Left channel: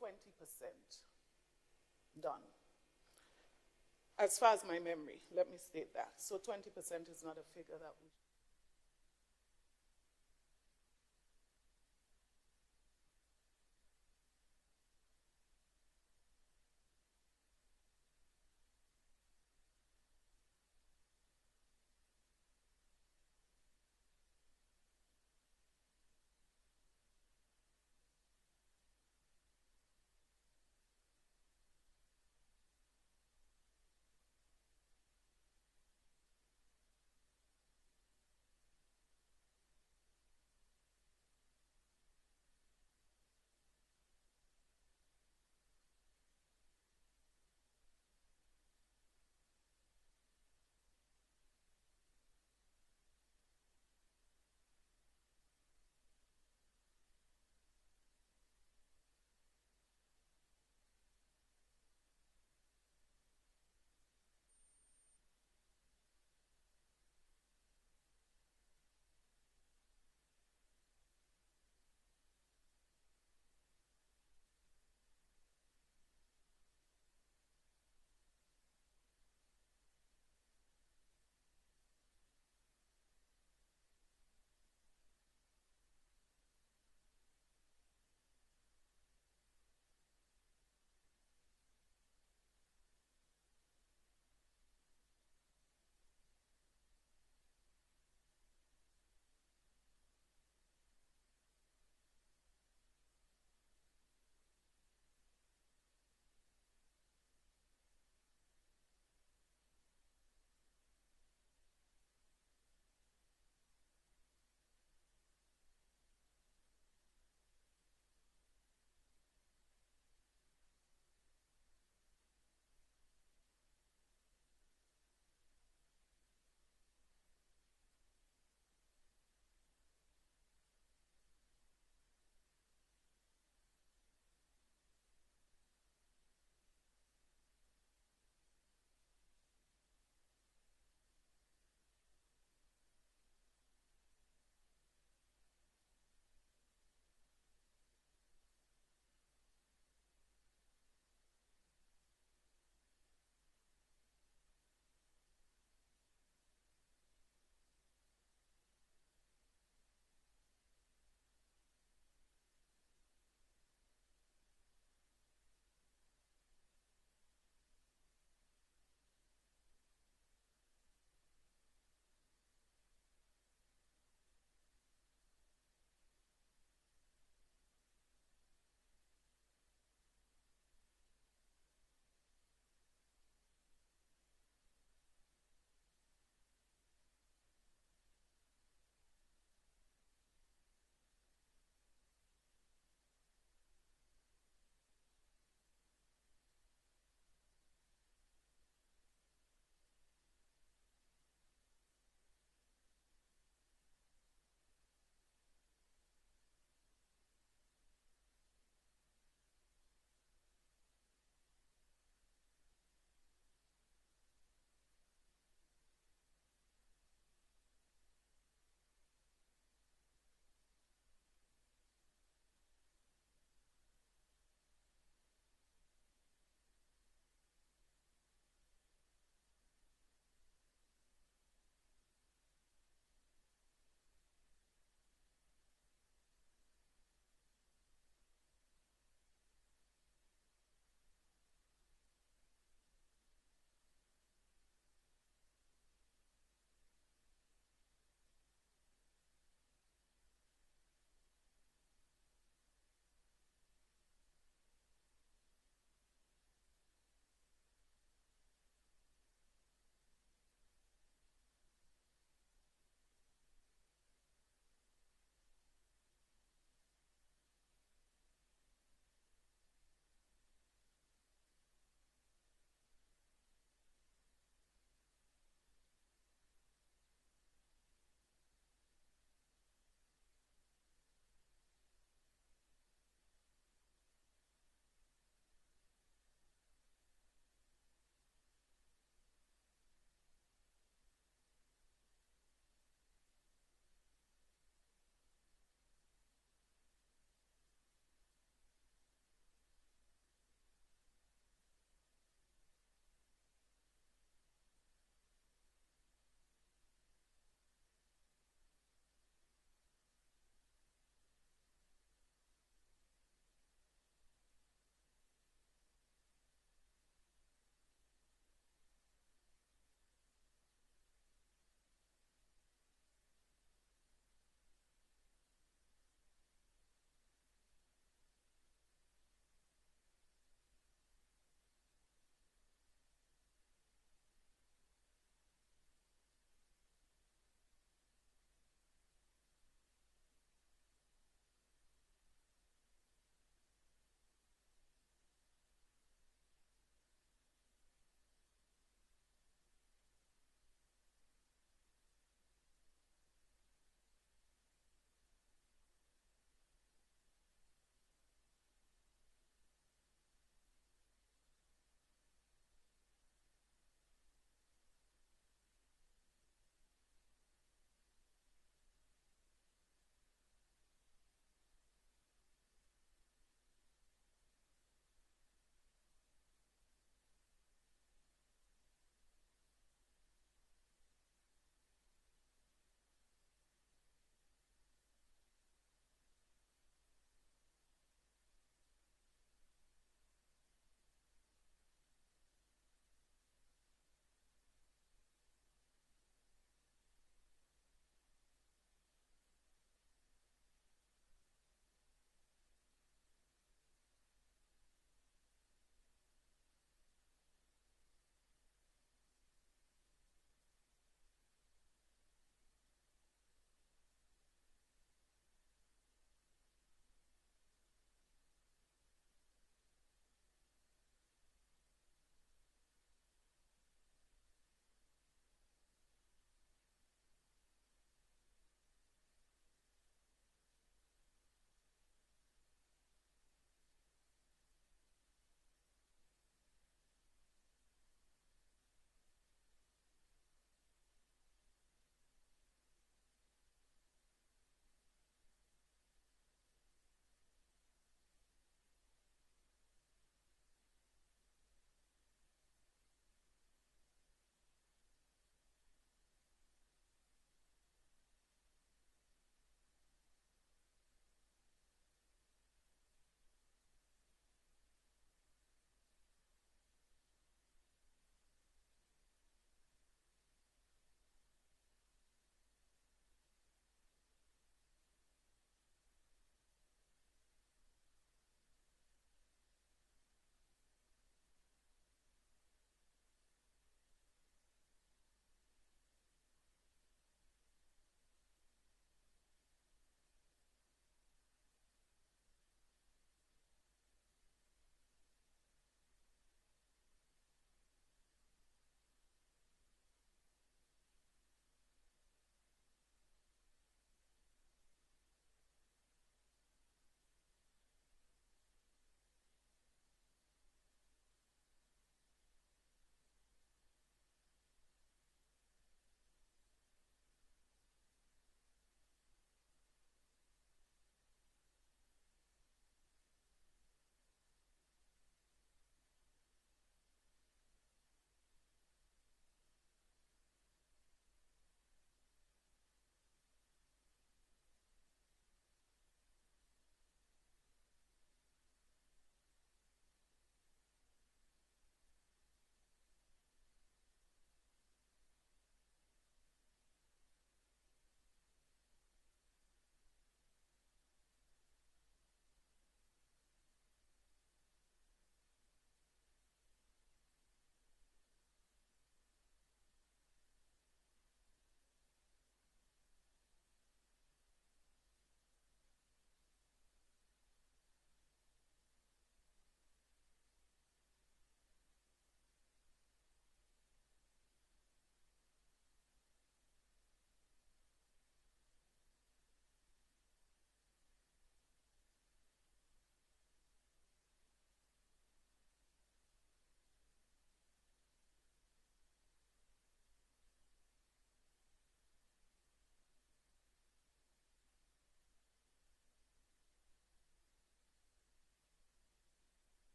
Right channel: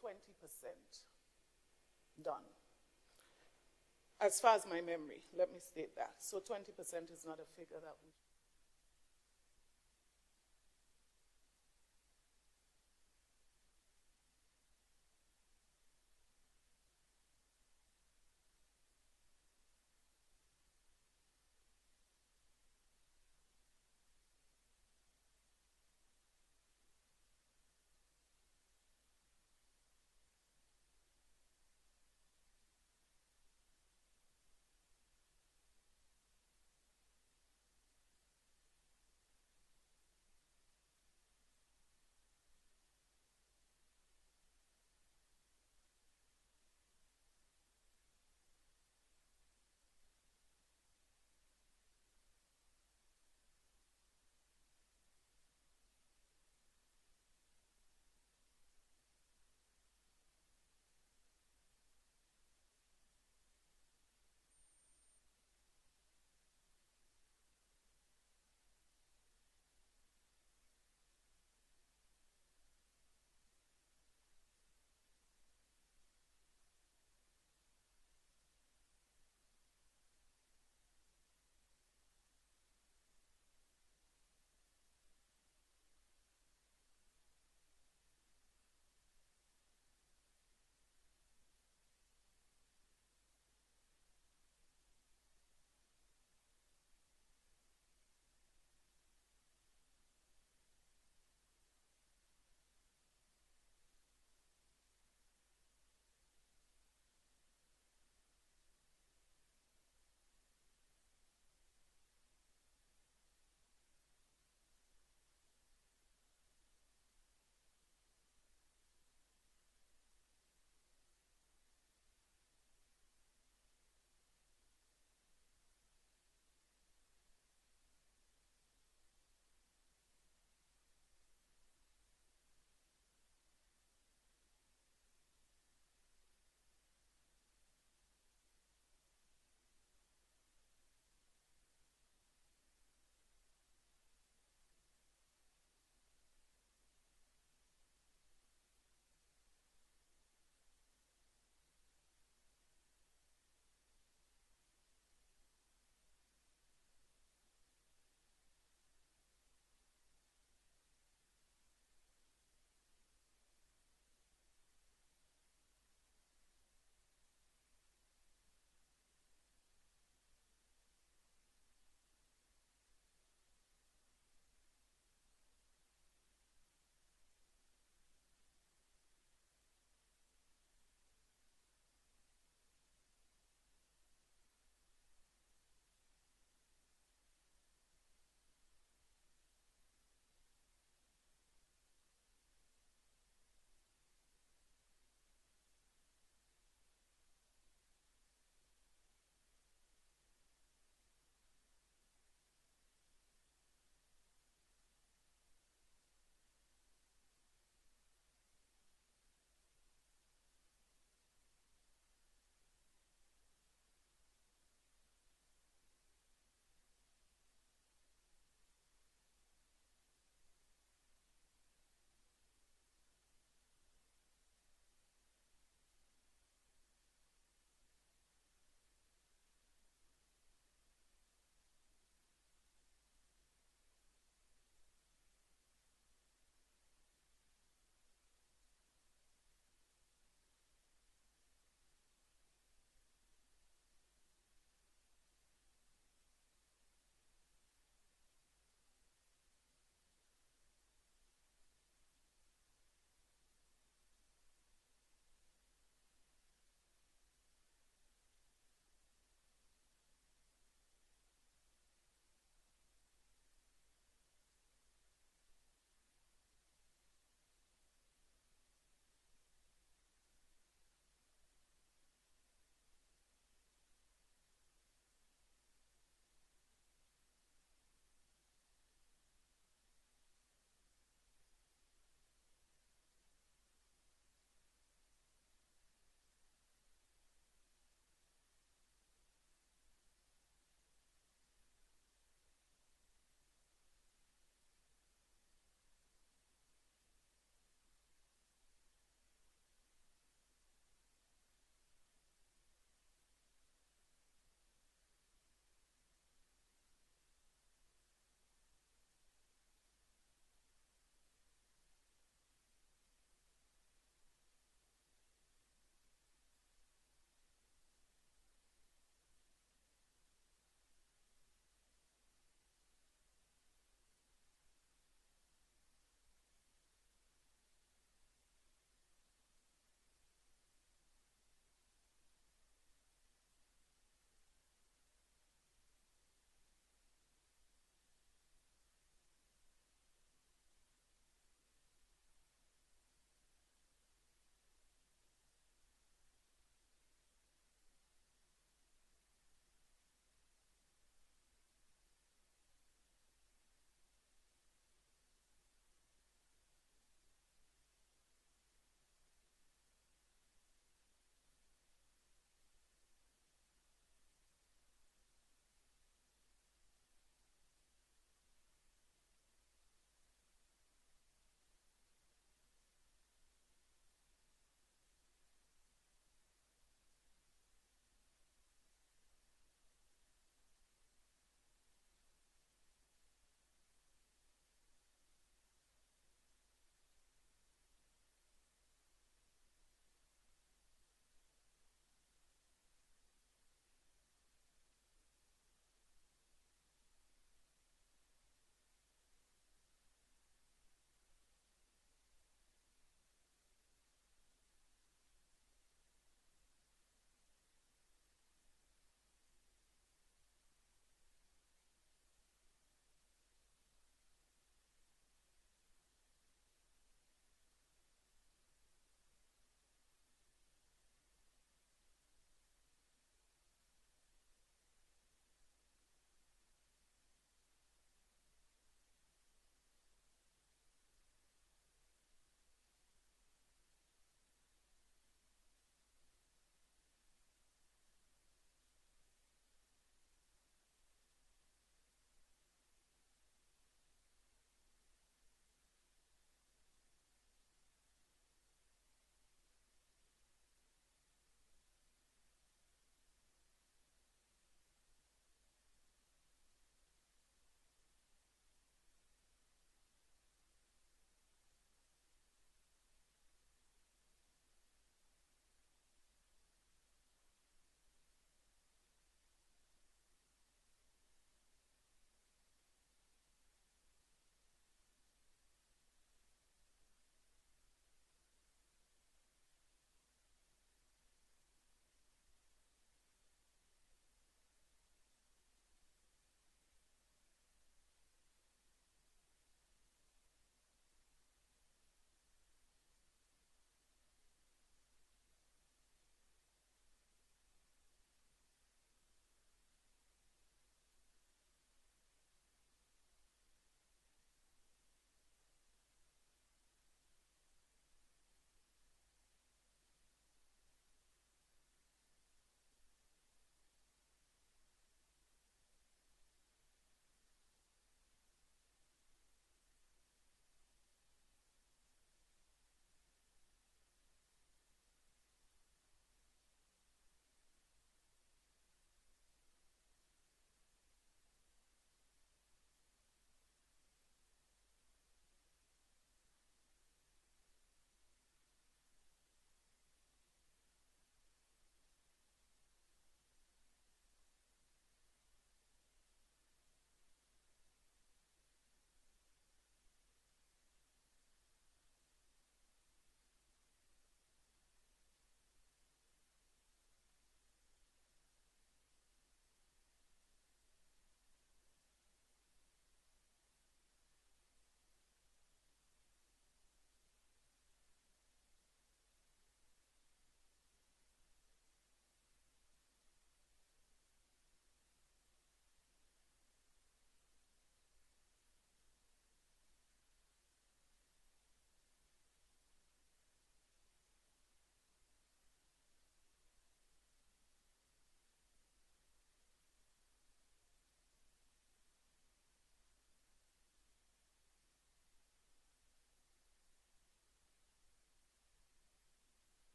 about 20% done. As far as my memory, let me state that. So 20% is not a figure that we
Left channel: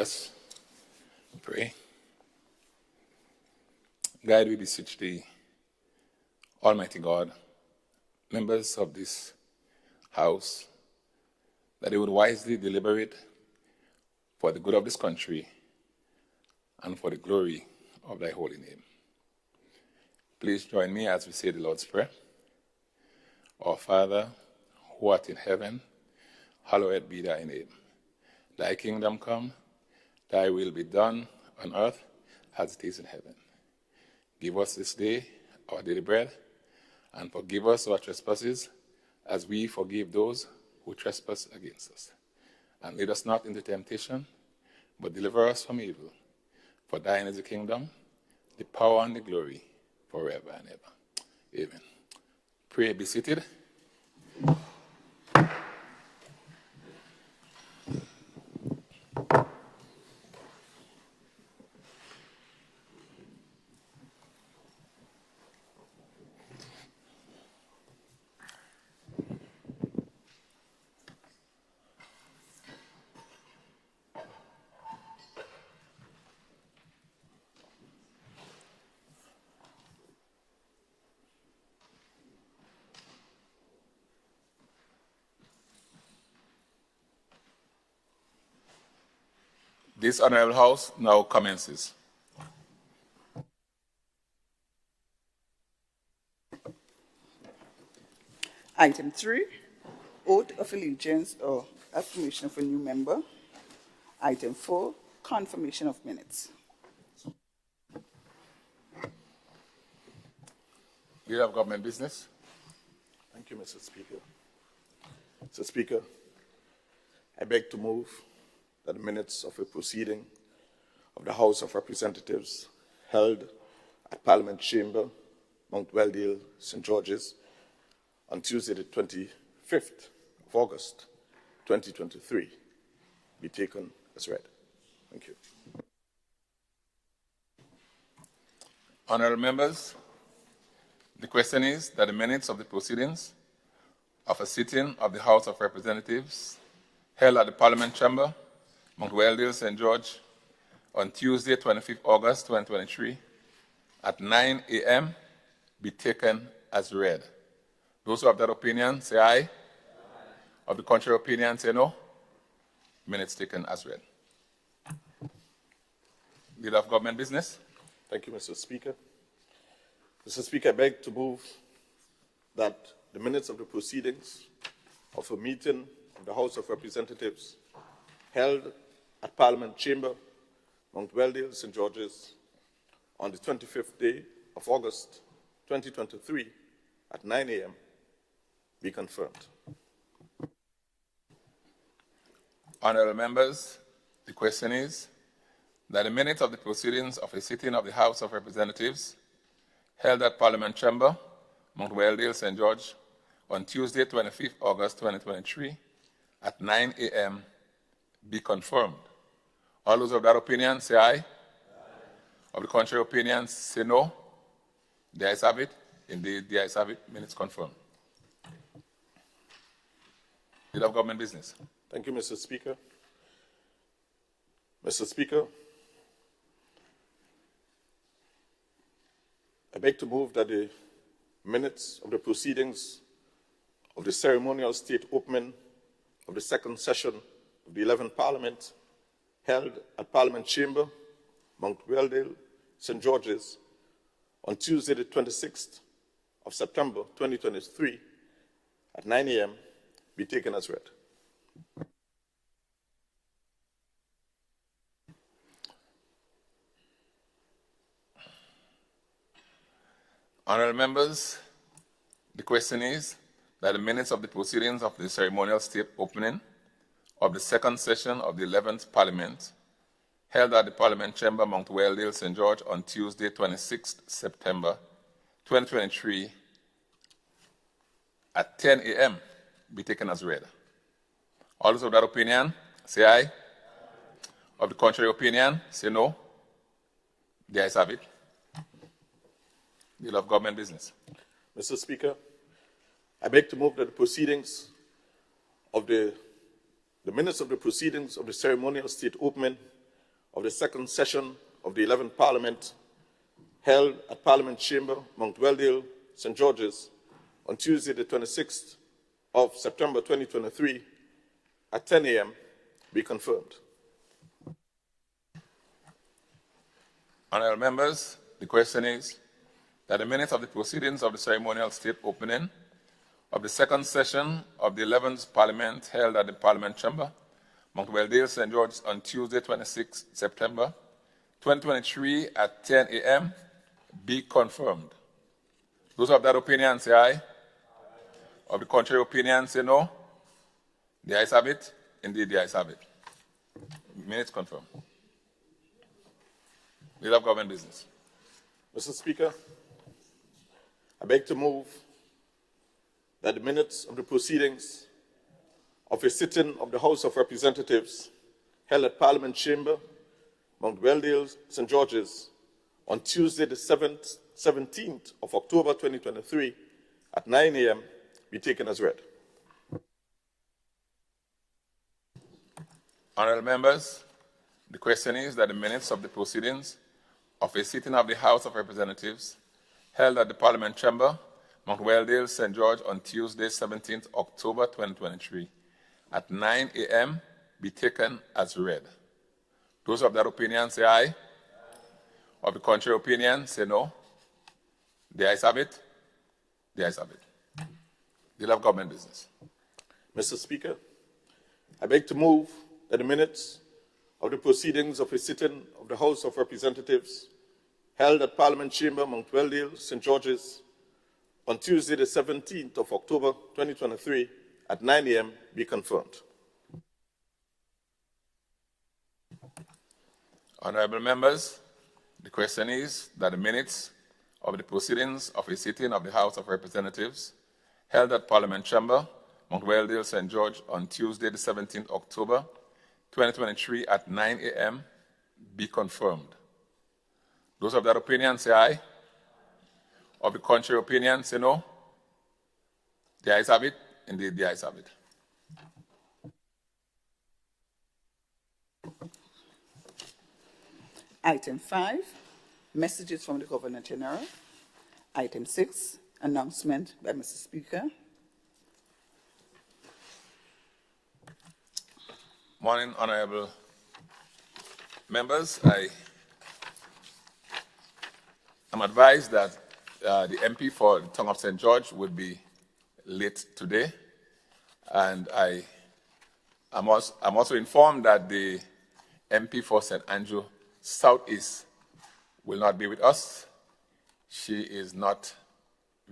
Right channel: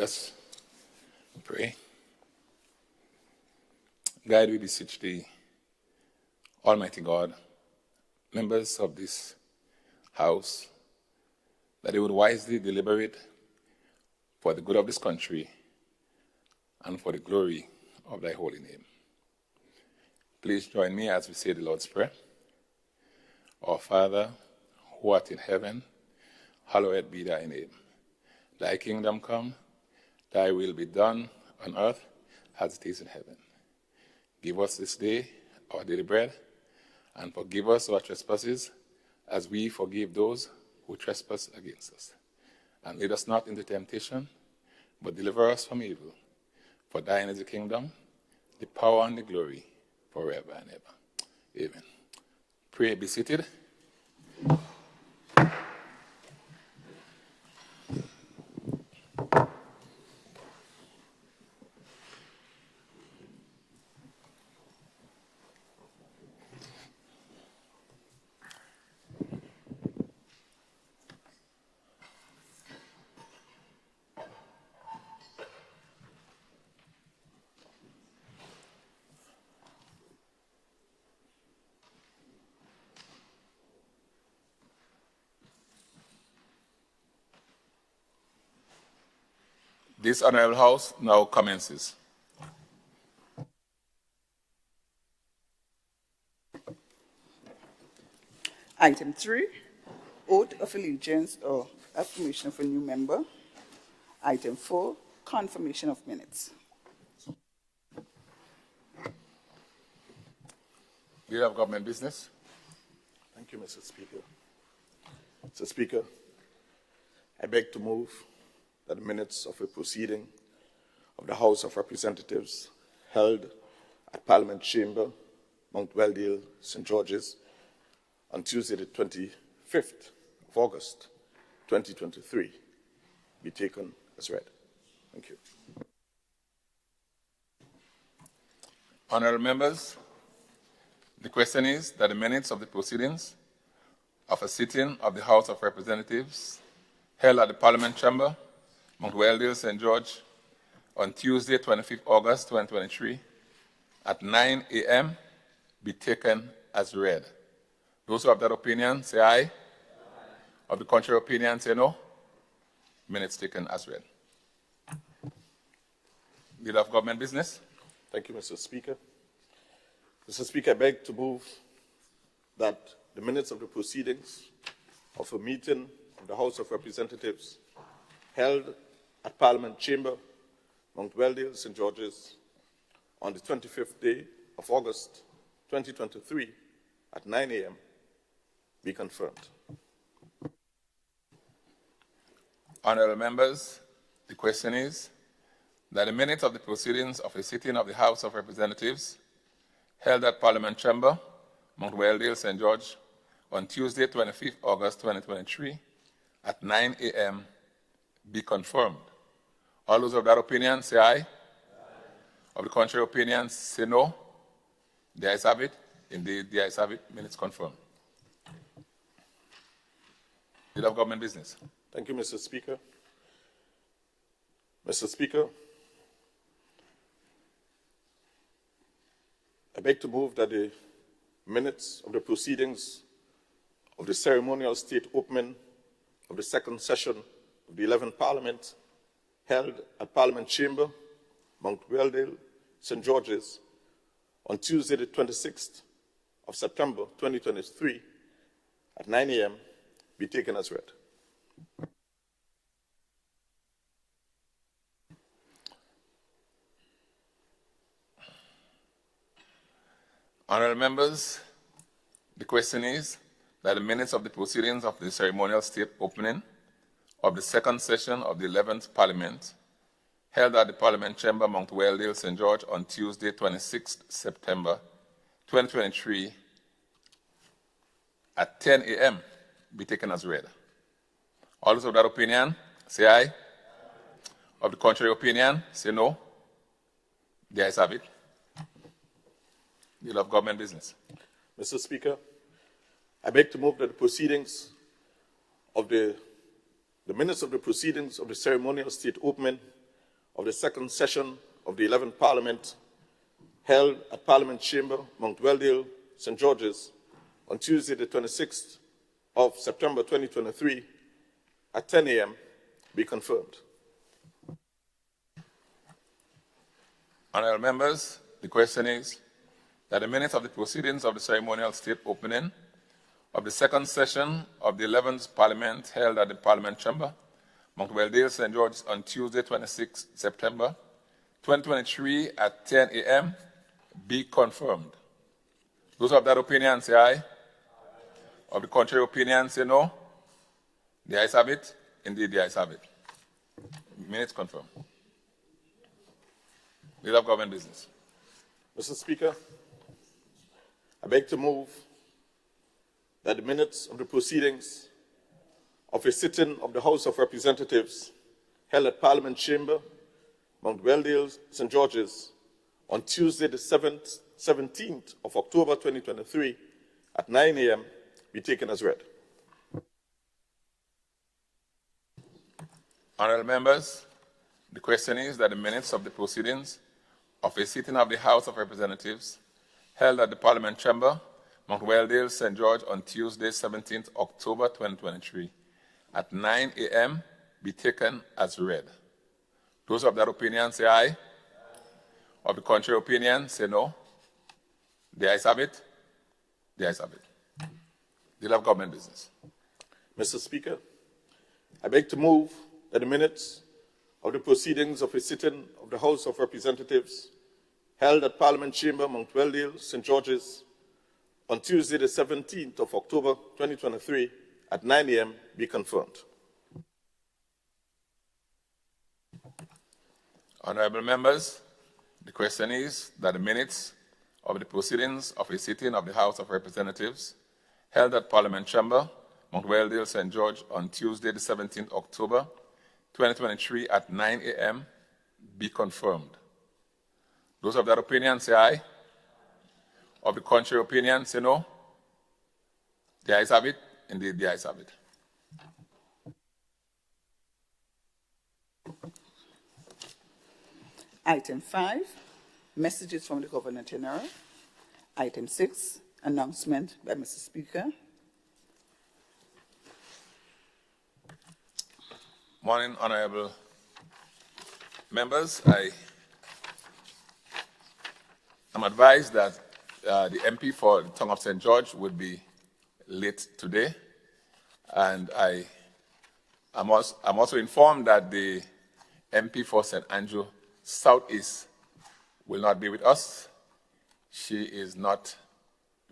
Let's pray. God, we beseech thee, Almighty God, members of this house, that they would wisely deliberate for the good of this country and for the glory of thy holy name. Please join me as we say the Lord's Prayer. Our Father, who art in heaven, hallowed be thy name. Thy kingdom come, thy will be done on earth as it is in heaven. Give us this day our daily bread, and forgive us our trespasses, as we forgive those who trespass against us. And lead us not into temptation, but deliver us from evil. For thine is the kingdom, the power, and the glory, forever and ever. Amen. Pray, be seated. This honorable house now commences. Item 3, oath of allegiance or affirmation of a new member. Item 4, confirmation of minutes. Leader of Government Business. Thank you, Mr. Speaker. Mr. Speaker, I beg to move that the minutes of a proceeding of the House of Representatives held at Parliament Chamber, Mount Weldale, St. George's, on Tuesday, the 25th of August, 2023, be taken as read. Thank you. Honorable members, the question is that the minutes of the proceedings of a sitting of the House of Representatives held at the Parliament Chamber, Mount Weldale, St. George, on Tuesday, 25th August 2023, at 9 a.m. be taken as read. Those who have that opinion, say aye. Aye. Of the contrary opinion, say no. Minutes taken as read. Leader of Government Business. Thank you, Mr. Speaker. Mr. Speaker, I beg to move that the minutes of the proceedings of a meeting of the House of Representatives held at Parliament Chamber, Mount Weldale, St. George's, on the 25th day of August, 2023, at 9 a.m., be confirmed. Honorable members, the question is that the minutes of the proceedings of a sitting of the House of Representatives held at Parliament Chamber, Mount Weldale, St. George, on Tuesday, 25th August 2023, at 9 a.m., be confirmed. All those of that opinion, say aye. Aye. Of the contrary opinion, say no. The ayes have it. Indeed, the ayes have it. Minutes confirmed. Leader of Government Business. Thank you, Mr. Speaker. Mr. Speaker, I beg to move that the minutes of the proceedings of the ceremonial state opening of the second session of the 11th Parliament held at Parliament Chamber, Mount Weldale, St. George's, on Tuesday, the 26th of September, 2023, at 9 a.m., be taken as read. Honourable members, the question is that the minutes of the proceedings of the ceremonial state opening of the second session of the 11th Parliament held at the Parliament Chamber, Mount Weldale, St. George, on Tuesday, 26th September, 2023, at 10 a.m. be taken as read. All those of that opinion, say aye. Of the contrary opinion, say no. The ayes have it. Leader of Government Business. Mr. Speaker, I beg to move that the proceedings of the minutes of the proceedings of the ceremonial state opening of the second session of the 11th Parliament held at Parliament Chamber, Mount Weldale, St. George's, on Tuesday, the 26th of September 2023 at 10 a.m. be confirmed. Honourable members, the question is that the minutes of the proceedings of the ceremonial state opening of the second session of the 11th Parliament held at the Parliament Chamber, Mount Weldale, St. George, on Tuesday, 26 September 2023 at 10 a.m. be confirmed. Those of that opinion say aye. Of the contrary opinion say no. The ayes have it. Indeed, the ayes have it. Minutes confirmed. Leader of Government Business. Mr. Speaker, I beg to move that the minutes of the proceedings of a sitting of the House of Representatives held at Parliament Chamber, Mount Weldale, St. George's, on Tuesday, the 17th of October 2023 at 9 a.m. be taken as read. Honourable members, the question is that the minutes of the proceedings of a sitting of the House of Representatives held at the Parliament Chamber, Mount Weldale, St. George, on Tuesday, 17th October 2023 at 9 a.m. be taken as read. Those of that opinion say aye. Of the contrary opinion say no. The ayes have it. The ayes have it. Deal of Government Business. Mr. Speaker, I beg to move that the minutes of the proceedings of a sitting of the House of Representatives held at Parliament Chamber, Mount Weldale, St. George's, on Tuesday, the 17th of October 2023 at 9 a.m. be confirmed. Honourable members, the question is that the minutes of the proceedings of a sitting of the House of Representatives held at Parliament Chamber, Mount Weldale, St. George, on Tuesday, the 17th October 2023 at 9 a.m. be confirmed. Those of that opinion say aye. Of the contrary opinion say no. The ayes have it. Indeed, the ayes have it. Item 5, messages from the Governor General. Item 6, announcement by Mr. Speaker. Morning, honourable members. I'm advised that the MP for the town of St. George would be late today, and I'm also informed that the MP for St. Andrew Southeast will not be with us. She is not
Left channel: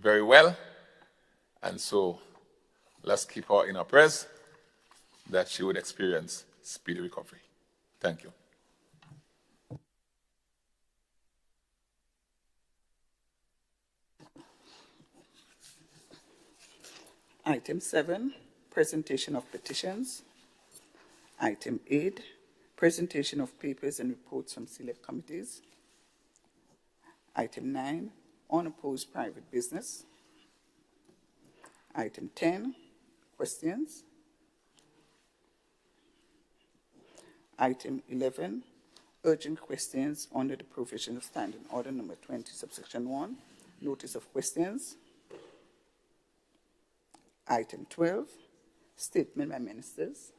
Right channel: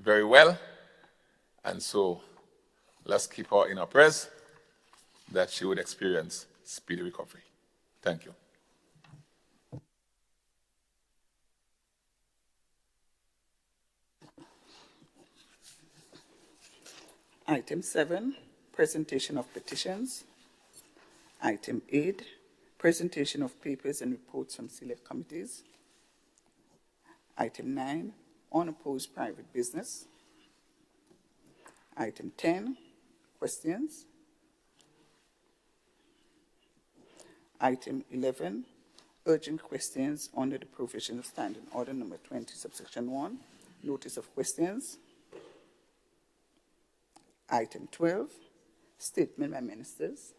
very well, and so let's keep her in our prayers that she would experience speedy recovery. Thank you. Item 7, presentation of petitions. Item 8, presentation of papers and reports from select committees. Item 9, unopposed private business. Item 10, questions. Item 11, urgent questions under the provisional standing order number 20, subsection 1, notice of questions. Item 12, statement by ministers.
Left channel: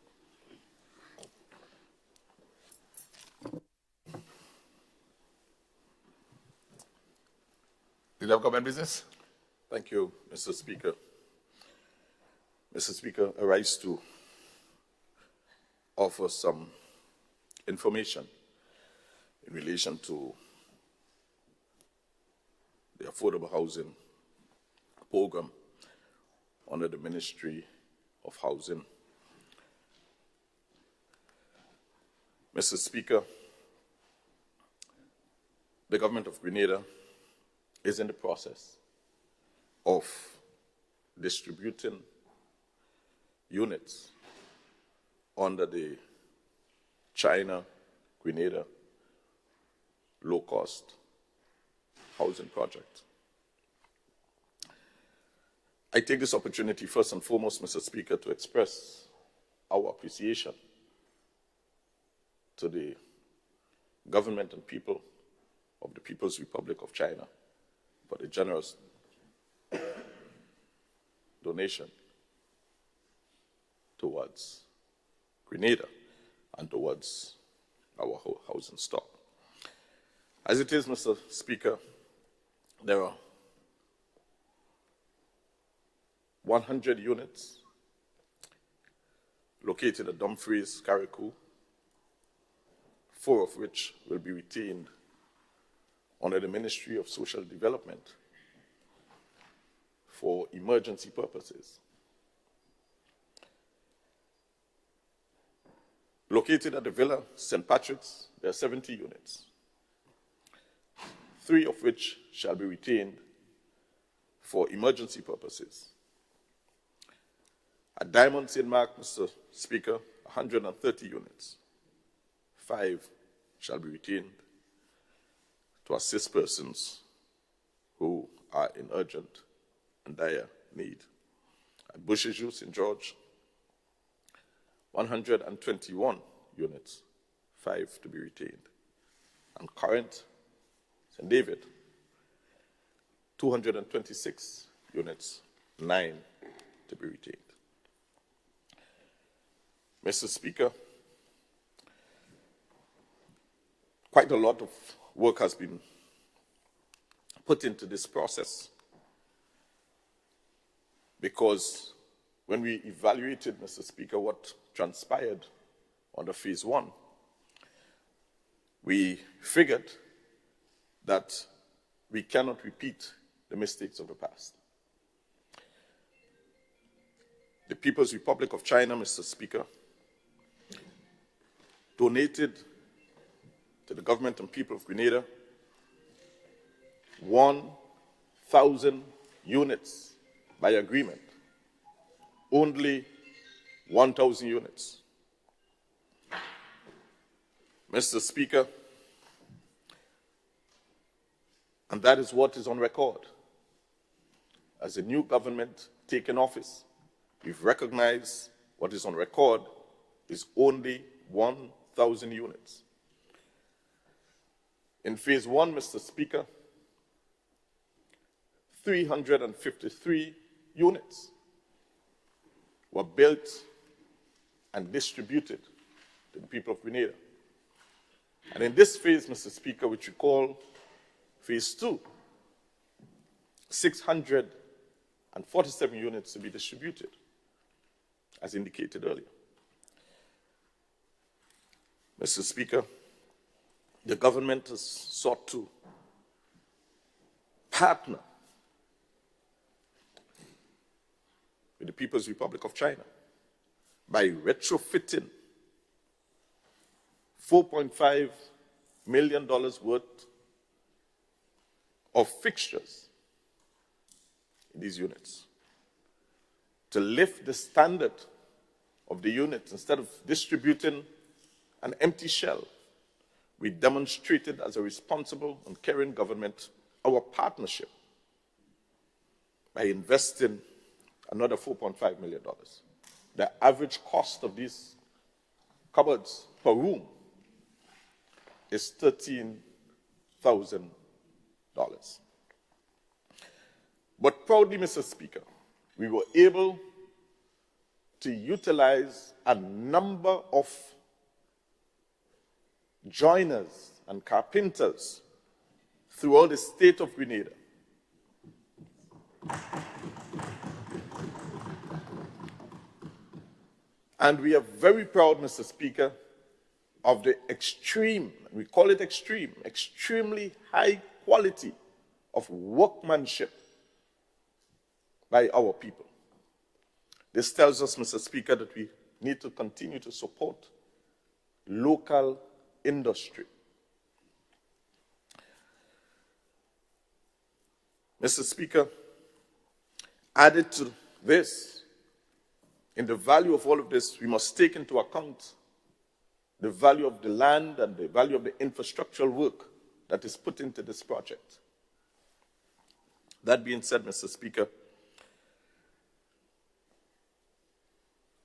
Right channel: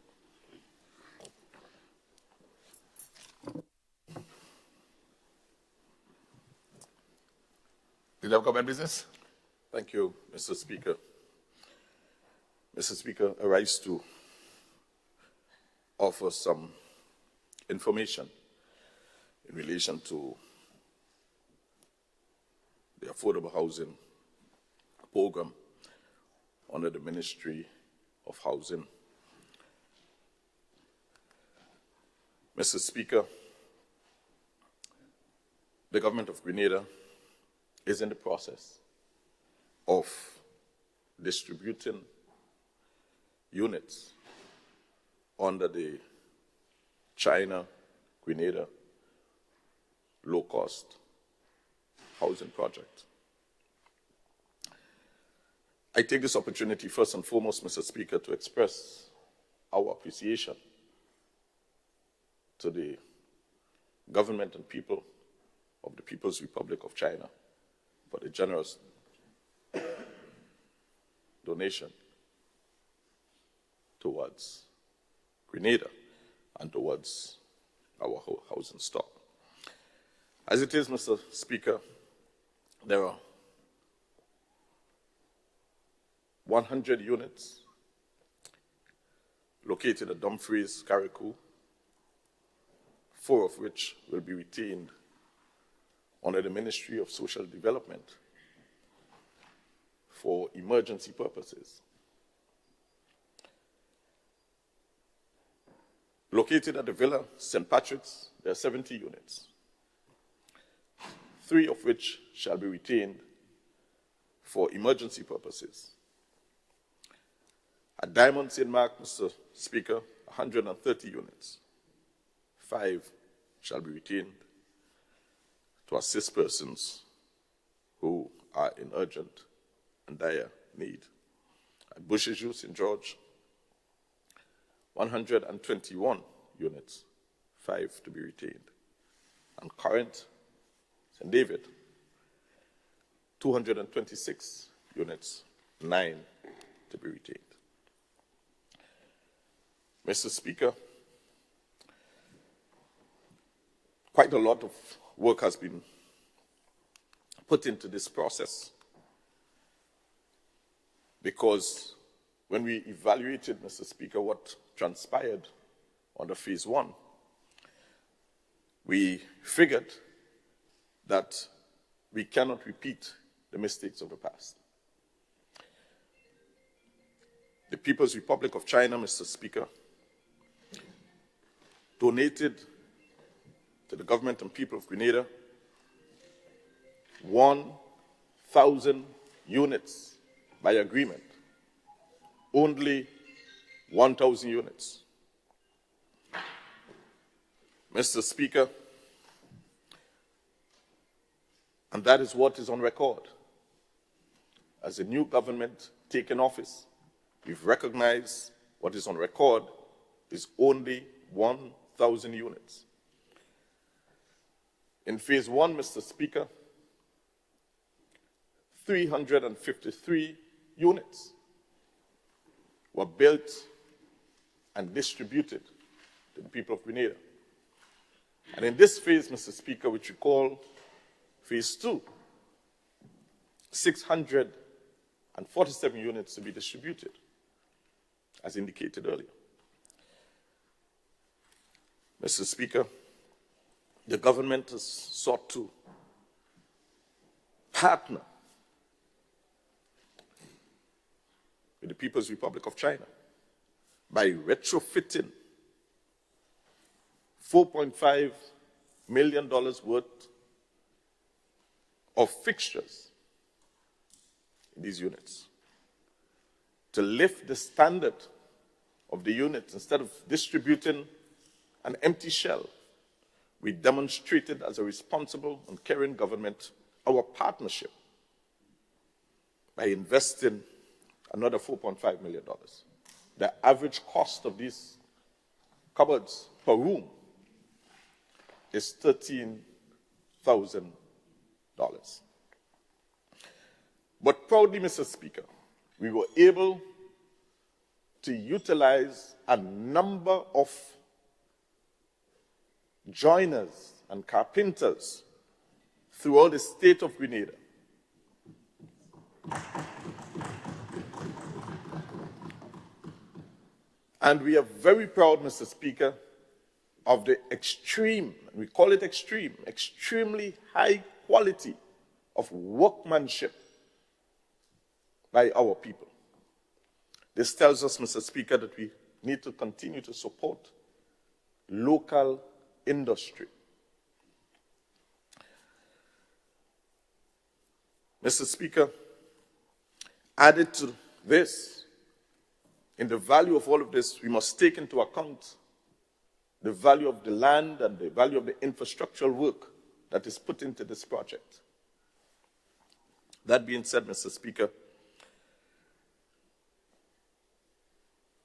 Leader of Government Business. Thank you, Mr. Speaker. Mr. Speaker, I rise to offer some information in relation to the affordable housing program under the Ministry of Housing. Mr. Speaker, the government of Grenada is in the process of distributing units under the China Grenada low-cost housing project. I take this opportunity first and foremost, Mr. Speaker, to express our appreciation to the government and people of the People's Republic of China for the generous donation towards Grenada and towards our housing stock. As it is, Mr. Speaker, there are 100 units located at Dumfries, Carriacou, 4 of which will be retained under the Ministry of Social Development for emergency purposes. Located at the Villa St. Patrick's, there are 70 units, 3 of which shall be retained for emergency purposes. At Diamond St. Mark, Mr. Speaker, 130 units, 5 shall be retained to assist persons who are in urgent and dire need. At Bushiju, St. George, 121 units, 5 to be retained. And Corinth, St. David, 226 units, 9 to be retained. Mr. Speaker, quite a lot of work has been put into this process because when we evaluated, Mr. Speaker, what transpired under phase 1, we figured that we cannot repeat the mistakes of the past. The People's Republic of China, Mr. Speaker, donated to the government and people of Grenada 1,000 units by agreement. Only 1,000 units. Mr. Speaker, and that is what is on record. As a new government taking office, we've recognized what is on record is only 1,000 units. In phase 1, Mr. Speaker, 353 units were built and distributed to the people of Grenada. And in this phase, Mr. Speaker, which we call phase 2, 647 units to be distributed, as indicated earlier. Mr. Speaker, the government has sought to partner with the People's Republic of China by retrofitting $4.5 million worth of fixtures in these units to lift the standard of the units. Instead of distributing an empty shell, we demonstrated as a responsible and caring government our partnership by investing another $4.5 million. The average cost of these cupboards per room is $13,000. But proudly, Mr. Speaker, we were able to utilize a number of joiners and carpenters throughout the state of Grenada. And we are very proud, Mr. Speaker, of the extreme, and we call it extreme, extremely high quality of workmanship by our people. This tells us, Mr. Speaker, that we need to continue to support local industry. Mr. Speaker, added to this, in the value of all of this, we must take into account the value of the land and the value of the infrastructural work that is put into this project. That being said, Mr. Speaker,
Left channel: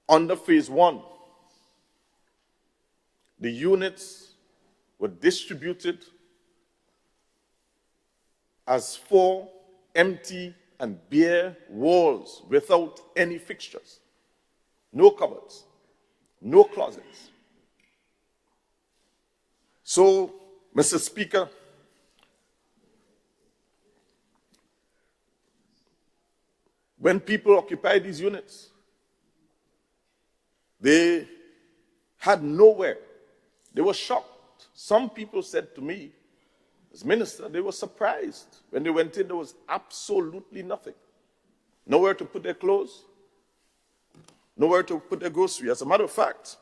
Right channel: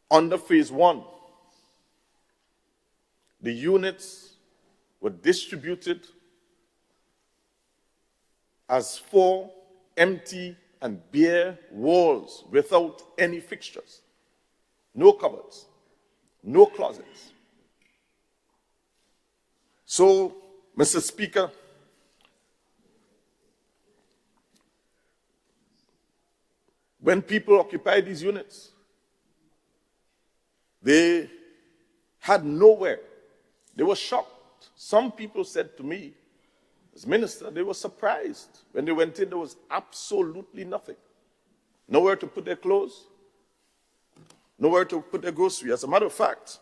under phase 1, the units were distributed as 4 empty and bare walls without any fixtures, no cupboards, no closets. So, Mr. Speaker, when people occupied these units, they had nowhere. They were shocked. Some people said to me, as minister, they were surprised. When they went in, there was absolutely nothing. Nowhere to put their clothes, nowhere to put their groceries. As a matter of fact,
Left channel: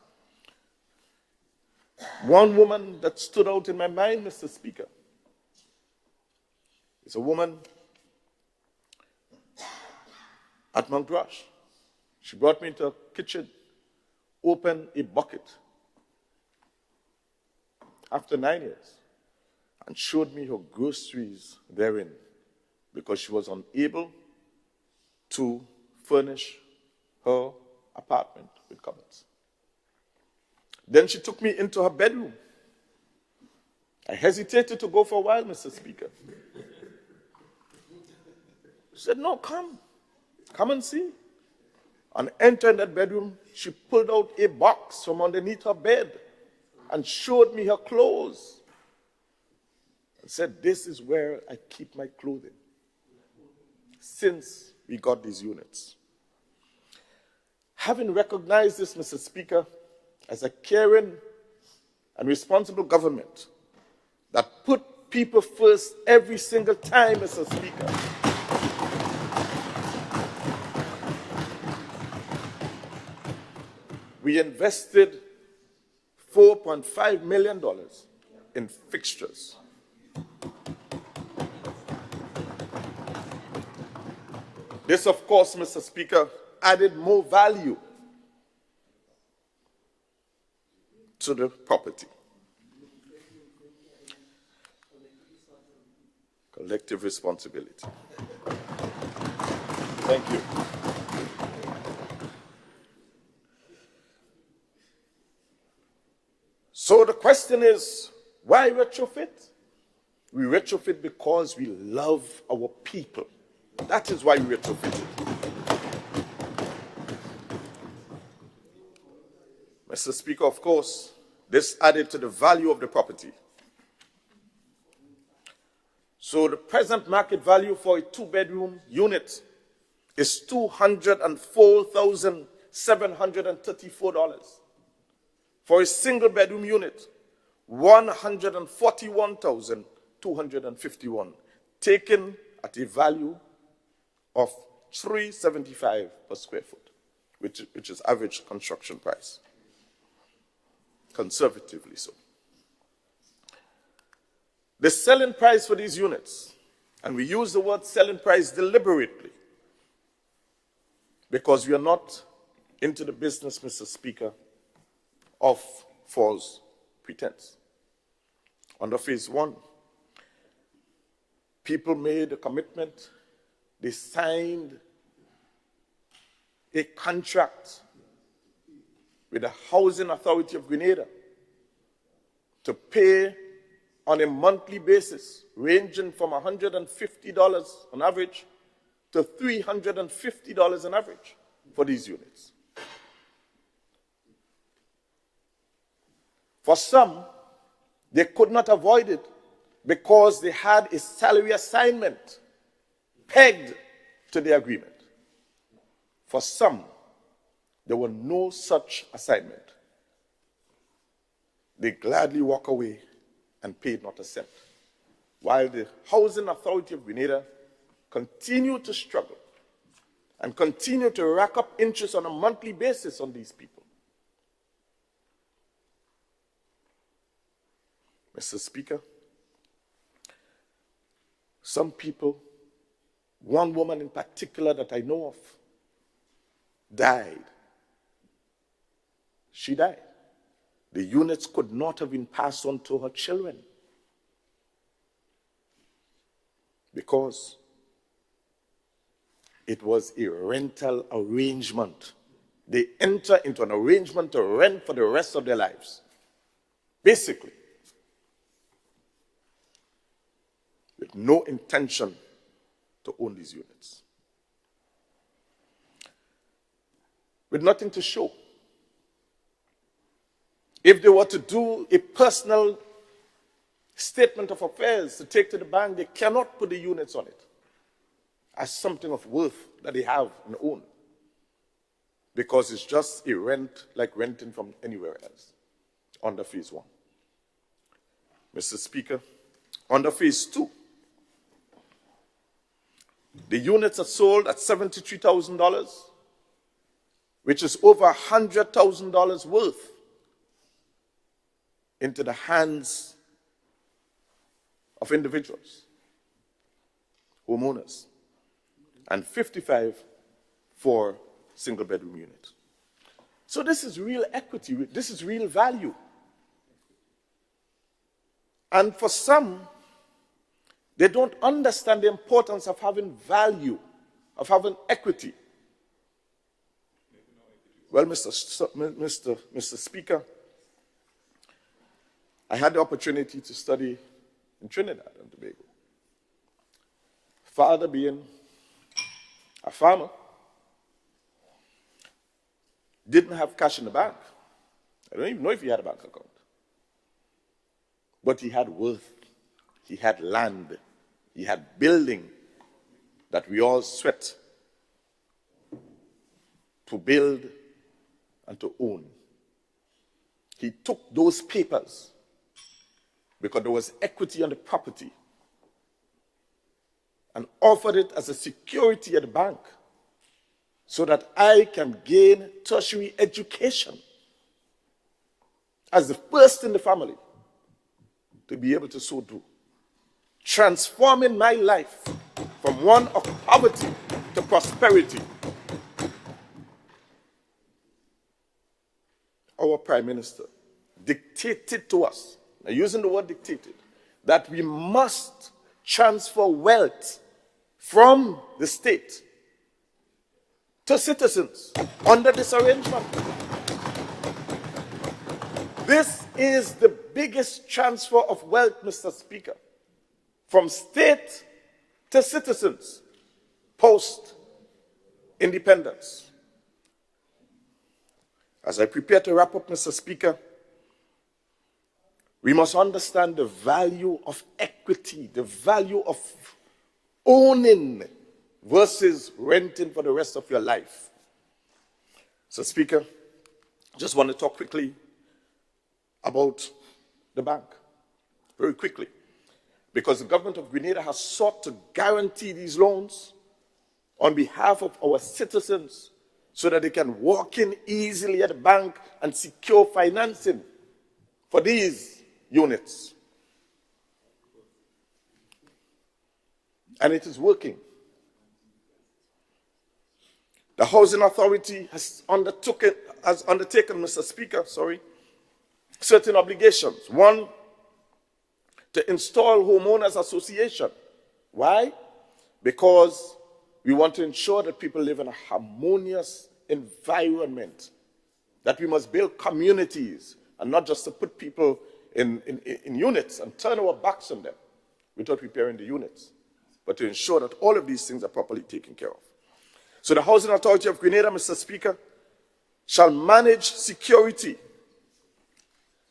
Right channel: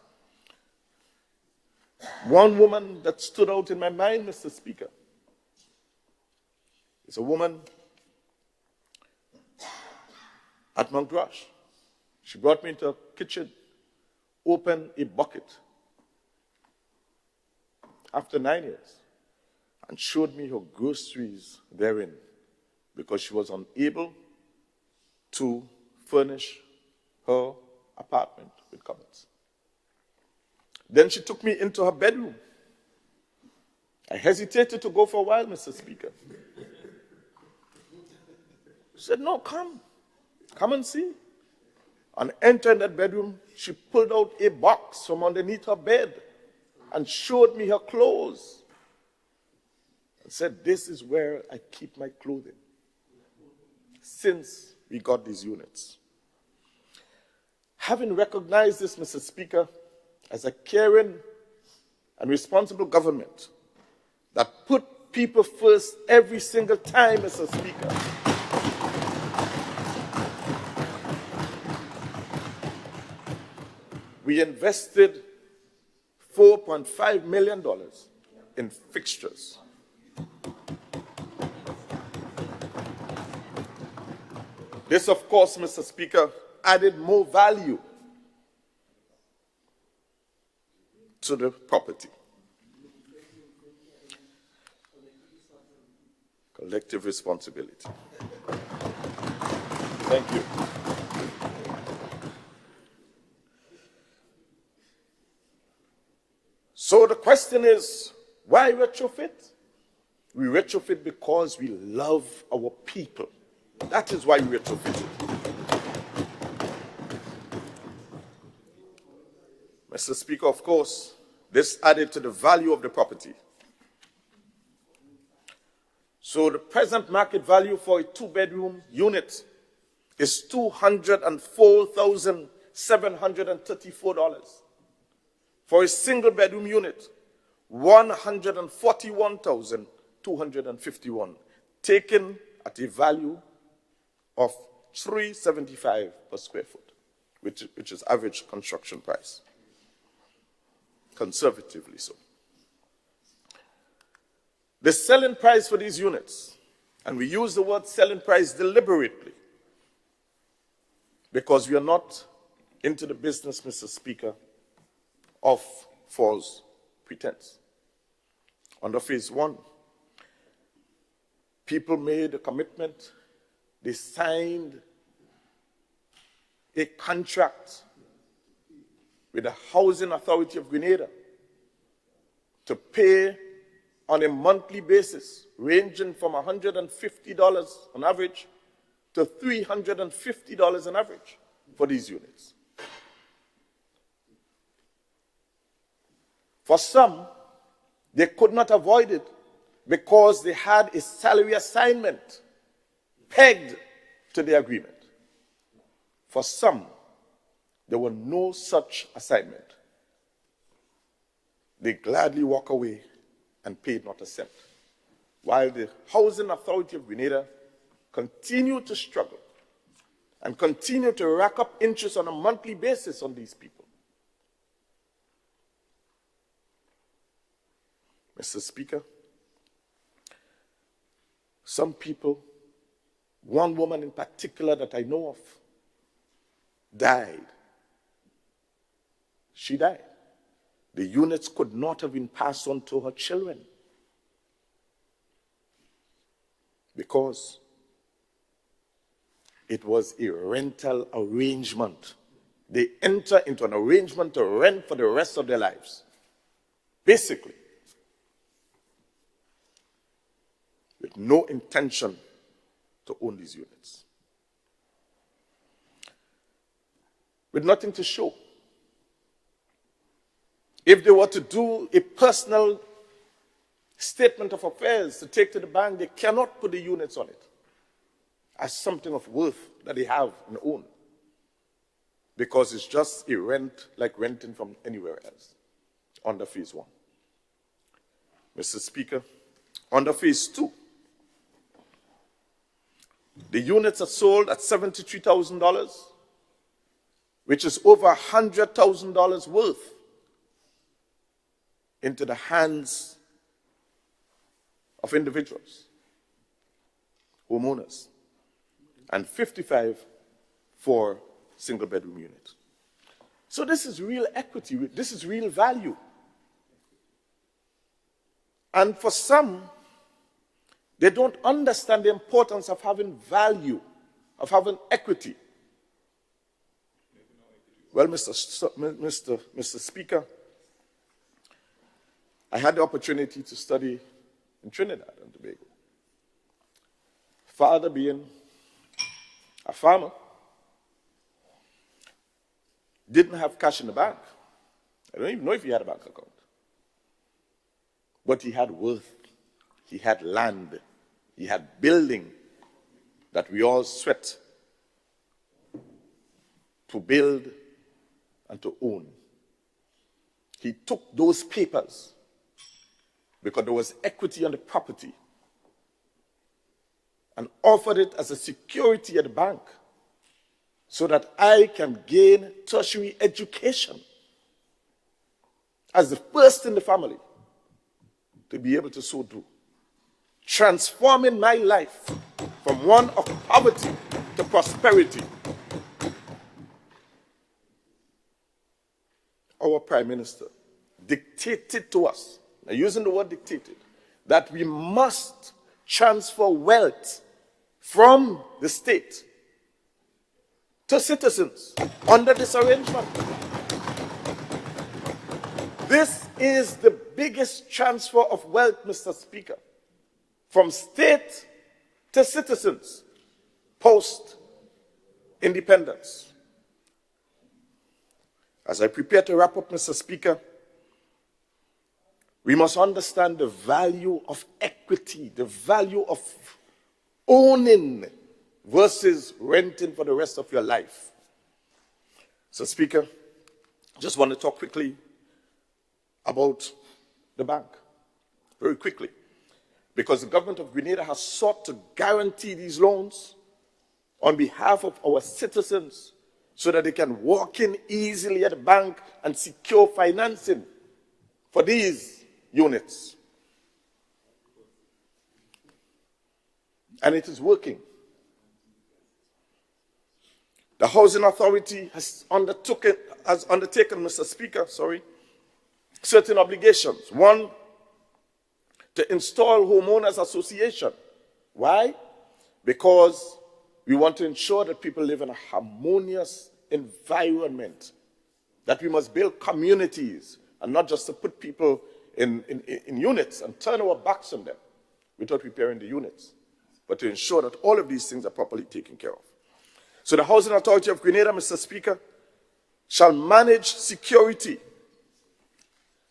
one woman that stood out in my mind, Mr. Speaker, is a woman at Mount Rush. She brought me into a kitchen, opened a bucket after 9 years, and showed me her groceries therein because she was unable to furnish her apartment with cupboards. Then she took me into her bedroom. I hesitated to go for a while, Mr. Speaker. She said, no, come and see. And entering that bedroom, she pulled out a box from underneath her bed and showed me her clothes and said, this is where I keep my clothing since we got these units. Having recognized this, Mr. Speaker, as a caring and responsible government that put people first every single time, Mr. Speaker, we invested $4.5 million in fixtures. This, of course, Mr. Speaker, added more value to the property. Collective responsibility. Thank you. So the question is, why retrofit? We retrofit because we love our people. That is why we retrofit. Mr. Speaker, of course, this added to the value of the property. So the present market value for a 2-bedroom unit is $204,734. For a single-bedroom unit, $141,251, taken at a value of $375 per square foot, which is average construction price, conservatively so. The selling price for these units, and we use the word selling price deliberately, because we are not into the business, Mr. Speaker, of false pretense. Under phase 1, people made a commitment. They signed a contract with the Housing Authority of Grenada to pay on a monthly basis, ranging from $150 on average to $350 on average for these units. For some, they could not avoid it because they had a salary assignment pegged to the agreement. For some, there were no such assignment. They gladly walk away and paid not a cent, while the Housing Authority of Grenada continued to struggle and continued to rack up interest on a monthly basis on these people. Mr. Speaker, some people, one woman in particular that I know of, died. She died. The units could not have been passed on to her children because it was a rental arrangement. They enter into an arrangement to rent for the rest of their lives. Basically, with no intention to own these units, with nothing to show. If they were to do a personal statement of affairs to take to the bank, they cannot put the units on it as something of worth that they have and own, because it's just a rent like renting from anywhere else under phase 1. Mr. Speaker, under phase 2, the units are sold at $73,000, which is over $100,000 worth into the hands of individuals, homeowners, and 55 for single bedroom units. So this is real equity, this is real value. And for some, they don't understand the importance of having value, of having equity. Well, Mr. Speaker, I had the opportunity to study in Trinidad and Tobago. Father being a farmer, didn't have cash in the bank. I don't even know if he had a bank account. But he had worth, he had land, he had building that we all sweat to build and to own. He took those papers because there was equity on the property and offered it as a security at the bank so that I can gain tertiary education as the first in the family to be able to so do, transforming my life from one of poverty to prosperity. Our Prime Minister dictated to us, and using the word dictated, that we must transfer wealth from the state to citizens under this arrangement. This is the biggest transfer of wealth, Mr. Speaker, from state to citizens post-independence. As I prepare to wrap up, Mr. Speaker, we must understand the value of equity, the value of owning versus renting for the rest of your life. So, Speaker, just want to talk quickly about the bank, very quickly, because the government of Grenada has sought to guarantee these loans on behalf of our citizens so that they can walk in easily at the bank and secure financing for these units. And it is working. The Housing Authority has undertaken, Mr. Speaker, certain obligations. One, to install homeowners association. Why? Because we want to ensure that people live in a harmonious environment, that we must build communities and not just to put people in units and turn our backs on them without repairing the units, but to ensure that all of these things are properly taken care of. So the Housing Authority of Grenada, Mr. Speaker, shall manage security,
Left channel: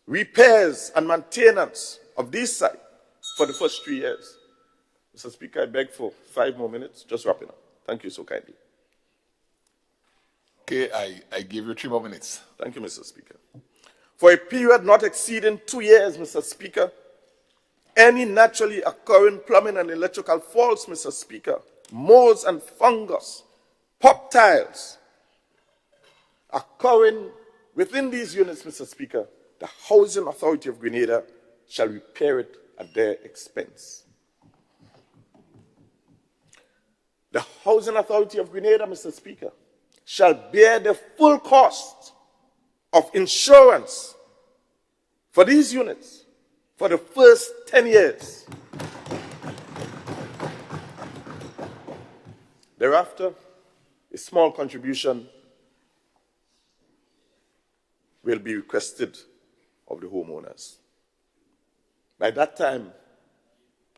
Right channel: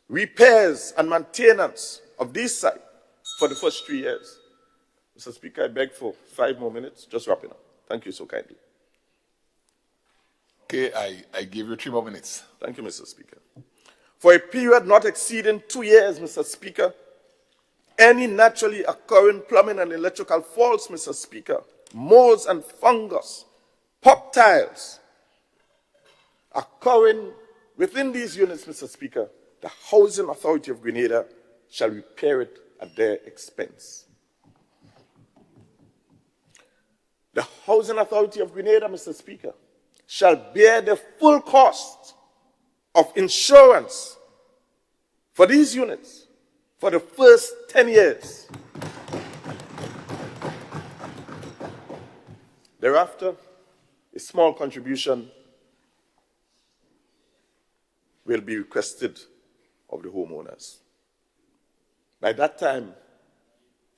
repairs and maintenance of this site for the first 3 years. Mr. Speaker, I beg for 5 more minutes, just wrapping up. Thank you so kindly. Okay, I give you 3 more minutes. Thank you, Mr. Speaker. For a period not exceeding 2 years, Mr. Speaker, any naturally occurring plumbing and electrical faults, Mr. Speaker, molds and fungus, pop tiles occurring within these units, Mr. Speaker, the Housing Authority of Grenada shall repair it at their expense. The Housing Authority of Grenada, Mr. Speaker, shall bear the full cost of insurance for these units for the first 10 years. Thereafter, a small contribution will be requested of the homeowners. By that time,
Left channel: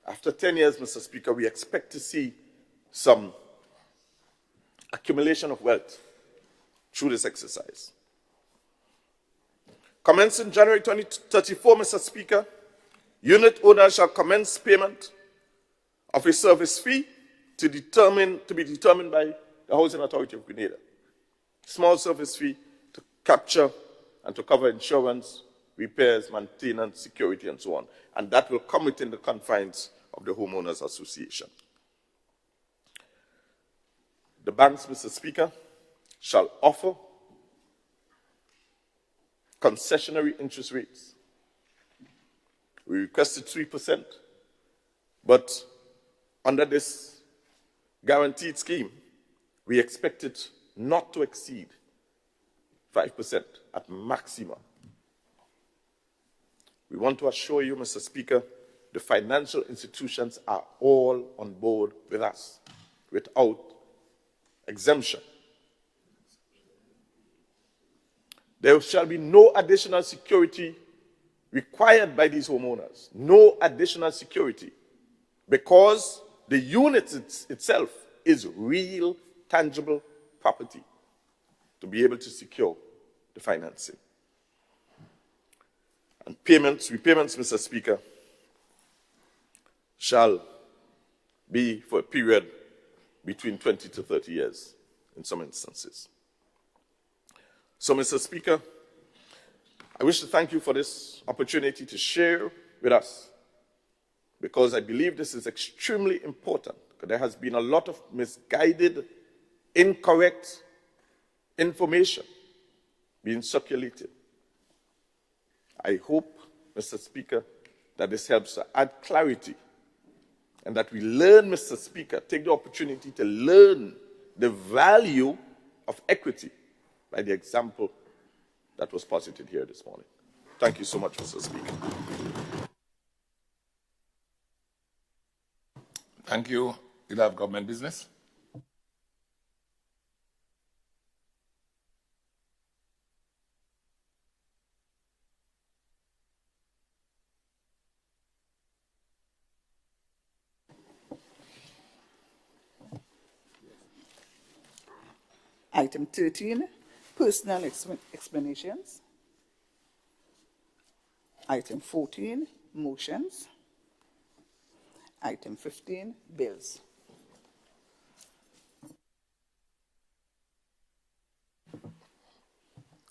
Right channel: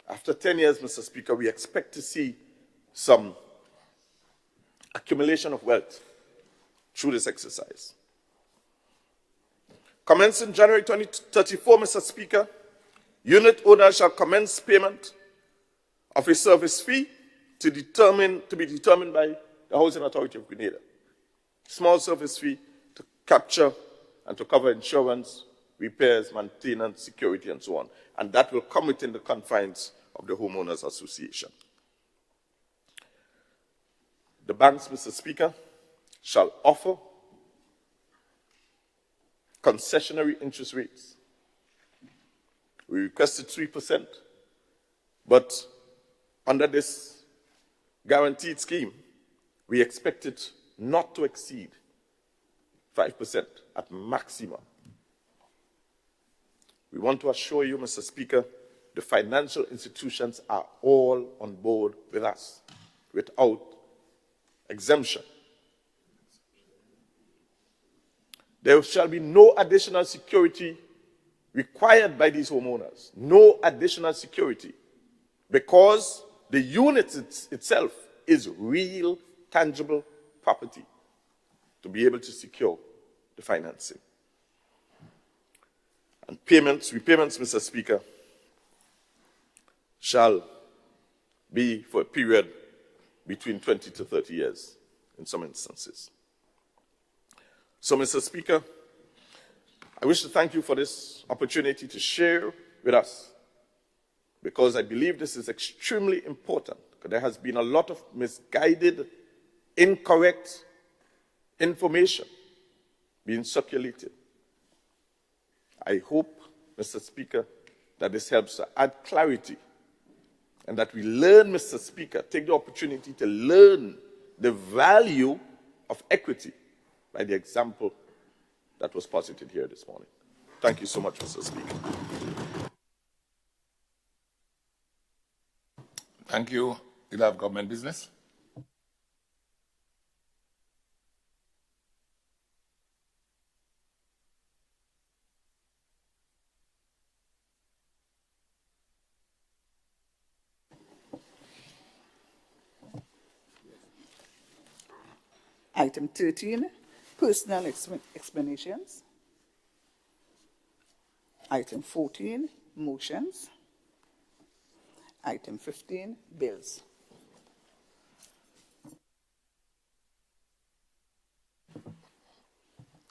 After 10 years, Mr. Speaker, we expect to see some accumulation of wealth through this exercise. Commencing January 2034, Mr. Speaker, unit owners shall commence payment of a service fee to be determined by the Housing Authority of Grenada. Small service fee to capture and to cover insurance, repairs, maintenance, security, and so on. And that will come within the confines of the Homeowners Association. The banks, Mr. Speaker, shall offer concessionary interest rates. We requested 3%, but under this guaranteed scheme, we expect it not to exceed 5% at maximum. We want to assure you, Mr. Speaker, the financial institutions are all on board with us without exemption. There shall be no additional security required by these homeowners. No additional security, because the unit itself is real, tangible property to be able to secure the financing. And repayments, Mr. Speaker, shall be for a period between 20 to 30 years in some instances. So, Mr. Speaker, I wish to thank you for this opportunity to share with us, because I believe this is extremely important. There has been a lot of misguided, incorrect information being circulated. I hope, Mr. Speaker, that this helps to add clarity, and that we learn, Mr. Speaker, take the opportunity to learn the value of equity by the example that was posited here this morning. Thank you so much, Mr. Speaker. Thank you. Leader of Government Business. Item 13, personal explanations. Item 14, motions. Item 15, bills.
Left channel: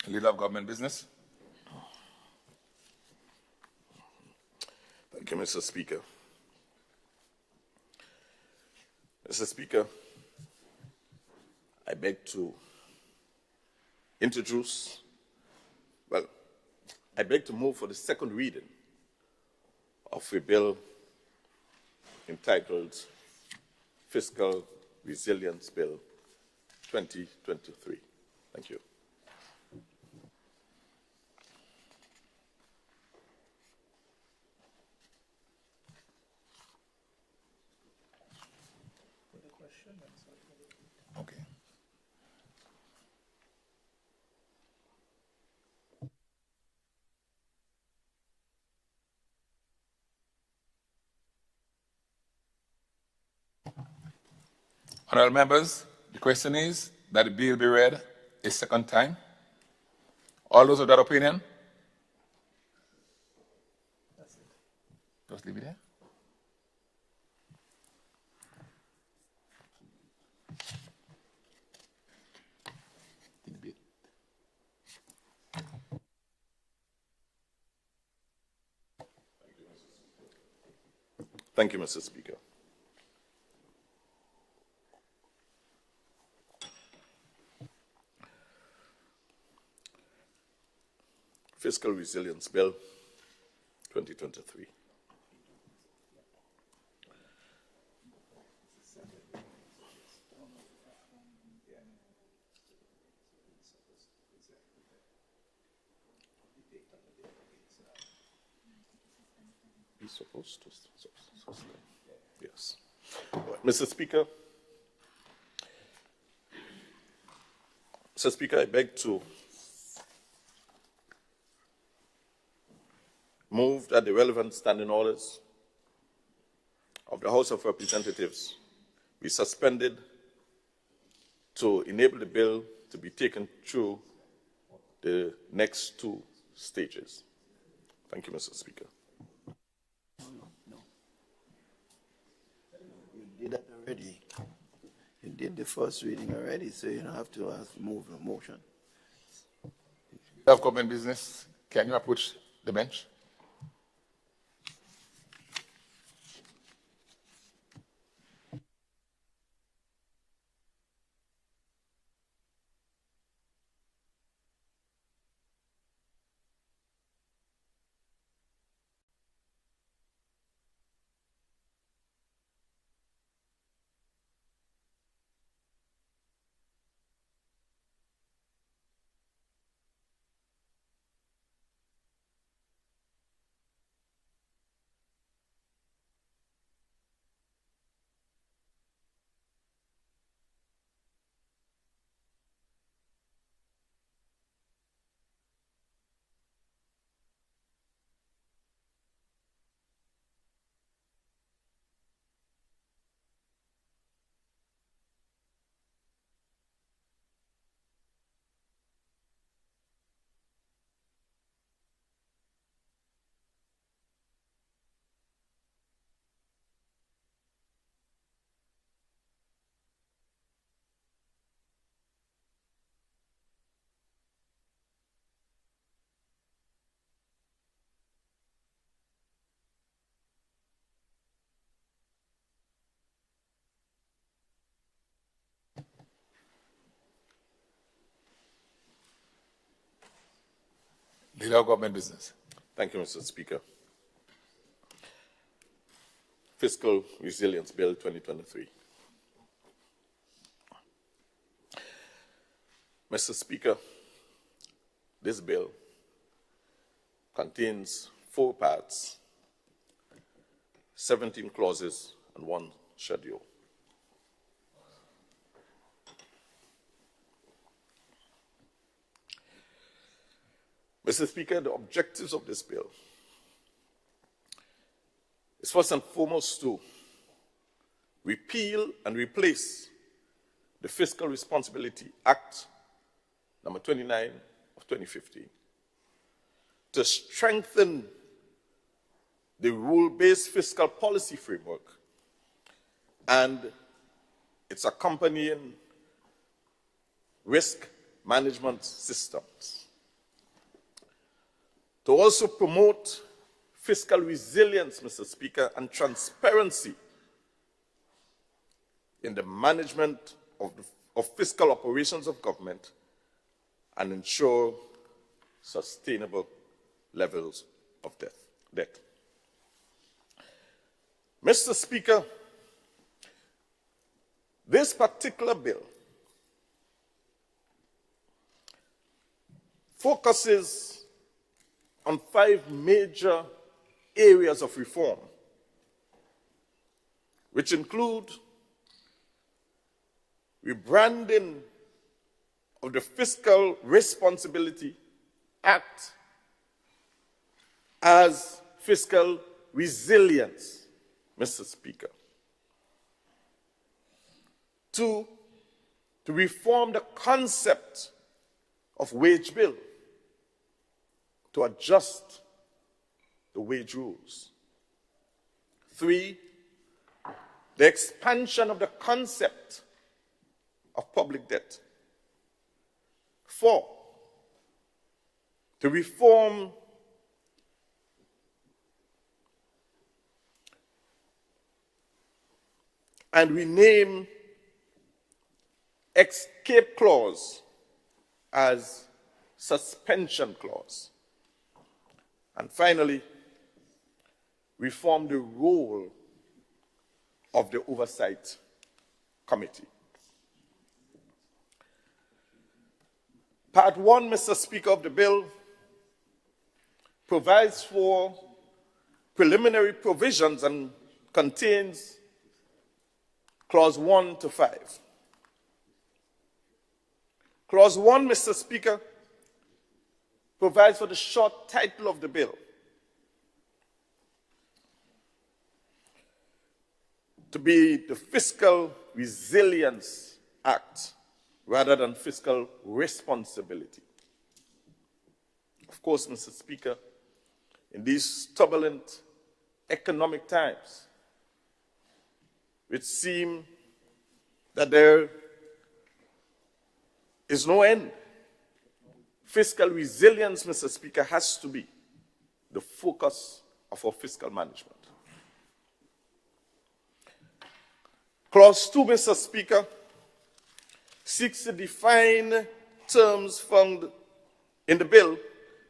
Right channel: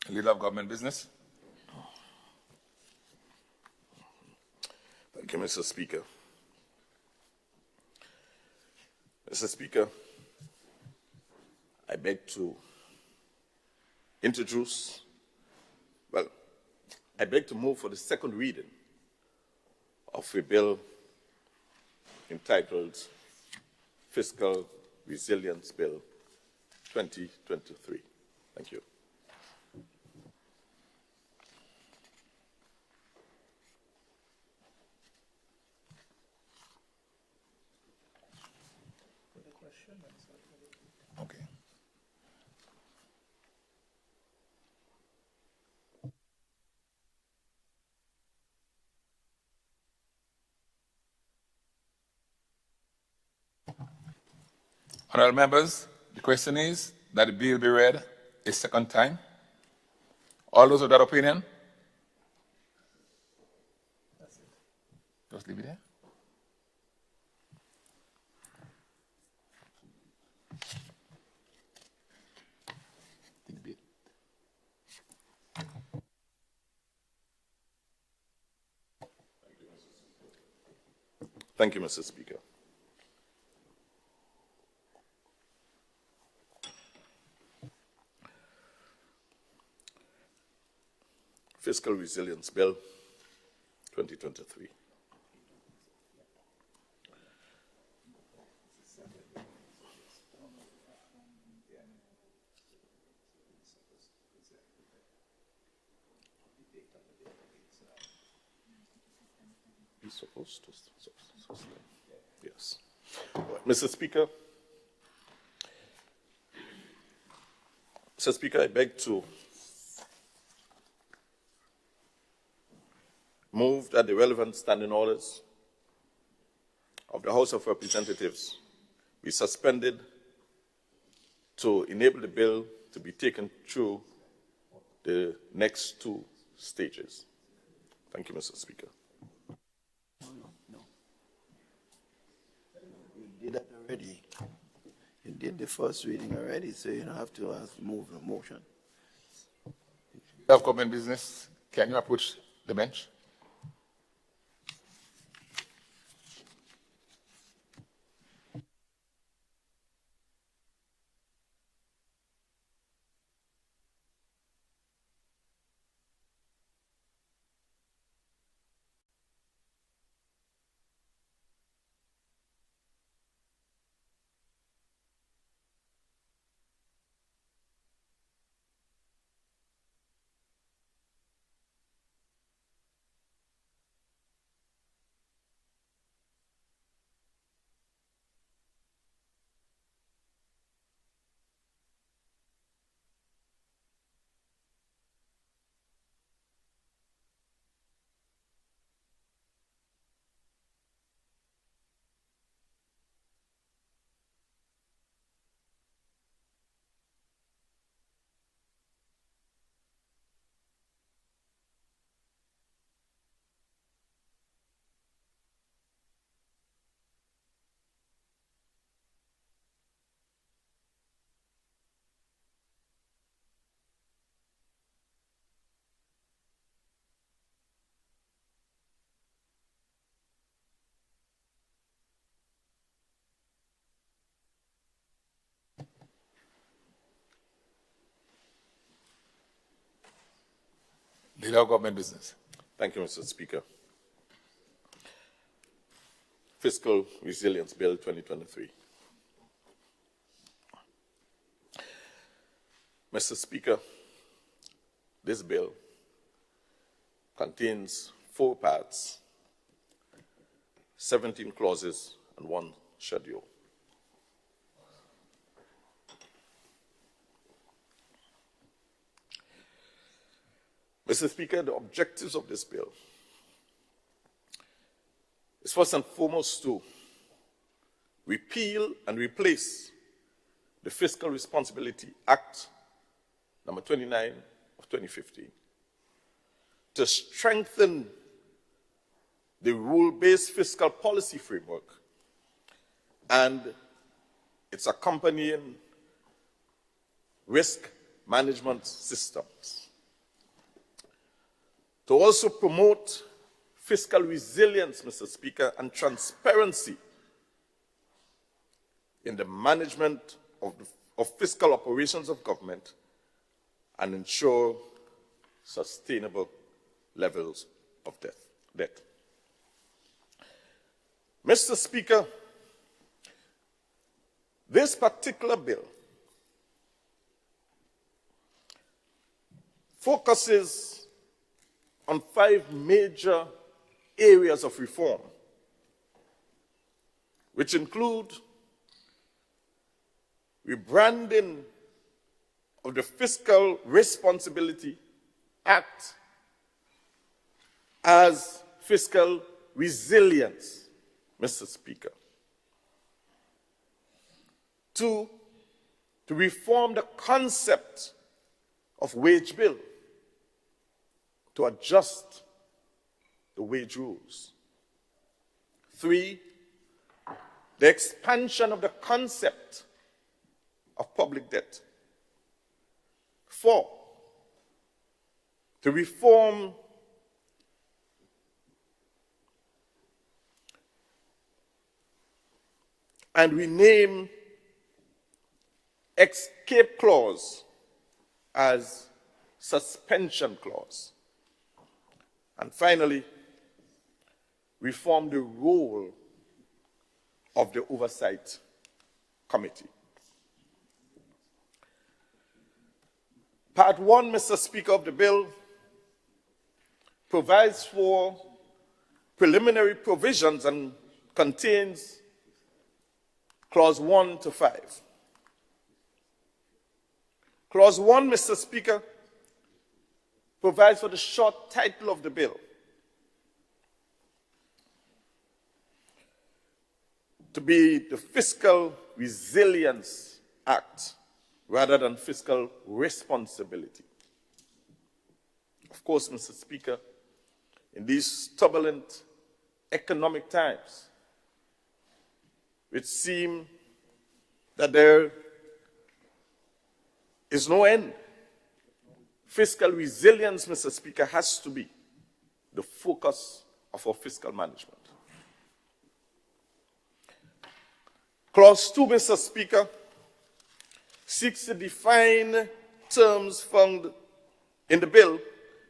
Leader of Government Business. Thank you, Mr. Speaker. Mr. Speaker, I beg to I beg to move for the second reading of a bill entitled Fiscal Resilience Bill 2023. Thank you. Okay. Honourable members, the question is that the bill be read a second time. All those of that opinion? Just leave it here. Thank you, Mr. Speaker. Fiscal Resilience Bill 2023. He's supposed to sustain. Yes. Mr. Speaker, I beg to move that the relevant standing orders of the House of Representatives be suspended to enable the bill to be taken through the next two stages. Thank you, Mr. Speaker. You did that already. You did the first reading already, so you don't have to move the motion. Of government business, can you approach the bench? Leader of government business. Thank you, Mr. Speaker. Fiscal Resilience Bill 2023. Mr. Speaker, this bill contains 4 parts, 17 clauses, and 1 schedule. Mr. Speaker, the objectives of this bill is first and foremost to repeal and replace the Fiscal Responsibility Act number 29 of 2015, to strengthen the rule-based fiscal policy framework and its accompanying risk management systems, to also promote fiscal resilience, Mr. Speaker, and transparency in the management of fiscal operations of government and ensure sustainable levels of debt. Mr. Speaker, this particular bill focuses on 5 major areas of reform, which include rebranding of the Fiscal Responsibility Act as fiscal resilience, Mr. Speaker. 2, to reform the concept of wage bill to adjust the wage rules. 3, the expansion of the concept of public debt. 4, to reform and rename escape clause as suspension clause. And finally, reform the role of the Oversight Committee. Part 1, Mr. Speaker, of the bill provides for preliminary provisions and contains Clause 1 to 5. Clause 1, Mr. Speaker, provides for the short title of the bill. to be the Fiscal Resilience Act rather than fiscal responsibility. Of course, Mr. Speaker, in these turbulent economic times, it seems that there is no end. Fiscal resilience, Mr. Speaker, has to be the focus of our fiscal management. Clause 2, Mr. Speaker, seeks to define terms found in the bill,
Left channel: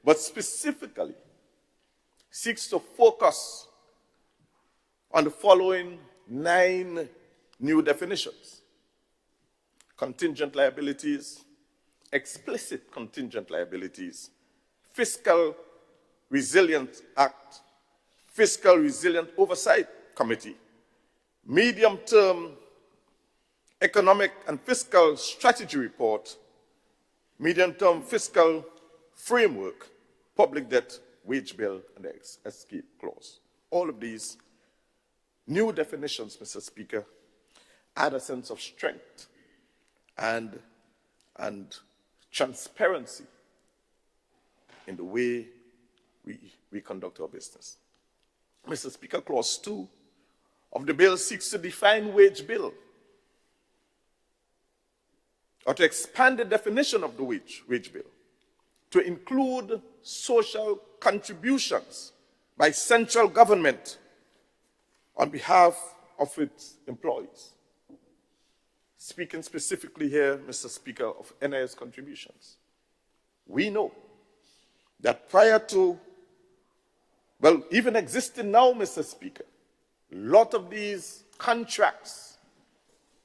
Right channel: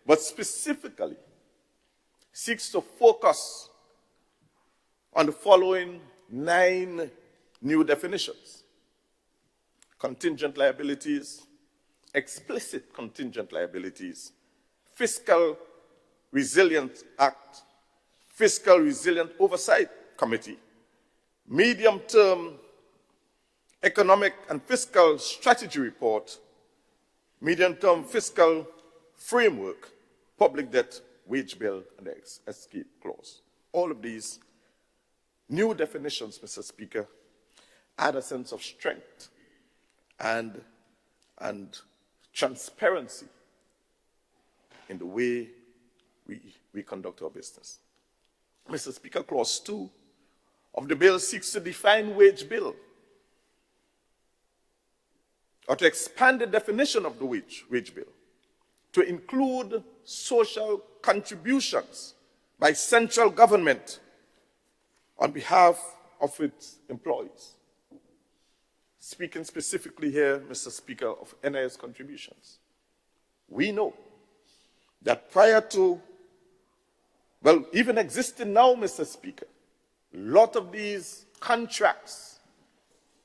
but specifically seeks to focus on the following 9 new definitions: contingent liabilities, explicit contingent liabilities, Fiscal Resilience Act, Fiscal Resilient Oversight Committee, medium-term economic and fiscal strategy report, medium-term fiscal framework, public debt, wage bill, and escape clause. All of these new definitions, Mr. Speaker, add a sense of strength and transparency in the way we conduct our business. Mr. Speaker, Clause 2 of the bill seeks to define wage bill, or to expand the definition of the wage bill to include social contributions by central government on behalf of its employees. Speaking specifically here, Mr. Speaker, of NIS contributions, we know that prior to, well, even existing now, Mr. Speaker, a lot of these contracts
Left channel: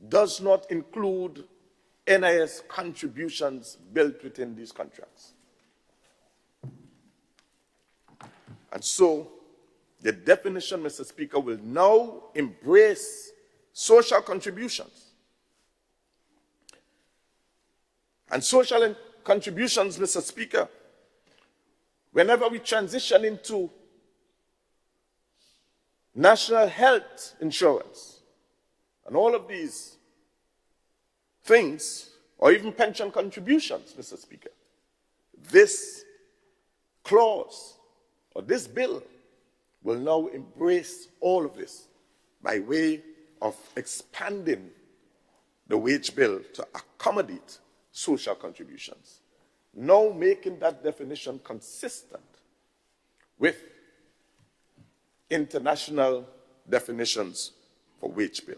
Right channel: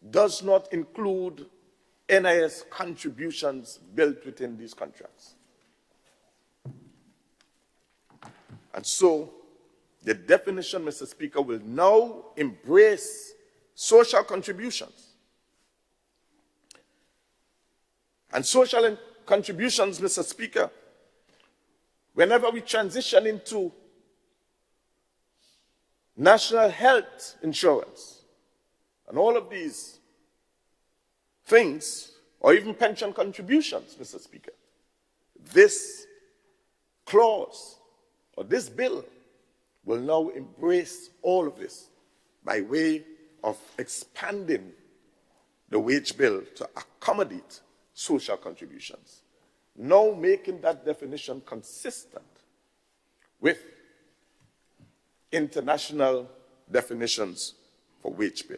does not include NIS contributions built within these contracts. And so, the definition, Mr. Speaker, will now embrace social contributions. And social contributions, Mr. Speaker, whenever we transition into national health insurance and all of these things, or even pension contributions, Mr. Speaker, this clause or this bill will now embrace all of this by way of expanding the wage bill to accommodate social contributions, now making that definition consistent with international definitions for wage bill.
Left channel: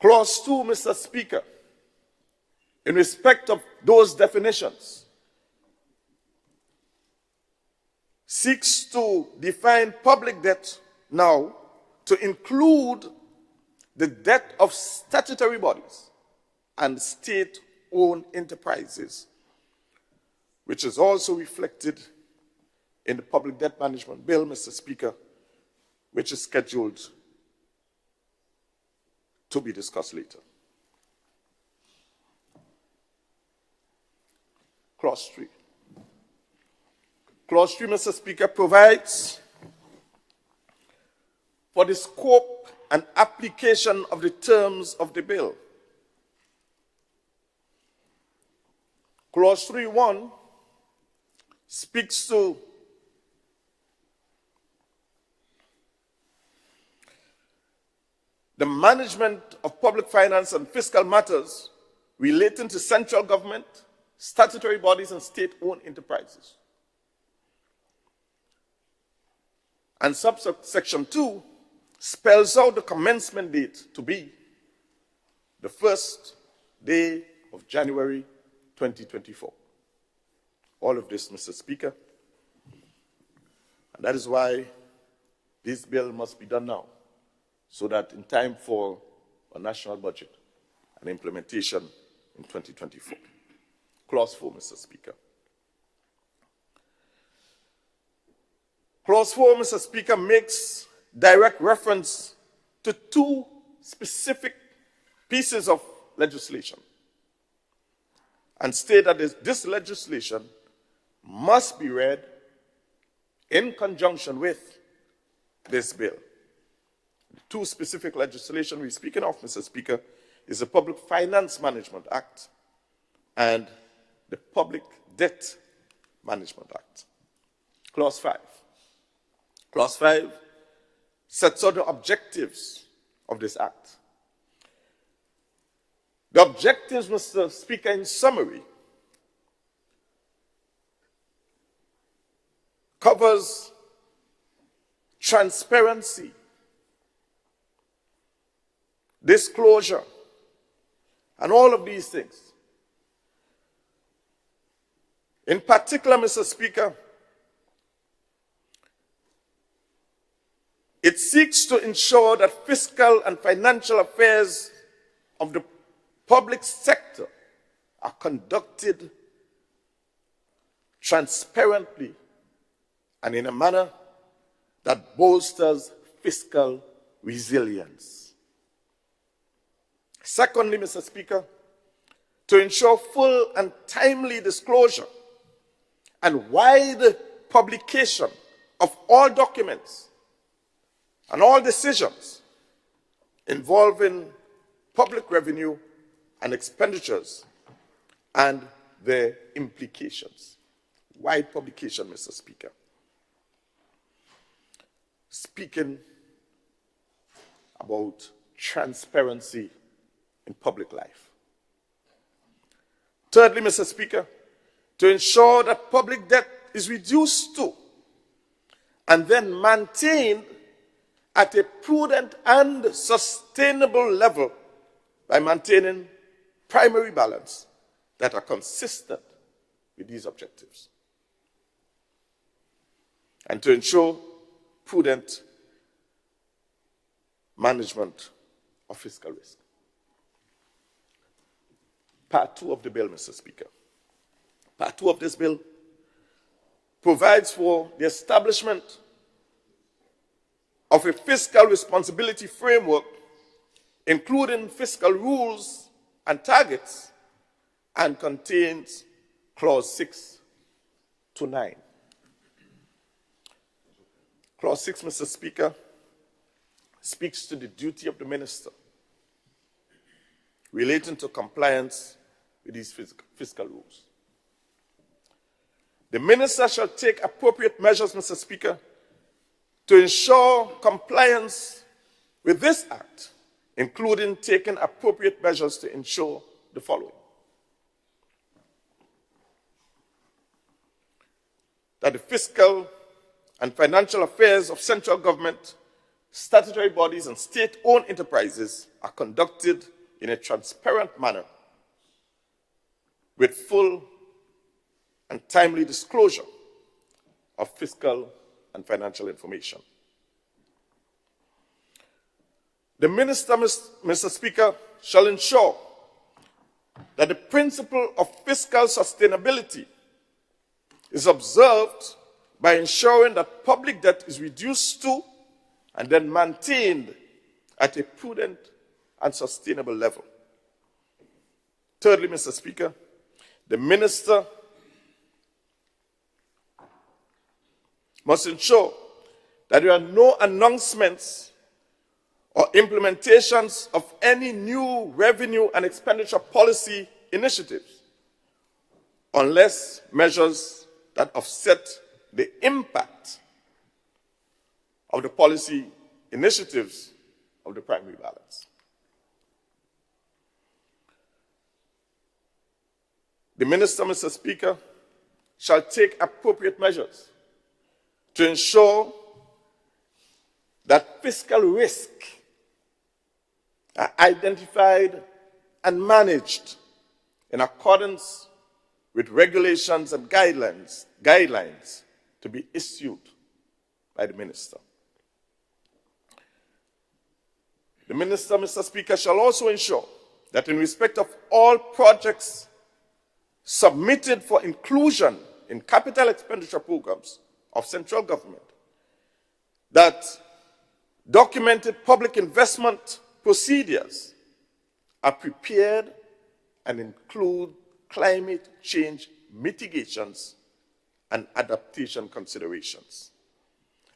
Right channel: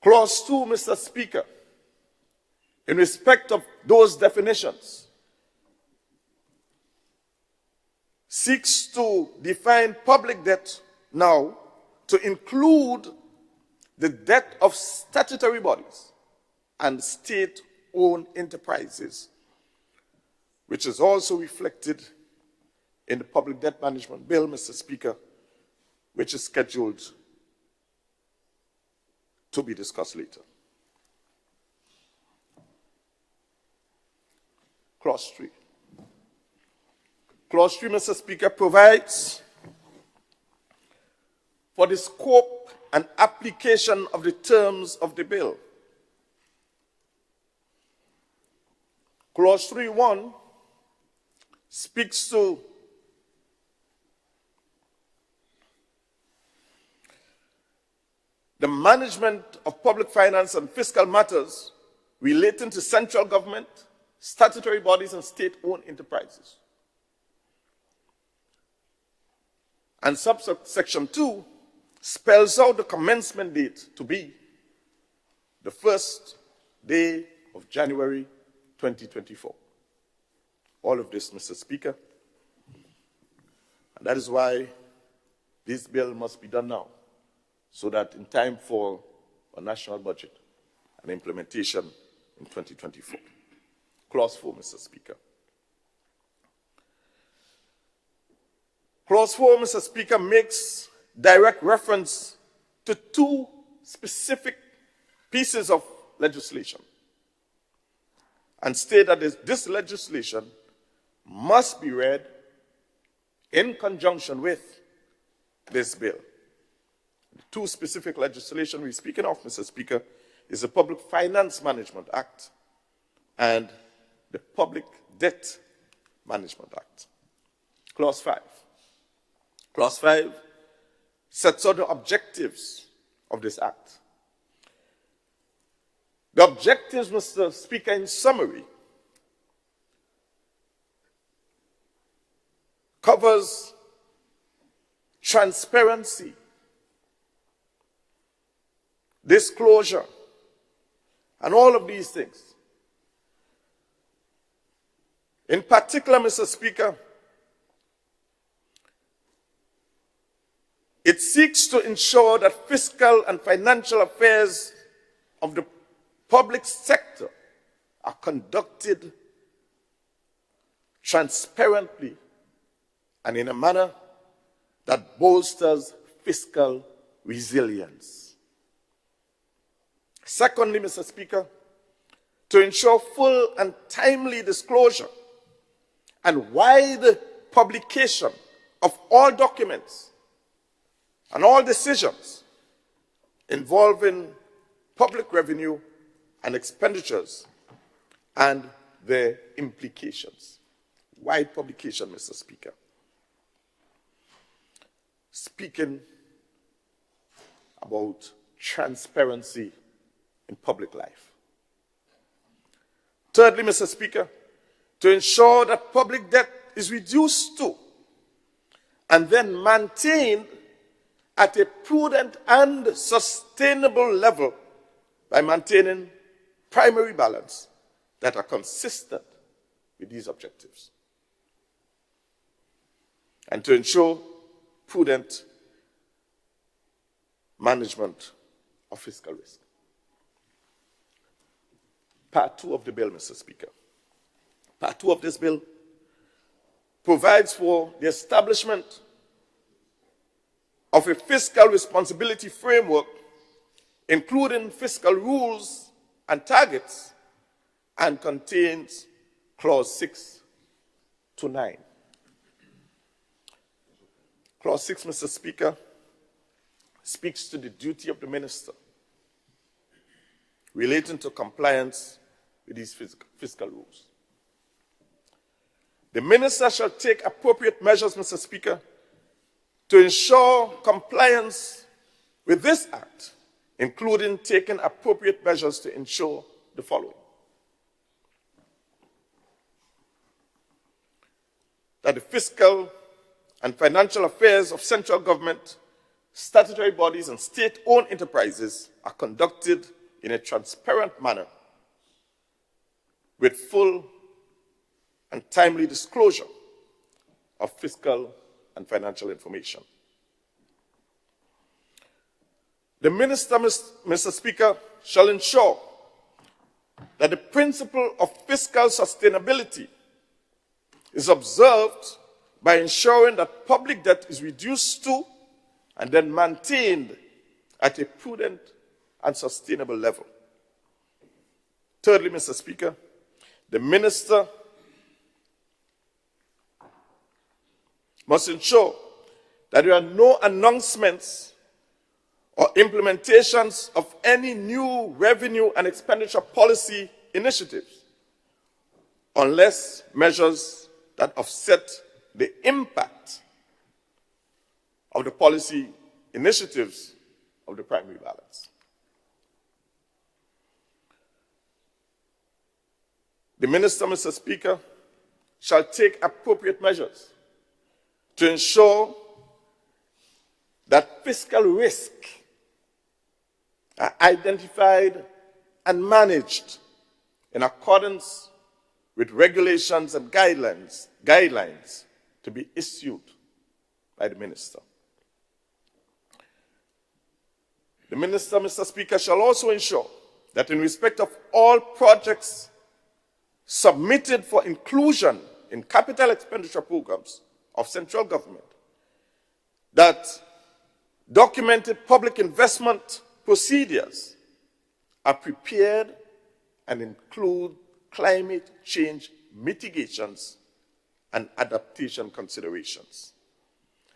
Clause 2, Mr. Speaker, in respect of those definitions, seeks to define public debt now to include the debt of statutory bodies and state-owned enterprises, which is also reflected in the Public Debt Management Bill, Mr. Speaker, which is scheduled to be discussed later. Clause 3. Clause 3, Mr. Speaker, provides for the scope and application of the terms of the bill. Clause 3.1 speaks to the management of public finance and fiscal matters relating to central government, statutory bodies, and state-owned enterprises. And subsection 2 spells out the commencement date to be the first day of January 2024. All of this, Mr. Speaker, and that is why this bill must be done now, so that in time for a national budget and implementation in 2024. Clause 4, Mr. Speaker. Clause 4, Mr. Speaker, makes direct reference to 2 specific pieces of legislation and state that this legislation must be read in conjunction with this bill. The two specific legislation we're speaking of, Mr. Speaker, is the Public Finance Management Act and the Public Debt Management Act. Clause 5. Clause 5 sets out the objectives of this act. The objectives, Mr. Speaker, in summary, covers transparency, disclosure, and all of these things. In particular, Mr. Speaker, it seeks to ensure that fiscal and financial affairs of the public sector are conducted transparently and in a manner that bolsters fiscal resilience. Secondly, Mr. Speaker, to ensure full and timely disclosure and wide publication of all documents and all decisions involving public revenue and expenditures and their implications. Wide publication, Mr. Speaker. Speaking about transparency in public life. Thirdly, Mr. Speaker, to ensure that public debt is reduced to and then maintained at a prudent and sustainable level by maintaining primary balance that are consistent with these objectives. And to ensure prudent management of fiscal risk. Part 2 of the bill, Mr. Speaker. Part 2 of this bill provides for the establishment of a fiscal responsibility framework, including fiscal rules and targets, and contains Clause 6 to 9. Clause 6, Mr. Speaker, speaks to the duty of the minister relating to compliance with these fiscal rules. The minister shall take appropriate measures, Mr. Speaker, to ensure compliance with this act, including taking appropriate measures to ensure the following: that the fiscal and financial affairs of central government, statutory bodies, and state-owned enterprises are conducted in a transparent manner with full and timely disclosure of fiscal and financial information. The minister, Mr. Speaker, shall ensure that the principle of fiscal sustainability is observed by ensuring that public debt is reduced to and then maintained at a prudent and sustainable level. Thirdly, Mr. Speaker, the minister must ensure that there are no announcements or implementations of any new revenue and expenditure policy initiatives unless measures that offset the impact of the policy initiatives of the primary balance. The minister, Mr. Speaker, shall take appropriate measures to ensure that fiscal risk are identified and managed in accordance with regulations and guidelines to be issued by the minister. The minister, Mr. Speaker, shall also ensure that in respect of all projects submitted for inclusion in capital expenditure programs of central government, that documented public investment procedures are prepared and include climate change mitigations and adaptation considerations.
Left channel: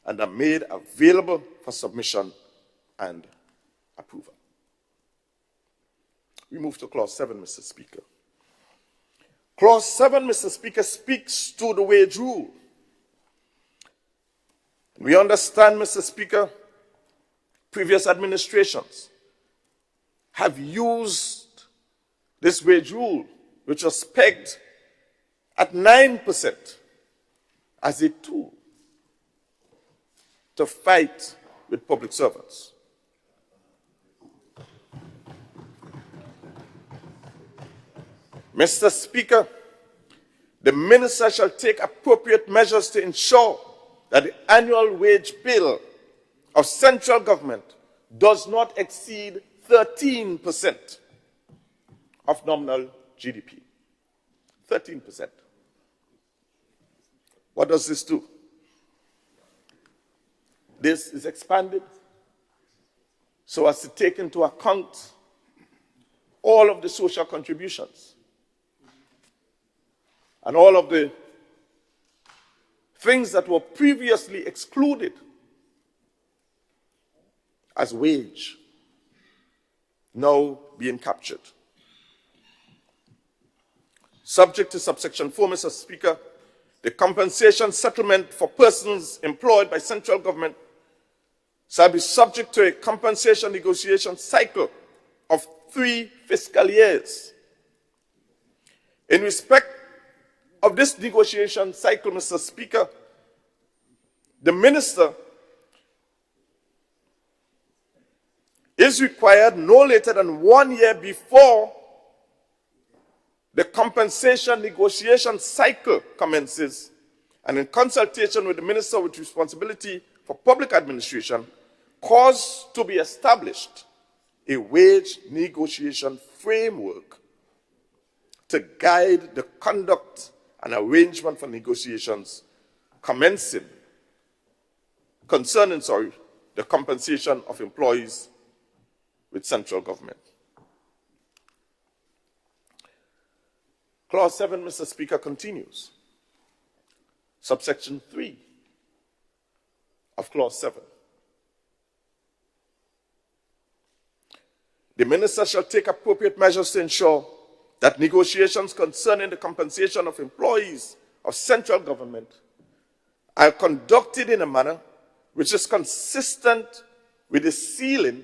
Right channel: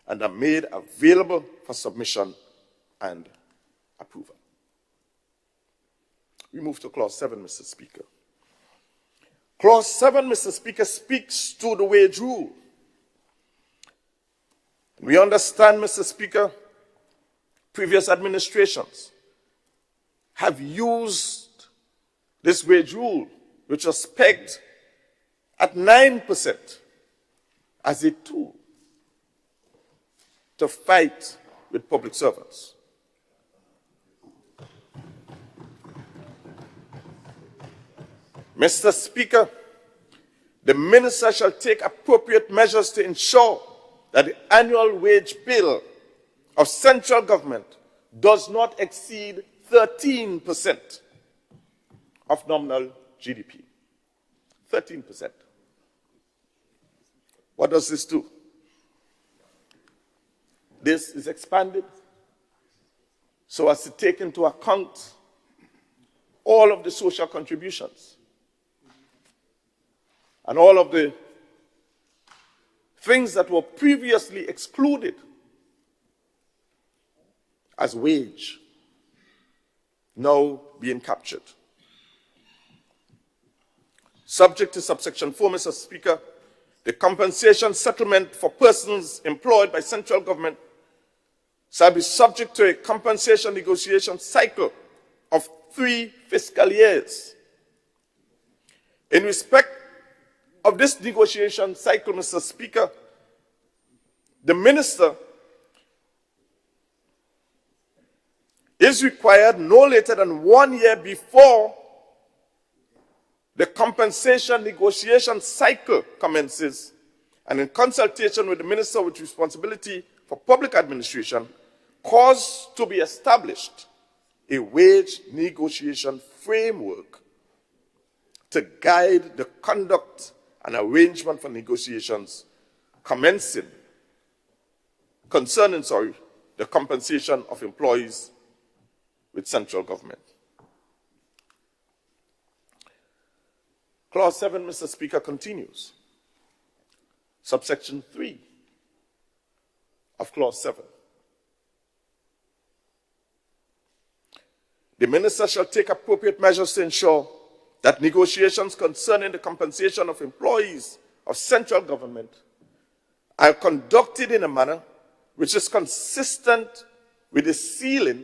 and are made available for submission and approval. We move to Clause 7, Mr. Speaker. Clause 7, Mr. Speaker, speaks to the wage rule. We understand, Mr. Speaker, previous administrations have used this wage rule, which was pegged at 9%, as a tool to fight with public servants. Mr. Speaker, the minister shall take appropriate measures to ensure that the annual wage bill of central government does not exceed 13% of nominal GDP. 13%. What does this do? This is expanded so as to take into account all of the social contributions and all of the things that were previously excluded as wage now being captured. Subject to subsection 4, Mr. Speaker, the compensation settlement for persons employed by central government shall be subject to a compensation negotiation cycle of 3 fiscal years. In respect of this negotiation cycle, Mr. Speaker, the minister is required no later than 1 year before the compensation negotiation cycle commences, and in consultation with the minister with responsibility for public administration, cause to be established a wage negotiation framework to guide the conduct and arrangement for negotiations concerning the compensation of employees with central government. Clause 7, Mr. Speaker, continues. Subsection 3 of Clause 7. The minister shall take appropriate measures to ensure that negotiations concerning the compensation of employees of central government are conducted in a manner which is consistent with the ceiling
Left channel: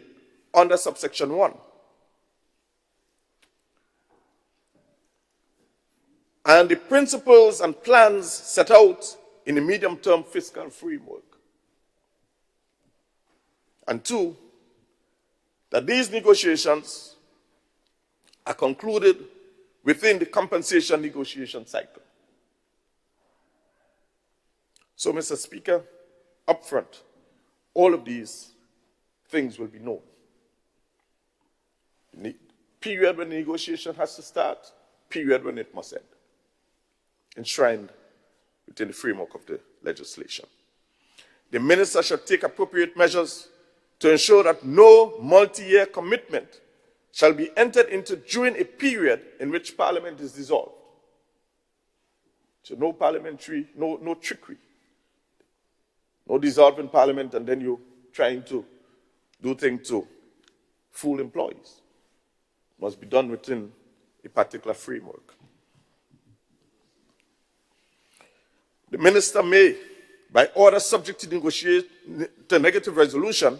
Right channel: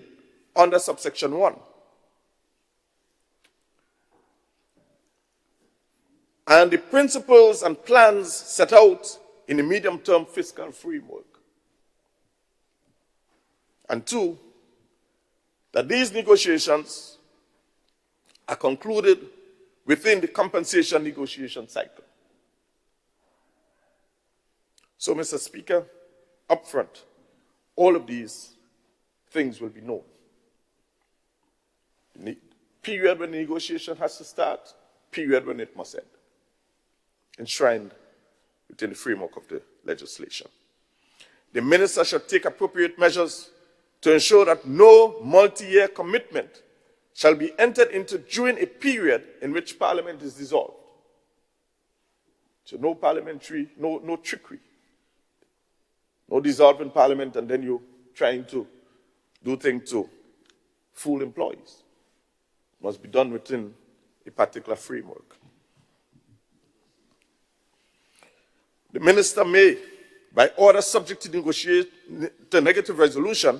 under subsection 1. And the principles and plans set out in the medium-term fiscal framework. And 2, that these negotiations are concluded within the compensation negotiation cycle. So, Mr. Speaker, up front, all of these things will be known. The period when the negotiation has to start, period when it must end, enshrined within the framework of the legislation. The minister shall take appropriate measures to ensure that no multi-year commitment shall be entered into during a period in which Parliament is dissolved. So no parliamentary, no trickery. No dissolving Parliament and then you trying to do things to fool employees. Must be done within a particular framework. The minister may, by order subject to negative resolution,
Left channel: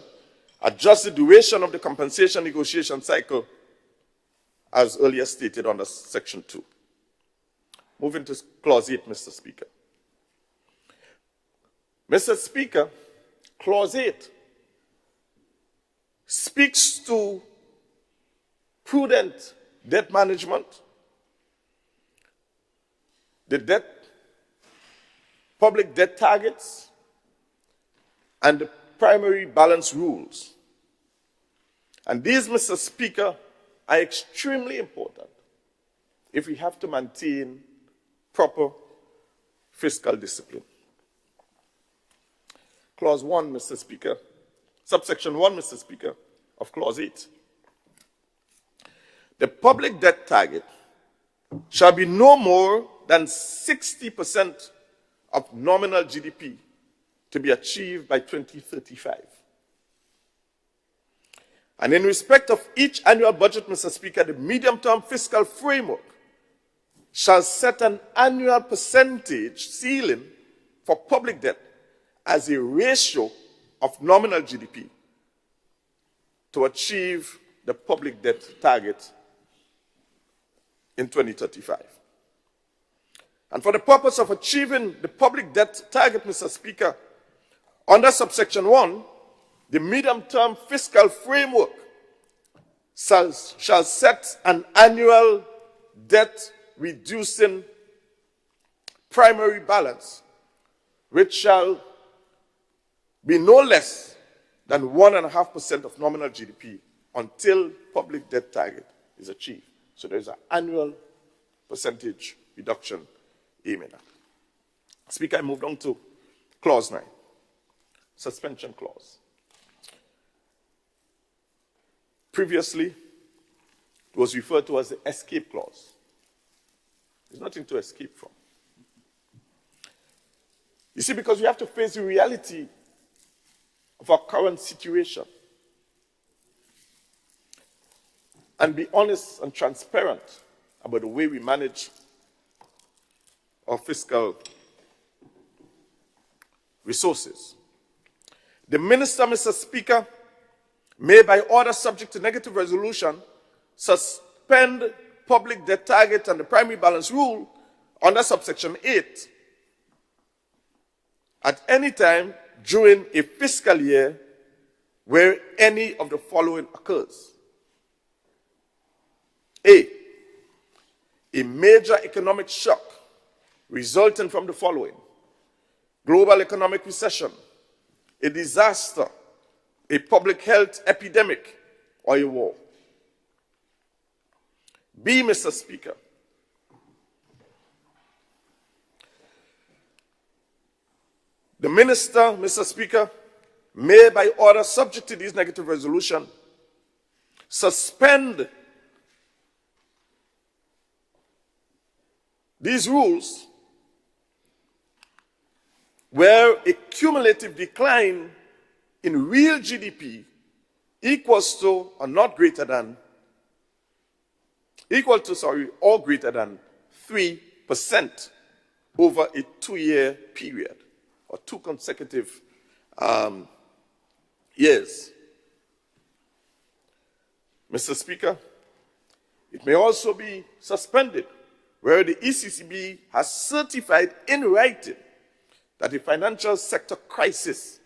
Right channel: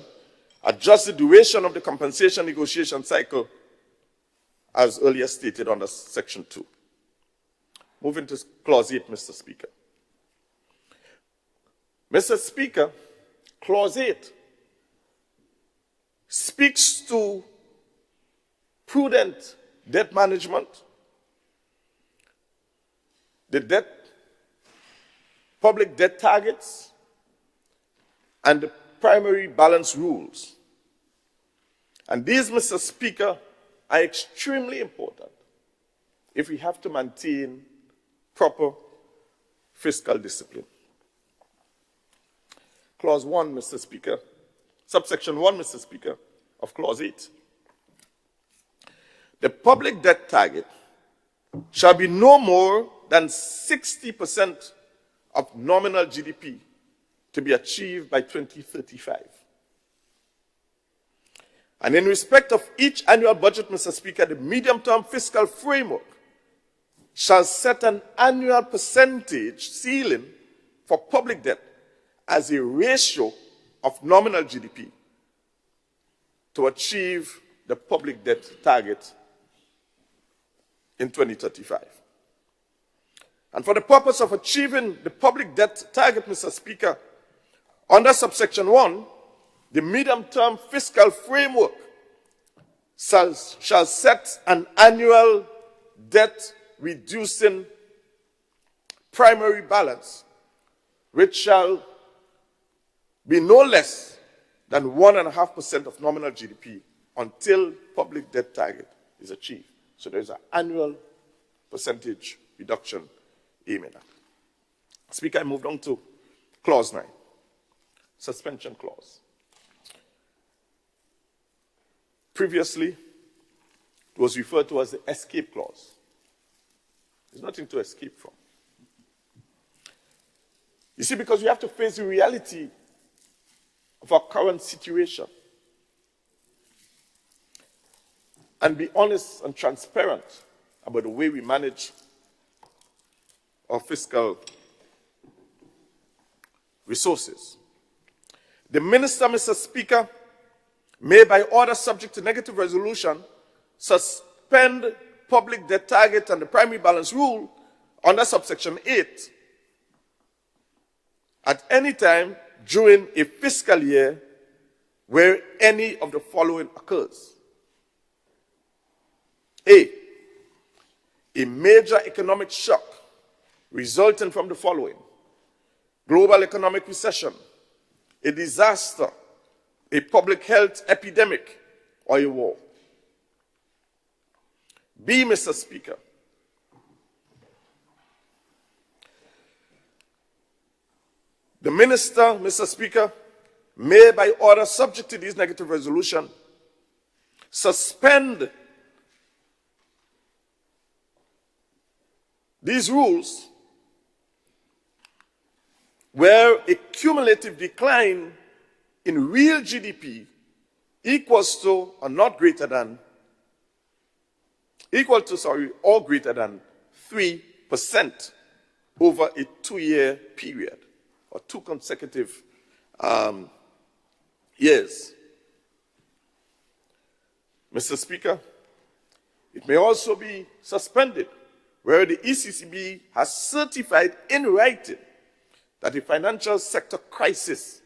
adjust the duration of the compensation negotiation cycle as earlier stated under section 2. Moving to clause 8, Mr. Speaker. Mr. Speaker, clause 8 speaks to prudent debt management, the public debt targets, and the primary balance rules. And these, Mr. Speaker, are extremely important if we have to maintain proper fiscal discipline. Clause 1, Mr. Speaker, subsection 1, Mr. Speaker, of clause 8. The public debt target shall be no more than 60% of nominal GDP to be achieved by 2035. And in respect of each annual budget, Mr. Speaker, the medium-term fiscal framework shall set an annual percentage ceiling for public debt as a ratio of nominal GDP to achieve the public debt target in 2035. And for the purpose of achieving the public debt target, Mr. Speaker, under subsection 1, the medium-term fiscal framework shall set an annual debt-reducing primary balance, which shall be no less than 1.5% of nominal GDP until public debt target is achieved. So there's an annual percentage reduction aiming at. Speaker, I moved on to clause 9, suspension clause. Previously, it was referred to as the escape clause. There's nothing to escape from. You see, because we have to face the reality of our current situation and be honest and transparent about the way we manage our fiscal resources. The minister, Mr. Speaker, may, by order subject to negative resolution, suspend public debt target and the primary balance rule under subsection 8 at any time during a fiscal year where any of the following occurs. A major economic shock resulting from the following: global economic recession, a disaster, a public health epidemic, or a war. B, Mr. Speaker, the minister, Mr. Speaker, may, by order subject to this negative resolution, suspend these rules where a cumulative decline in real GDP equals to or not greater than, or greater than 3% over a 2-year period or 2 consecutive years. Mr. Speaker, it may also be suspended where the ECCB has certified in writing that a financial sector crisis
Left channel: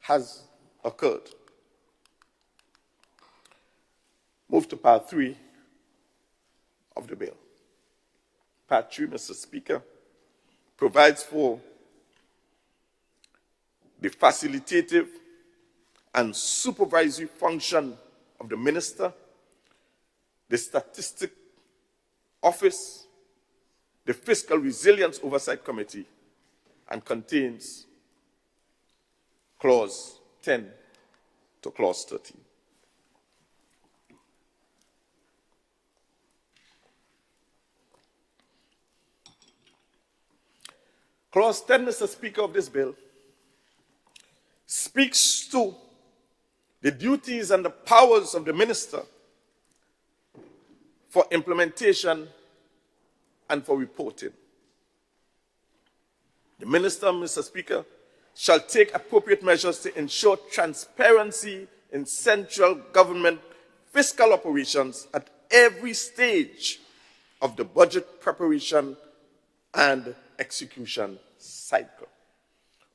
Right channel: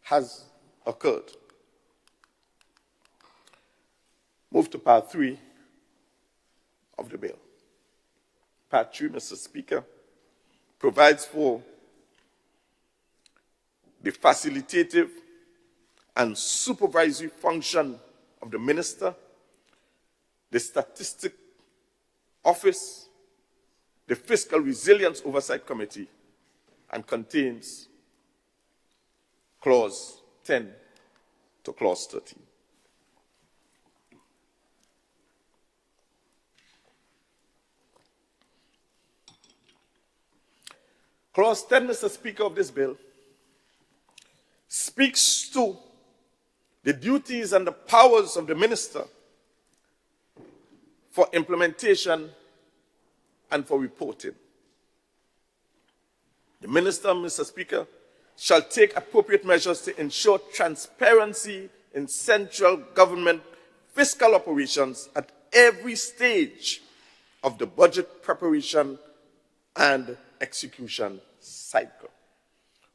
has occurred. Move to part 3 of the bill. Part 3, Mr. Speaker, provides for the facilitative and supervisory function of the minister, the Statistic Office, the Fiscal Resilience Oversight Committee, and contains clause 10 to clause 13. Clause 10, Mr. Speaker, of this bill speaks to the duties and the powers of the minister for implementation and for reporting. The minister, Mr. Speaker, shall take appropriate measures to ensure transparency in central government fiscal operations at every stage of the budget preparation and execution cycle,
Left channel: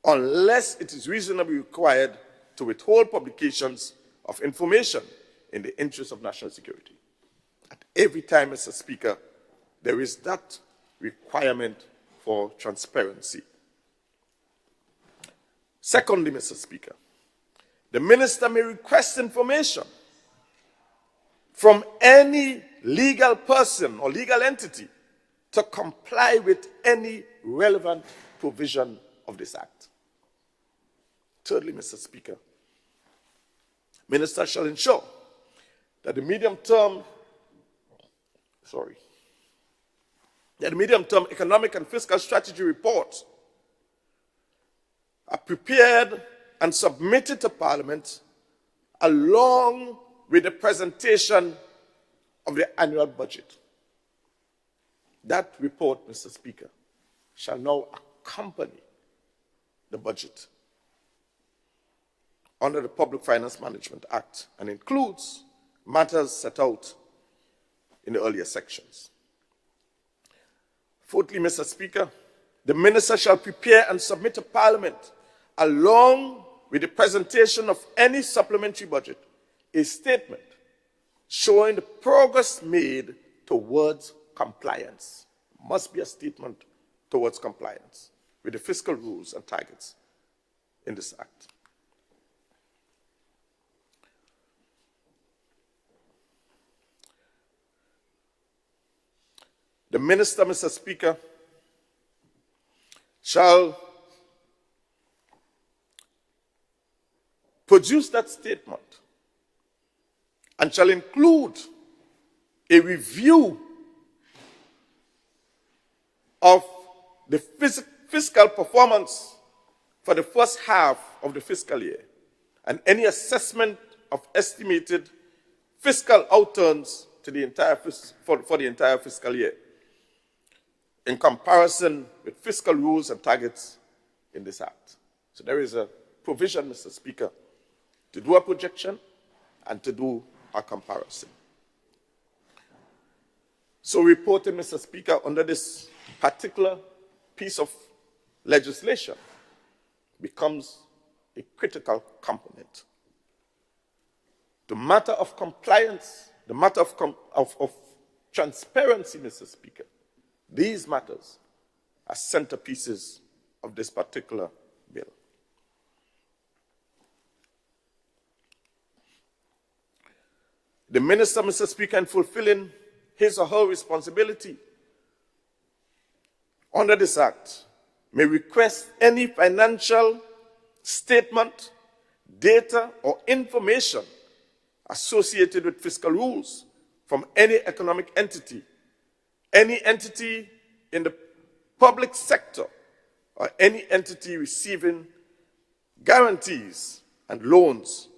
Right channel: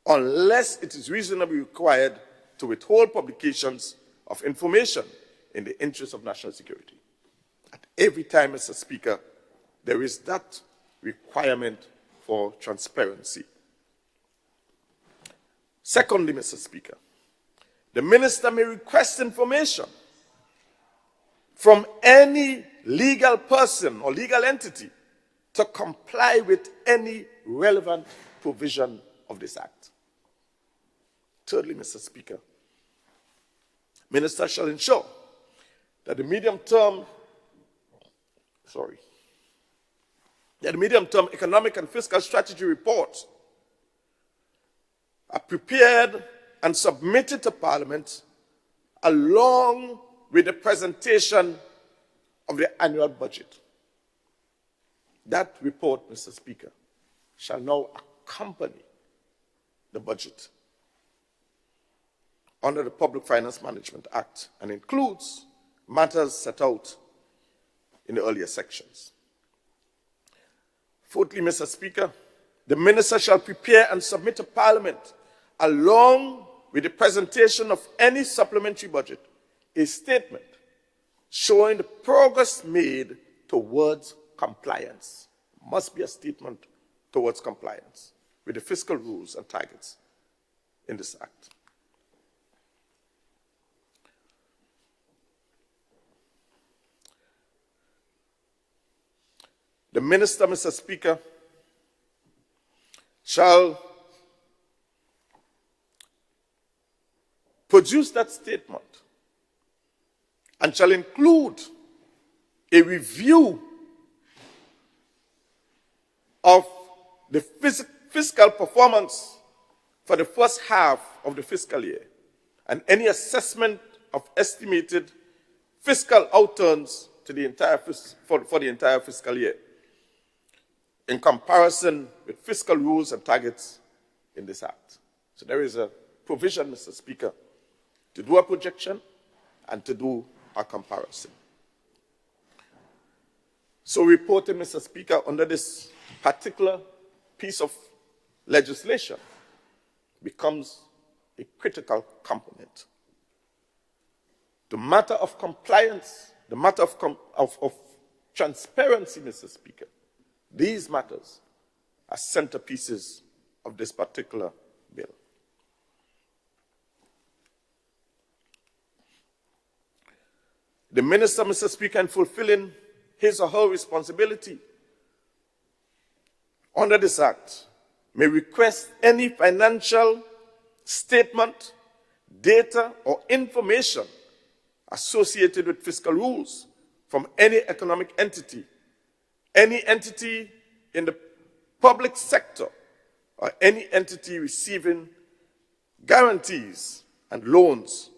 unless it is reasonably required to withhold publications of information in the interest of national security. At every time, Mr. Speaker, there is that requirement for transparency. Secondly, Mr. Speaker, the minister may request information from any legal person or legal entity to comply with any relevant provision of this Act. Thirdly, Mr. Speaker, minister shall ensure that the medium-term economic and fiscal strategy report are prepared and submitted to Parliament along with the presentation of the annual budget. That report, Mr. Speaker, shall now accompany the budget under the Public Finance Management Act and includes matters set out in the earlier sections. Fourthly, Mr. Speaker, the minister shall prepare and submit to Parliament, along with the presentation of any supplementary budget, a statement showing the progress made towards compliance. Must be a statement towards compliance with the fiscal rules and targets in this act. The minister, Mr. Speaker, shall produce that statement and shall include a review of the fiscal performance for the first half of the fiscal year and any assessment of estimated fiscal outturns to the entire for the entire fiscal year in comparison with fiscal rules and targets in this act. So there is a provision, Mr. Speaker, to do a projection and to do a comparison. So reporting, Mr. Speaker, under this particular piece of legislation becomes a critical component. The matter of compliance, the matter of transparency, Mr. Speaker, these matters are centerpieces of this particular bill. The minister, Mr. Speaker, in fulfilling his or her responsibility under this act, may request any financial statement, data, or information associated with fiscal rules from any economic entity, any entity in the public sector, or any entity receiving guarantees and loans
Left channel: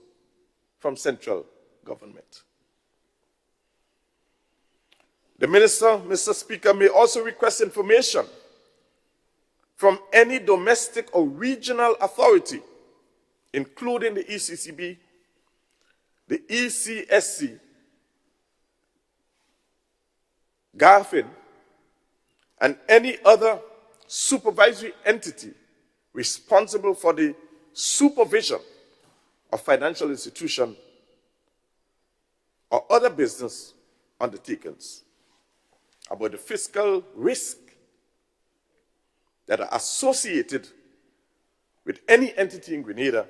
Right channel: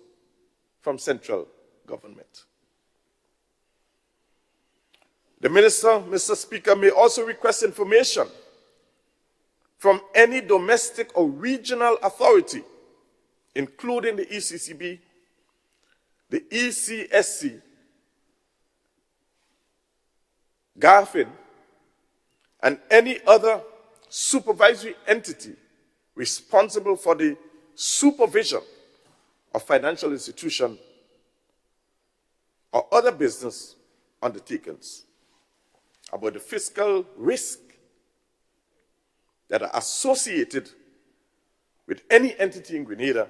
from central government. The minister, Mr. Speaker, may also request information from any domestic or regional authority, including the ECCB, the ECSC, GAFIN, and any other supervisory entity responsible for the supervision of financial institution or other business undertakings about the fiscal risk that are associated with any entity in Grenada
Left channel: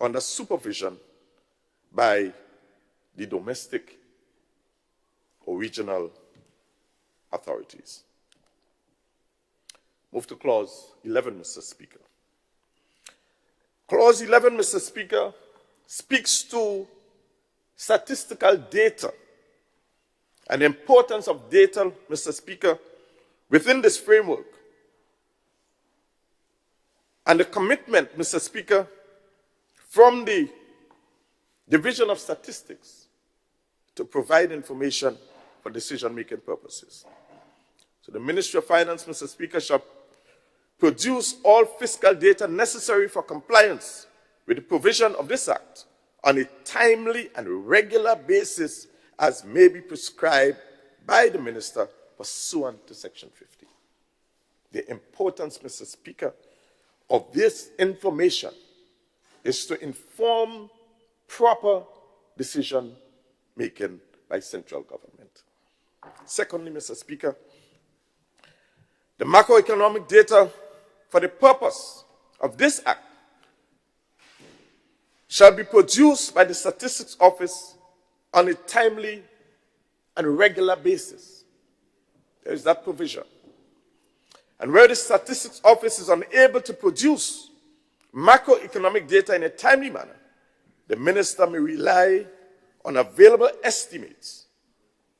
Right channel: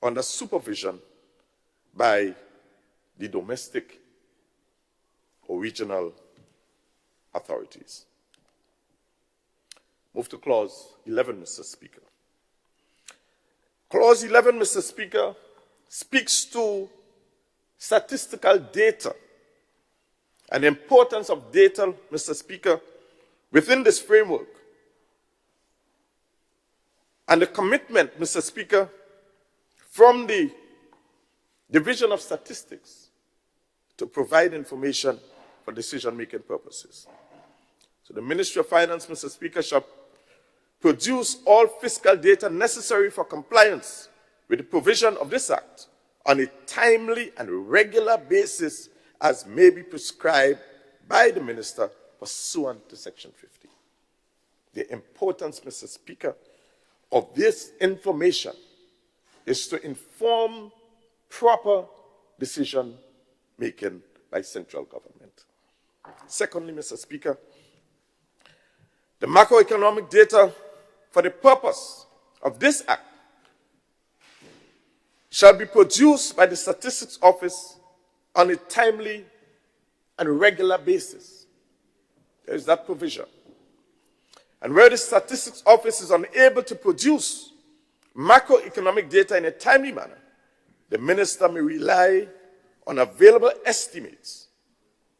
under supervision by the domestic or regional authorities. Move to Clause 11, Mr. Speaker. Clause 11, Mr. Speaker, speaks to statistical data and the importance of data, Mr. Speaker, within this framework. And the commitment, Mr. Speaker, from the Division of Statistics to provide information for decision-making purposes. So the Ministry of Finance, Mr. Speaker, shall produce all fiscal data necessary for compliance with the provision of this Act on a timely and regular basis as may be prescribed by the Minister pursuant to Section 50. The importance, Mr. Speaker, of this information is to inform proper decision-making by central government. Secondly, Mr. Speaker, the macroeconomic data for the purpose of this Act shall be produced by the Statistics Office on a timely and regular basis. There is that provision. And where the Statistics Office is unable to produce macroeconomic data in a timely manner, the minister may rely on available estimates,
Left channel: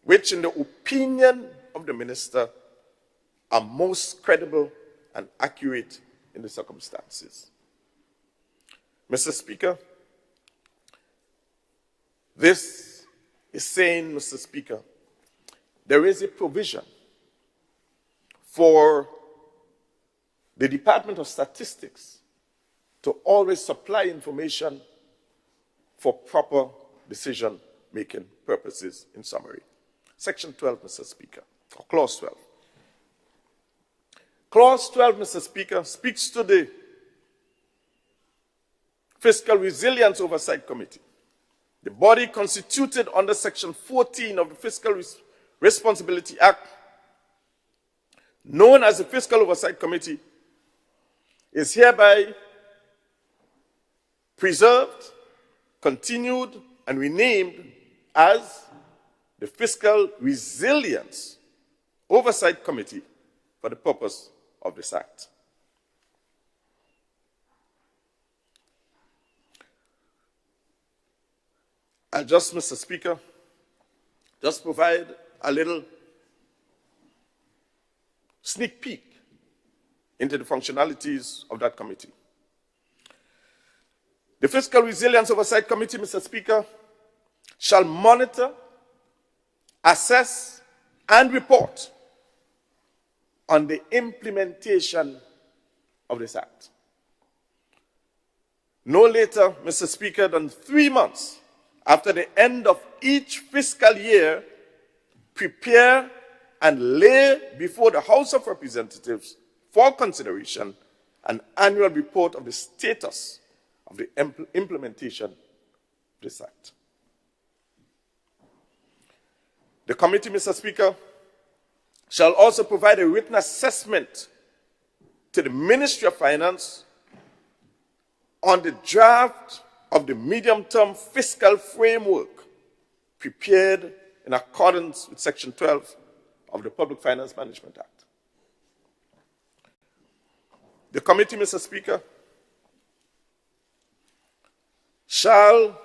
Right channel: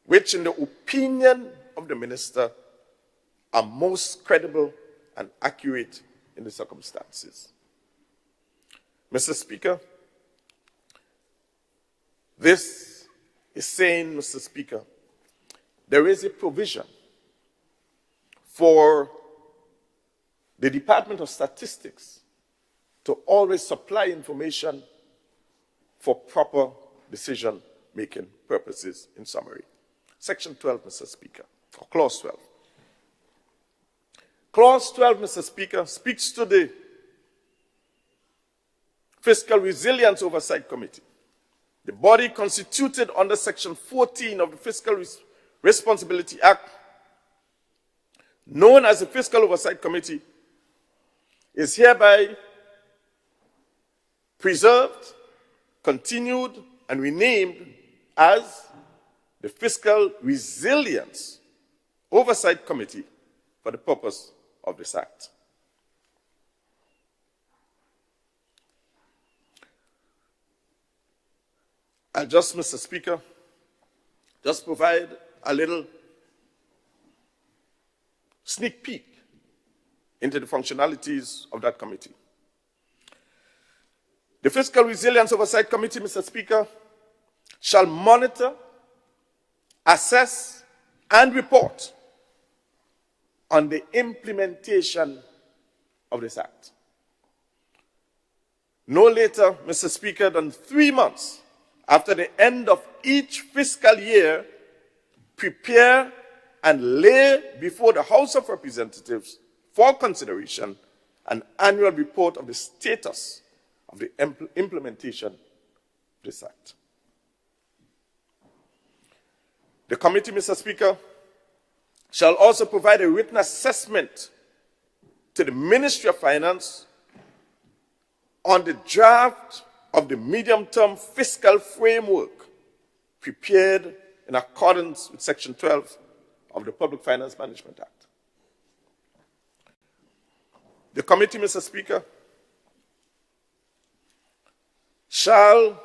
which in the opinion of the minister are most credible and accurate in the circumstances. Mr. Speaker, this is saying, Mr. Speaker, there is a provision for the Department of Statistics to always supply information for proper decision-making purposes, in summary. Section 12, Mr. Speaker, or Clause 12. Clause 12, Mr. Speaker, speaks to the Fiscal Resilience Oversight Committee, the body constituted under Section 14 of the Fiscal Responsibility Act, known as the Fiscal Oversight Committee, is hereby preserved, continued, and renamed as the Fiscal Resilience Oversight Committee for the purpose of this Act. And just, Mr. Speaker, just provide a little sneak peek into the functionalities of that committee. The Fiscal Resilience Oversight Committee, Mr. Speaker, shall monitor, assess, and report on the implementation of this Act. No later, Mr. Speaker, than 3 months after the end of each fiscal year, prepare and lay before the House of Representatives for consideration an annual report of the status of the implementation of this Act. The committee, Mr. Speaker, shall also provide a written assessment to the Ministry of Finance on the draft of the medium-term fiscal framework prepared in accordance with Section 12 of the Public Finance Management Act. The committee, Mr. Speaker, shall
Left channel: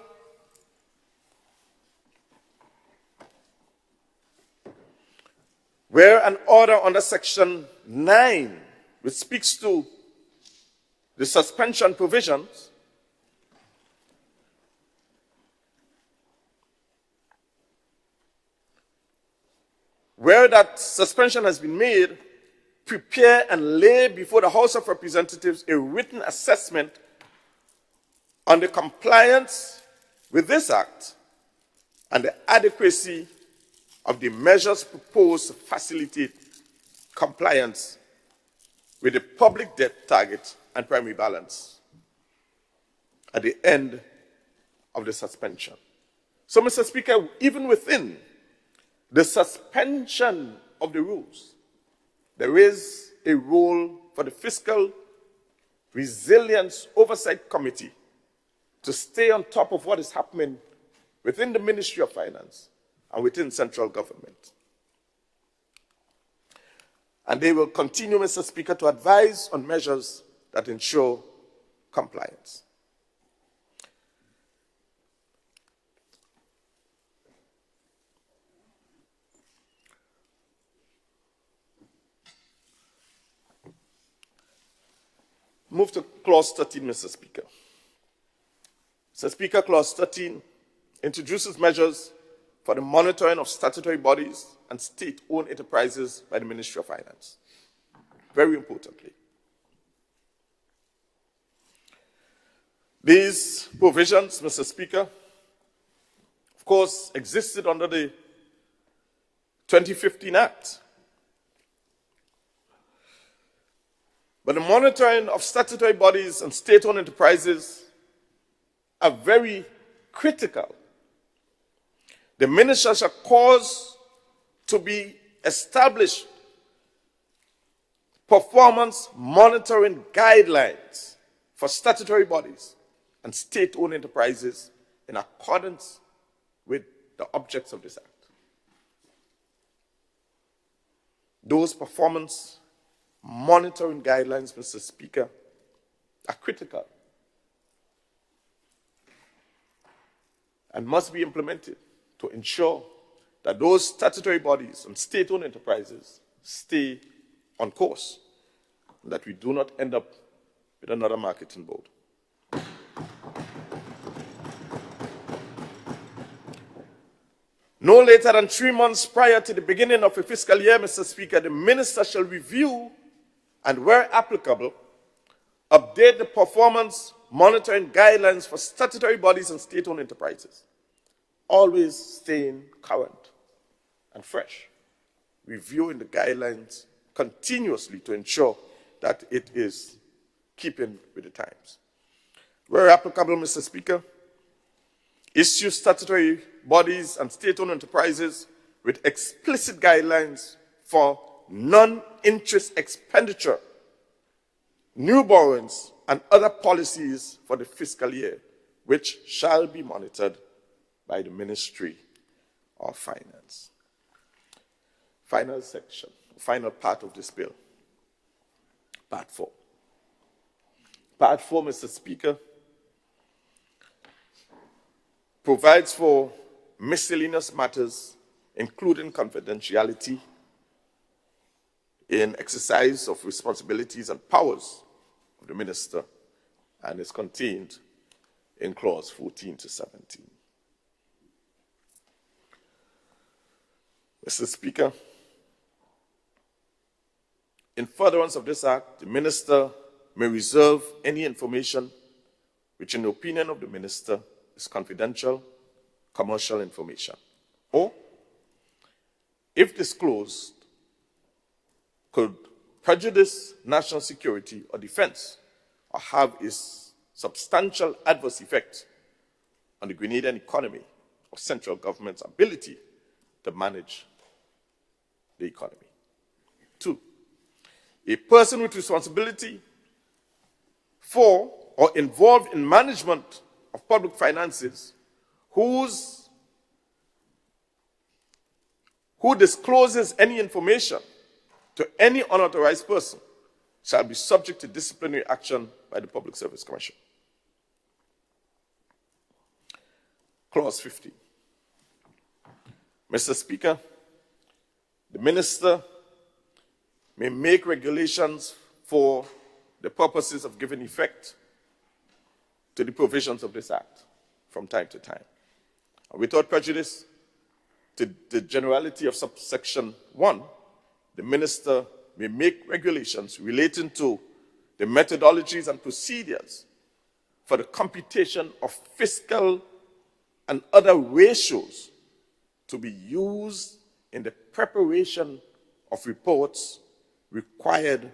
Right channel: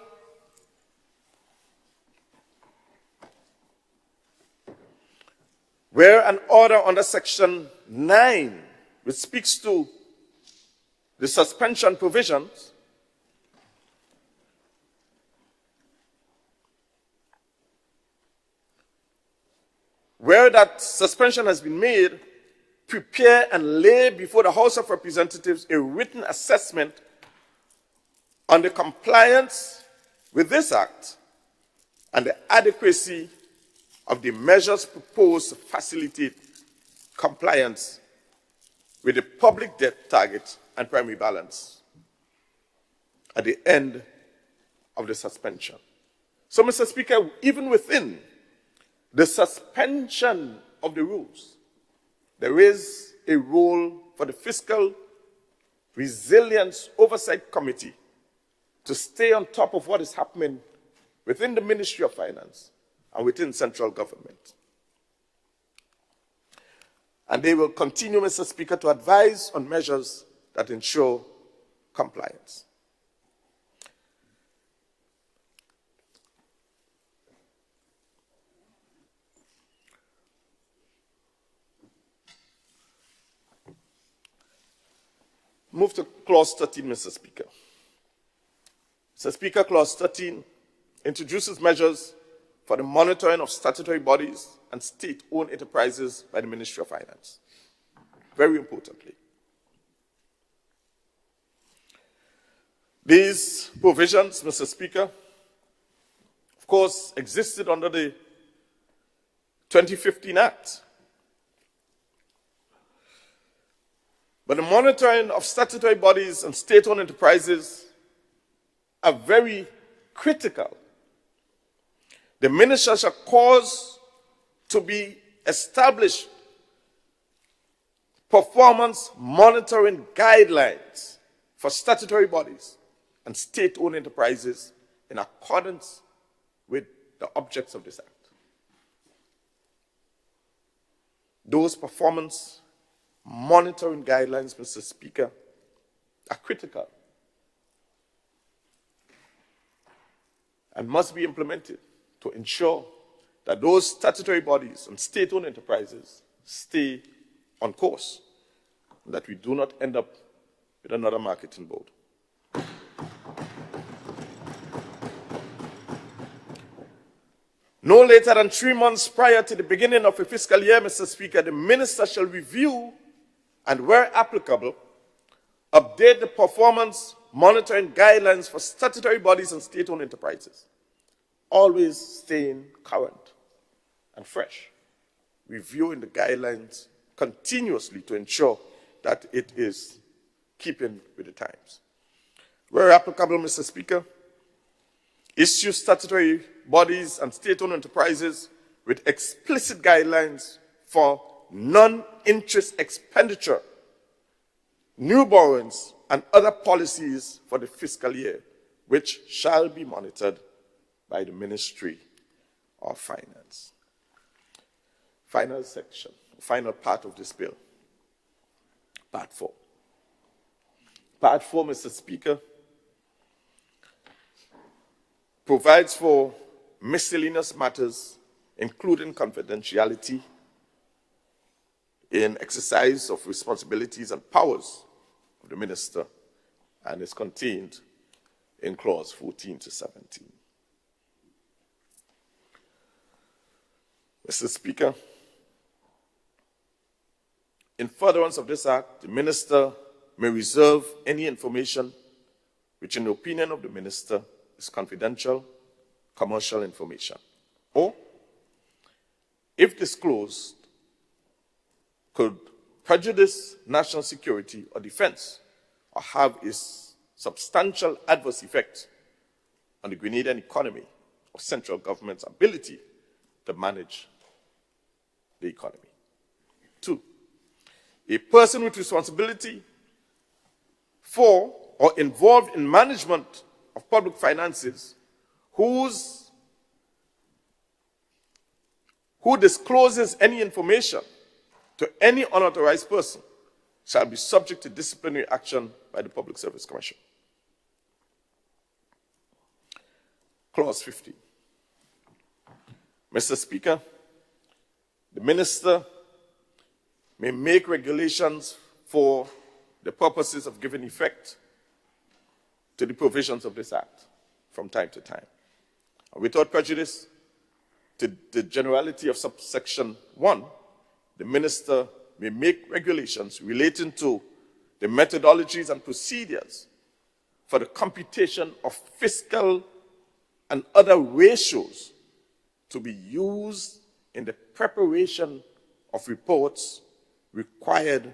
where an order under Section 9, which speaks to the suspension provisions, where that suspension has been made, prepare and lay before the House of Representatives a written assessment on the compliance with this Act and the adequacy of the measures proposed to facilitate compliance with the public debt target and primary balance at the end of the suspension. So, Mr. Speaker, even within the suspension of the rules, there is a role for the Fiscal Resilience Oversight Committee to stay on top of what is happening within the Ministry of Finance and within central government. And they will continue, Mr. Speaker, to advise on measures that ensure compliance. Move to Clause 13, Mr. Speaker. Mr. Speaker, Clause 13 introduces measures for the monitoring of statutory bodies and state-owned enterprises by the Ministry of Finance. Very importantly, these provisions, Mr. Speaker, of course, existed under the 2015 Act. But the monitoring of statutory bodies and state-owned enterprises are very critical. The minister shall cause to be established performance monitoring guidelines for statutory bodies and state-owned enterprises in accordance with the objects of this Act. Those performance monitoring guidelines, Mr. Speaker, are critical and must be implemented to ensure that those statutory bodies and state-owned enterprises stay on course and that we do not end up with another marketing board. No later than 3 months prior to the beginning of a fiscal year, Mr. Speaker, the minister shall review and, where applicable, update the performance monitoring guidelines for statutory bodies and state-owned enterprises, always staying current and fresh, reviewing the guidelines continuously to ensure that it is keeping with the times. Where applicable, Mr. Speaker, issue statutory bodies and state-owned enterprises with explicit guidelines for non-interest expenditure, new borrowings, and other policies for the fiscal year, which shall be monitored by the Ministry of Finance. Final section, final part of this bill, Part 4. Part 4, Mr. Speaker, provides for miscellaneous matters, including confidentiality in exercise of responsibilities and powers of the minister, and is contained in clause 14 to 17. Mr. Speaker, in furtherance of this act, the minister may reserve any information which, in the opinion of the minister, is confidential commercial information, or, if disclosed, could prejudice national security or defense, or have a substantial adverse effect on the Grenadian economy or central government's ability to manage the economy. 2, a person with responsibility for or involved in management of public finances who discloses any information to any unauthorized person shall be subject to disciplinary action by the Public Service Commission. Clause 50. Mr. Speaker, the minister may make regulations for the purposes of giving effect to the provisions of this act from time to time. And without prejudice to the generality of subsection 1, the minister may make regulations relating to the methodologies and procedures for the computation of fiscal and other ratios to be used in the preparation of reports required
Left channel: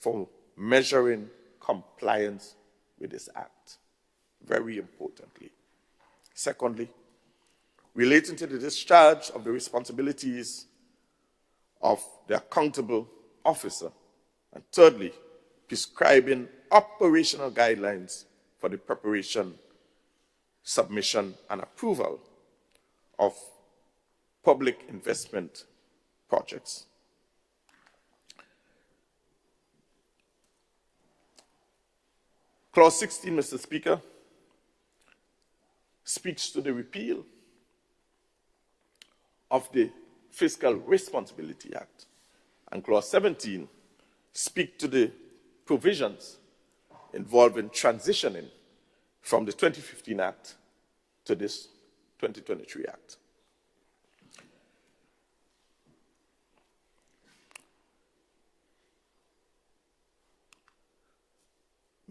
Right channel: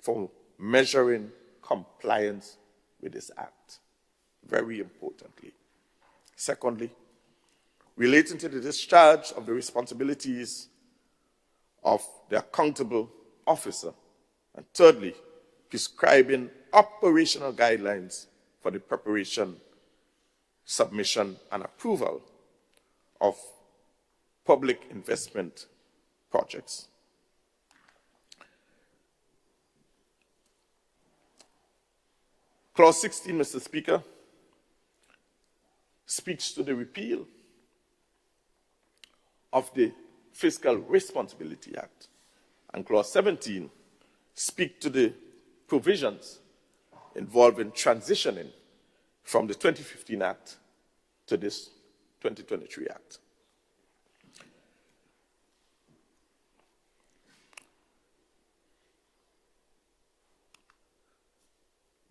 for measuring compliance with this act. Very importantly. Secondly, relating to the discharge of the responsibilities of the accountable officer. And thirdly, prescribing operational guidelines for the preparation, submission, and approval of public investment projects. Clause 16, Mr. Speaker, speaks to the repeal of the Fiscal Responsibility Act. And Clause 17 speaks to the provisions involving transitioning from the 2015 Act to this 2023 Act.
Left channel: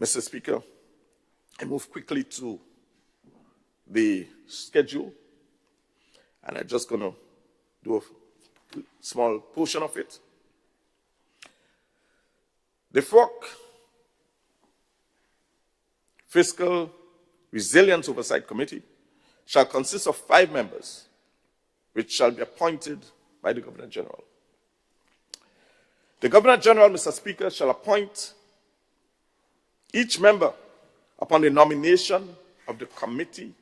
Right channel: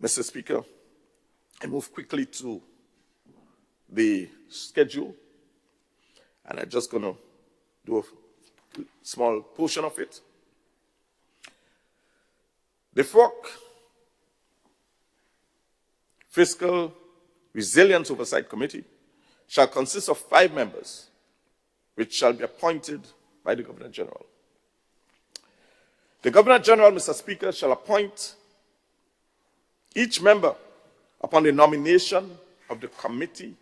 Mr. Speaker, I move quickly to the schedule, and I'm just going to do a small portion of it. The FROC, Fiscal Resilience Oversight Committee, shall consist of 5 members, which shall be appointed by the Governor General. The Governor General, Mr. Speaker, shall appoint each member upon the nomination of the Committee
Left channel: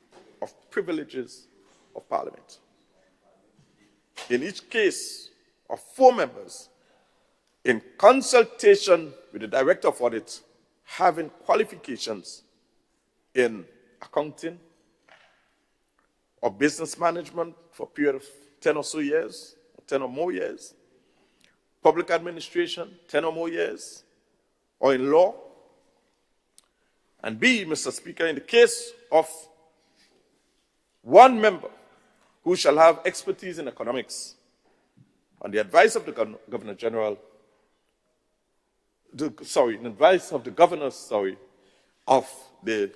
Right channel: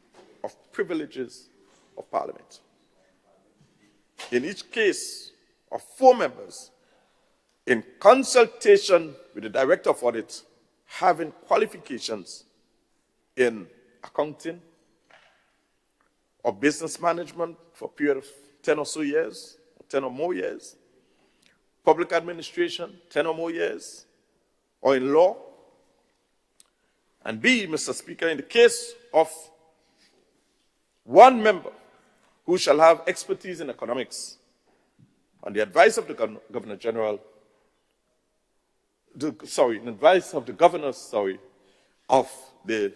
of Privileges of Parliament. In each case of 4 members, in consultation with the Director of Audit, having qualifications in accounting or business management for a period of 10 or so years, or 10 or more years, public administration, 10 or more years, or in law. And B, Mr. Speaker, in the case of 1 member who shall have expertise in economics, on the advice of the Governor General, in advice of the governors, of the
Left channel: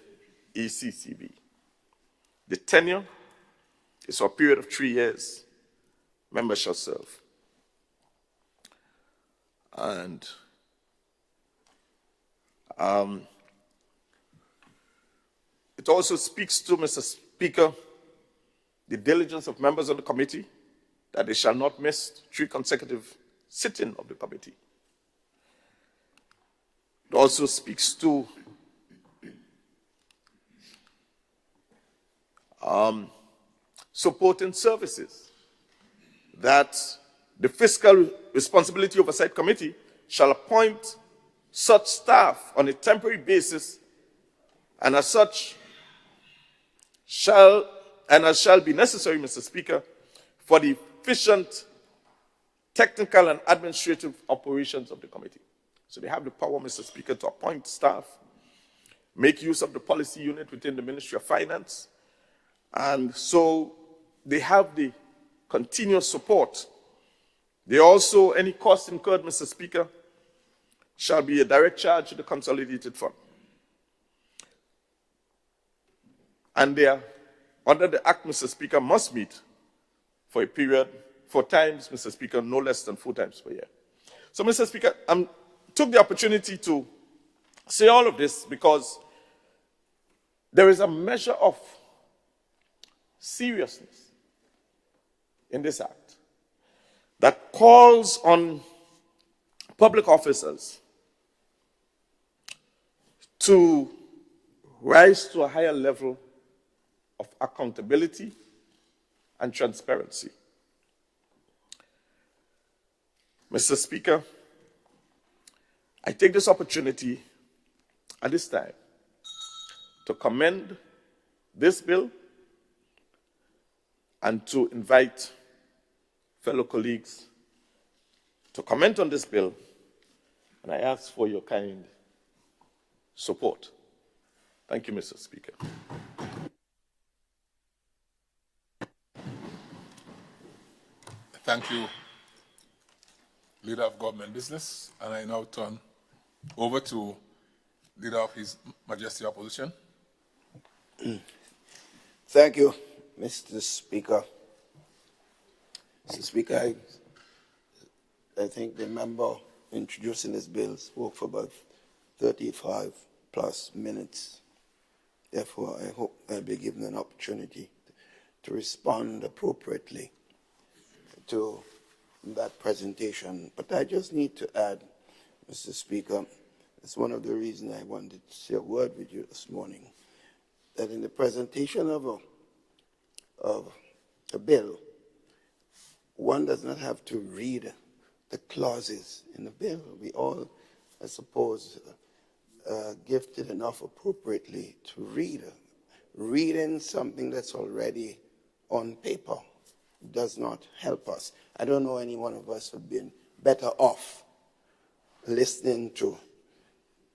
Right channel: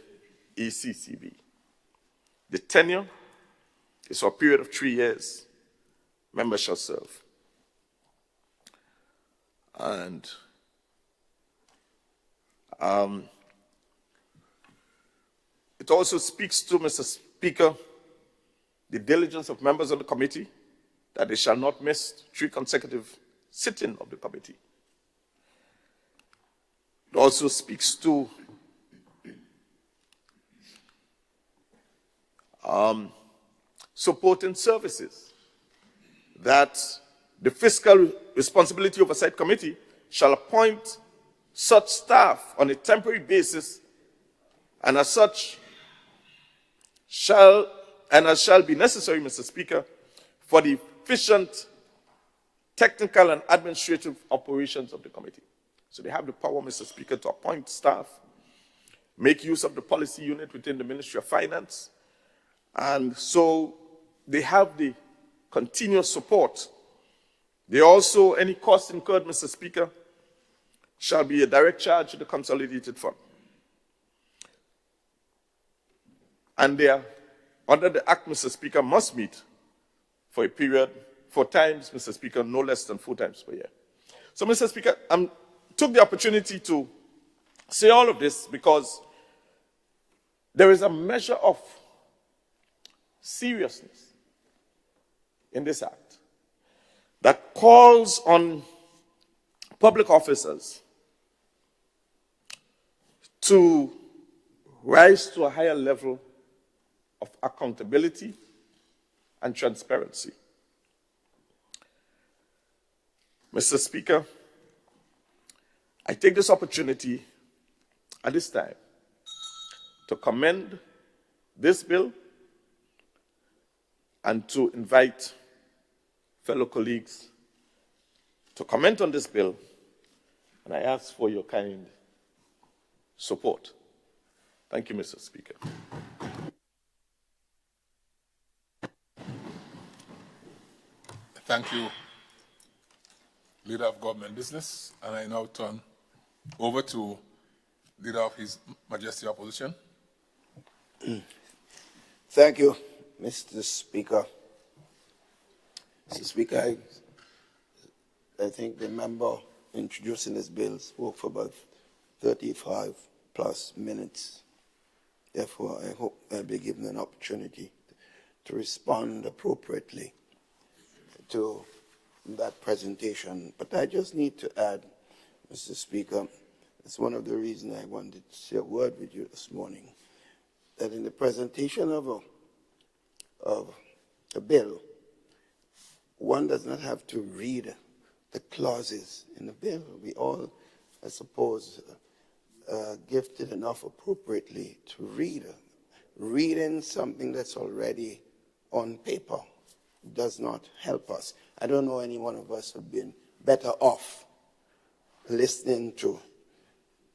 ECCB. The tenure is for a period of 3 years. Members shall serve. And it also speaks to, Mr. Speaker, the diligence of members of the committee, that they shall not miss 3 consecutive sittings of the committee. It also speaks to supporting services, that the Fiscal Responsibility Oversight Committee shall appoint such staff on a temporary basis, and as such shall be necessary, Mr. Speaker, for the efficient technical and administrative operations of the committee. So they have the power, Mr. Speaker, to appoint staff, make use of the policy unit within the Ministry of Finance, and so they have the continuous support. They also, any cost incurred, Mr. Speaker, shall be a direct charge to the Consolidated Fund. And they are, under the Act, Mr. Speaker, must meet for a period, 4 times, Mr. Speaker, no less than 4 times per year. So, Mr. Speaker, I took the opportunity to say all of this because there is a measure of seriousness in this act that calls on public officers to rise to a higher level of accountability and transparency. Mr. Speaker, I take this opportunity at this time to commend this bill and to invite fellow colleagues to comment on this bill, and I ask for your kind support. Thank you, Mr. Speaker. Thank you, Leader of Government Business, and I now turn over to Leader of His Majesty Opposition. Thank you, Mr. Speaker. Mr. Speaker, I think the member introducing this bill spoke for about 35 plus minutes. Therefore, I hope I'll be given an opportunity to respond appropriately to that presentation. But I just need to add, Mr. Speaker, it's one of the reasons I wanted to share a word with you this morning, that in the presentation of a bill, one does not have to read the clauses in the bill. We all, I suppose, gifted enough appropriately to read. Reading something that's already on paper does not help us. I don't know any one of us have been better off listening to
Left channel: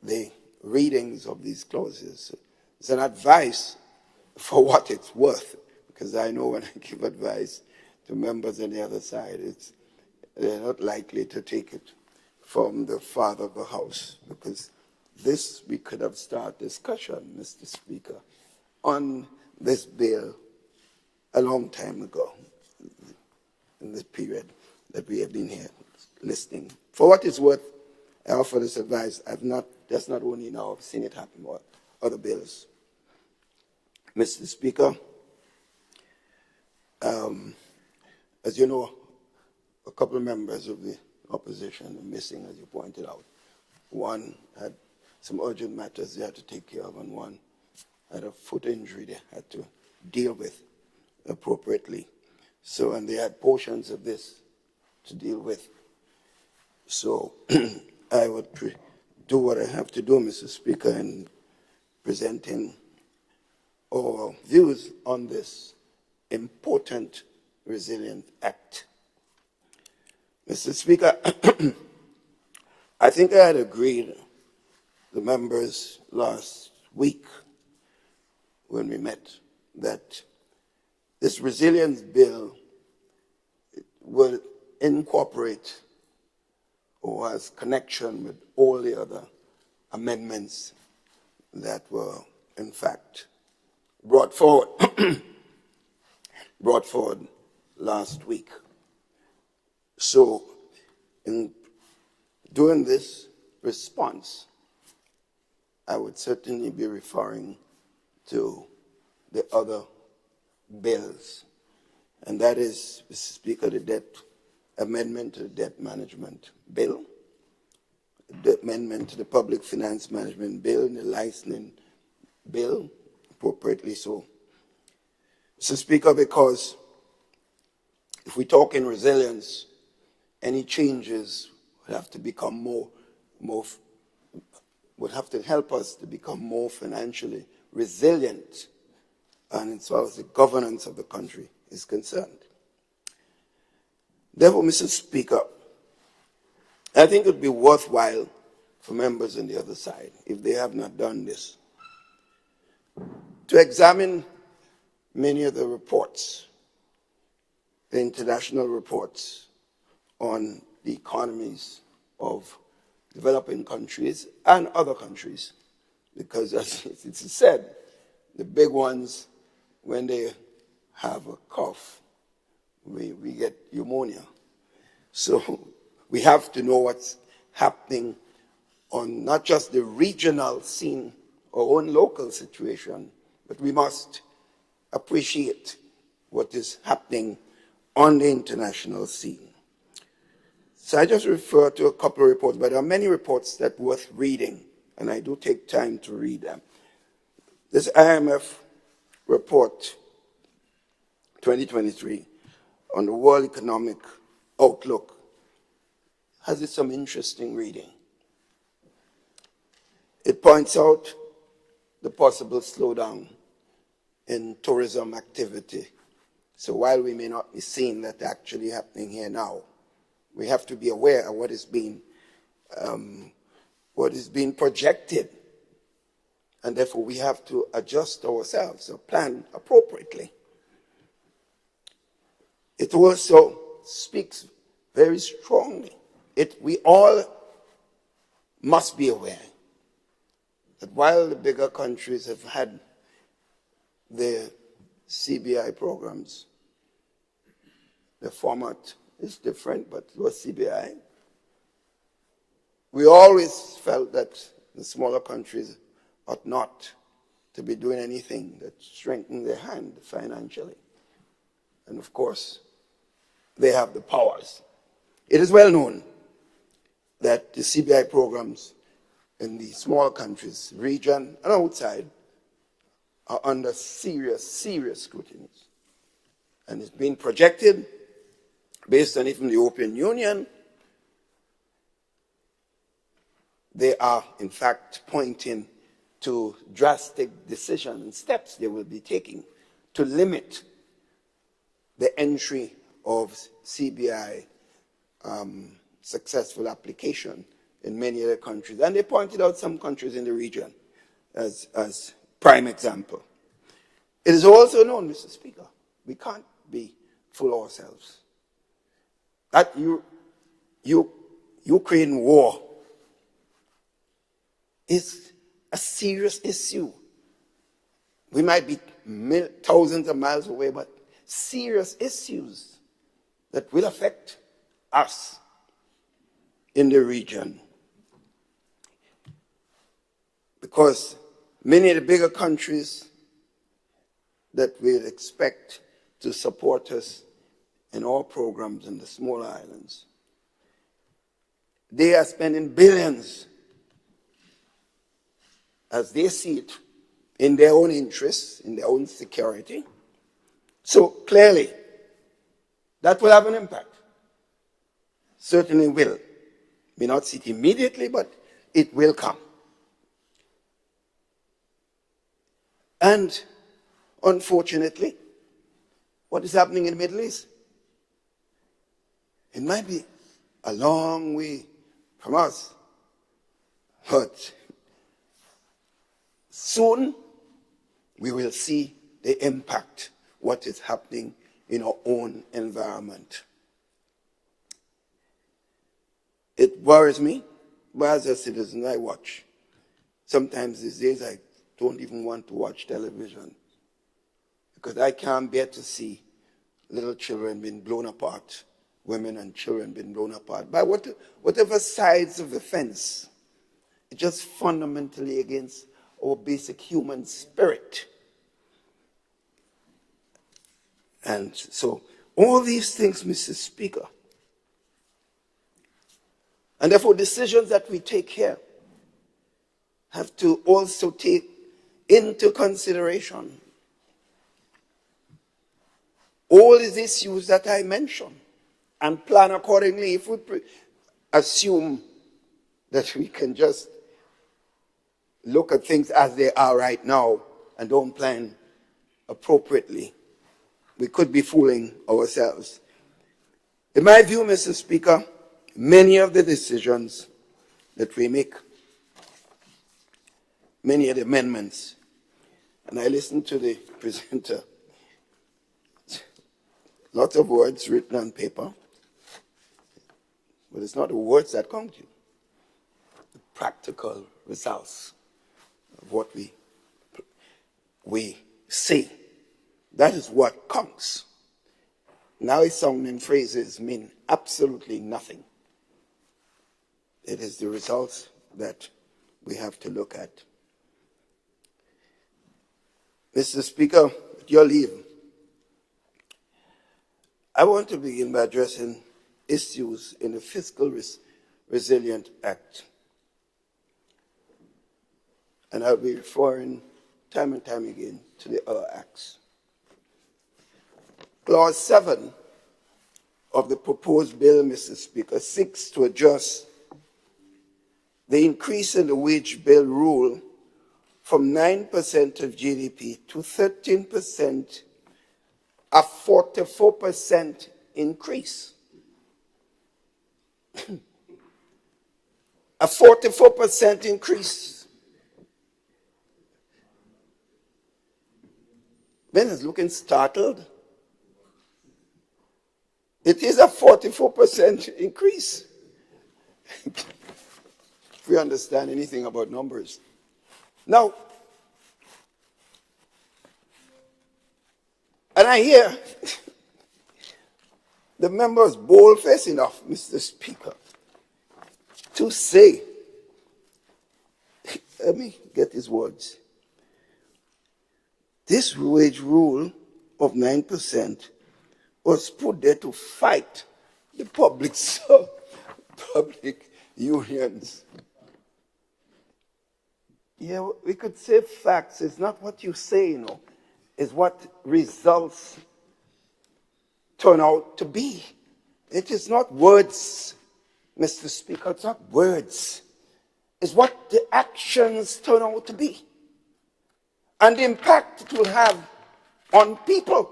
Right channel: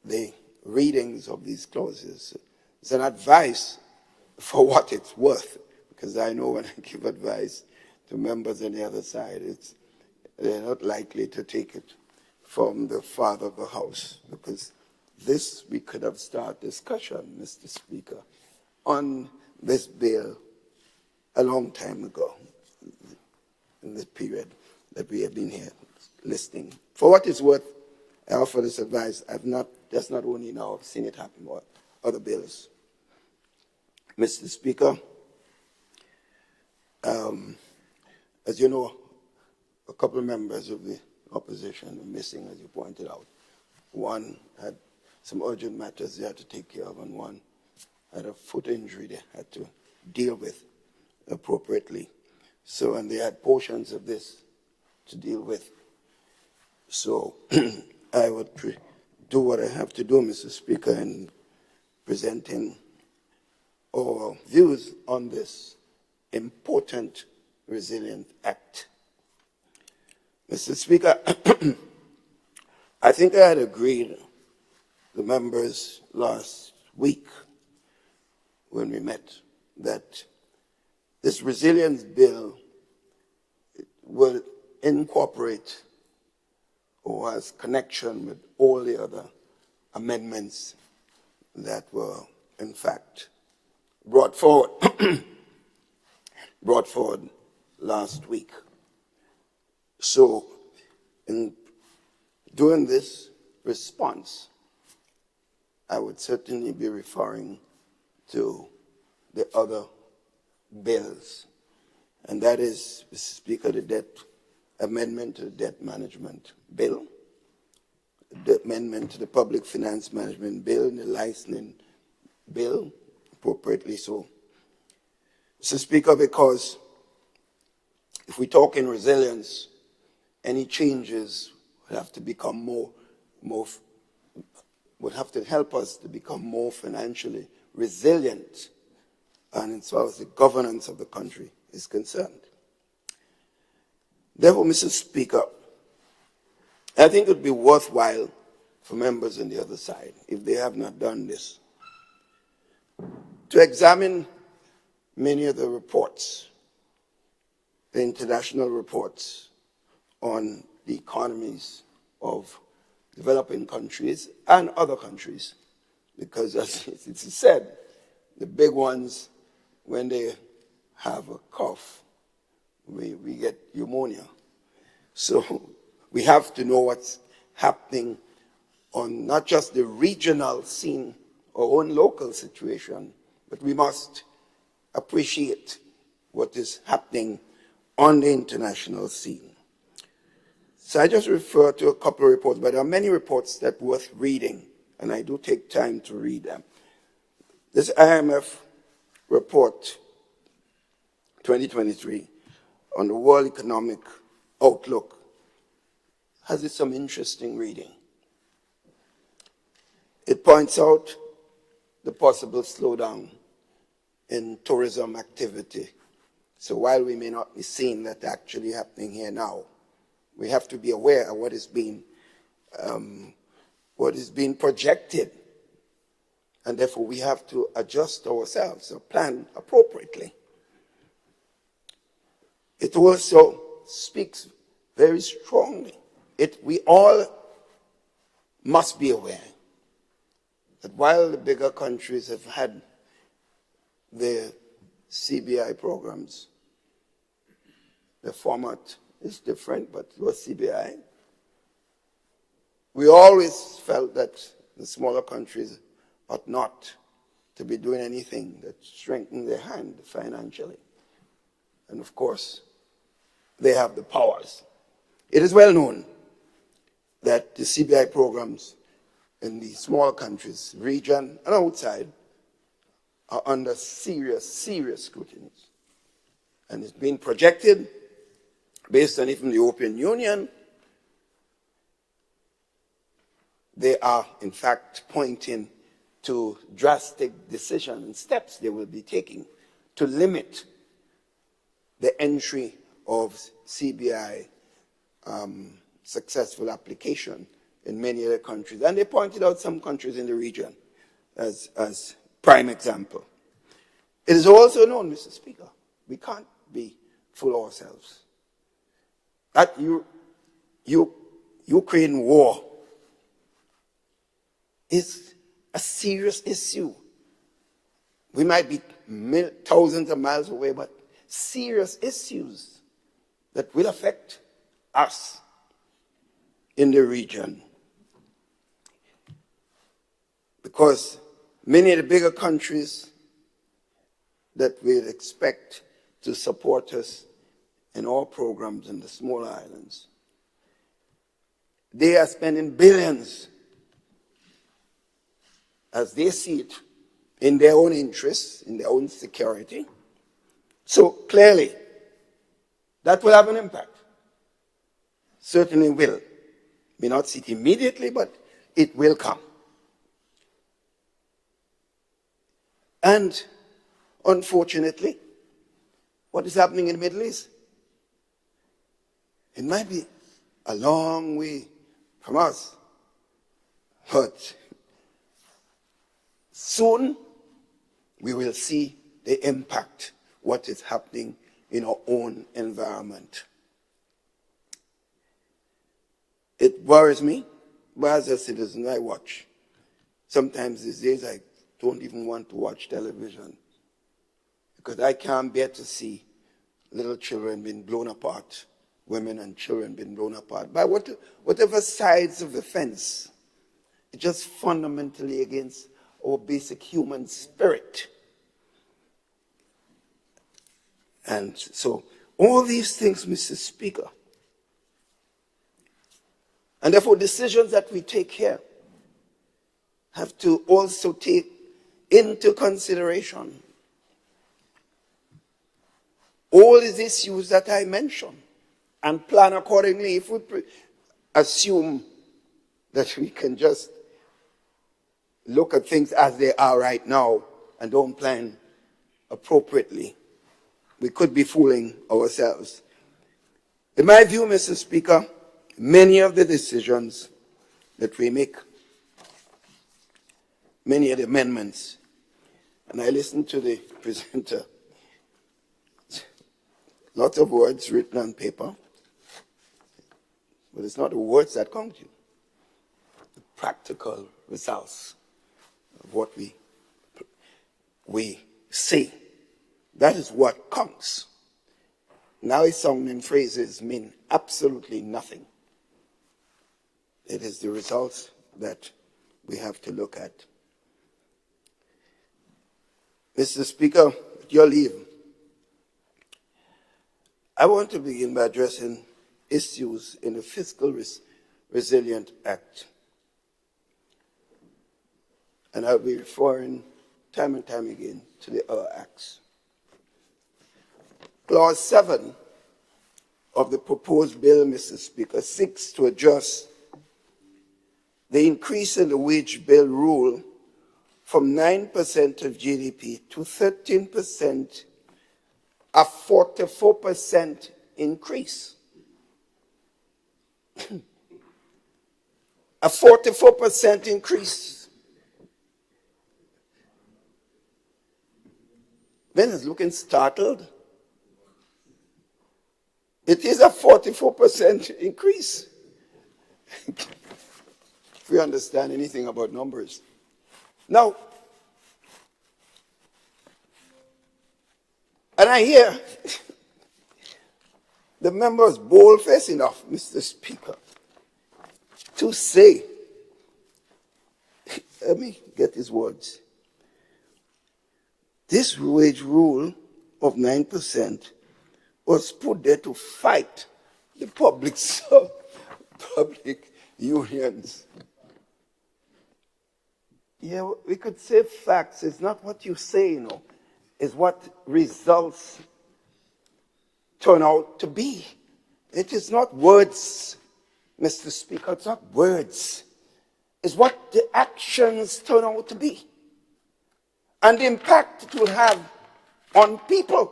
the readings of these clauses. It's an advice for what it's worth, because I know when I give advice to members on the other side, they're not likely to take it from the father of the house, because this, we could have started discussion, Mr. Speaker, on this bill a long time ago, in this period that we have been here listening. For what it's worth, I offer this advice. That's not only now, I've seen it happen with other bills. Mr. Speaker, as you know, a couple of members of the opposition are missing, as you pointed out. One had some urgent matters they had to take care of, and one had a foot injury they had to deal with appropriately. So, and they had portions of this to deal with. So, I would do what I have to do, Mr. Speaker, in presenting our views on this important Resilient Act. Mr. Speaker, I think I had agreed the members last week when we met that This resilience bill will incorporate or has connection with all the other amendments that were, in fact, brought forward last week. So, in doing this response, I would certainly be referring to the other bills, and that is, Mr. Speaker, the debt amendment to the debt management bill, the amendment to the public finance management bill, and the licensing bill, appropriately so. Mr. Speaker, because if we talk in resilience, any changes would have to become would have to help us to become more financially resilient, and as far as the governance of the country is concerned. Therefore, Mr. Speaker, I think it would be worthwhile for members on the other side, if they have not done this, to examine many of the reports, the international reports on the economies of developing countries and other countries, because as it's said, the big ones, when they have a cough, we get pneumonia. So we have to know what's happening on not just the regional scene, our own local situation, but we must appreciate what is happening on the international scene. So I just refer to a couple of reports, but there are many reports that are worth reading, and I do take time to read them. This IMF report 2023 on the World Economic Outlook has some interesting reading. It points out the possible slowdown in tourism activity. So while we may not be seeing that actually happening here now, we have to be aware of what is being projected, and therefore we have to adjust ourselves or plan appropriately. It also speaks very strongly. We all must be aware that while the bigger countries have had their CBI programs, the format is different, but it was CBI. We always felt that the smaller countries ought not to be doing anything that strengthened their hand financially. And of course, they have the powers. It is well known that the CBI programs in the small countries, region and outside, are under serious scrutiny. And it's being projected, based on even the European Union, they are in fact pointing to drastic decisions and steps they will be taking to limit the entry of CBI successful application in many other countries. And they pointed out some countries in the region as prime example. It is also known, Mr. Speaker, we can't be fool ourselves. That Ukraine war is a serious issue. We might be thousands of miles away, but serious issues that will affect us in the region. Because many of the bigger countries that we'd expect to support us in our programs in the smaller islands, they are spending billions as they see it in their own interests, in their own security. So clearly, that will have an impact. Certainly will. May not see it immediately, but it will come. And unfortunately, what is happening in the Middle East? It might be a long way from us, but soon we will see the impact what is happening in our own environment. It worries me, but as a citizen, I watch. Sometimes these days, I don't even want to watch television because I can't bear to see little children being blown apart, women and children being blown apart by whatever sides of the fence. It's just fundamentally against our basic human spirit. And so all these things, Mr. Speaker, and therefore decisions that we take here have to also take into consideration all these issues that I mentioned and plan accordingly. If we assume that we can just look at things as they are right now and don't plan appropriately, we could be fooling ourselves. In my view, Mr. Speaker, many of the decisions that we make, many of the amendments, and I listened to the presenter, lots of words written on paper, but it's not the words that count you. The practical results of what we say. That is what counts. Now it's sounding phrases mean absolutely nothing. It is the results that we have to look at. Mr. Speaker, with your leave, I want to begin by addressing issues in the Fiscal Resilient Act. And I'll be referring time and time again to the other acts. Clause 7 of the proposed bill, Mr. Speaker, seeks to adjust the increase in the wage bill rule from 9% of GDP to 13%, a 44% increase. A 44% increase. Ben is looking startled. It is a 44% increase. If we understand anything about numbers. Now, and I hear the members bold-faced enough, Mr. Speaker, to say, let me get his words. This wage rule of 9% was put there to fight the public unions. Yeah, we could say facts. It's not what you say, you know. It's what results turn out to be. It is not words, Mr. Speaker. It's not words. It's what the actions turn out to be. And the impact it will have on people.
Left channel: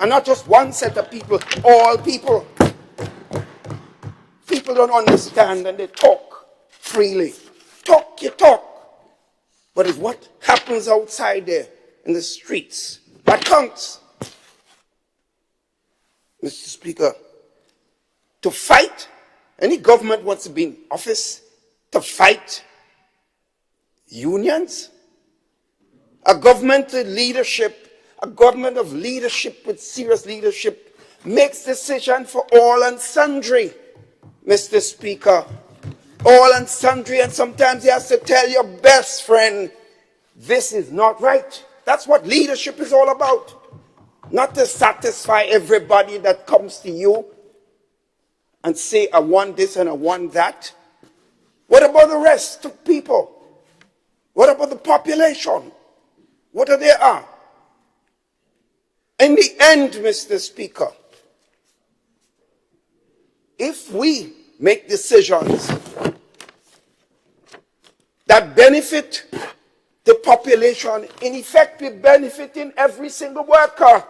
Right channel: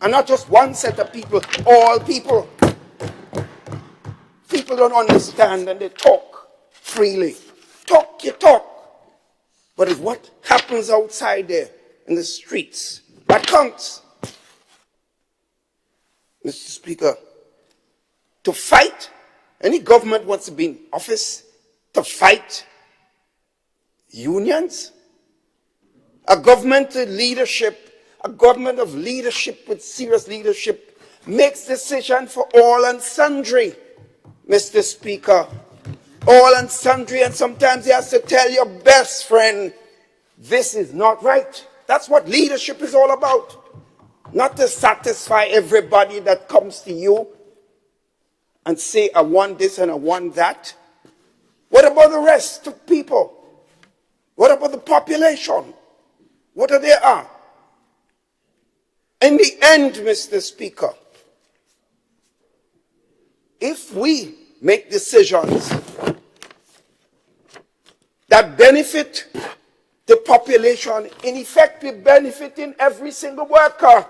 And not just one set of people, all people. People don't understand and they talk freely. Talk, you talk. But it's what happens outside there in the streets that counts. Mr. Speaker, to fight, any government wants to be in office to fight unions. A government of leadership with serious leadership makes decisions for all and sundry, Mr. Speaker. All and sundry, and sometimes you have to tell your best friend, this is not right. That's what leadership is all about. Not to satisfy everybody that comes to you and say, I want this and I want that. What about the rest of people? What about the population? What are they are? In the end, Mr. Speaker, if we make decisions that benefit the population, in effect, we're benefiting every single worker.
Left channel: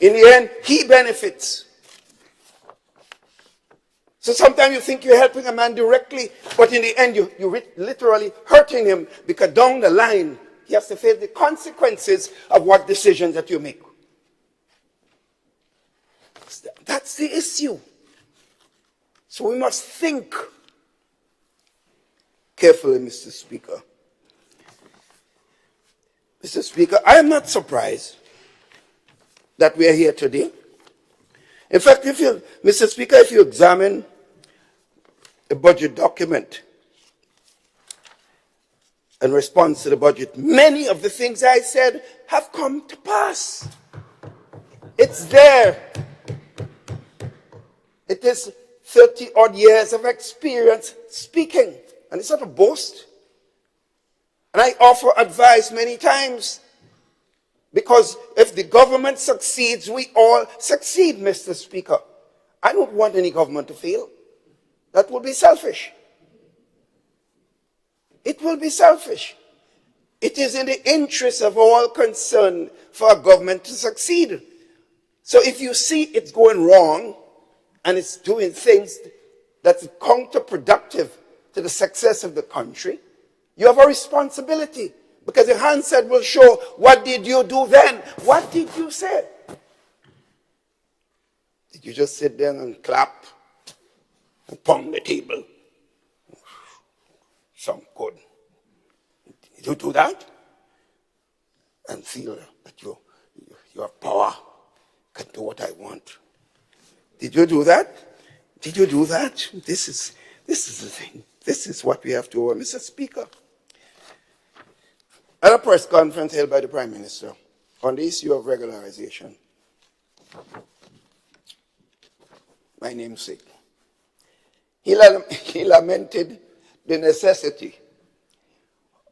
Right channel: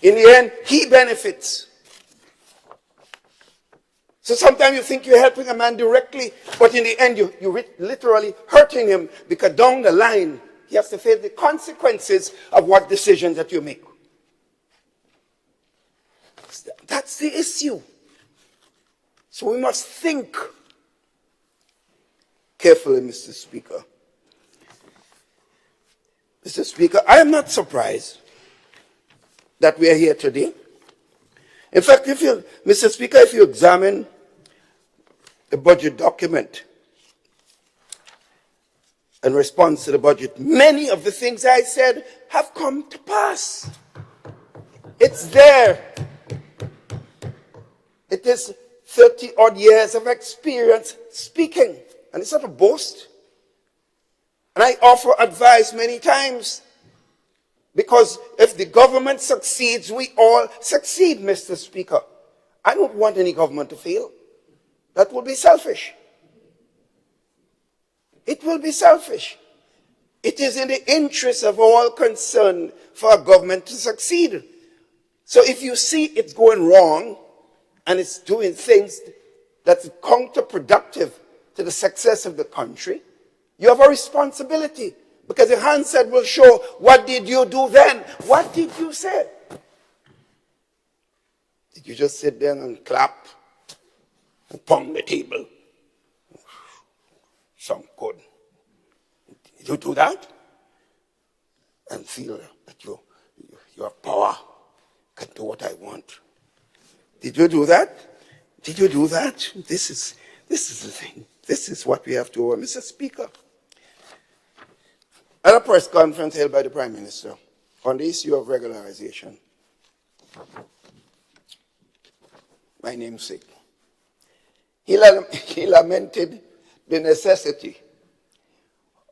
In the end, he benefits. So sometimes you think you're helping a man directly, but in the end, you're literally hurting him, because down the line, he has to face the consequences of what decisions that you make. That's the issue. So we must think carefully, Mr. Speaker. Mr. Speaker, I am not surprised that we are here today. In fact, Mr. Speaker, if you examine the budget document in response to the budget, many of the things I said have come to pass. It's there. It is 30-odd years of experience speaking, and it's not a boast. And I offer advice many times, because if the government succeeds, we all succeed, Mr. Speaker. I don't want any government to fail. That will be selfish. It will be selfish. It is in the interest of all concerned for a government to succeed. So if you see it's going wrong and it's doing things that's counterproductive to the success of the country, you have a responsibility, because the handset will show, what did you do then? What did you say? Did you just sit there and clap and pound the table? Some good. Did you do that? And feel that your power can do what I want. Did you do that? Did you do that? This is the thing. This is what we have to work. Mr. Speaker, at a press conference held by the Prime Minister on the issue of regularization, my namesake, he lamented the necessity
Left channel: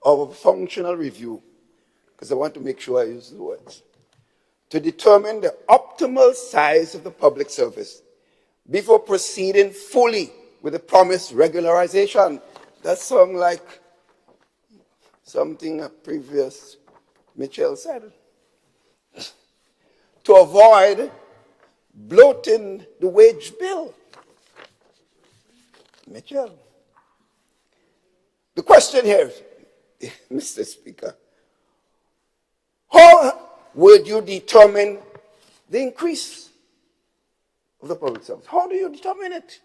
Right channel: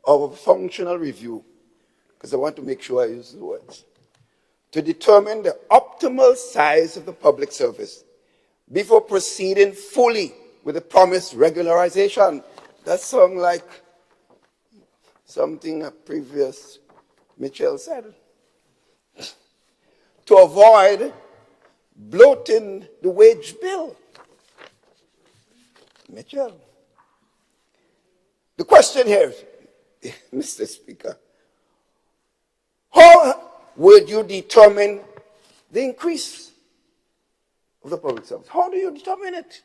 of a functional review, because I want to make sure I use the words, to determine the optimal size of the public service before proceeding fully with the promised regularization. That sounds like something a previous Mitchell said. To avoid bloating the wage bill. Mitchell. The question here, Mr. Speaker, how would you determine the increase of the public service? How do you determine it?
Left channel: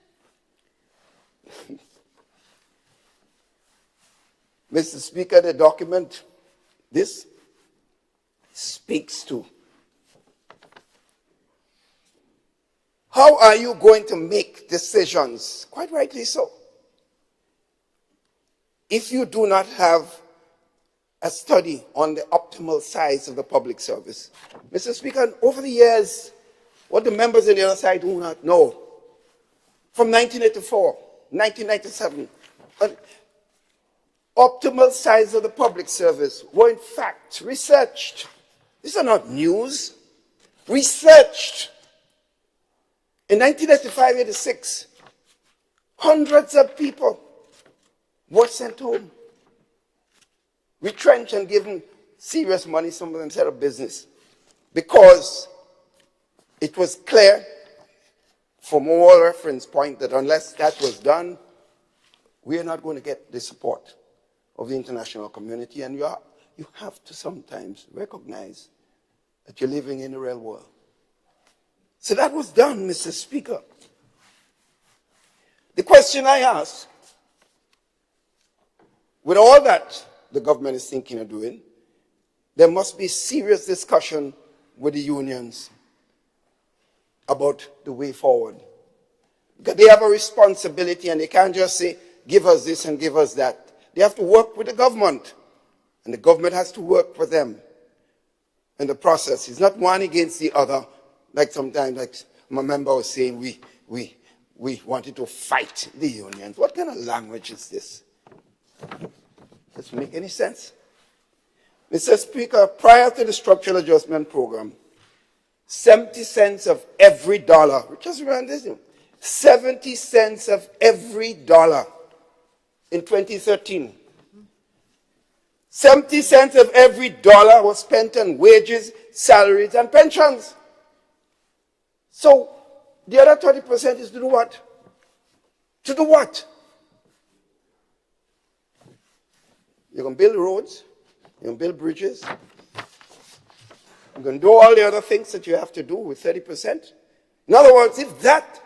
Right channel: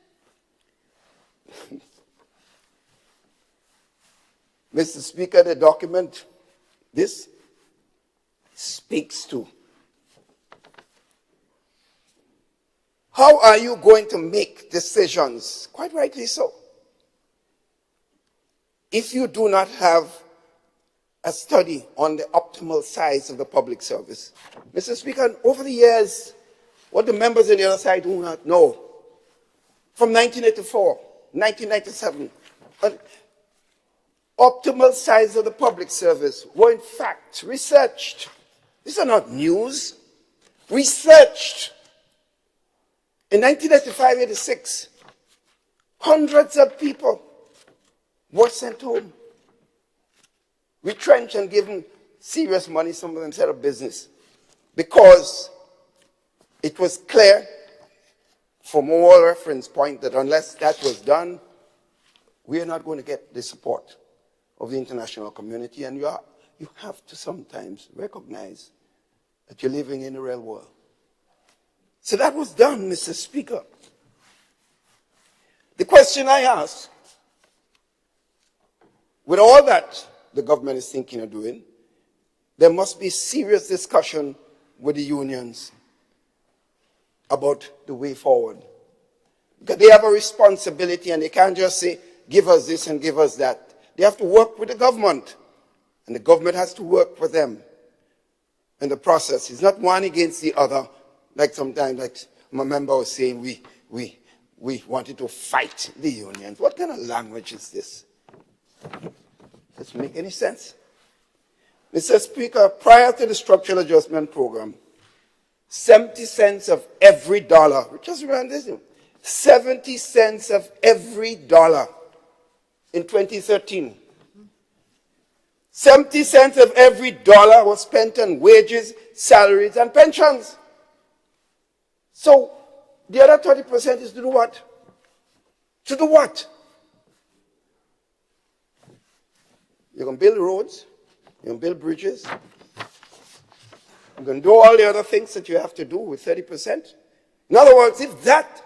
Mr. Speaker, the document, this speaks to how are you going to make decisions, quite rightly so, if you do not have a study on the optimal size of the public service. Mr. Speaker, over the years, what the members of the other side do not know, from 1984, 1997, optimal size of the public service were in fact researched. These are not news. Researched. In 1985-86, hundreds of people were sent home, retrenched and given serious money, some of them set up business, because it was clear from all reference point that unless that was done, we are not going to get the support of the international community, and you have to sometimes recognize that you're living in the real world. So that was done, Mr. Speaker. The question I ask, with all that the government is thinking of doing, there must be serious discussion with the unions about the way forward. Because they have a responsibility, and they can't just say, give us this and give us that. They have to work with the government, and the government has to work with them in the process. It's not one against the other, like sometimes, like my member was saying, we wanted to fight the unions. What kind of language is this? Does it make any sense? Mr. Speaker, prior to the structural adjustment program, 70 cents of every dollar, just around this, 70 cents of every dollar in 2013. 70 cents of every dollar was spent on wages, salaries, and pensions. So the other 20% is to do what? To do what? You're going to build roads, you're going to build bridges, you're going to do all the other things that you have to do with 30%. In other words, if that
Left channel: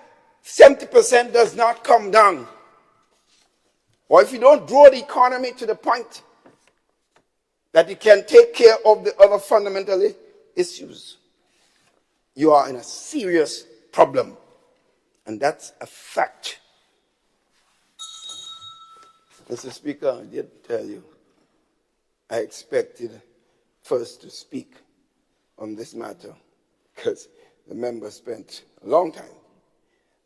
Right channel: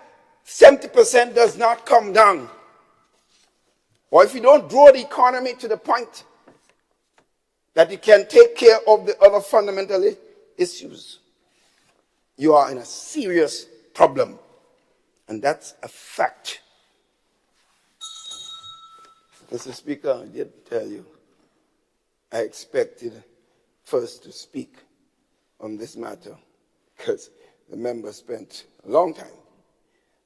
70% does not come down, or if you don't grow the economy to the point that you can take care of the other fundamental issues, you are in a serious problem. And that's a fact. Mr. Speaker, I did tell you, I expected first to speak on this matter because the member spent a long time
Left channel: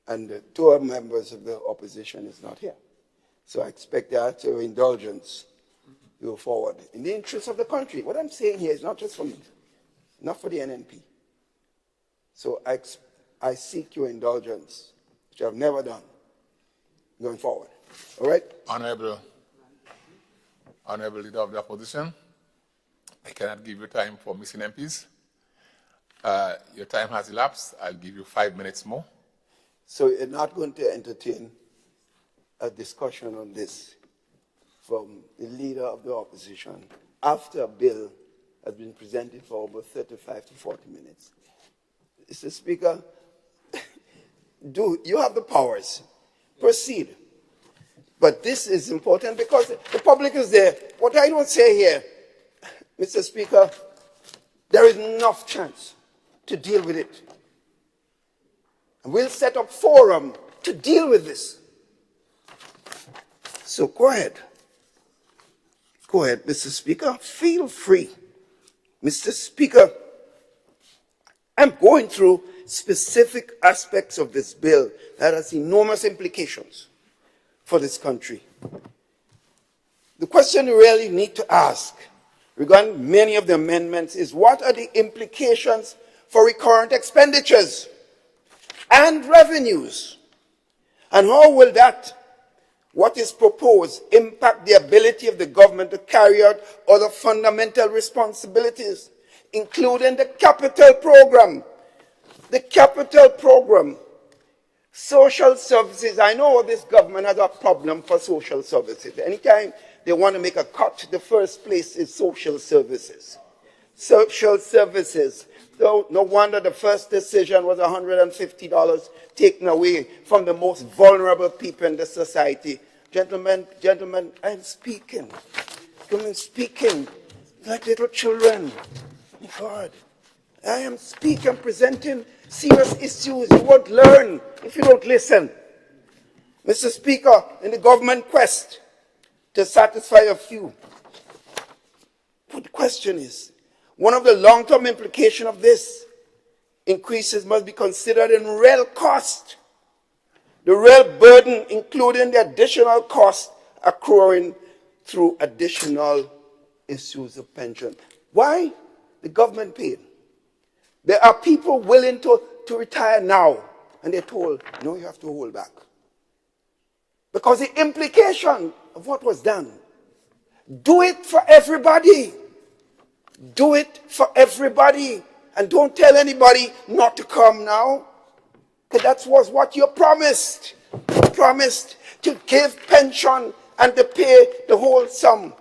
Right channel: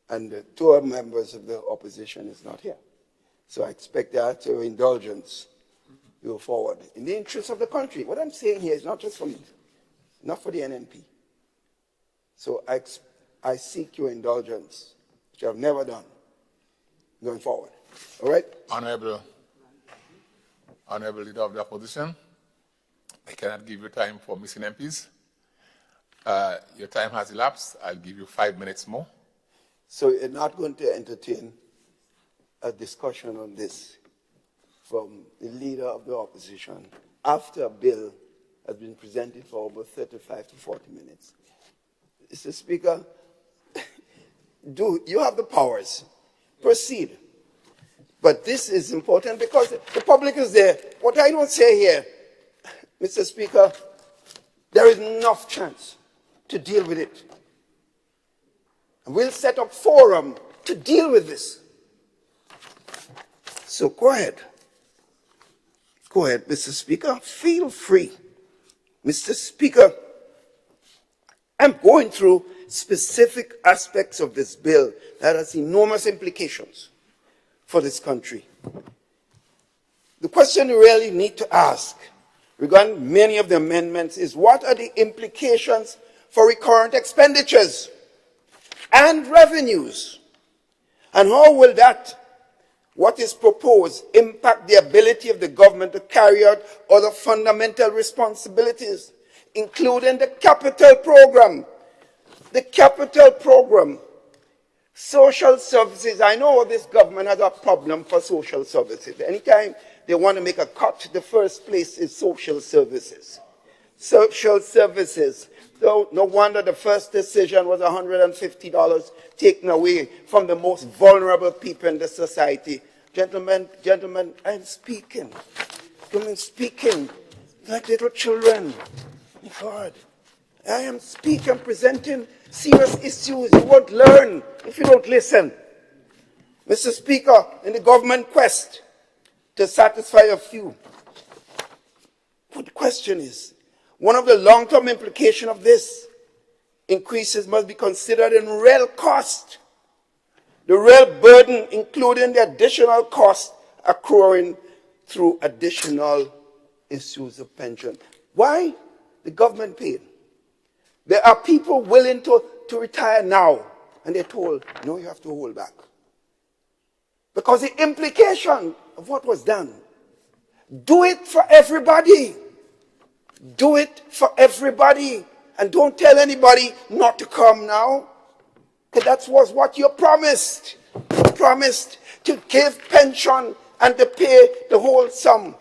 and the two members of the opposition is not here. So I expect that your indulgence to go forward in the interest of the country. What I'm saying here is not just for me, not for the NNP. So I seek your indulgence, which I've never done, going forward. All right? Honorable Leader of the Opposition, I cannot give you time for missing MPs. Your time has elapsed. I'll give you 5 minutes more. So you're not going to entertain a discussion on this from the leader of the opposition after a bill has been presented for over 35 to 40 minutes. Mr. Speaker, you have the powers. Proceed. But this is important because the public is there. What I don't say here, Mr. Speaker, there is enough chance to deal with it. And we'll set up forum to deal with this. So go ahead. Go ahead, Mr. Speaker. Feel free. Mr. Speaker, I'm going through specific aspects of this bill that has enormous implications for this country. The question you really need to ask regarding many of the amendments is what are the implications for recurrent expenditures and revenues? And how will that, what is proposed, impact the ability of the government to carry out other fundamental responsibilities, including the capital program? The capital program, social services. I know this government has a problem for social services. Anytime they want to make a cut, the first place is social services. Social services. No wonder the first decision was $150 taken away from the most vulnerable people in the society. Gentlemen, I'm speaking. I'm speaking like little children. God, I am speaking, presenting serious issues. You won't learn if you don't listen. Mr. Speaker, in the government quest to satisfy a few, but the question is, one of the long-term implications of this increases must be considered in real cost. The real burden, including the additional cost accruing through additional issues of pension. Why? The government paid. There are people willing to retire now, and they're told, no, you have to hold back. Because the implication of what was done, do it for everybody. Do it for everybody. And don't tell anybody not to come now. Because that was what you promised. You promised to give pension and to pay the whole sum.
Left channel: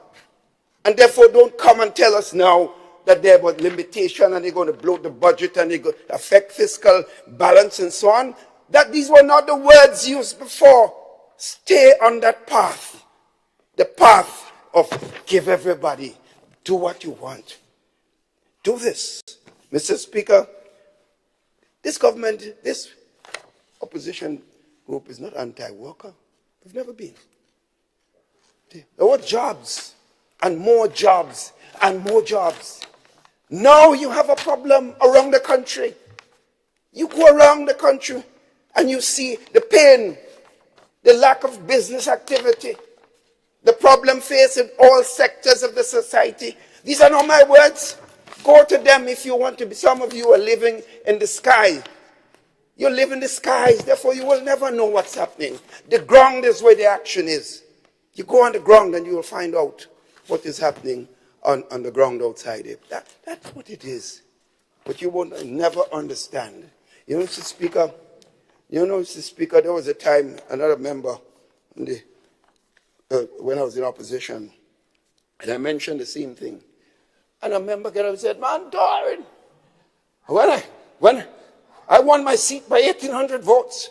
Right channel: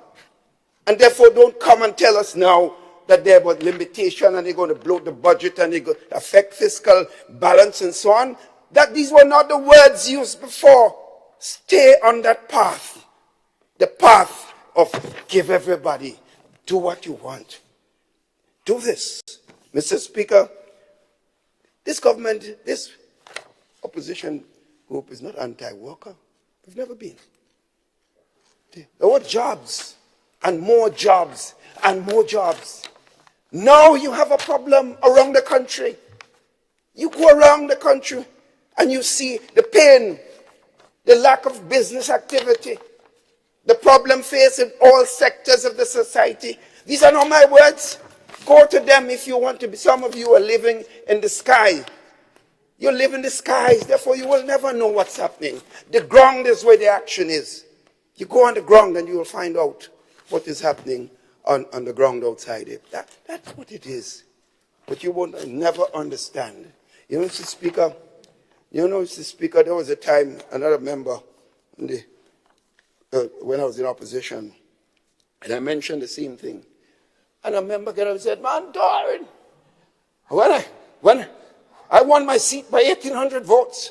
And therefore don't come and tell us now that there was limitation and they're going to blow the budget and they're going to affect fiscal balance and so on. That these were not the words used before. Stay on that path. The path of give everybody. Do what you want. Do this. Mr. Speaker, this government, this opposition group is not anti-worker. We've never been. There were jobs and more jobs and more jobs. Now you have a problem around the country. You go around the country and you see the pain, the lack of business activity, the problem faced in all sectors of the society. These are not my words. Go to them if you want to be. Some of you are living in the sky. You live in the skies, therefore you will never know what's happening. The ground is where the action is. You go on the ground and you will find out what is happening on the ground outside it. That's what it is. But you will never understand. You know, Mr. Speaker, there was a time, another member, when I was in opposition, and I mentioned the same thing. And a member got up and said, man, darling, I won my seat by 1,800 votes.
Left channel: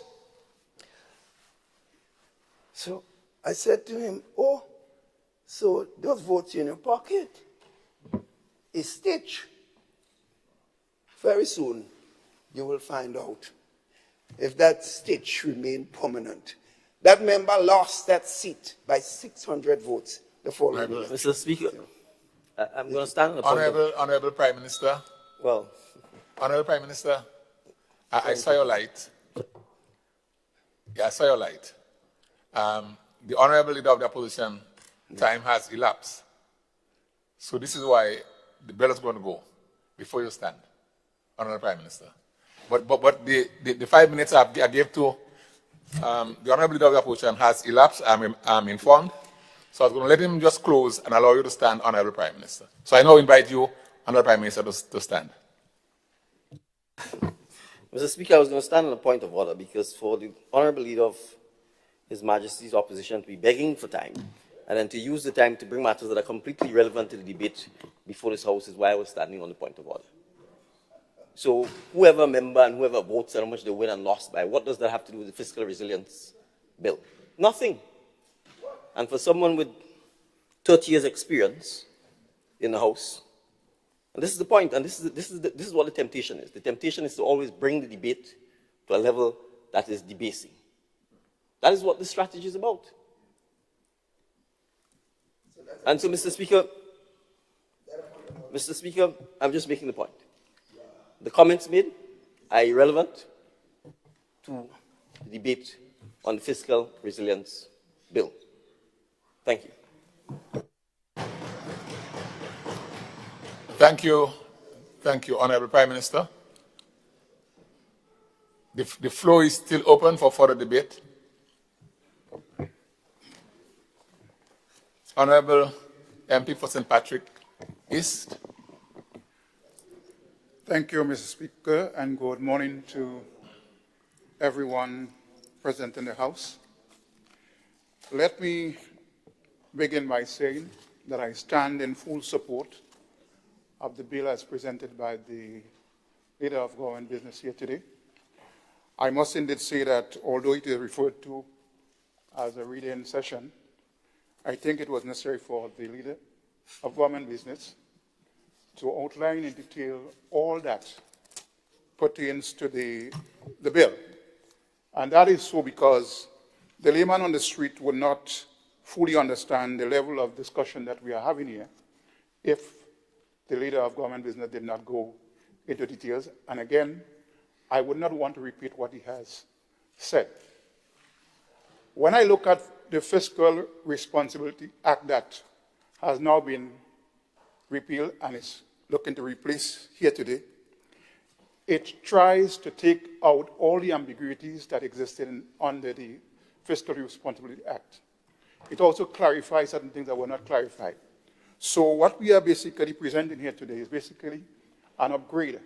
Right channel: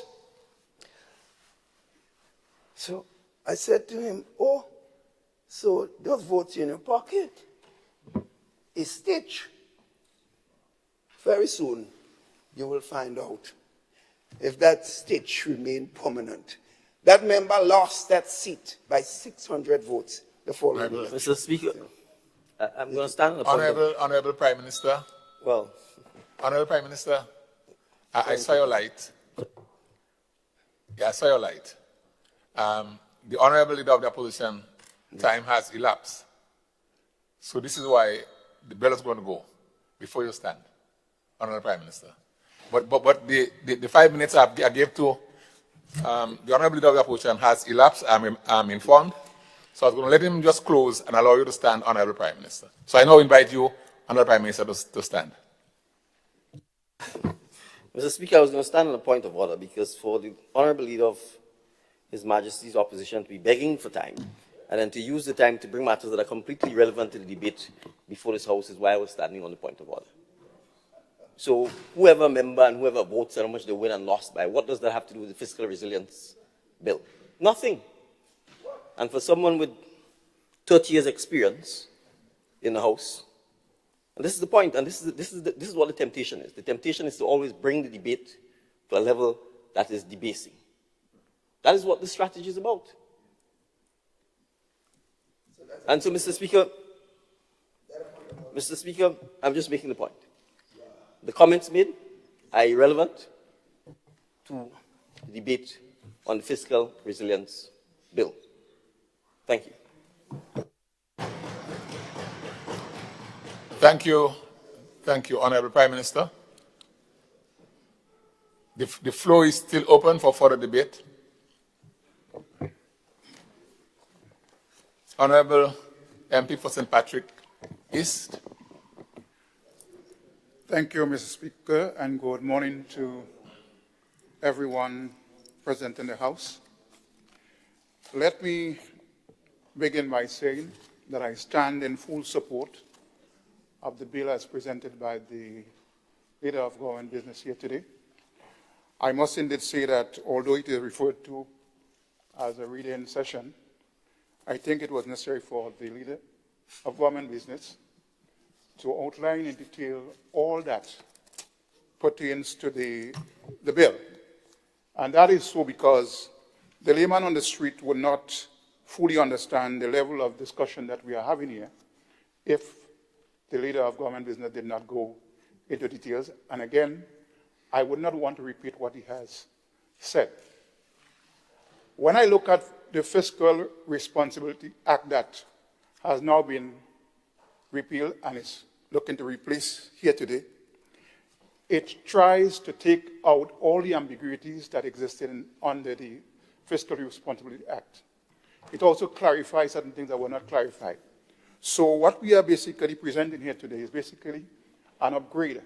So I said to him, oh, so those votes in your pocket is stitch. Very soon you will find out if that stitch remained permanent. That member lost that seat by 600 votes the following year. Mr. Speaker, I'm going to stand up. Honorable Prime Minister. Well, Honorable Prime Minister, I saw your light. Yeah, I saw your light. The Honorable Leader of the Opposition, time has elapsed. So this is why the bill is going to go before you stand, Honorable Prime Minister. But the 5 minutes I gave to the Honorable Leader of the Opposition has elapsed, I'm informed. So I was going to let him just close and allow you to stand, Honorable Prime Minister. So I now invite you, Honorable Prime Minister, to stand. Mr. Speaker, I was going to stand on a point of order because for the Honorable Leader of His Majesty's Opposition to be begging for time and then to use the time to bring matters that are completely irrelevant to the debate before this House is why I was standing on the point of order. So whoever member and whoever votes how much they win and lost by, what does that have to do with the fiscal resilience bill? Nothing. And for someone with 30 years experience in the House, and this is the point, and this is what the temptation is. The temptation is to always bring the debate to a level that is debasing. That is what the strategy is about. And so, Mr. Speaker, I'm just making the point. The comments made are irrelevant to the debate on fiscal resilience bill. Thank you. Thank you. Thank you, Honorable Prime Minister. The floor is still open for further debate. Honorable MP for St. Patrick East. Thank you, Mr. Speaker, and good morning to everyone present in the House. Let me begin by saying that I stand in full support of the bill as presented by the Leader of Government Business here today. I must indeed say that although it is referred to as a reading session, I think it was necessary for the Leader of Government Business to outline in detail all that pertains to the bill. And that is so because the layman on the street would not fully understand the level of discussion that we are having here if the Leader of Government Business did not go into details. And again, I would not want to repeat what he has said. When I look at the Fiscal Responsibility Act that has now been repealed and is looking to replace here today, it tries to take out all the ambiguities that existed under the Fiscal Responsibility Act. It also clarifies certain things that were not clarified. So what we are basically presenting here today is basically an upgrade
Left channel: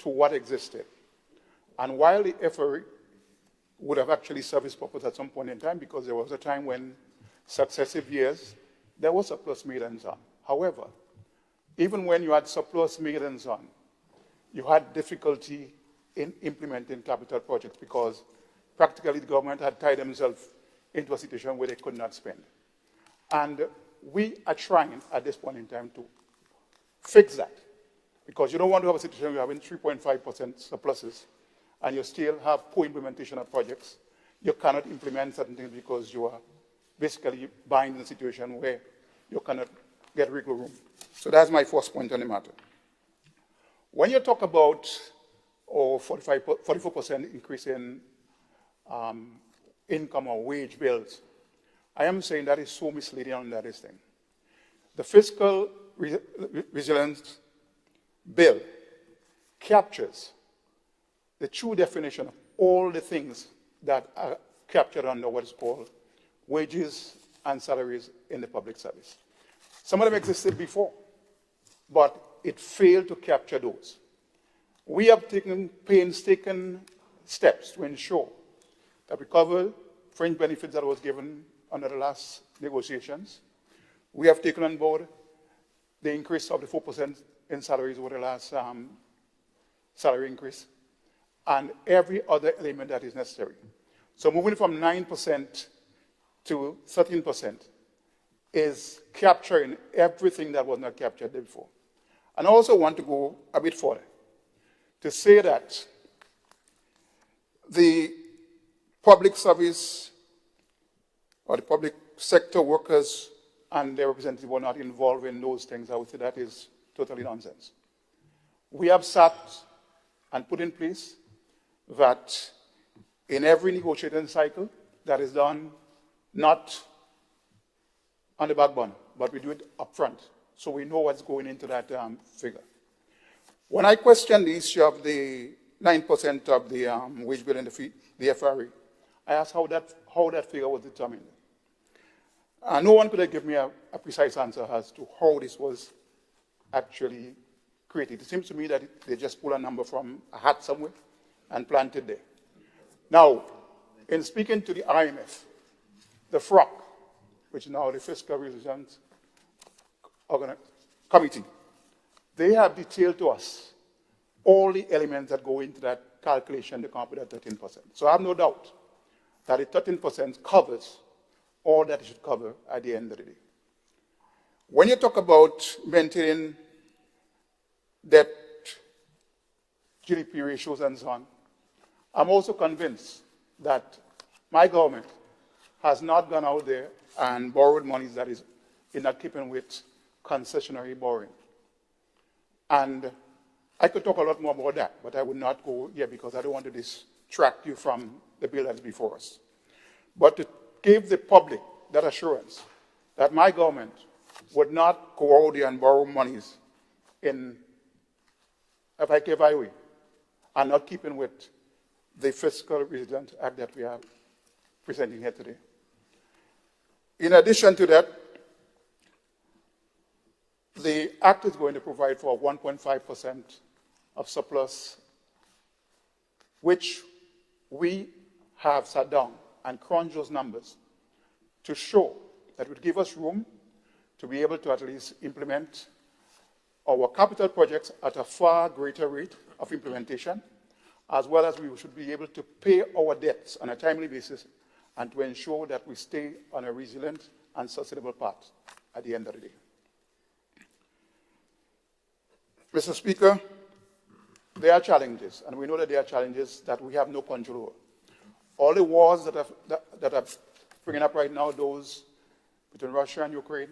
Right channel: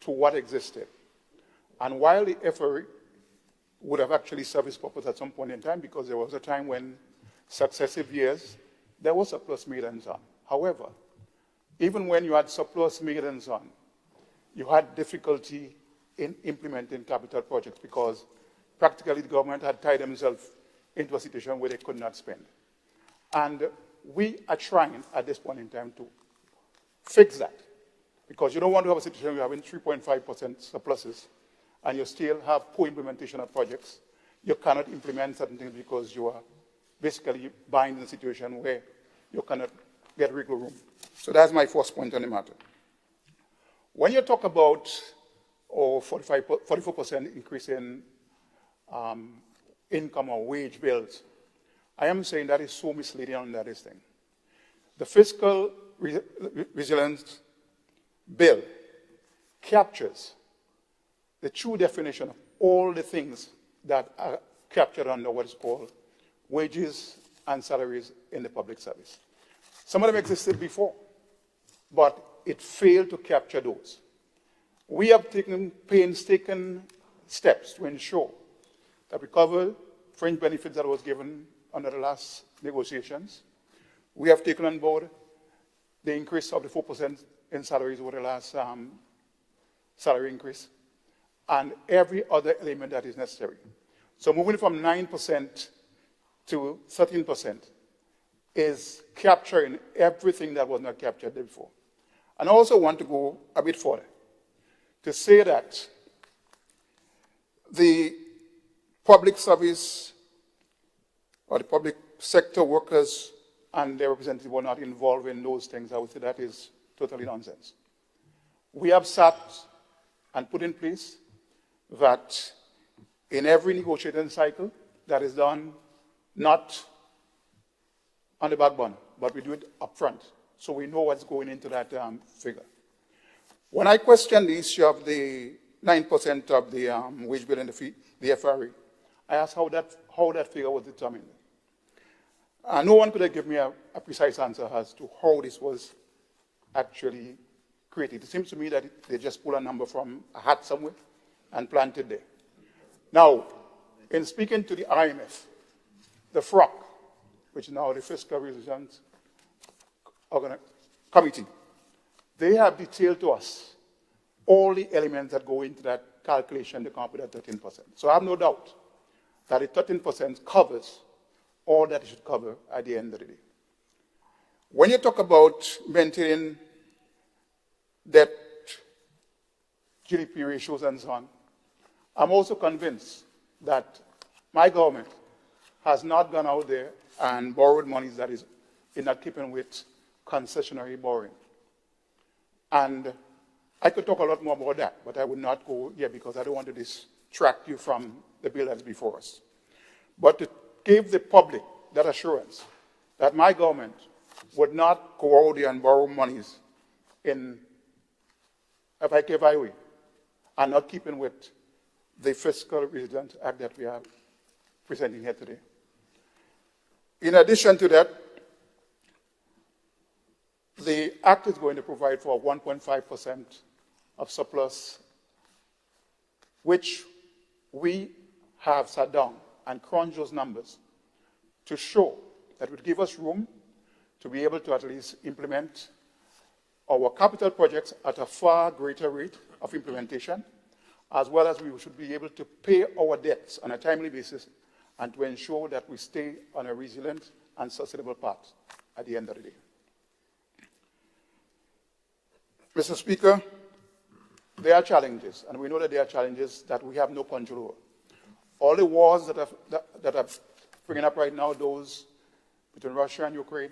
to what existed. And while the FRA would have actually served its purpose at some point in time, because there was a time when successive years, there was surplus millions on. However, even when you had surplus millions on, you had difficulty in implementing capital projects because practically the government had tied themselves into a situation where they could not spend. And we are trying at this point in time to fix that, because you don't want to have a situation where you're having 3.5% surpluses and you still have poor implementation of projects. You cannot implement certain things because you are basically buying the situation where you cannot get wiggle room. So that's my first point on the matter. When you talk about 44% increase in income or wage bills, I am saying that is so misleading on that thing. The Fiscal Resilience Bill captures the true definition of all the things that are captured under what's called wages and salaries in the public service. Some of them existed before, but it failed to capture those. We have taken painstaking steps to ensure that we cover fringe benefits that was given under the last negotiations. We have taken on board the increase of the 4% in salaries over the last salary increase. and every other element that is necessary. So moving from 9% to 13% is capturing everything that was not captured before. And I also want to go a bit further to say that the public service or the public sector workers and their representatives were not involved in those things. I would say that is totally nonsense. We have sat and put in place that in every negotiating cycle that is done not on the back burner, but we do it up front, so we know what's going into that figure. When I question the issue of the 9% of the wage bill and the FRA, I asked how that figure was determined. No one could give me a precise answer as to how this was actually created. It seems to me that they just pulled a number from a hat somewhere and planted there. Now, in speaking to the IMF, the FROC, which is now the Fiscal Resilience Committee, they have detailed to us all the elements that go into that calculation to come up with that 13%. So I have no doubt that the 13% covers all that it should cover at the end of the day. When you talk about maintaining debt, GDP ratios and so on, I'm also convinced that my government has not gone out there and borrowed money that is not keeping with concessionary borrowing. And I could talk a lot more about that, but I would not go here because I don't want to distract you from the bill that's before us. But to give the public that assurance that my government would not go out there and borrow monies in a way and not keeping with the Fiscal Resilience Act that we are presenting here today. In addition to that, the Act is going to provide for 1.5% of surplus, which we have sat down and crunched those numbers to show that will give us room to be able to at least implement our capital projects at a far greater rate of implementation, as well as we should be able to pay our debts on a timely basis and to ensure that we stay on a resilient and sustainable path at the end of the day. Mr. Speaker, there are challenges, and we know that there are challenges that we have no control over. All the wars that are springing up right now, those between Russia and Ukraine,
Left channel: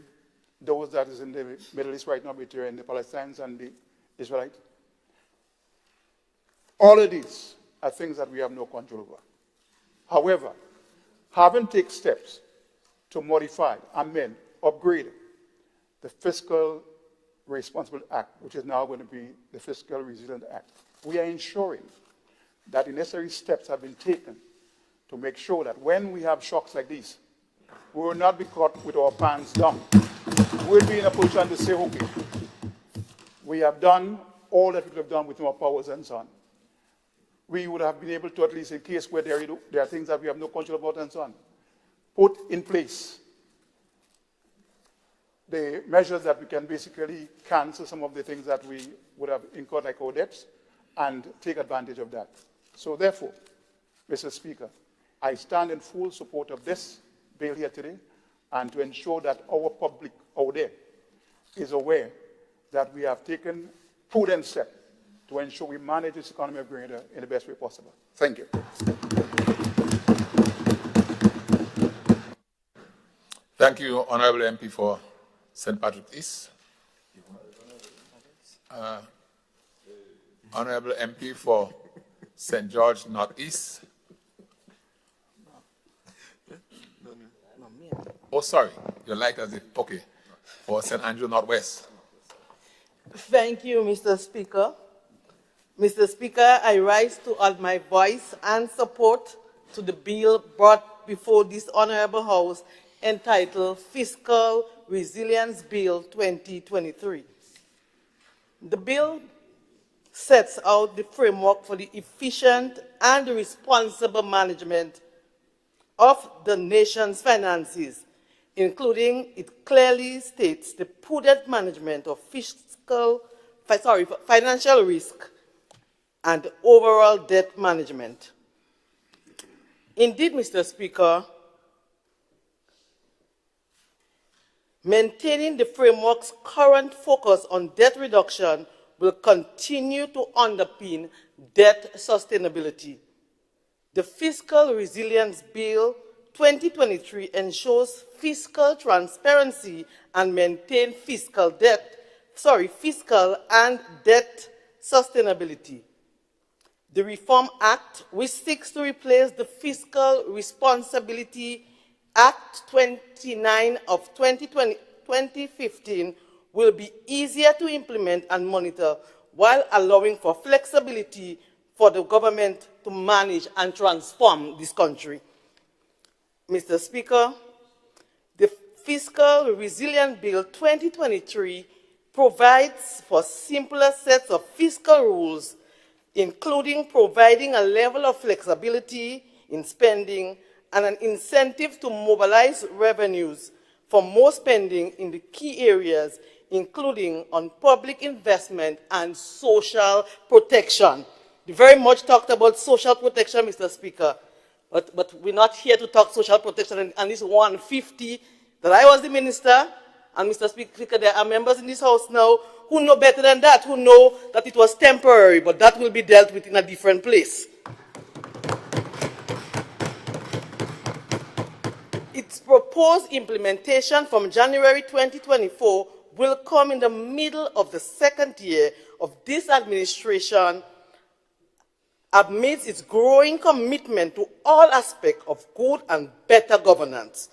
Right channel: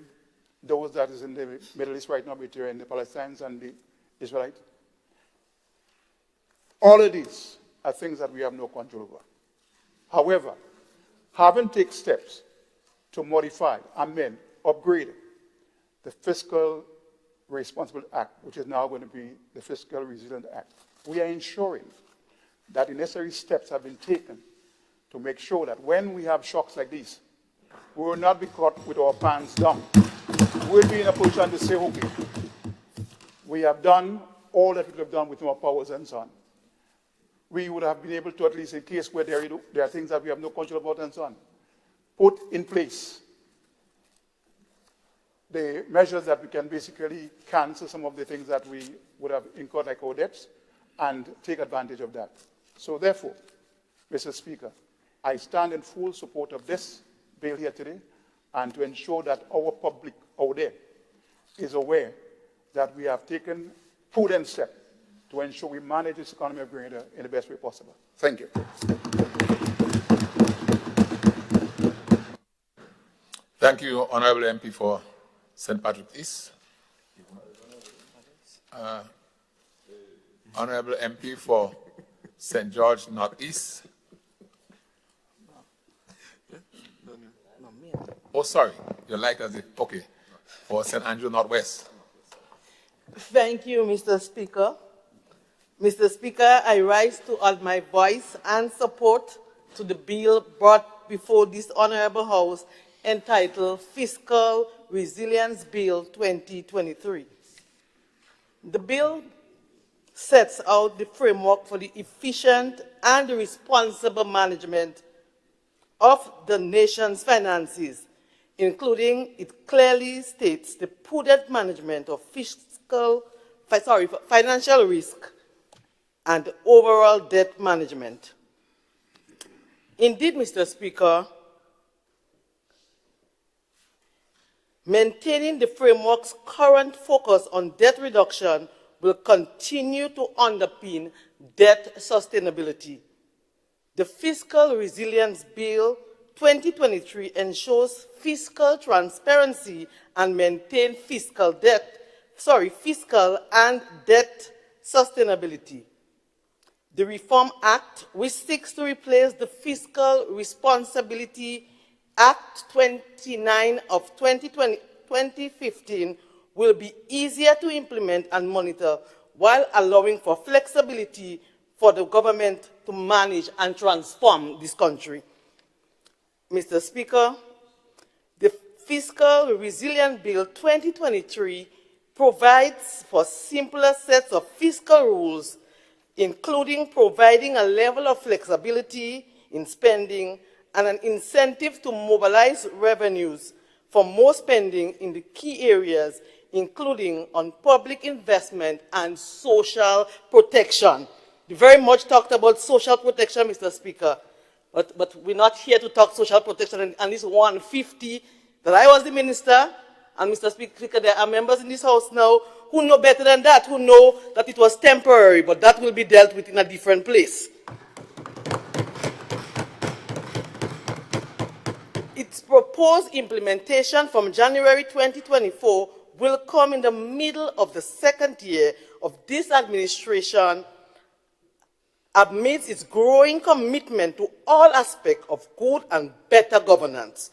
those that is in the Middle East right now between the Palestinians and the Israelites, all of these are things that we have no control over. However, having taken steps to modify, amend, upgrade the Fiscal Responsible Act, which is now going to be the Fiscal Resilience Act, we are ensuring that the necessary steps have been taken to make sure that when we have shocks like these, we will not be caught with our pants down. We'll be in a position to say, okay, we have done all that we have done with our powers and so on. We would have been able to, at least in case where there are things that we have no control about and so on, put in place the measures that we can basically cancel some of the things that we would have incurred like our debts and take advantage of that. So therefore, Mr. Speaker, I stand in full support of this bill here today and to ensure that our public out there is aware that we have taken prudent steps to ensure we manage this economy of Grenada in the best way possible. Thank you. Thank you, Honorable MP for St. Patrick East. Honorable MP for St. George Northeast. Oh, sorry, you're like us. Okay, for St. Andrew Northwest. Thank you, Mr. Speaker. Mr. Speaker, I rise to add my voice and support to the bill brought before this honorable House entitled Fiscal Resilience Bill 2023. The bill sets out the framework for the efficient and responsible management of the nation's finances, including it clearly states the prudent management of financial risk and overall debt management. Indeed, Mr. Speaker, maintaining the framework's current focus on debt reduction will continue to underpin debt sustainability. The Fiscal Resilience Bill 2023 ensures fiscal transparency and maintain fiscal and debt sustainability. The Reform Act, which seeks to replace the Fiscal Responsibility Act 29 of 2015, will be easier to implement and monitor while allowing for flexibility for the government to manage and transform this country. Mr. Speaker, the Fiscal Resilience Bill 2023 provides for simpler sets of fiscal rules, including providing a level of flexibility in spending and an incentive to mobilize revenues for more spending in the key areas, including on public investment and social protection. We very much talked about social protection, Mr. Speaker, but we're not here to talk social protection. And this 150 that I was the minister, and Mr. Speaker, there are members in this House now who know better than that, who know that it was temporary, but that will be dealt with in a different place. Its proposed implementation from January 2024 will come in the middle of the second year of this administration amidst its growing commitment to all aspects of good and better governance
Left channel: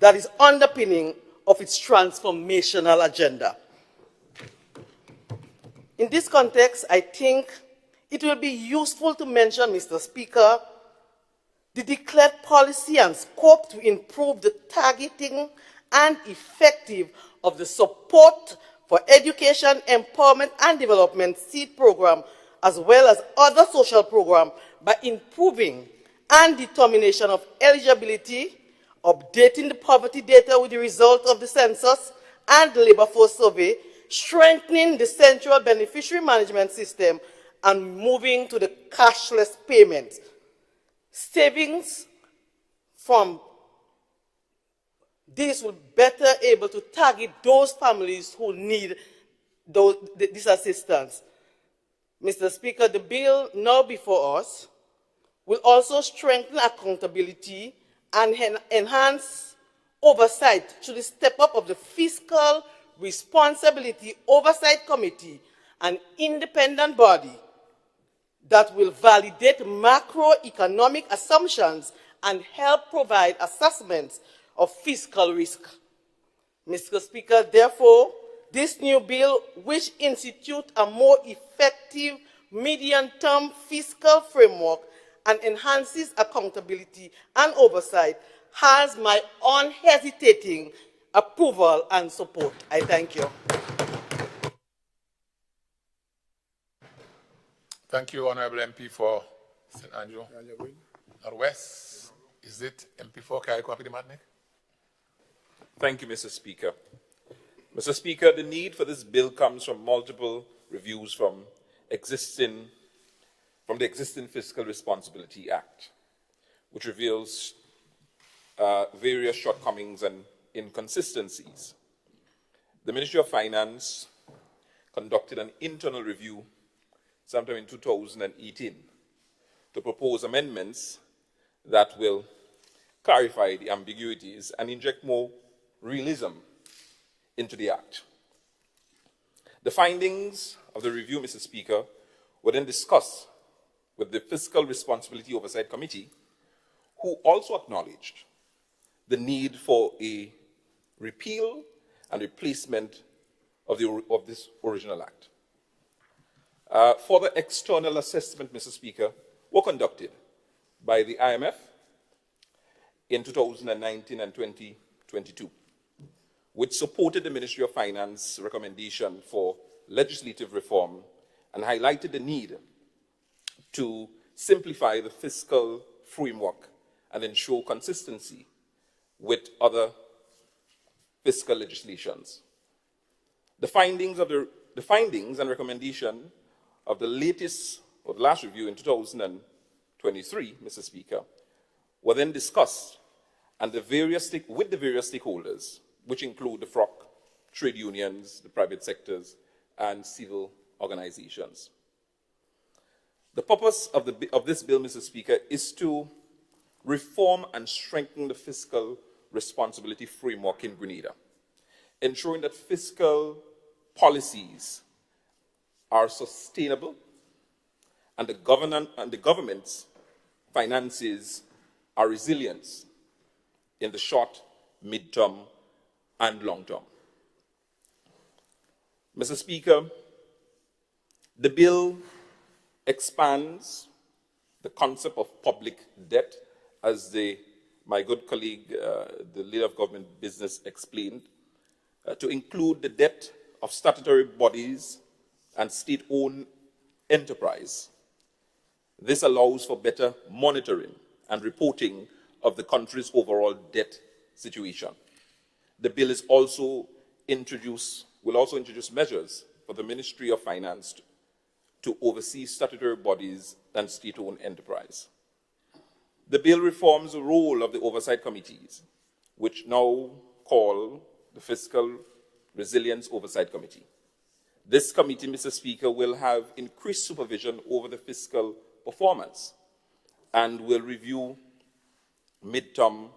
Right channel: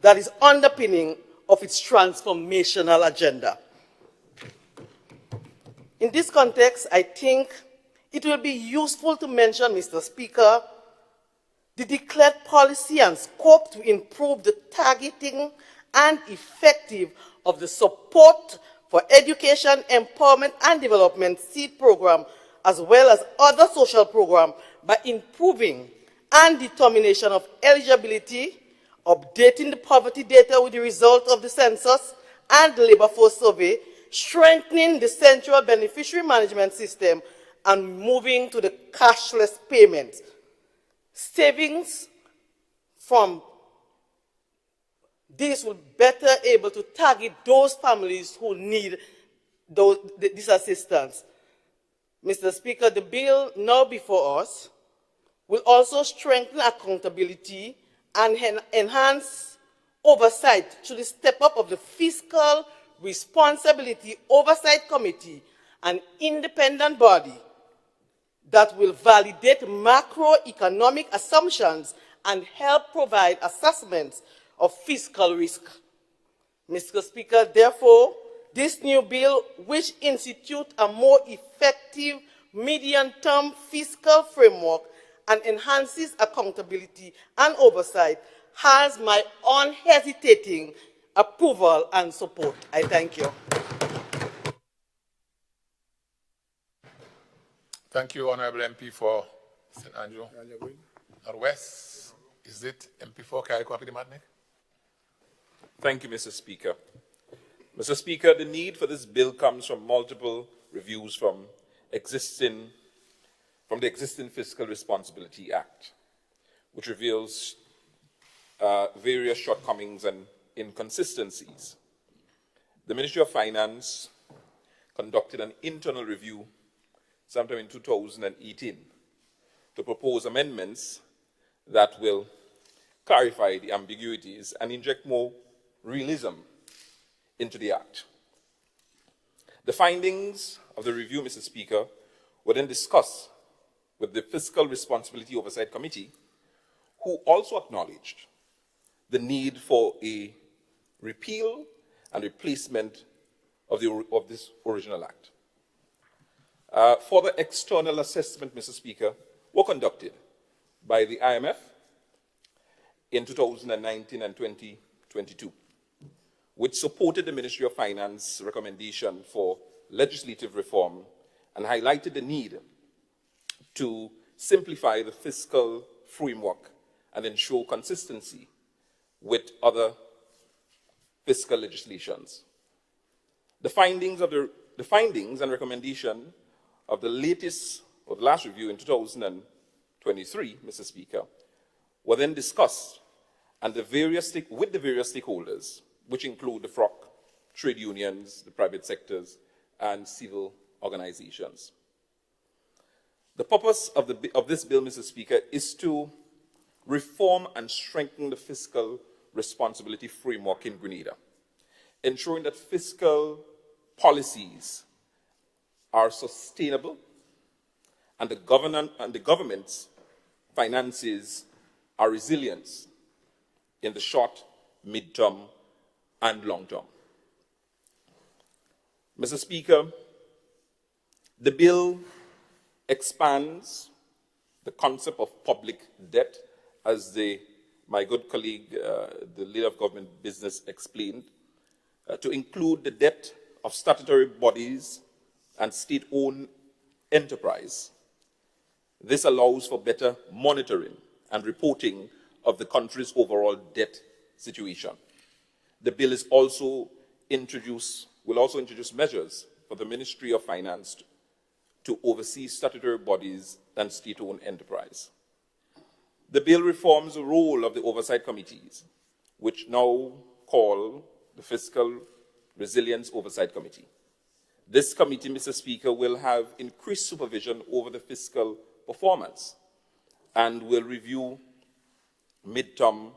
that is underpinning of its transformational agenda. In this context, I think it will be useful to mention, Mr. Speaker, the declared policy and scope to improve the targeting and effective of the support for education, empowerment, and development seed program, as well as other social programs, by improving and determination of eligibility, updating the poverty data with the results of the census and the labor force survey, strengthening the central beneficiary management system, and moving to the cashless payments. Savings from this will better able to target those families who need this assistance. Mr. Speaker, the bill now before us will also strengthen accountability and enhance oversight through the step up of the Fiscal Responsibility Oversight Committee, an independent body that will validate macroeconomic assumptions and help provide assessments of fiscal risk. Mr. Speaker, therefore, this new bill, which institutes a more effective medium-term fiscal framework and enhances accountability and oversight, has my unhesitating approval and support. I thank you. Thank you, Honorable MP for St. Andrew Northwest. Is it MP for Carrick-Wampity-Martinique? Thank you, Mr. Speaker. Mr. Speaker, the need for this bill comes from multiple reviews from the existing Fiscal Responsibility Act, which reveals various shortcomings and inconsistencies. The Ministry of Finance conducted an internal review sometime in 2018 to propose amendments that will clarify the ambiguities and inject more realism into the Act. The findings of the review, Mr. Speaker, were then discussed with the Fiscal Responsibility Oversight Committee, who also acknowledged the need for a repeal and replacement of this original Act. Further external assessment, Mr. Speaker, were conducted by the IMF in 2019 and 2022, which supported the Ministry of Finance recommendation for legislative reform and highlighted the need to simplify the fiscal framework and ensure consistency with other fiscal legislations. The findings and recommendation of the latest or the last review in 2023, Mr. Speaker, were then discussed and with the various stakeholders, which include the FROC, trade unions, the private sectors, and civil organizations. The purpose of this bill, Mr. Speaker, is to reform and strengthen the fiscal responsibility framework in Grenada, ensuring that fiscal policies are sustainable and the government's finances are resilient in the short, mid-term, and long term. Mr. Speaker, the bill expands the concept of public debt, as my good colleague, the leader of government business, explained, to include the debt of statutory bodies and state-owned enterprise. This allows for better monitoring and reporting of the country's overall debt situation. The bill will also introduce measures for the Ministry of Finance to oversee statutory bodies and state-owned enterprise. The bill reforms the role of the oversight committees, which now call the Fiscal Resilience Oversight Committee. This committee, Mr. Speaker, will have increased supervision over the fiscal performance and will review mid-term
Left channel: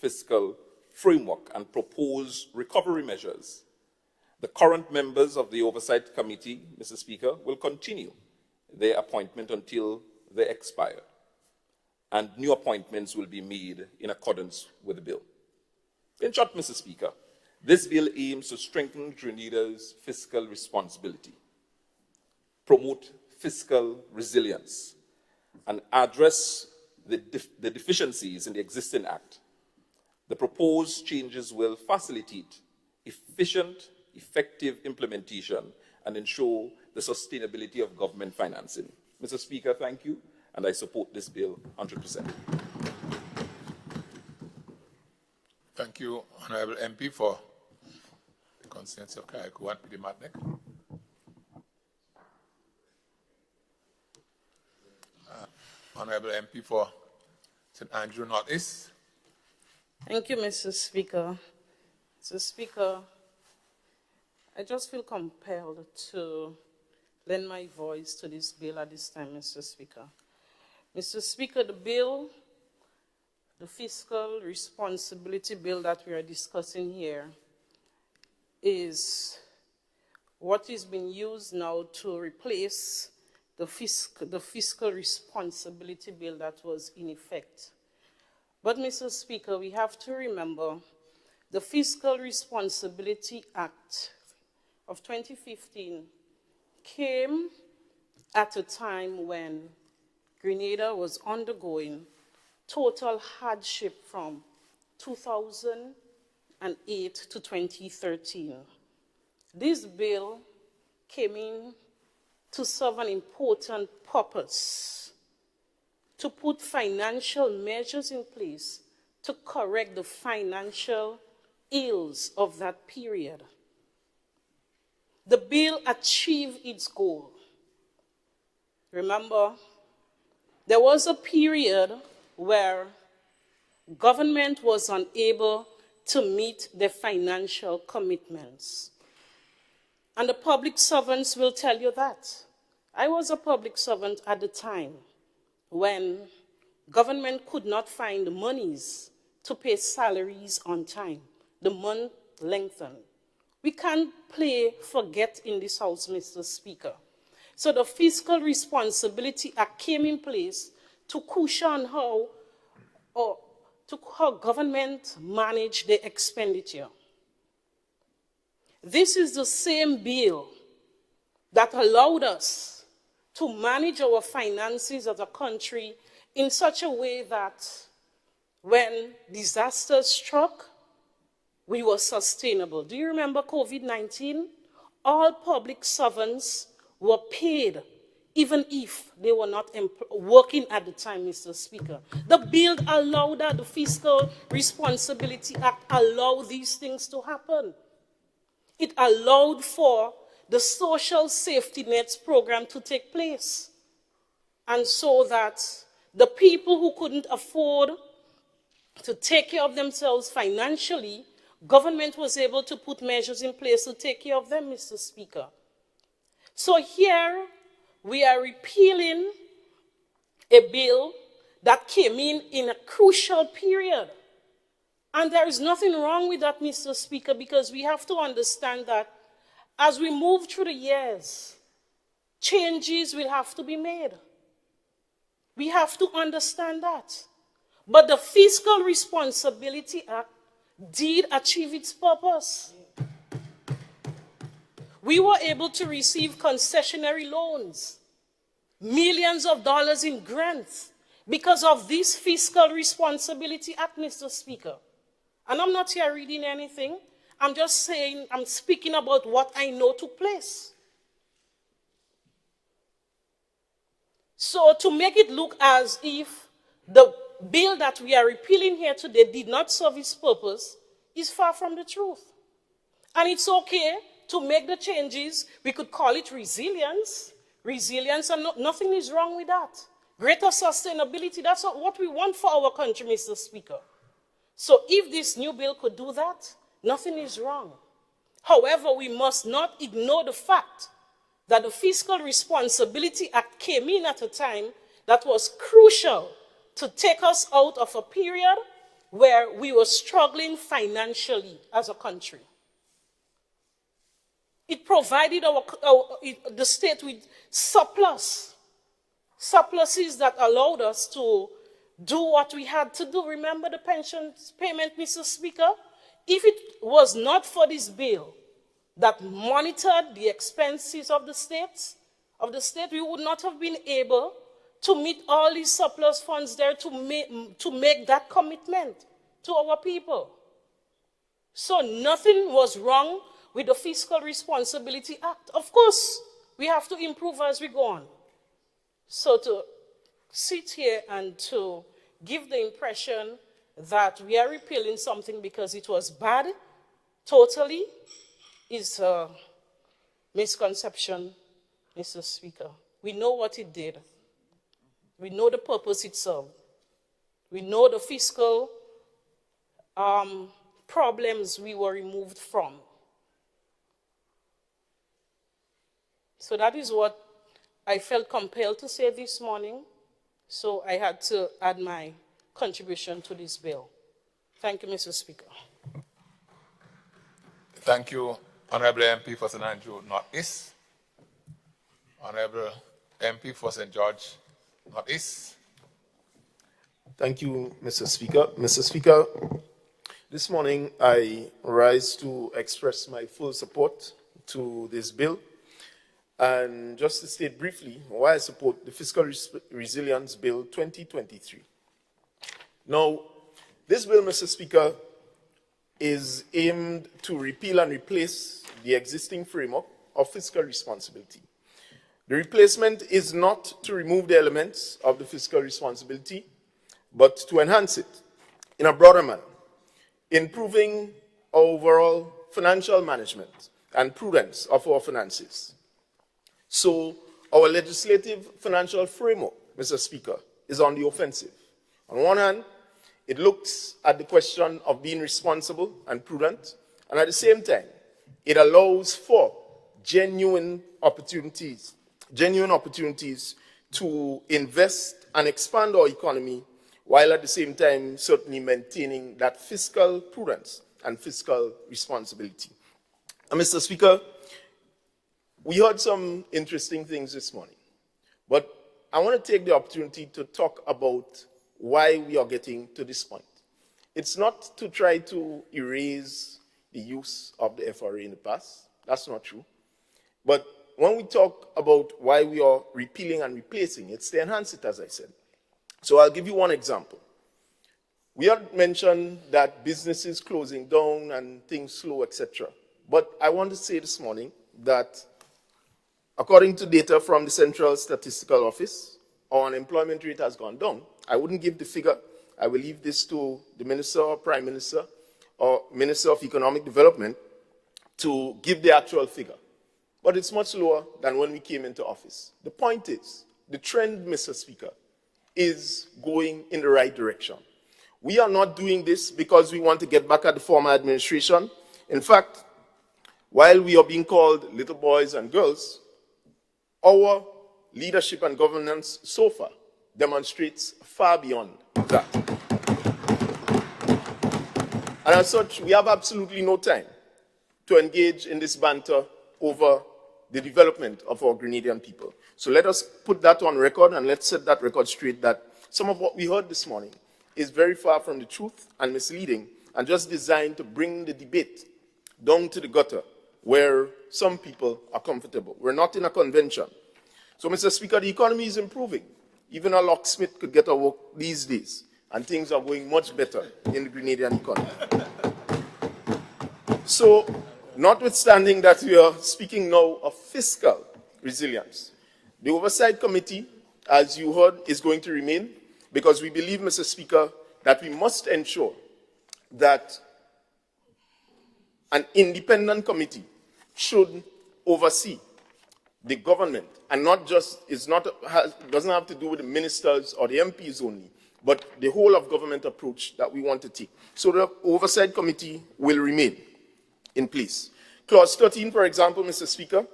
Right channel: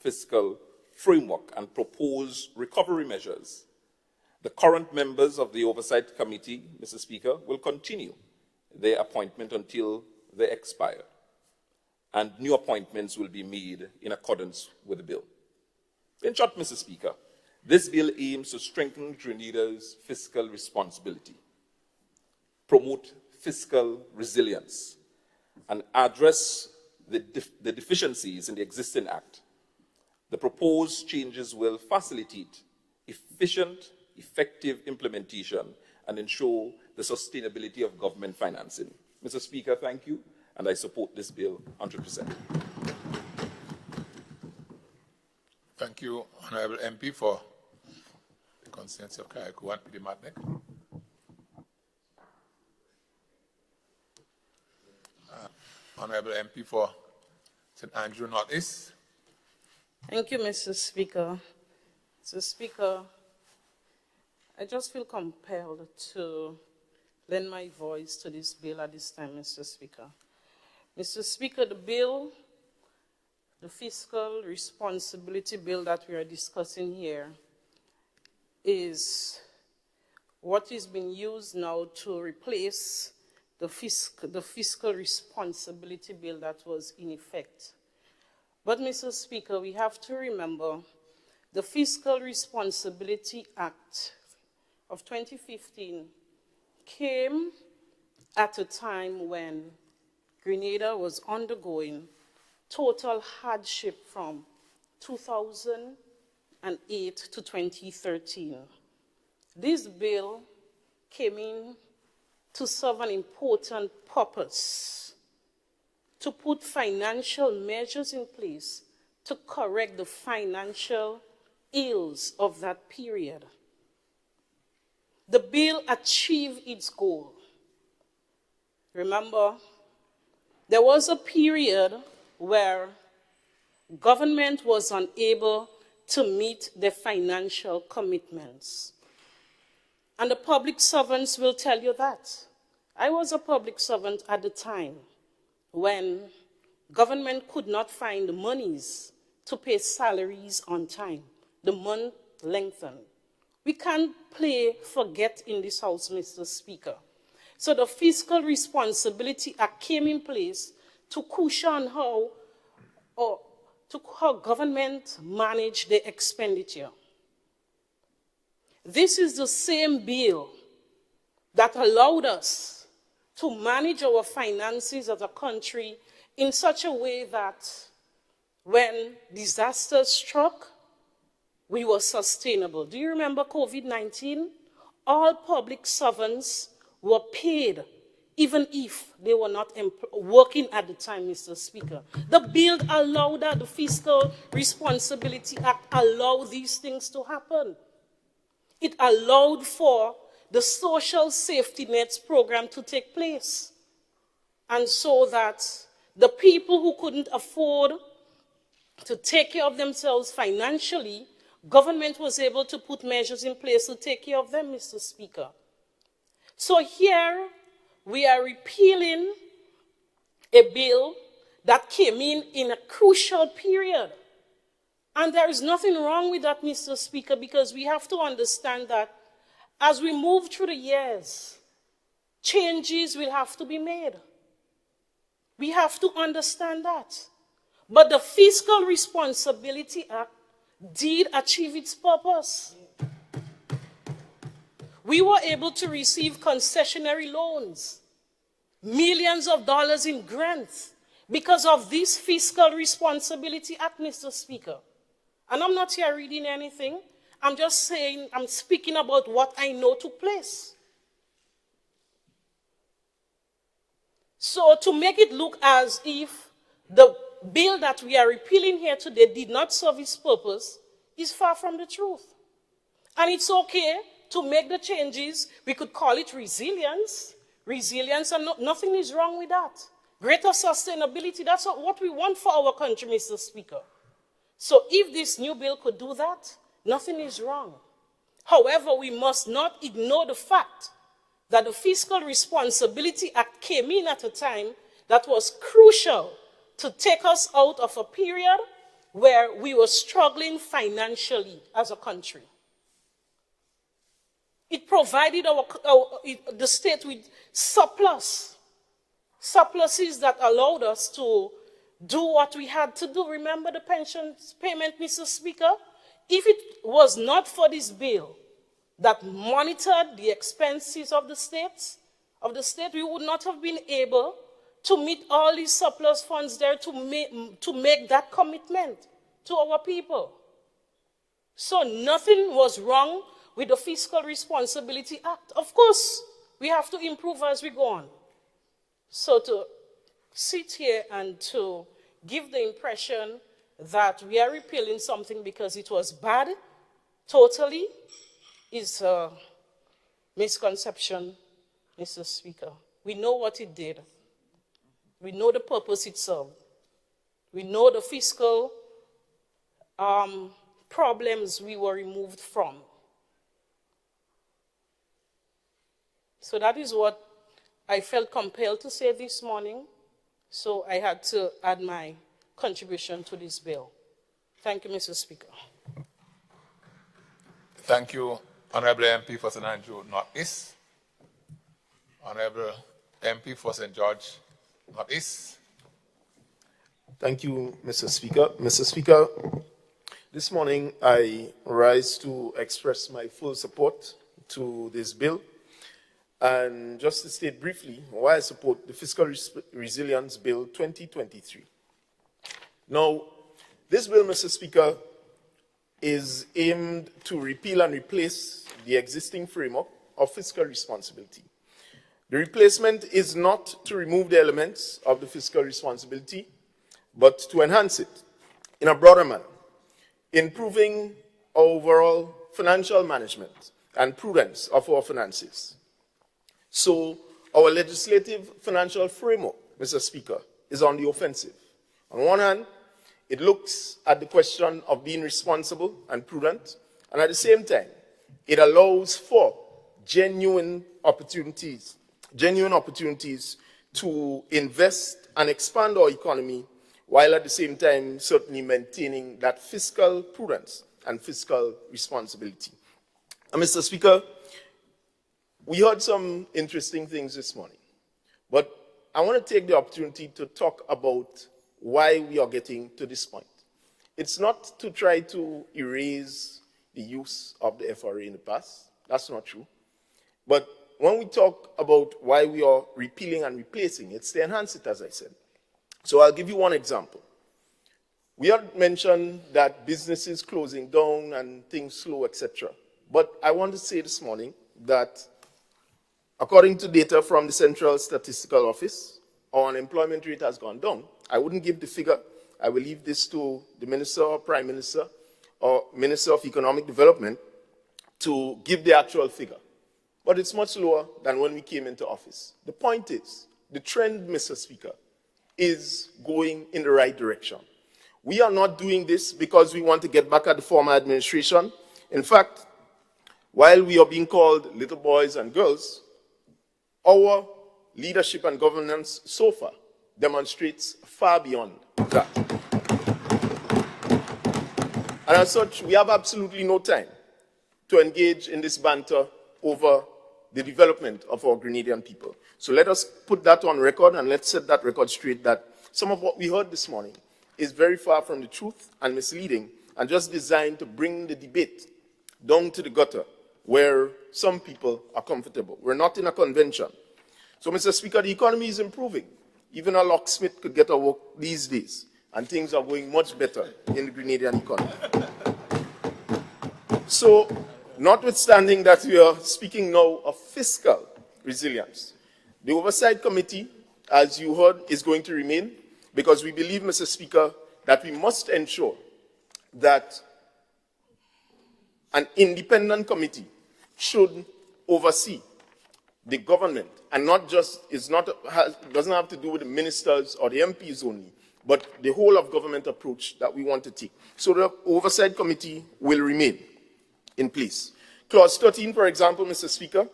fiscal framework and propose recovery measures. The current members of the Oversight Committee, Mr. Speaker, will continue their appointment until they expire, and new appointments will be made in accordance with the bill. In short, Mr. Speaker, this bill aims to strengthen Grenada's fiscal responsibility, promote fiscal resilience, and address the deficiencies in the existing Act. The proposed changes will facilitate efficient, effective implementation and ensure the sustainability of government financing. Mr. Speaker, thank you, and I support this bill 100%. Thank you, Honourable MP, for the consensus of Kayaku and Pimatek. Honourable MP for St. Andrew North East. Thank you, Mr. Speaker. Mr. Speaker, I just feel compelled to lend my voice to this bill at this time, Mr. Speaker. Mr. Speaker, the fiscal responsibility bill that we are discussing here is what is being used now to replace the fiscal responsibility bill that was in effect. But, Mr. Speaker, we have to remember the Fiscal Responsibility Act of 2015 came at a time when Grenada was undergoing total hardship from 2008 to 2013. This bill came in to serve an important purpose, to put financial measures in place to correct the financial ills of that period. The bill achieved its goal. Remember, there was a period where government was unable to meet their financial commitments. And the public servants will tell you that. I was a public servant at the time when government could not find the monies to pay salaries on time. The month lengthened. We can't play forget in this house, Mr. Speaker. So the Fiscal Responsibility Act came in place to cushion how government manage their expenditure. This is the same bill that allowed us to manage our finances as a country in such a way that when disasters struck, we were sustainable. Do you remember COVID-19? All public servants were paid, even if they were not working at the time, Mr. Speaker. The bill allowed that, the Fiscal Responsibility Act allowed these things to happen. It allowed for the social safety nets program to take place. And so that the people who couldn't afford to take care of themselves financially, government was able to put measures in place to take care of them, Mr. Speaker. So here we are repealing a bill that came in a crucial period. And there is nothing wrong with that, Mr. Speaker, because we have to understand that as we move through the years, changes will have to be made. We have to understand that. But the Fiscal Responsibility Act did achieve its purpose. We were able to receive concessionary loans, millions of dollars in grants, because of this Fiscal Responsibility Act, Mr. Speaker. And I'm not here reading anything. I'm just saying, I'm speaking about what I know took place. So to make it look as if the bill that we are repealing here today did not serve its purpose is far from the truth. And it's okay to make the changes. We could call it resilience. Resilience, and nothing is wrong with that. Greater sustainability, that's what we want for our country, Mr. Speaker. So if this new bill could do that, nothing is wrong. However, we must not ignore the fact that the Fiscal Responsibility Act came in at a time that was crucial to take us out of a period where we were struggling financially as a country. It provided the state with surpluses that allowed us to do what we had to do. Remember the pension payment, Mr. Speaker? If it was not for this bill that monitored the expenses of the state, we would not have been able to meet all these surplus funds there to make that commitment to our people. So nothing was wrong with the Fiscal Responsibility Act. Of course, we have to improve as we go on. So to sit here and to give the impression that we are repealing something because it was bad, totally, is a misconception, Mr. Speaker. We know what it did. We know the purpose it served. We know the fiscal problems we were removed from. So that is what I felt compelled to say this morning. So I had to add my contribution to this bill. Thank you, Mr. Speaker. Thank you, Honorable MP for St. Andrew Northeast. Honorable MP for St. George Northeast. Thank you, Mr. Speaker. Mr. Speaker, this morning I rise to express my full support to this bill. And just to state briefly why I support the Fiscal Resilience Bill 2023. Now, this bill, Mr. Speaker, is aimed to repeal and replace the existing framework of fiscal responsibility. The replacement is not to remove the elements of the fiscal responsibility, but to enhance it in a broader manner, improving our overall financial management and prudence of our finances. So our legislative financial framework, Mr. Speaker, is on the offensive. On one hand, it looks at the question of being responsible and prudent, and at the same time, it allows for genuine opportunities to invest and expand our economy, while at the same time certainly maintaining that fiscal prudence and fiscal responsibility. And Mr. Speaker, we heard some interesting things this morning, but I want to take the opportunity to talk about why we are getting to this point. It's not to try to erase the use of the FRA in the past. That's not true. But when we talk about why we are repealing and replacing, it's to enhance it, as I said. So I'll give you one example. We had mentioned that businesses closing down and things slow, etc. But I want to say this morning that according to data from the Central Statistical Office, our unemployment rate has gone down. I wouldn't give the figure. I will leave this to the Minister or Prime Minister or Minister of Economic Development to give the actual figure. But it's much lower than when we came into office. The point is, the trend, Mr. Speaker, is going in the right direction. We are not doing this because we want to get back at the former administration. In fact, while we are being called little boys and girls, our leadership and governance so far demonstrates far beyond that. And as such, we have absolutely no time to engage in this banter over the development of our Grenadian people. So let us put that on record and let's set that record straight that some of what we heard this morning is very far from the truth and misleading and just designed to bring the debate down to the gutter where some people are comfortable. We're not in a convention. So, Mr. Speaker, the economy is improving. Even a locksmith could get a work these days, and things are going much better in the Grenadian economy. So, notwithstanding that we are speaking now of fiscal resilience, the Oversight Committee, as you heard, is going to remain because we believe, Mr. Speaker, that we must ensure that an independent committee should oversee the government and not just, doesn't have to do with the ministers or the MPs only, but the whole of government approach that we want to take. So the Oversight Committee will remain in place. Clause 13, for example, Mr. Speaker,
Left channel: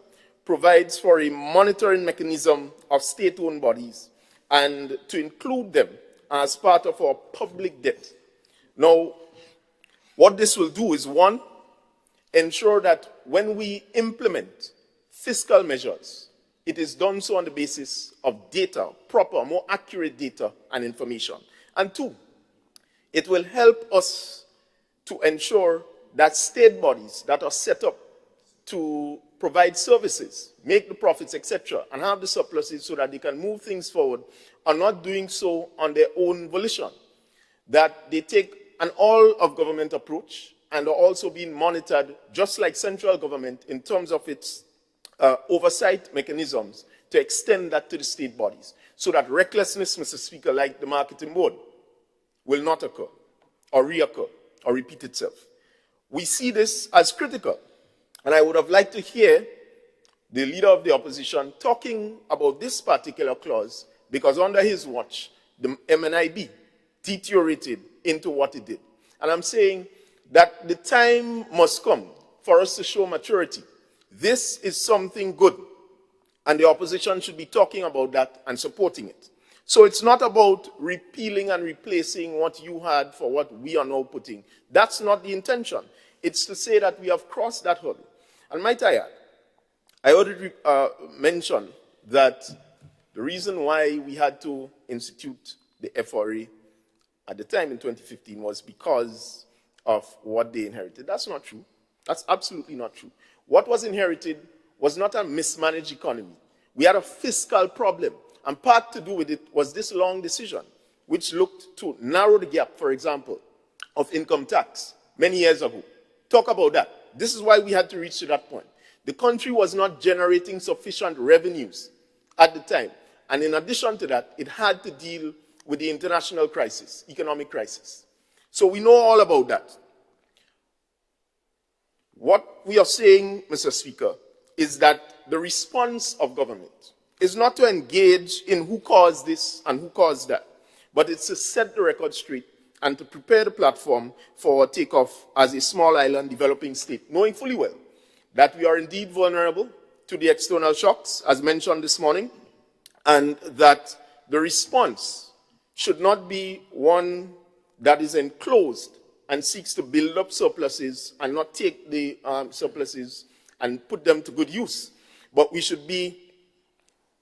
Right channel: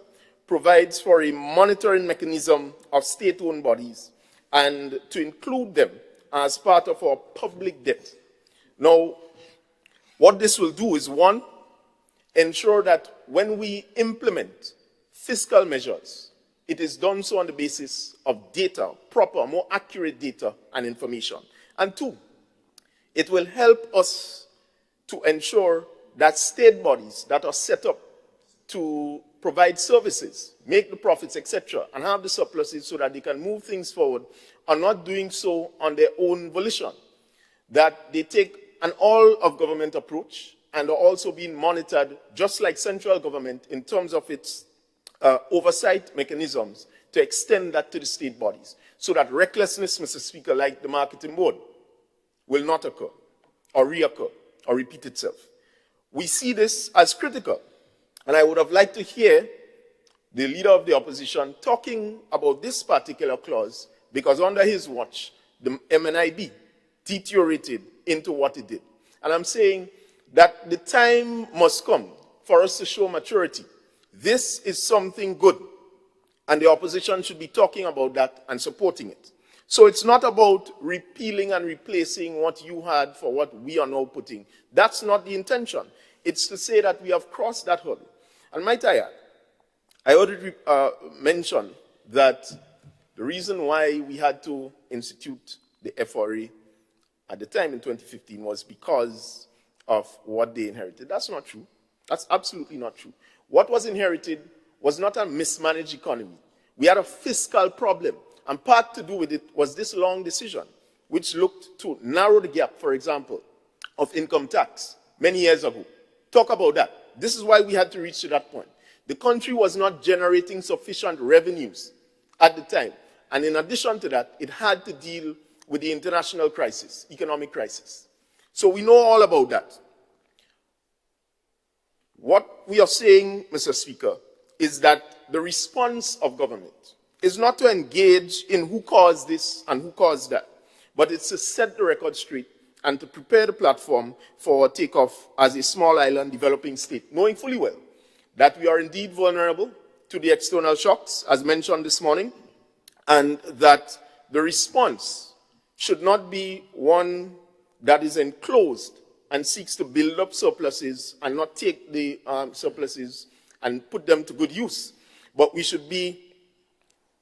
provides for a monitoring mechanism of state-owned bodies and to include them as part of our public debt. Now, what this will do is, one, ensure that when we implement fiscal measures, it is done so on the basis of data, proper, more accurate data and information. And two, it will help us to ensure that state bodies that are set up to provide services, make the profits, etc., and have the surpluses so that they can move things forward, are not doing so on their own volition. That they take an all-of-government approach and are also being monitored, just like central government, in terms of its oversight mechanisms, to extend that to the state bodies, so that recklessness, Mr. Speaker, like the marketing board, will not occur, or reoccur, or repeat itself. We see this as critical, and I would have liked to hear the leader of the opposition talking about this particular clause, because under his watch, the MNIB deteriorated into what it did. And I'm saying that the time must come for us to show maturity. This is something good, and the opposition should be talking about that and supporting it. So it's not about repealing and replacing what you had for what we are now putting. That's not the intention. It's to say that we have crossed that hurdle. And might I add, I already mentioned that the reason why we had to institute the FRA at the time in 2015 was because of what they inherited. That's not true. That's absolutely not true. What was inherited was not a mismanaged economy. We had a fiscal problem, and part to do with it was this long decision, which looked to narrow the gap, for example, of income tax many years ago. Talk about that. This is why we had to reach to that point. The country was not generating sufficient revenues at the time. And in addition to that, it had to deal with the international crisis, economic crisis. So we know all about that. What we are saying, Mr. Speaker, is that the response of government is not to engage in who caused this and who caused that, but it's to set the record straight and to prepare the platform for takeoff as a small island developing state, knowing fully well that we are indeed vulnerable to the external shocks, as mentioned this morning, and that the response should not be one that is enclosed and seeks to build up surpluses and not take the surpluses and put them to good use. But we should be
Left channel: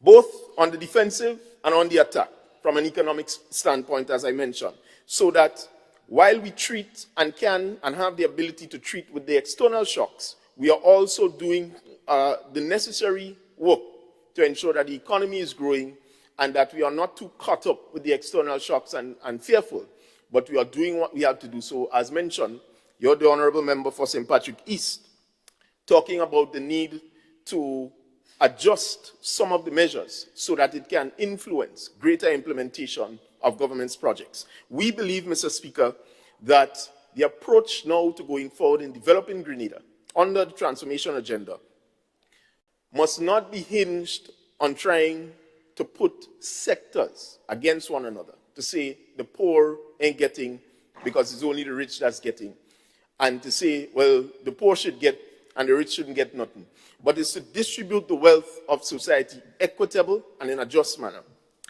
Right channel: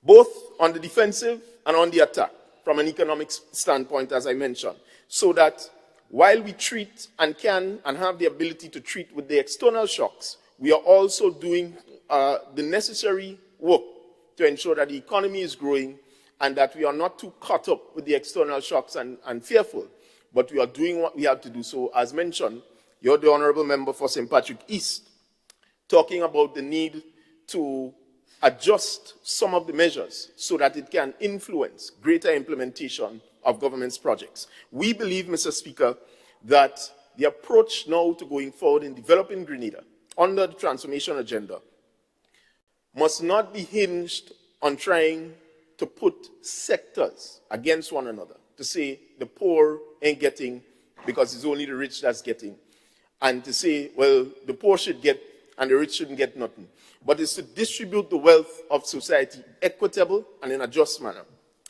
both on the defensive and on the attack from an economic standpoint, as I mentioned, so that while we treat and can and have the ability to treat with the external shocks, we are also doing the necessary work to ensure that the economy is growing and that we are not too caught up with the external shocks and fearful, but we are doing what we have to do. So, as mentioned, you're the Honorable Member for St. Patrick East, talking about the need to adjust some of the measures so that it can influence greater implementation of government's projects. We believe, Mr. Speaker, that the approach now to going forward in developing Grenada under the transformation agenda must not be hinged on trying to put sectors against one another, to say the poor ain't getting because it's only the rich that's getting, and to say, well, the poor should get and the rich shouldn't get nothing. But it's to distribute the wealth of society equitable and in a just manner.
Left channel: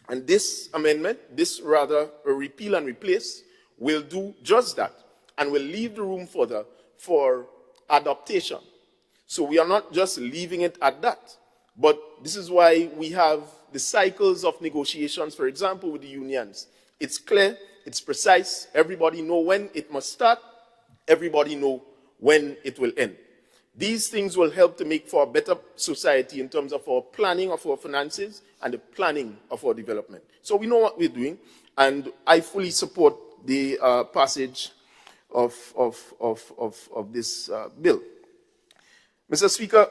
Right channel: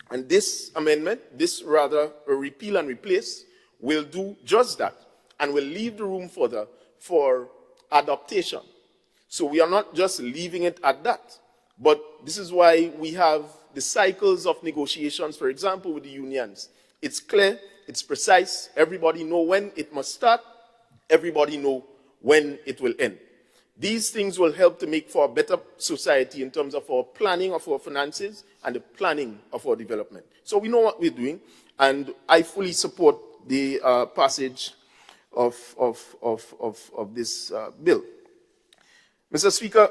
And this amendment, this rather a repeal and replace, will do just that and will leave the room further for adaptation. So we are not just leaving it at that, but this is why we have the cycles of negotiations, for example, with the unions. It's clear, it's precise, everybody know when it must start, everybody know when it will end. These things will help to make for a better society in terms of our planning of our finances and the planning of our development. So we know what we're doing, and I fully support the passage of this bill. Mr. Speaker,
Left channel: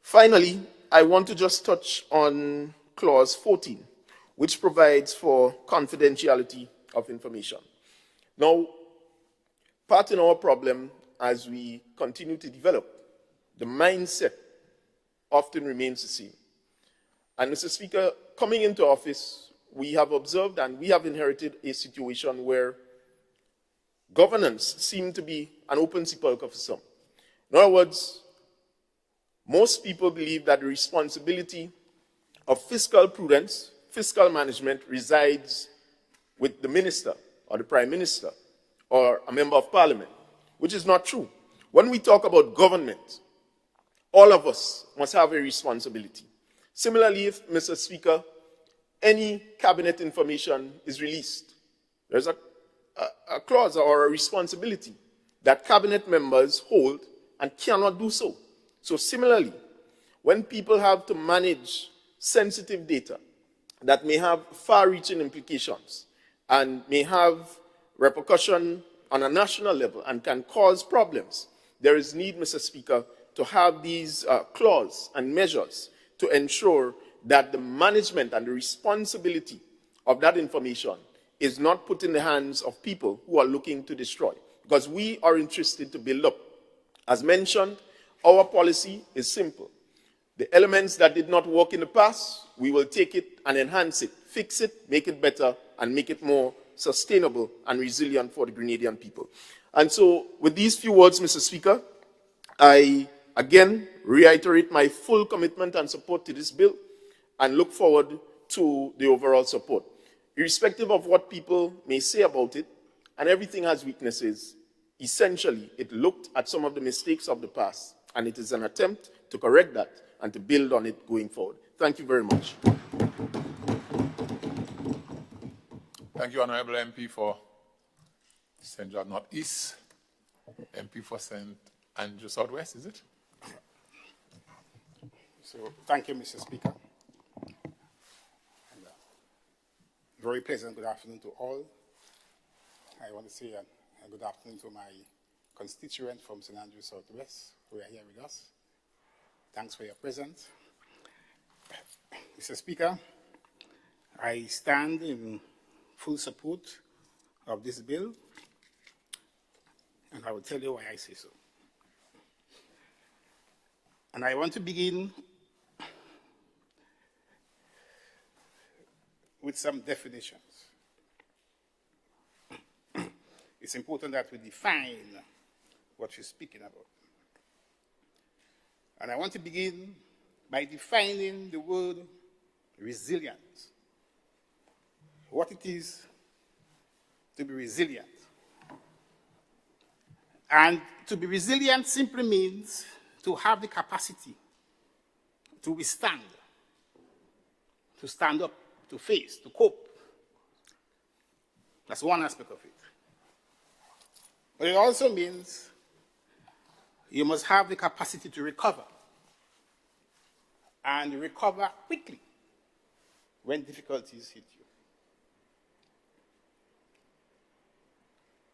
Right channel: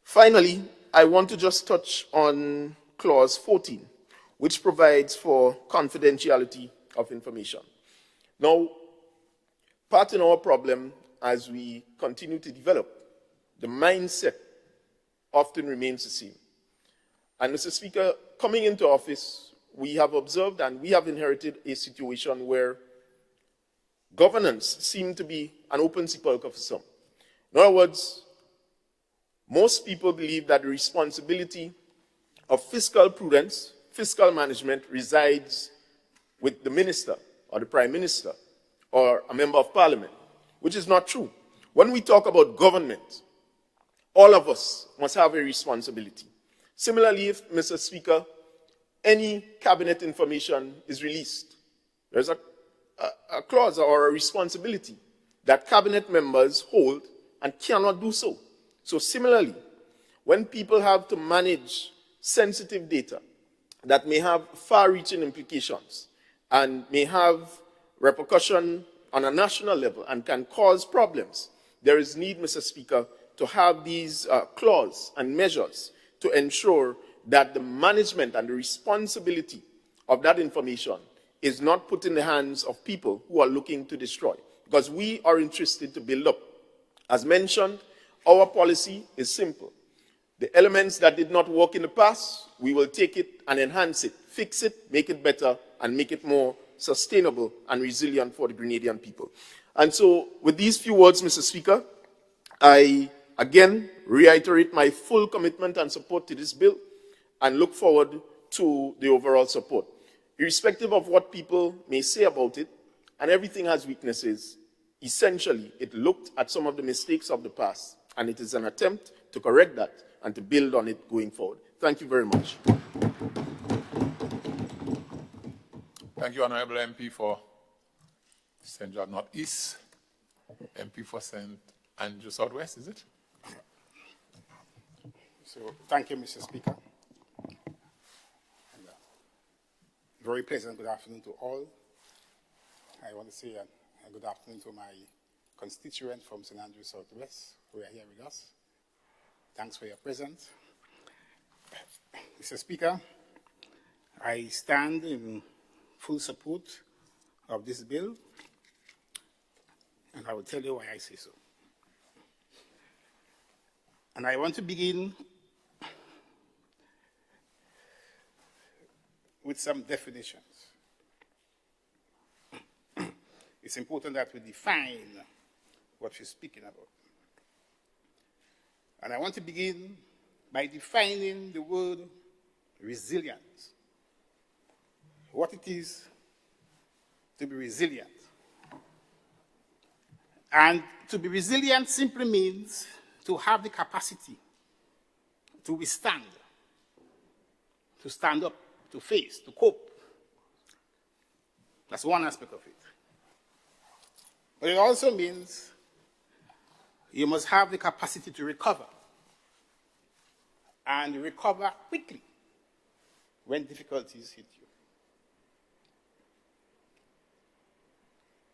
finally, I want to just touch on Clause 14, which provides for confidentiality of information. Now, part in our problem as we continue to develop, the mindset often remains the same. And Mr. Speaker, coming into office, we have observed and we have inherited a situation where governance seemed to be an open sepulchre for some. In other words, most people believe that the responsibility of fiscal prudence, fiscal management resides with the minister or the prime minister or a member of parliament, which is not true. When we talk about government, all of us must have a responsibility. Similarly, if, Mr. Speaker, any cabinet information is released, there's a clause or a responsibility that cabinet members hold and cannot do so. So similarly, when people have to manage sensitive data that may have far-reaching implications and may have repercussion on a national level and can cause problems, there is need, Mr. Speaker, to have these clauses and measures to ensure that the management and the responsibility of that information is not put in the hands of people who are looking to destroy. Because we are interested to build up. As mentioned, our policy is simple. The elements that did not work in the past, we will take it and enhance it, fix it, make it better, and make it more sustainable and resilient for the Grenadian people. And so, with these few words, Mr. Speaker, I again reiterate my full commitment and support to this bill and look forward to the overall support. Irrespective of what people may say about it, and everything has weaknesses, essentially, it looked at some of the mistakes of the past, and it is an attempt to correct that and to build on it going forward. Thank you very much. Thank you, Honorable MP for St. John Northeast, MP for St. Andrew Southwest, is it? So, thank you, Mr. Speaker. And, very pleasant good afternoon to all. I want to say a good afternoon to my constituent from St. Andrew Southwest who are here with us. Thanks for your presence. Mr. Speaker, I stand in full support of this bill, and I will tell you why I say so. And I want to begin with some definitions. It's important that we define what we're speaking about. And I want to begin by defining the word resilience. What it is to be resilient. And to be resilient simply means to have the capacity to withstand, to stand up, to face, to cope. That's one aspect of it. But it also means you must have the capacity to recover, and recover quickly when difficulties hit you.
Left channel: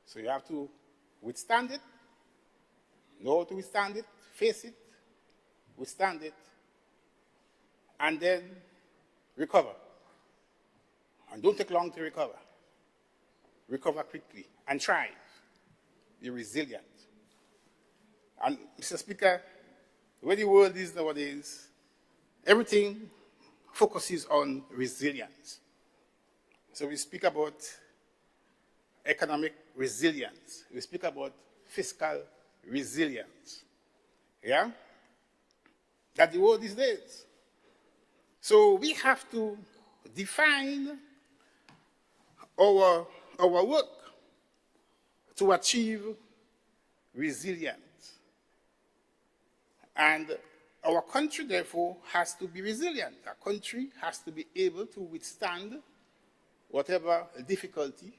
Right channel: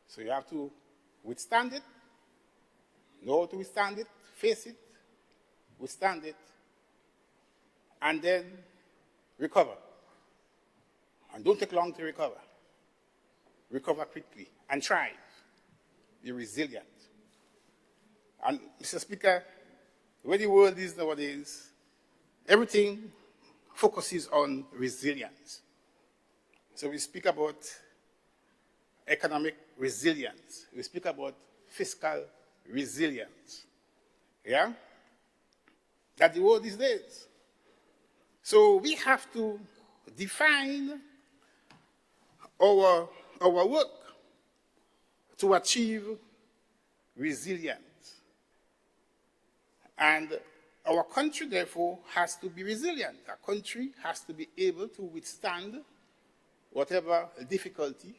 So you have to withstand it, know how to withstand it, face it, withstand it, and then recover. And don't take long to recover. Recover quickly and try. Be resilient. And Mr. Speaker, the way the world is nowadays, everything focuses on resilience. So we speak about economic resilience. We speak about fiscal resilience. Yeah? That's the word these days. So we have to define our work to achieve resilience. And our country, therefore, has to be resilient. Our country has to be able to withstand whatever difficulty,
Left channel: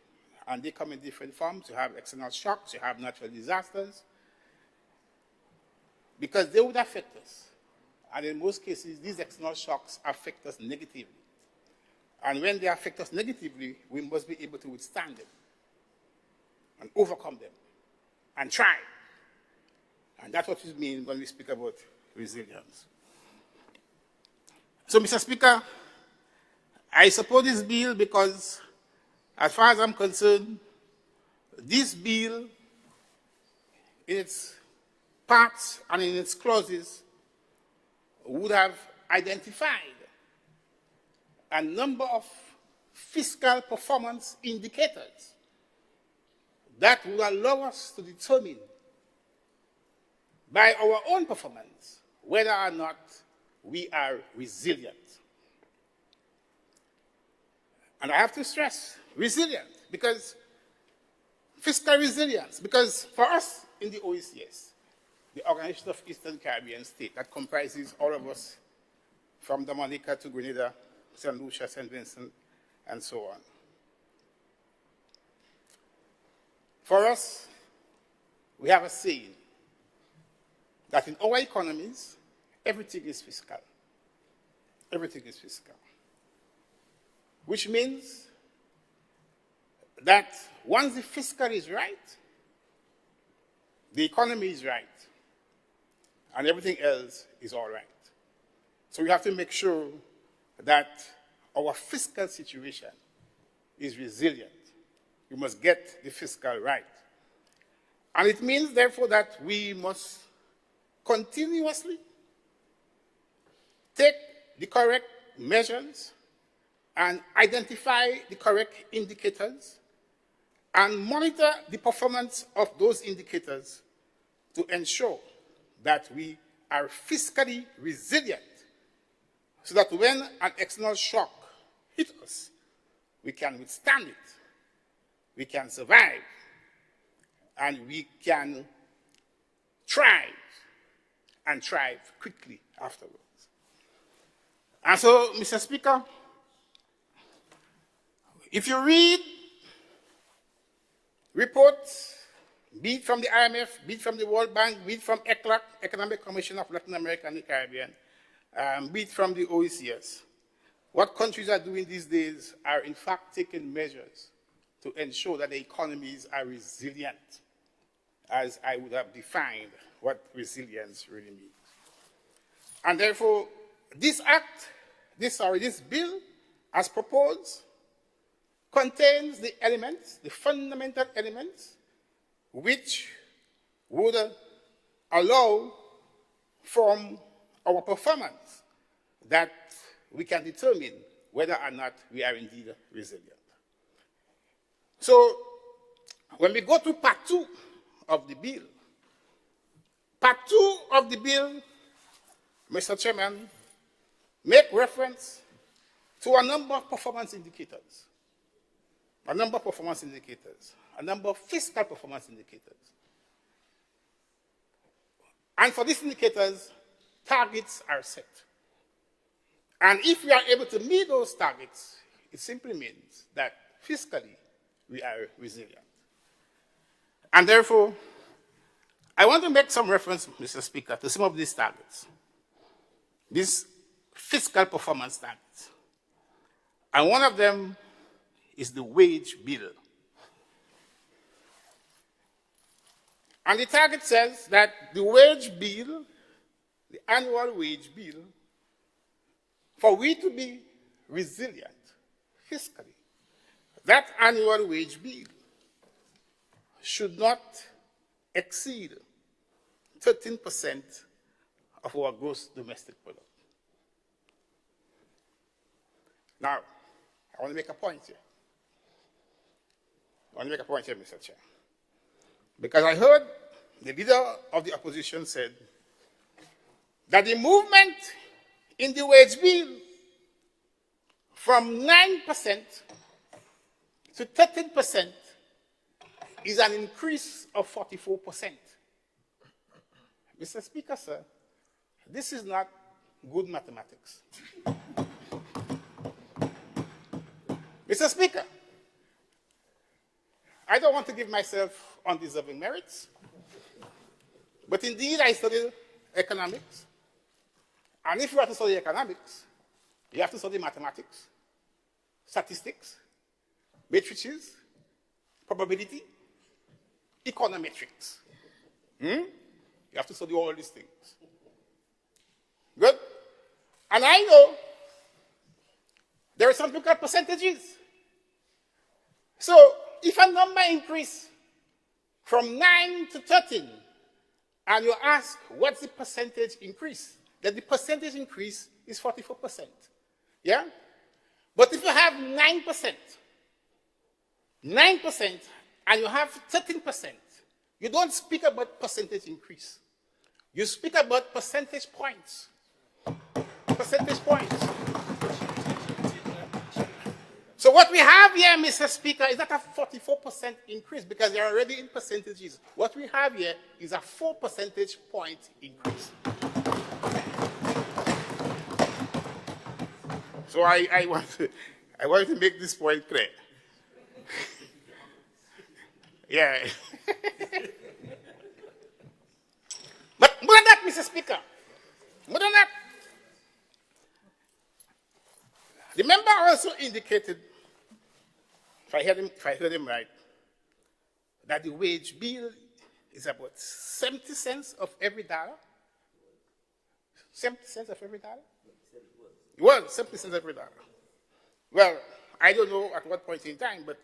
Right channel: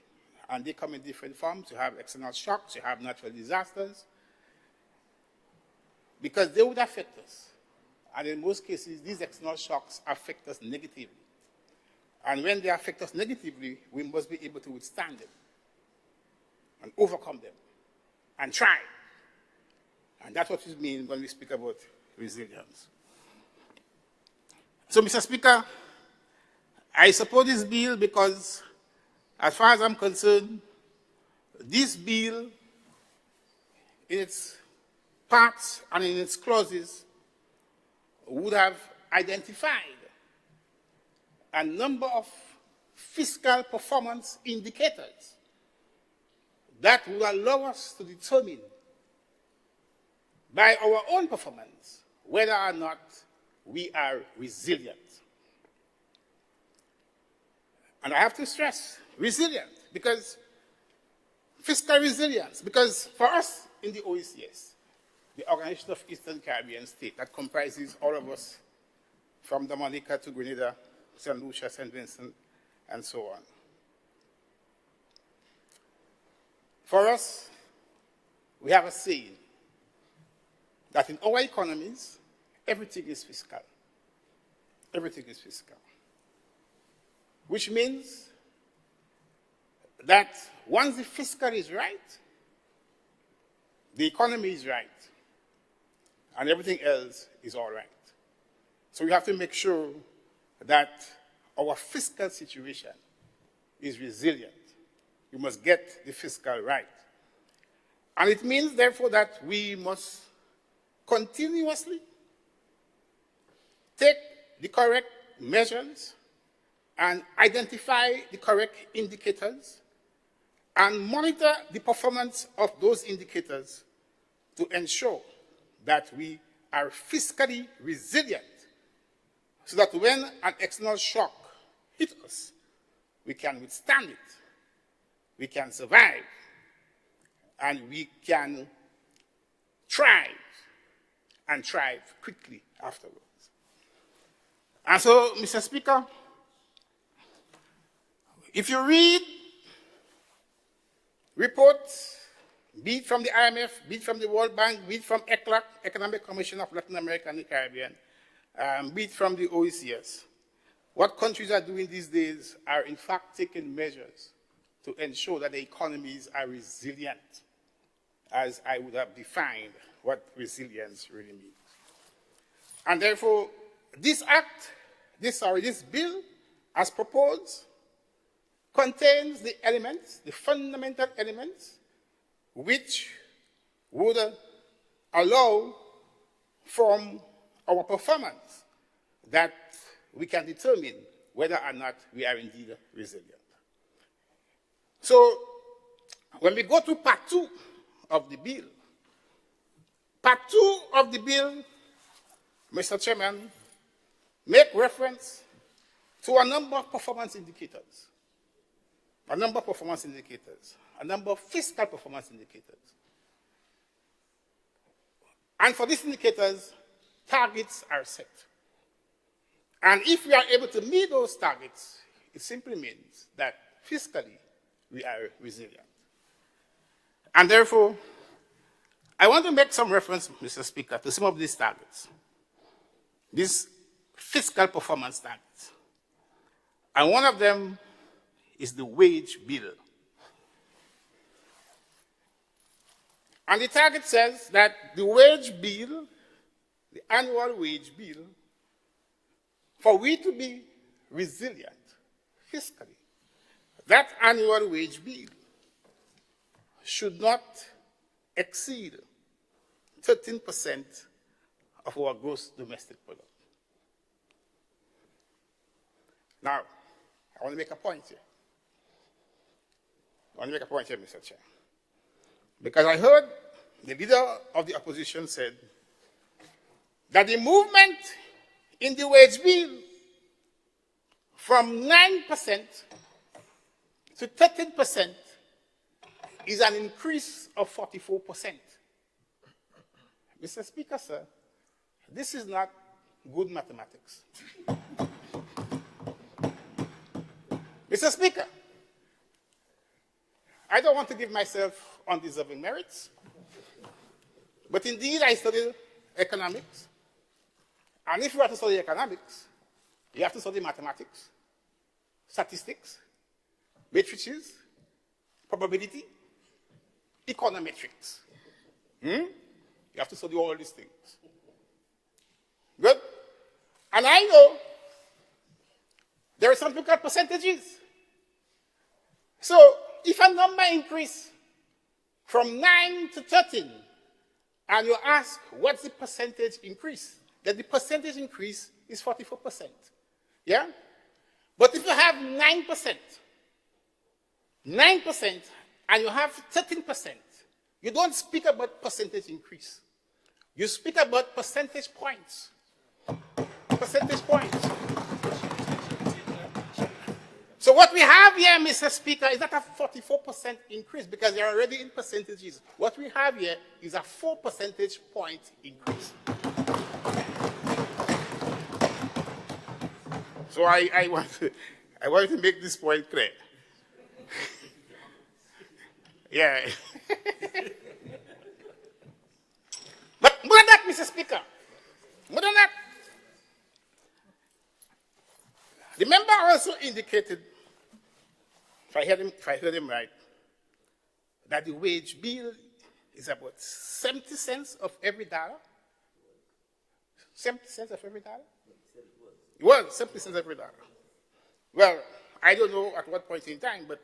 and they come in different forms. You have external shocks, you have natural disasters, because they would affect us. And in most cases, these external shocks affect us negatively. And when they affect us negatively, we must be able to withstand them and overcome them and try. And that's what we mean when we speak about resilience. So, Mr. Speaker, I support this bill because, as far as I'm concerned, this bill, in its parts and in its clauses, would have identified a number of fiscal performance indicators that would allow us to determine by our own performance whether or not we are resilient. And I have to stress resilient, because fiscal resilience, because for us in the OECS, the Organization of Eastern Caribbean States, that comprises all of us from Dominica to Grenada, St. Lucia, St. Vincent, and so on. For us, we have a saying that in our economies, everything is fiscal. Everything is fiscal. Which means that once the fiscal is right, the economy is right, and everything else is all right. So we have to make sure that our fiscal situation is resilient. We must get the fiscal right. And it means, therefore, that we must continuously take the correct measures and identify the correct indicators and monitor the performance of those indicators to ensure that we are fiscally resilient, so that when an external shock hits us, we can withstand it, we can survive, and we can thrive, and thrive quickly afterwards. And so, Mr. Speaker, if you read reports, be it from the IMF, be it from the World Bank, be it from ECLAC, Economic Commission of Latin America and the Caribbean, be it from the OECS, what countries are doing these days are in fact taking measures to ensure that the economies are resilient, as I would have defined what resilience really means. And therefore, this bill, as proposed, contains the elements, the fundamental elements, which would allow from our performance that we can determine whether or not we are indeed resilient. So, when we go to part 2 of the bill, part 2 of the bill, Mr. Chairman, make reference to a number of performance indicators, a number of fiscal performance indicators. And for these indicators, targets are set. And if we are able to meet those targets, it simply means that fiscally we are resilient. And therefore, I want to make some reference, Mr. Speaker, to some of these targets, these fiscal performance targets. And one of them is the wage bill. And the target says that the wage bill, the annual wage bill, for we to be resilient fiscally, that annual wage bill should not exceed 13% of our gross domestic product. Now, I want to make a point here. Mr. Chair. Because I heard the leader of the opposition said that the movement in the wage bill from 9% to 13% is an increase of 44%. Mr. Speaker, sir, this is not good mathematics. Mr. Speaker, I don't want to give myself undeserving merits, but indeed I studied economics. And if you have to study economics, you have to study mathematics, statistics, matrices, probability, econometrics. You have to study all these things. Good? And I know there are something called percentages. So if a number increases from 9 to 13, and you ask what's the percentage increase, then the percentage increase is 44%. Yeah? But if you have 9%, and you have 13%, you don't speak about percentage increase. You speak about percentage points. Percentage points. So what we have here, Mr. Speaker, is not a 44% increase because they're already in percentages. What we have here is a 4 percentage point increase. So I want to make this point clear. Yeah. But more than that, Mr. Speaker, more than that, the member also indicated, if I heard him right, that the wage bill is about 70 cents of every dollar. 70 cents of every dollar? Well, 70 cents every dollar. Well, I don't know at what point in time, but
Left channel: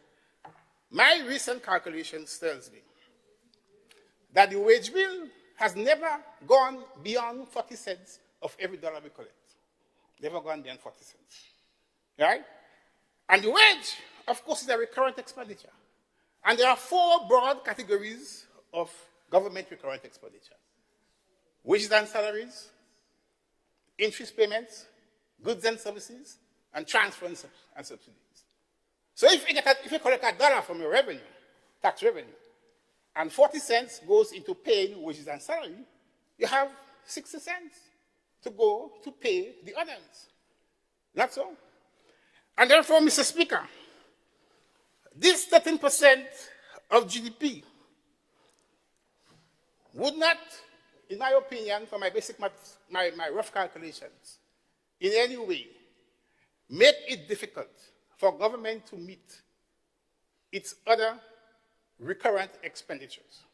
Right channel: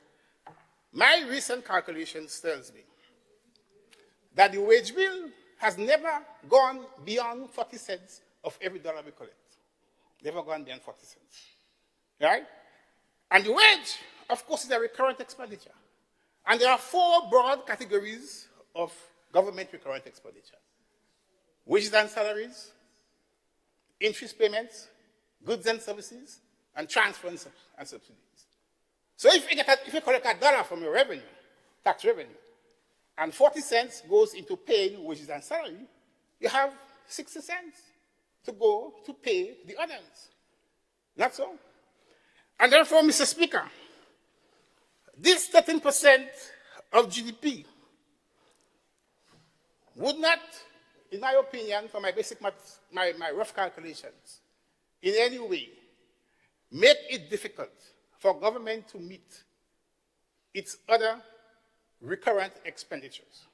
my recent calculations tells me that the wage bill has never gone beyond 40 cents of every dollar we collect. Never gone beyond 40 cents. Right? And the wage, of course, is a recurrent expenditure. And there are 4 broad categories of government recurrent expenditure. Wages and salaries, interest payments, goods and services, and transfers and subsidies. So if you collect $1 from your revenue, tax revenue, and 40 cents goes into paying wages and salary, you have 60 cents to go to pay the others. That's all. And therefore, Mr. Speaker, this 13% of GDP would not, in my opinion, for my basic maths, my rough calculations, in any way make it difficult for government to meet its other recurrent expenditures.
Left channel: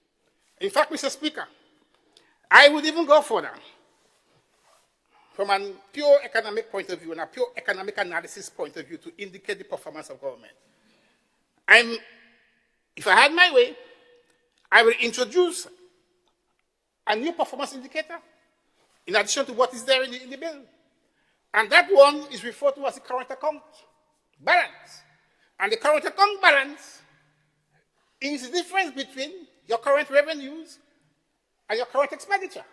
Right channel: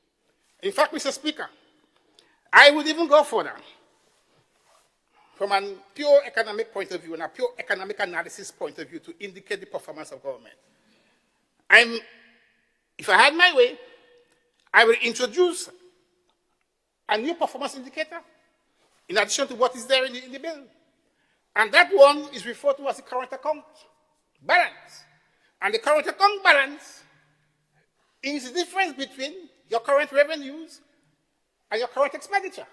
In fact, Mr. Speaker, I would even go further. From a pure economic point of view and a pure economic analysis point of view to indicate the performance of government. If I had my way, I will introduce a new performance indicator in addition to what is there in the bill. And that one is referred to as the current account balance. And the current account balance is the difference between your current revenues and your current expenditure.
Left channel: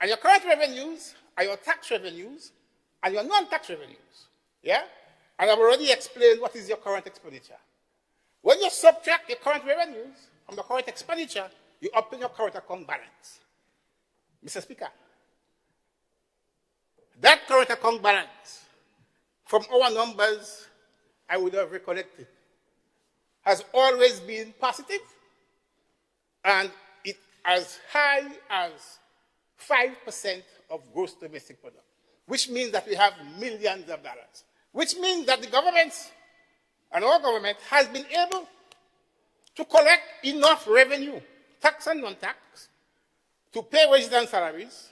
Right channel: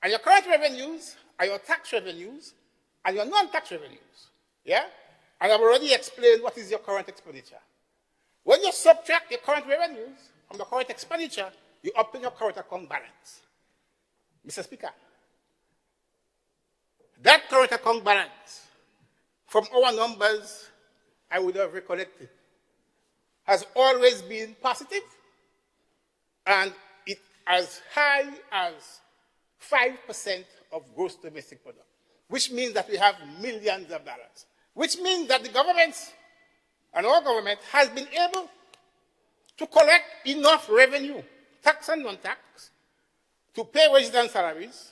And your current revenues are your tax revenues and your non-tax revenues. Yeah? And I've already explained what is your current expenditure. When you subtract your current revenues from the current expenditure, you obtain your current account balance. Mr. Speaker, that current account balance, from our numbers I would have recollected, has always been positive, and it as high as 5% of gross domestic product, which means that we have millions of dollars, which means that the government and our government has been able to collect enough revenue, tax and non-tax, to pay wages and salaries,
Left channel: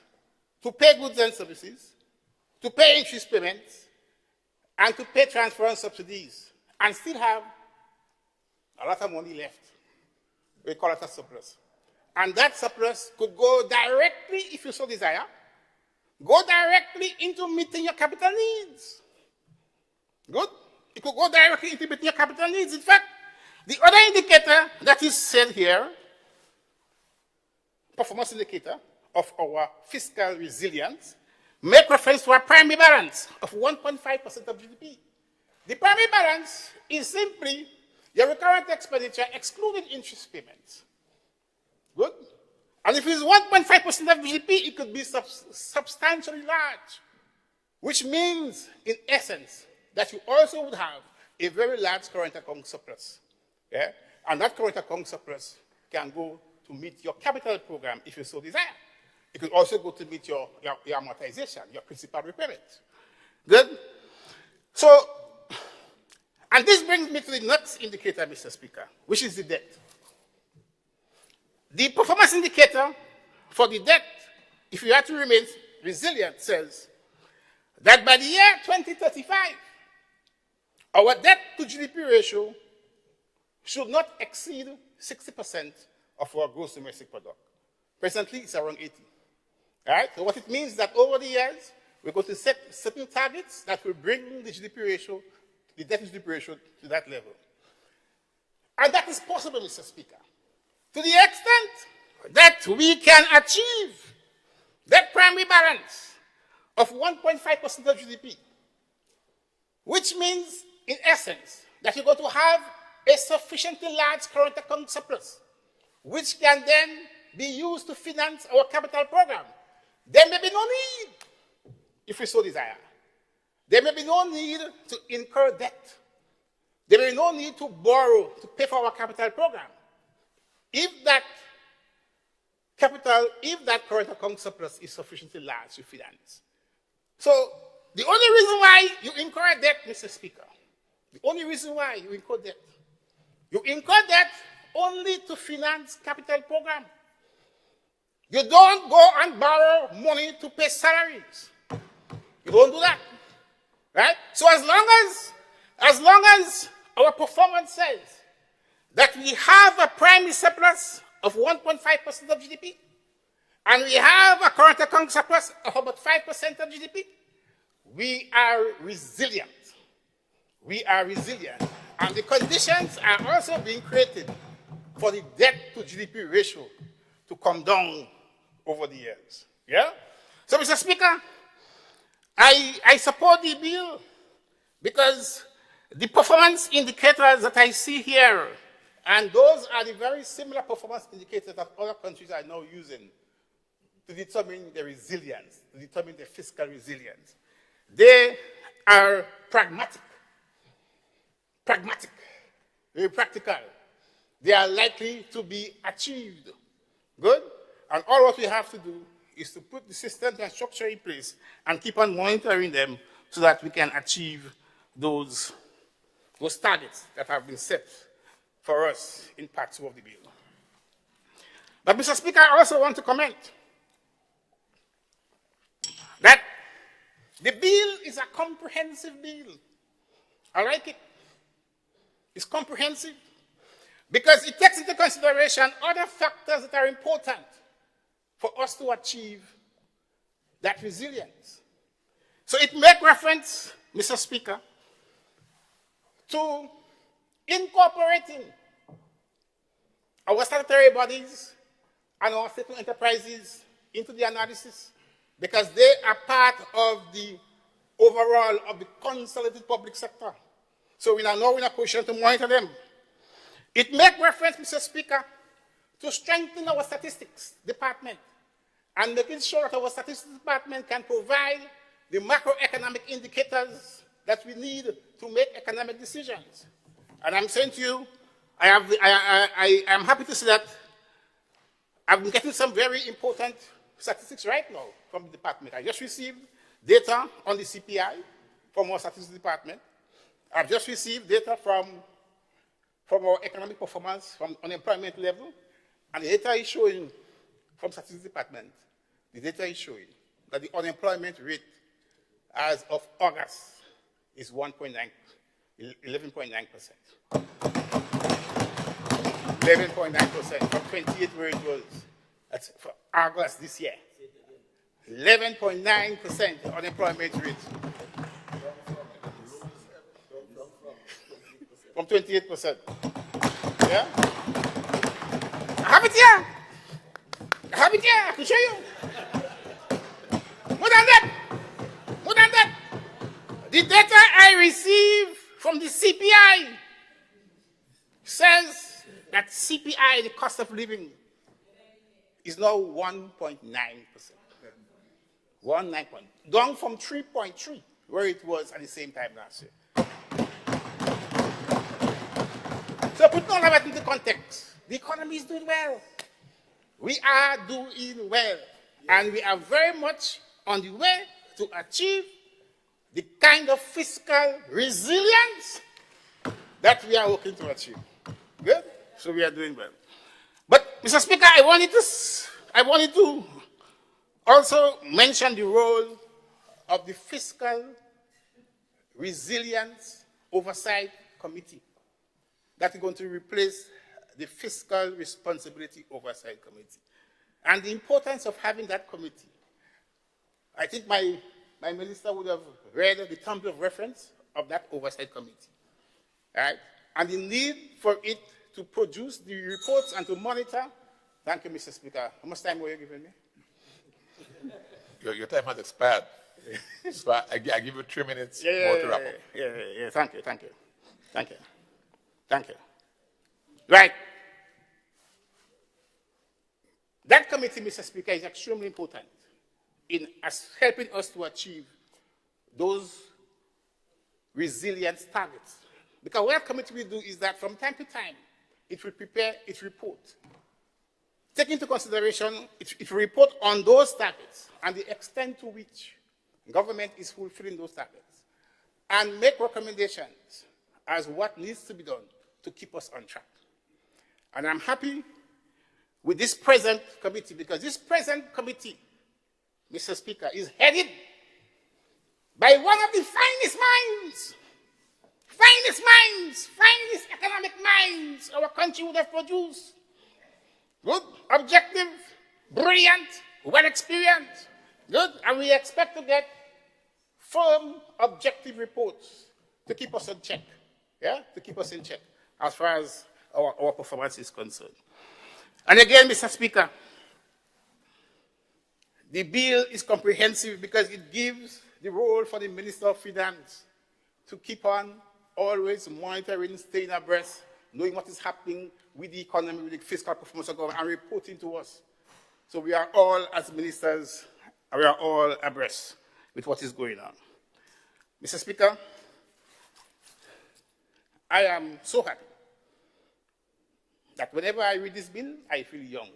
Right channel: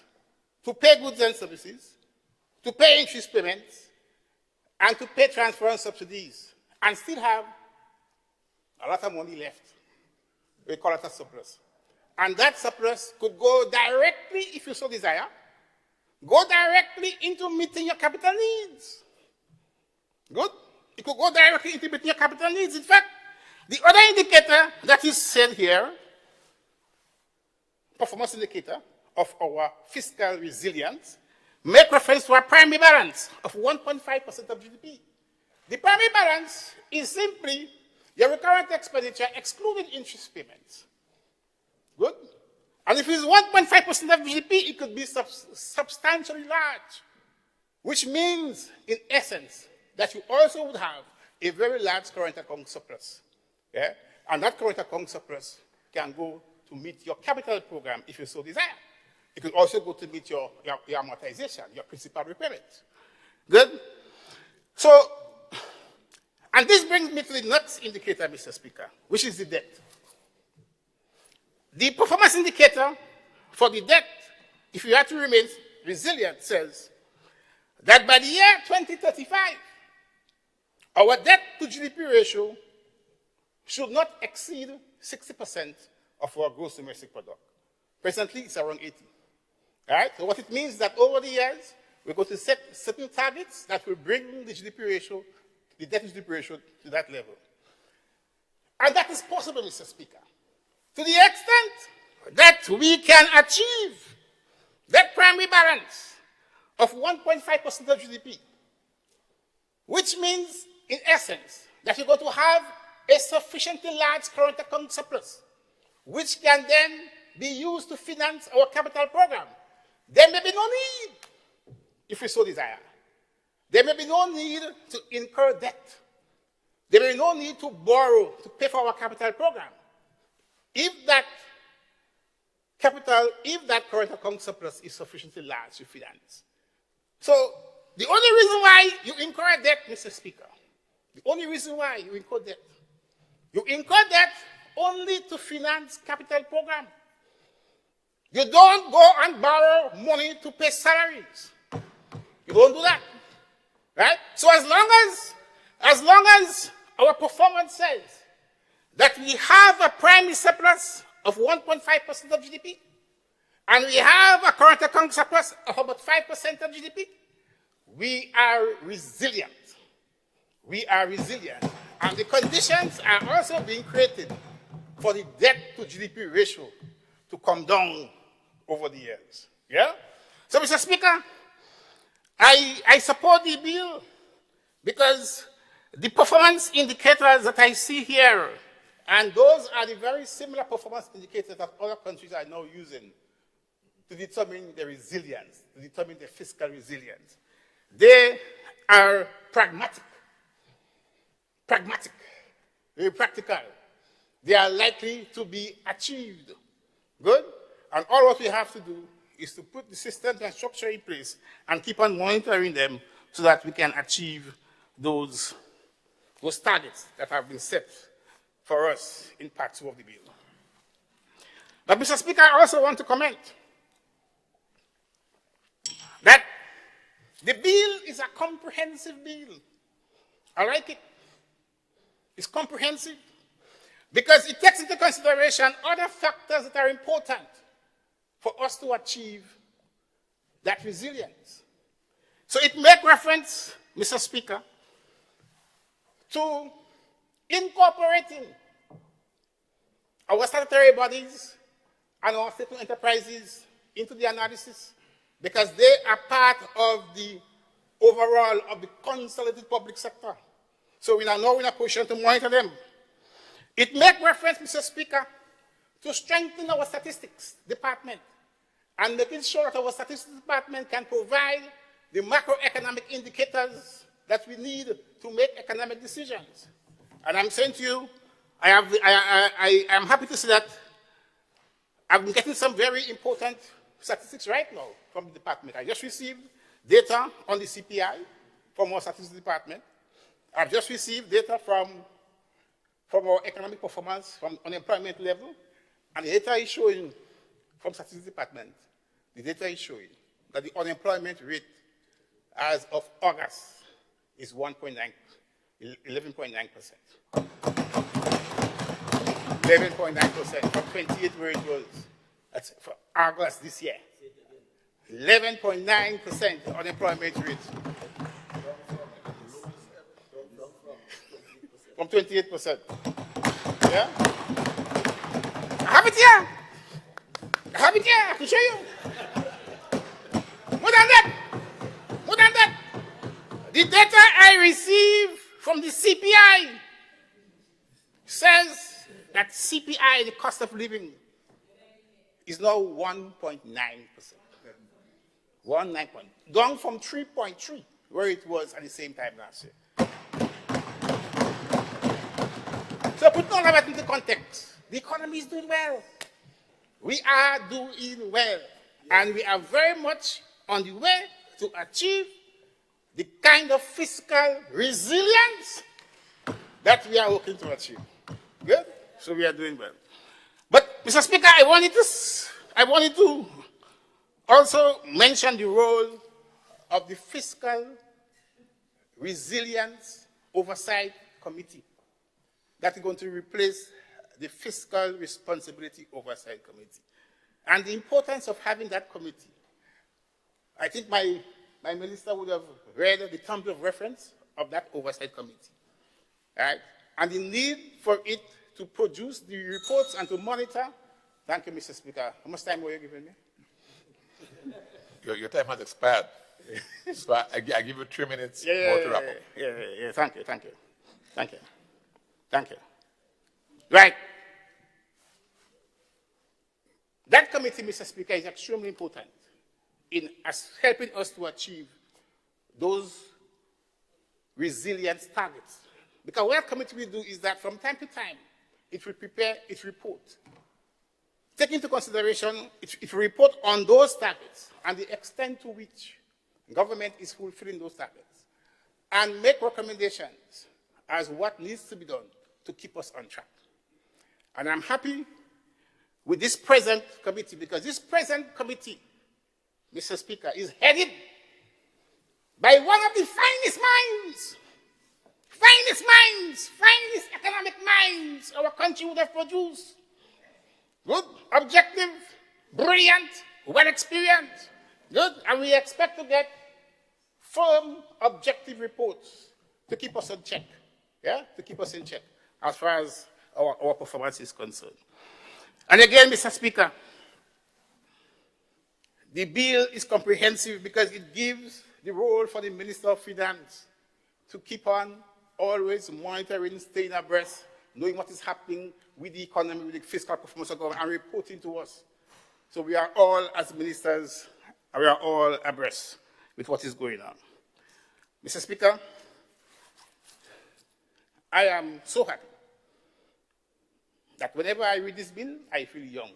to pay goods and services, to pay interest payments, and to pay transfer and subsidies, and still have a lot of money left. We call it a surplus. And that surplus could go directly, if you so desire, go directly into meeting your capital needs. Good. It could go directly into meeting your capital needs. In fact, the other indicator that is said here, performance indicator of our fiscal resilience, make reference to our primary balance of 1.5% of GDP. The primary balance is simply your recurrent expenditure excluding interest payments. Good? And if it's 1.5% of GDP, it could be substantially large, which means, in essence, that you also would have a very large current account surplus. Yeah? And that current account surplus can go to meet your capital program if you so desire. It could also go to meet your amortization, your principal repayment. Good? So, and this brings me to the next indicator, Mr. Speaker, which is the debt. The performance indicator for the debt, if you have to remain resilient, says that by the year 2035, our debt to GDP ratio should not exceed 60% of our gross domestic product. Presently, it's around 80. All right? So what it means is that over the years, we're going to set certain targets that will bring the GDP ratio, the debt to GDP ratio, to that level. And that is possible, Mr. Speaker, to the extent that we can achieve that primary balance of 1.5% of GDP, which means, in essence, that you're going to have a sufficiently large current account surplus, which can then be used to finance our capital program. There may be no need, if we so desire. There may be no need to incur debt. There may be no need to borrow to pay for our capital program. If that current account surplus is sufficiently large to finance. So, the only reason why you incur debt, Mr. Speaker, the only reason why you incur debt only to finance capital program. You don't go and borrow money to pay salaries. You don't do that. Right? So as long as our performance says that we have a primary surplus of 1.5% of GDP, and we have a current account surplus of about 5% of GDP, we are resilient. We are resilient. And the conditions are also being created for the debt to GDP ratio to come down over the years. Yeah? So, Mr. Speaker, I support the bill because the performance indicators that I see here, and those are the very similar performance indicators that other countries are now using to determine their resilience, to determine their fiscal resilience. They are pragmatic, very practical. They are likely to be achieved. Good? And all what we have to do is to put the system and structure in place and keep on monitoring them so that we can achieve those targets that have been set for us in Part 2 of the bill. But, Mr. Speaker, I also want to comment that the bill is a comprehensive bill. I like it. It's comprehensive because it takes into consideration other factors that are important for us to achieve that resilience. So it makes reference, Mr. Speaker, to incorporating our statutory bodies and our state enterprises into the analysis because they are part of the overall of the consolidated public sector. So we are now in a position to monitor them. It makes reference, Mr. Speaker, to strengthen our statistics department and making sure that our statistics department can provide the macroeconomic indicators that we need to make economic decisions. And I'm saying to you, I am happy to say that I'm getting some very important statistics right now from the department. I just received data on the CPI from our statistics department. I've just received data from our economic performance from unemployment level, and the data is showing from statistics department, the data is showing that the unemployment rate as of August is 11.9%. 11.9% from 28 where it was. That's for August this year. 11.9% unemployment rate. from 28%. Yeah? I have it here. I have it here. I can show you. More than that. More than that. The data I received from the CPI says that CPI, the cost of living, is now 1.9%. 1.9%. Down from 3.3, where it was at the same time last year. So put all of that into context. The economy is doing well. We are doing well. And we are very much on the way to achieve the kind of fiscal resilience that we are working to achieve. Good? So we are doing well. But, Mr. Speaker, I wanted to also mention the role of the Fiscal Resilience Oversight Committee that is going to replace the Fiscal Responsibility Oversight Committee. And the importance of having that committee. I think my minister would have read the terms of reference of that oversight committee. Right? And the need for it to produce the reports and to monitor. Thank you, Mr. Speaker. How much time were you giving me? Your time has expired. So I give you 3 minutes more to wrap up. Yeah. Thank you. Right. That committee, Mr. Speaker, is extremely important in helping us to achieve those resilience targets. Because what that committee will do is that from time to time, it will prepare its report. Take into consideration, it will report on those targets and the extent to which government is fulfilling those targets, and make recommendations as what needs to be done to keep us on track. And I'm happy with this present committee, because this present committee, Mr. Speaker, is headed by one of the finest economic minds our country would have produced. Good, objective, brilliant, well-experienced. Good, and we expect to get firm, objective reports to keep us in check. Yeah, to keep us in check as far as our performance is concerned. And again, Mr. Speaker, the bill is comprehensive because it gives the role for the Minister of Finance to keep on always monitoring, staying abreast, knowing what is happening with the economy, with the fiscal performance of government, and reporting to us. So we are all, as ministers, we are all abreast with what is going on. Mr. Speaker, I am so happy that whenever I read this bill, I feel young.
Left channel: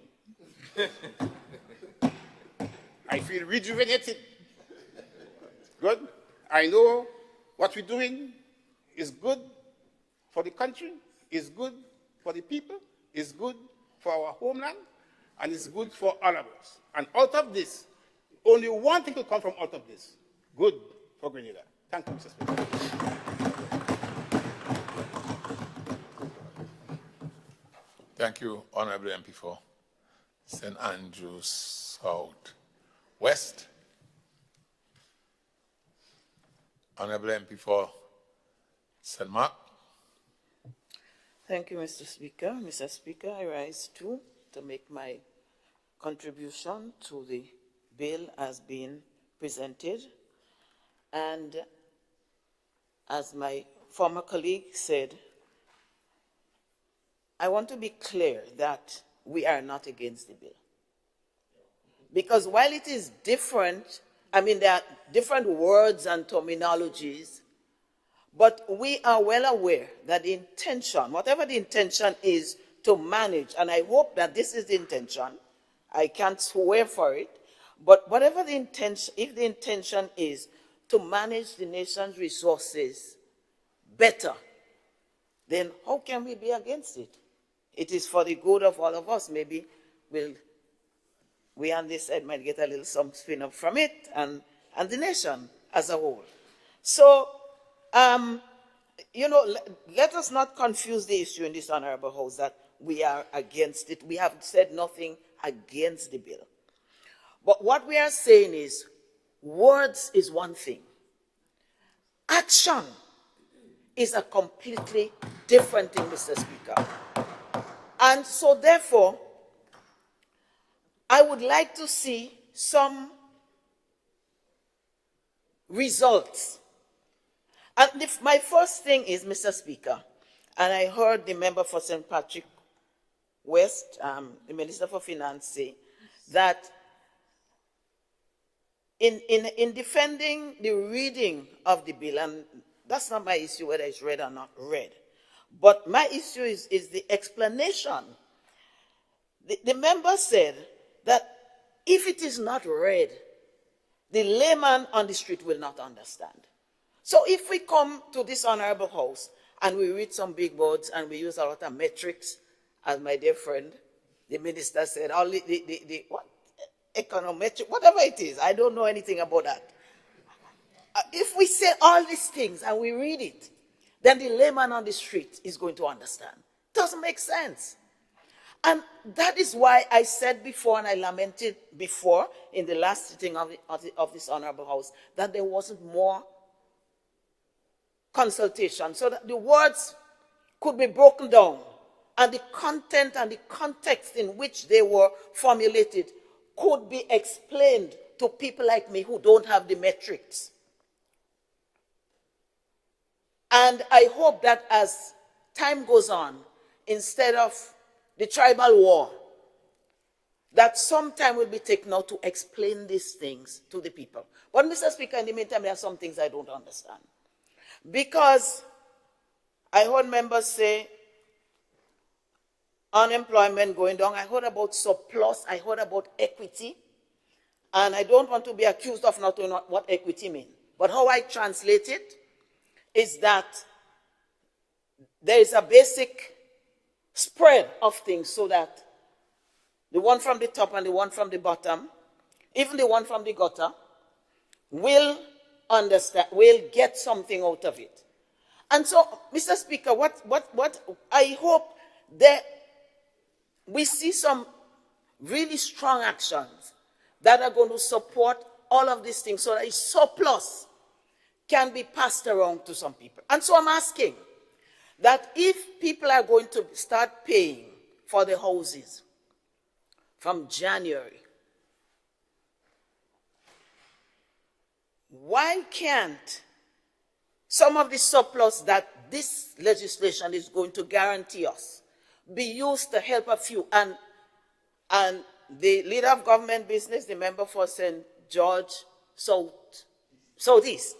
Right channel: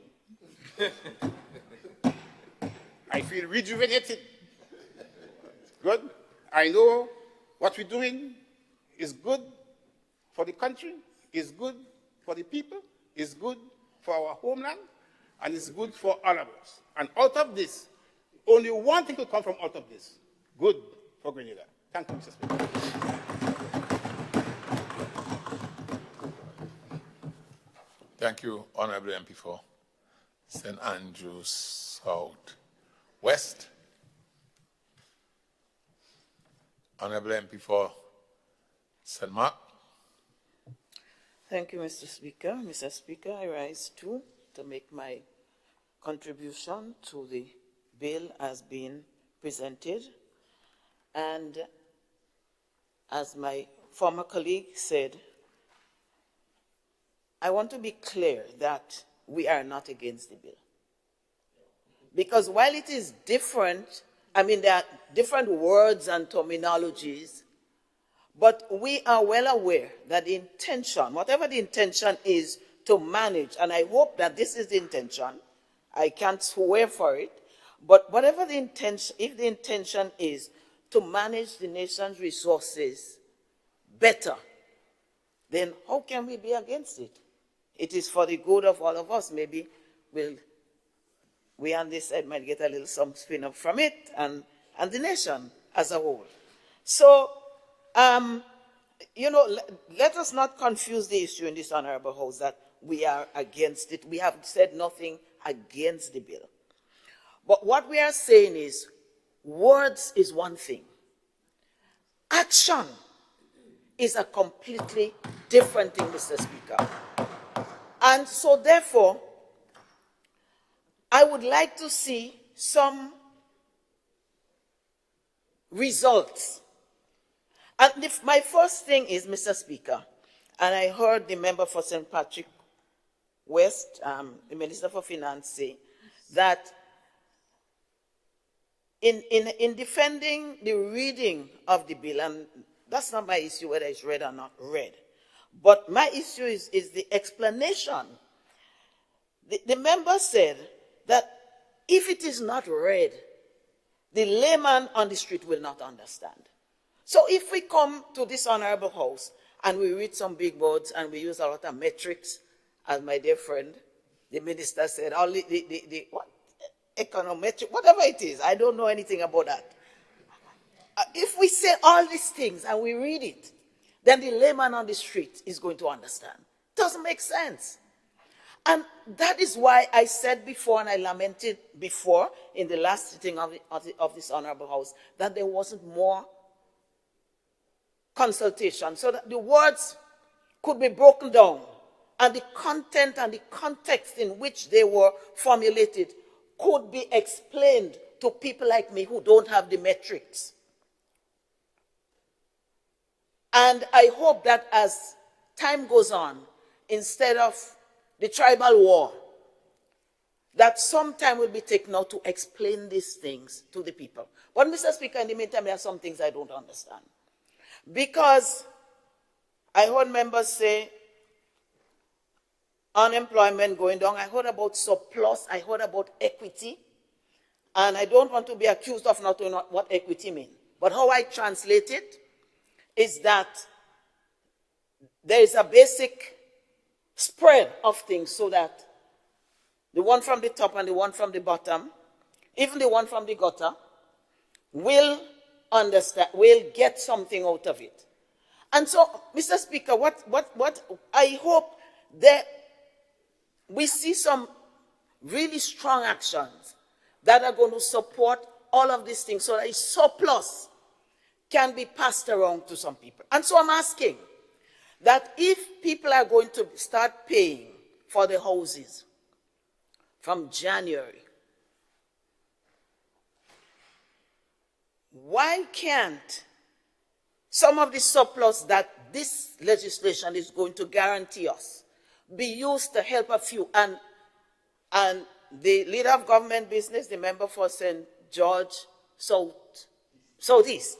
I feel rejuvenated. Good. I know what we're doing is good for the country, is good for the people, is good for our homeland, and is good for all of us. And out of this, only one thing will come from out of this. Good for Grenada. Thank you, Mr. Speaker. Thank you, Honorable MP for St. Andrews South West. Honorable MP for St. Mark. Thank you, Mr. Speaker. Mr. Speaker, I rise too to make my contribution to the bill as being presented. And as my former colleague said, I want to be clear that we are not against the bill. Because while it is different, I mean, there are different words and terminologies, but we are well aware that the intention, whatever the intention is to manage, and I hope that this is the intention, I can't swear for it, but whatever the intention, if the intention is to manage the nation's resources better, then how can we be against it? It is for the good of all of us. Maybe we on this side might get a little some spin up from it, and the nation as a whole. So, let us not confuse the issue in this Honorable House that we are against it. We have said nothing against the bill. But what we are saying is, words is one thing. Action is a completely different thing, Mr. Speaker. And so therefore, I would like to see some results. And if my first thing is, Mr. Speaker, and I heard the member for St. Patrick West, the Minister for Finance, say that in defending the reading of the bill, and that's not my issue whether it's read or not read, but my issue is the explanation. The member said that if it is not read, the layman on the street will not understand. So if we come to this honorable house and we read some big words and we use a lot of metrics, as my dear friend, the minister said, all the what? Econometric, whatever it is, I don't know anything about that. If we say all these things and we read it, then the layman on the street is going to understand. Doesn't make sense. And that is why I said before, and I lamented before in the last sitting of this honorable house, that there wasn't more consultation, so that the words could be broken down and the content and the context in which they were formulated could be explained to people like me who don't have the metrics. And I hope that as time goes on, instead of the tribal war, that some time will be taken out to explain these things to the people. But Mr. Speaker, in the meantime, there are some things I don't understand. Because I heard members say unemployment going down. I heard about surplus. I heard about equity. And I don't want to be accused of not knowing what equity means. But how I translate it is that there is a basic spread of things so that the one from the top and the one from the bottom, even the one from the gutter, will understand, will get something out of it. And so, Mr. Speaker, what I hope that we see some really strong actions that are going to support all of these things so that a surplus can be passed around to some people. And so I'm asking that if people are going to start paying for the houses from January, why can't some of the surplus that this legislation is going to guarantee us be used to help a few? And the leader of government business, the member for St. George Southeast,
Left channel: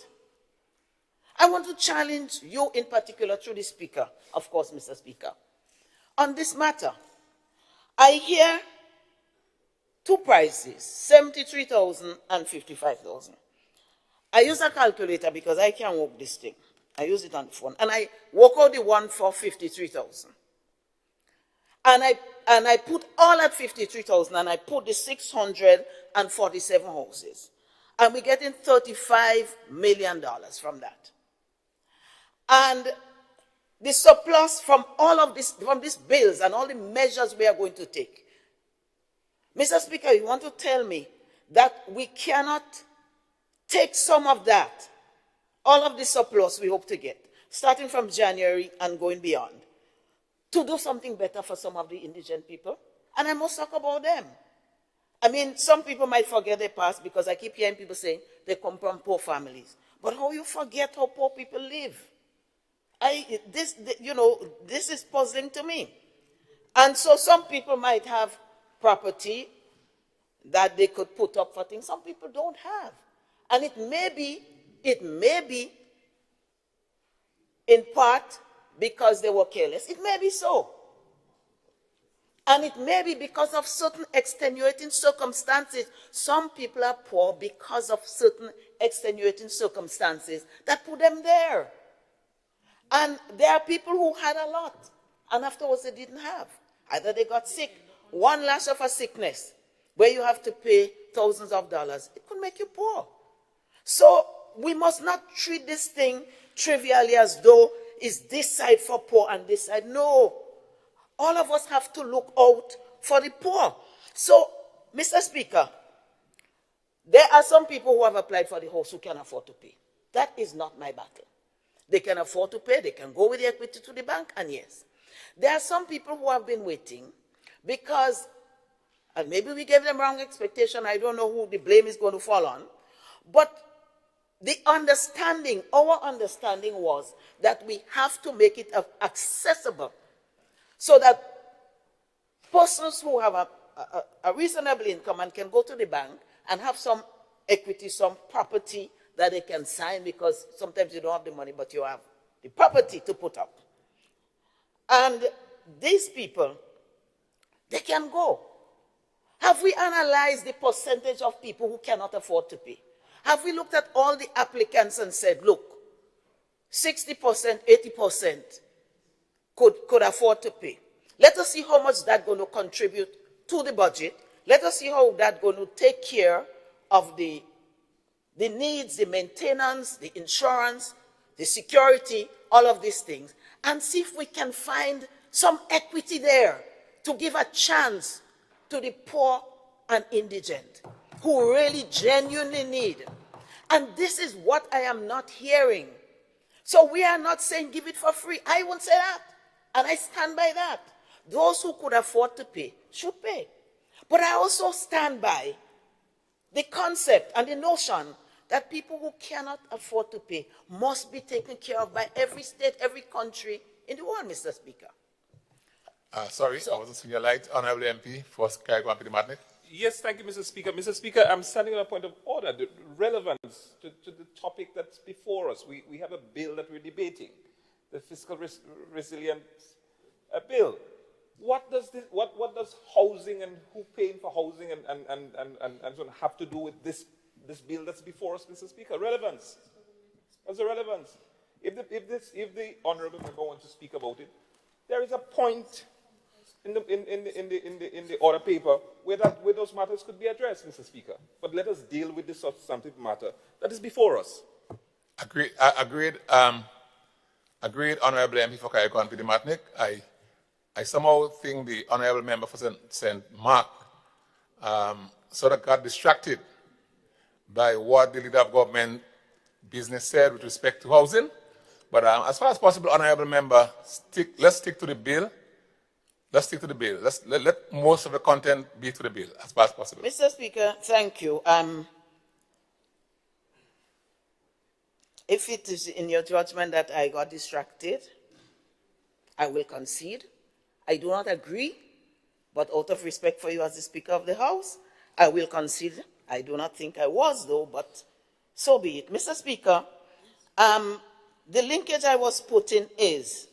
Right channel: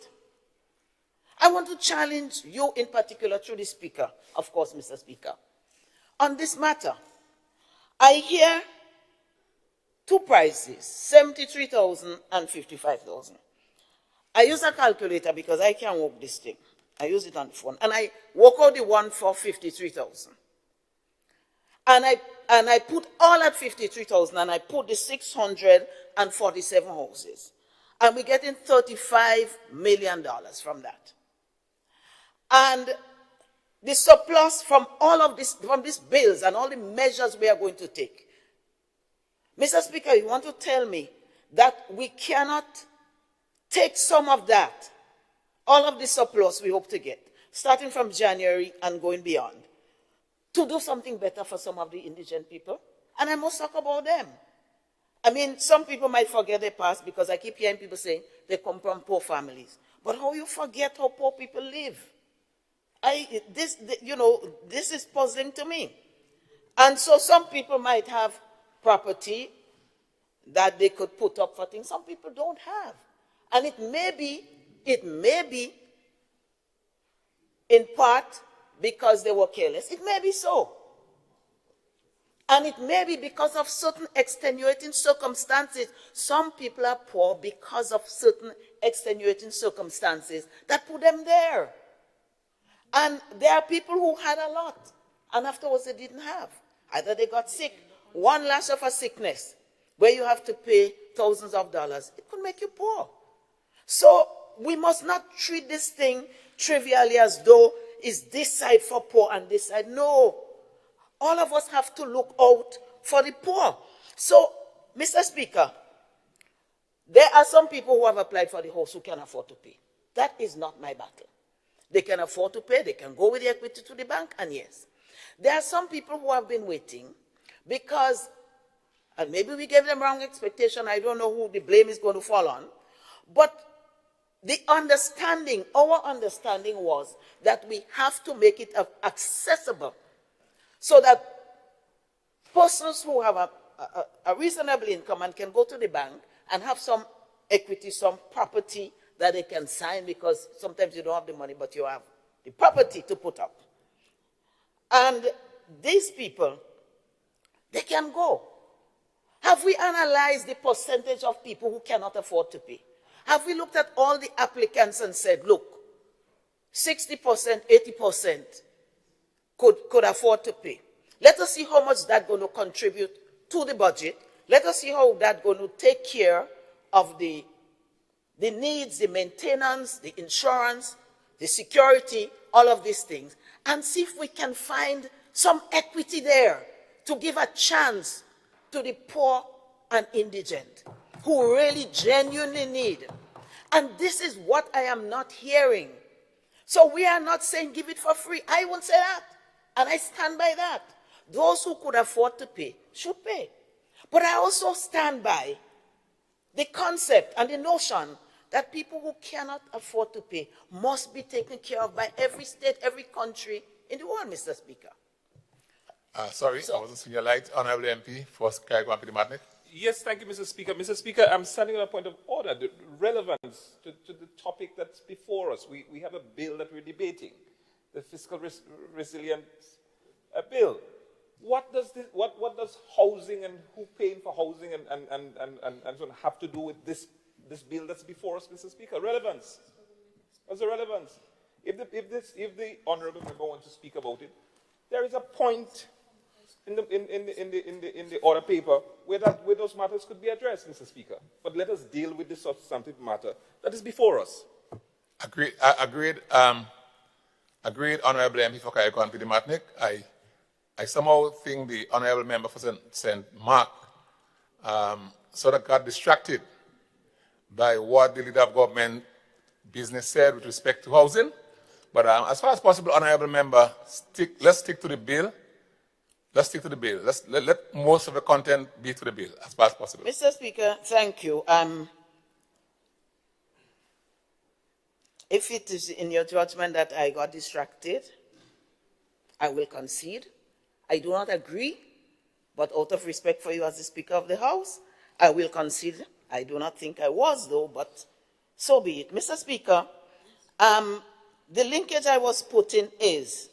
I want to challenge you in particular through the Speaker, of course, Mr. Speaker, on this matter. I hear two prices, 73,000 and 55,000. I use a calculator because I can't work this thing. I use it on the phone. And I work out the one for 53,000. And I put all at 53,000 and I put the 647 houses. And we're getting $35 million from that. And the surplus from all of this, from these bills and all the measures we are going to take. Mr. Speaker, you want to tell me that we cannot take some of that, all of the surplus we hope to get, starting from January and going beyond, to do something better for some of the indigent people? And I must talk about them. I mean, some people might forget their past because I keep hearing people saying they come from poor families. But how you forget how poor people live? This is puzzling to me. And so some people might have property that they could put up for things. Some people don't have. And it may be in part because they were careless. It may be so. And it may be because of certain extenuating circumstances. Some people are poor because of certain extenuating circumstances that put them there. And there are people who had a lot, and afterwards they didn't have. Either they got sick, one lash of a sickness, where you have to pay thousands of dollars. It could make you poor. So we must not treat this thing trivially as though it's this side for poor and this side. No. All of us have to look out for the poor. So, Mr. Speaker, there are some people who have applied for the house who can afford to pay. That is not my battle. They can afford to pay. They can go with the equity to the bank, and yes. There are some people who have been waiting because, and maybe we gave them wrong expectation. I don't know who the blame is going to fall on. But the understanding, our understanding was that we have to make it accessible so that persons who have a reasonable income and can go to the bank and have some equity, some property that they can sign, because sometimes you don't have the money, but you have the property to put up. And these people, they can go. Have we analyzed the percentage of people who cannot afford to pay? Have we looked at all the applicants and said, look, 60%, 80% could afford to pay? Let us see how much that's going to contribute to the budget. Let us see how that's going to take care of the needs, the maintenance, the insurance, the security, all of these things, and see if we can find some equity there to give a chance to the poor and indigent who really genuinely need. And this is what I am not hearing. So we are not saying give it for free. I won't say that. And I stand by that. Those who could afford to pay should pay. But I also stand by the concept and the notion that people who cannot afford to pay must be taken care of by every state, every country in the world, Mr. Speaker. Sorry, I wasn't seeing your light. Honorable MP, first Carrick Matnick. Yes, thank you, Mr. Speaker. Mr. Speaker, I'm standing on a point of order, the relevance to the topic that's before us. We have a bill that we're debating, the fiscal resilience bill. What does housing and who paying for housing and sort of have to do with this bill that's before us, Mr. Speaker? Relevance. What's the relevance? If the honourable member wants to speak about it, there is a point in the order paper where those matters could be addressed, Mr. Speaker. But let us deal with the substantive matter that is before us. Agreed. Agreed, Honourable MP for Carrick Matnick. I somehow think the Honourable Member for St. Mark sort of got distracted by what the leader of government business said with respect to housing. But as far as possible, Honourable Member, let's stick to the bill. Let's stick to the bill. Let most of the content be to the bill as far as possible. Mr. Speaker, thank you. If it is in your judgment that I got distracted, I will concede. I do not agree, but out of respect for you as the Speaker of the House, I will concede. I do not think I was, though, but so be it. Mr. Speaker, the linkage I was putting is,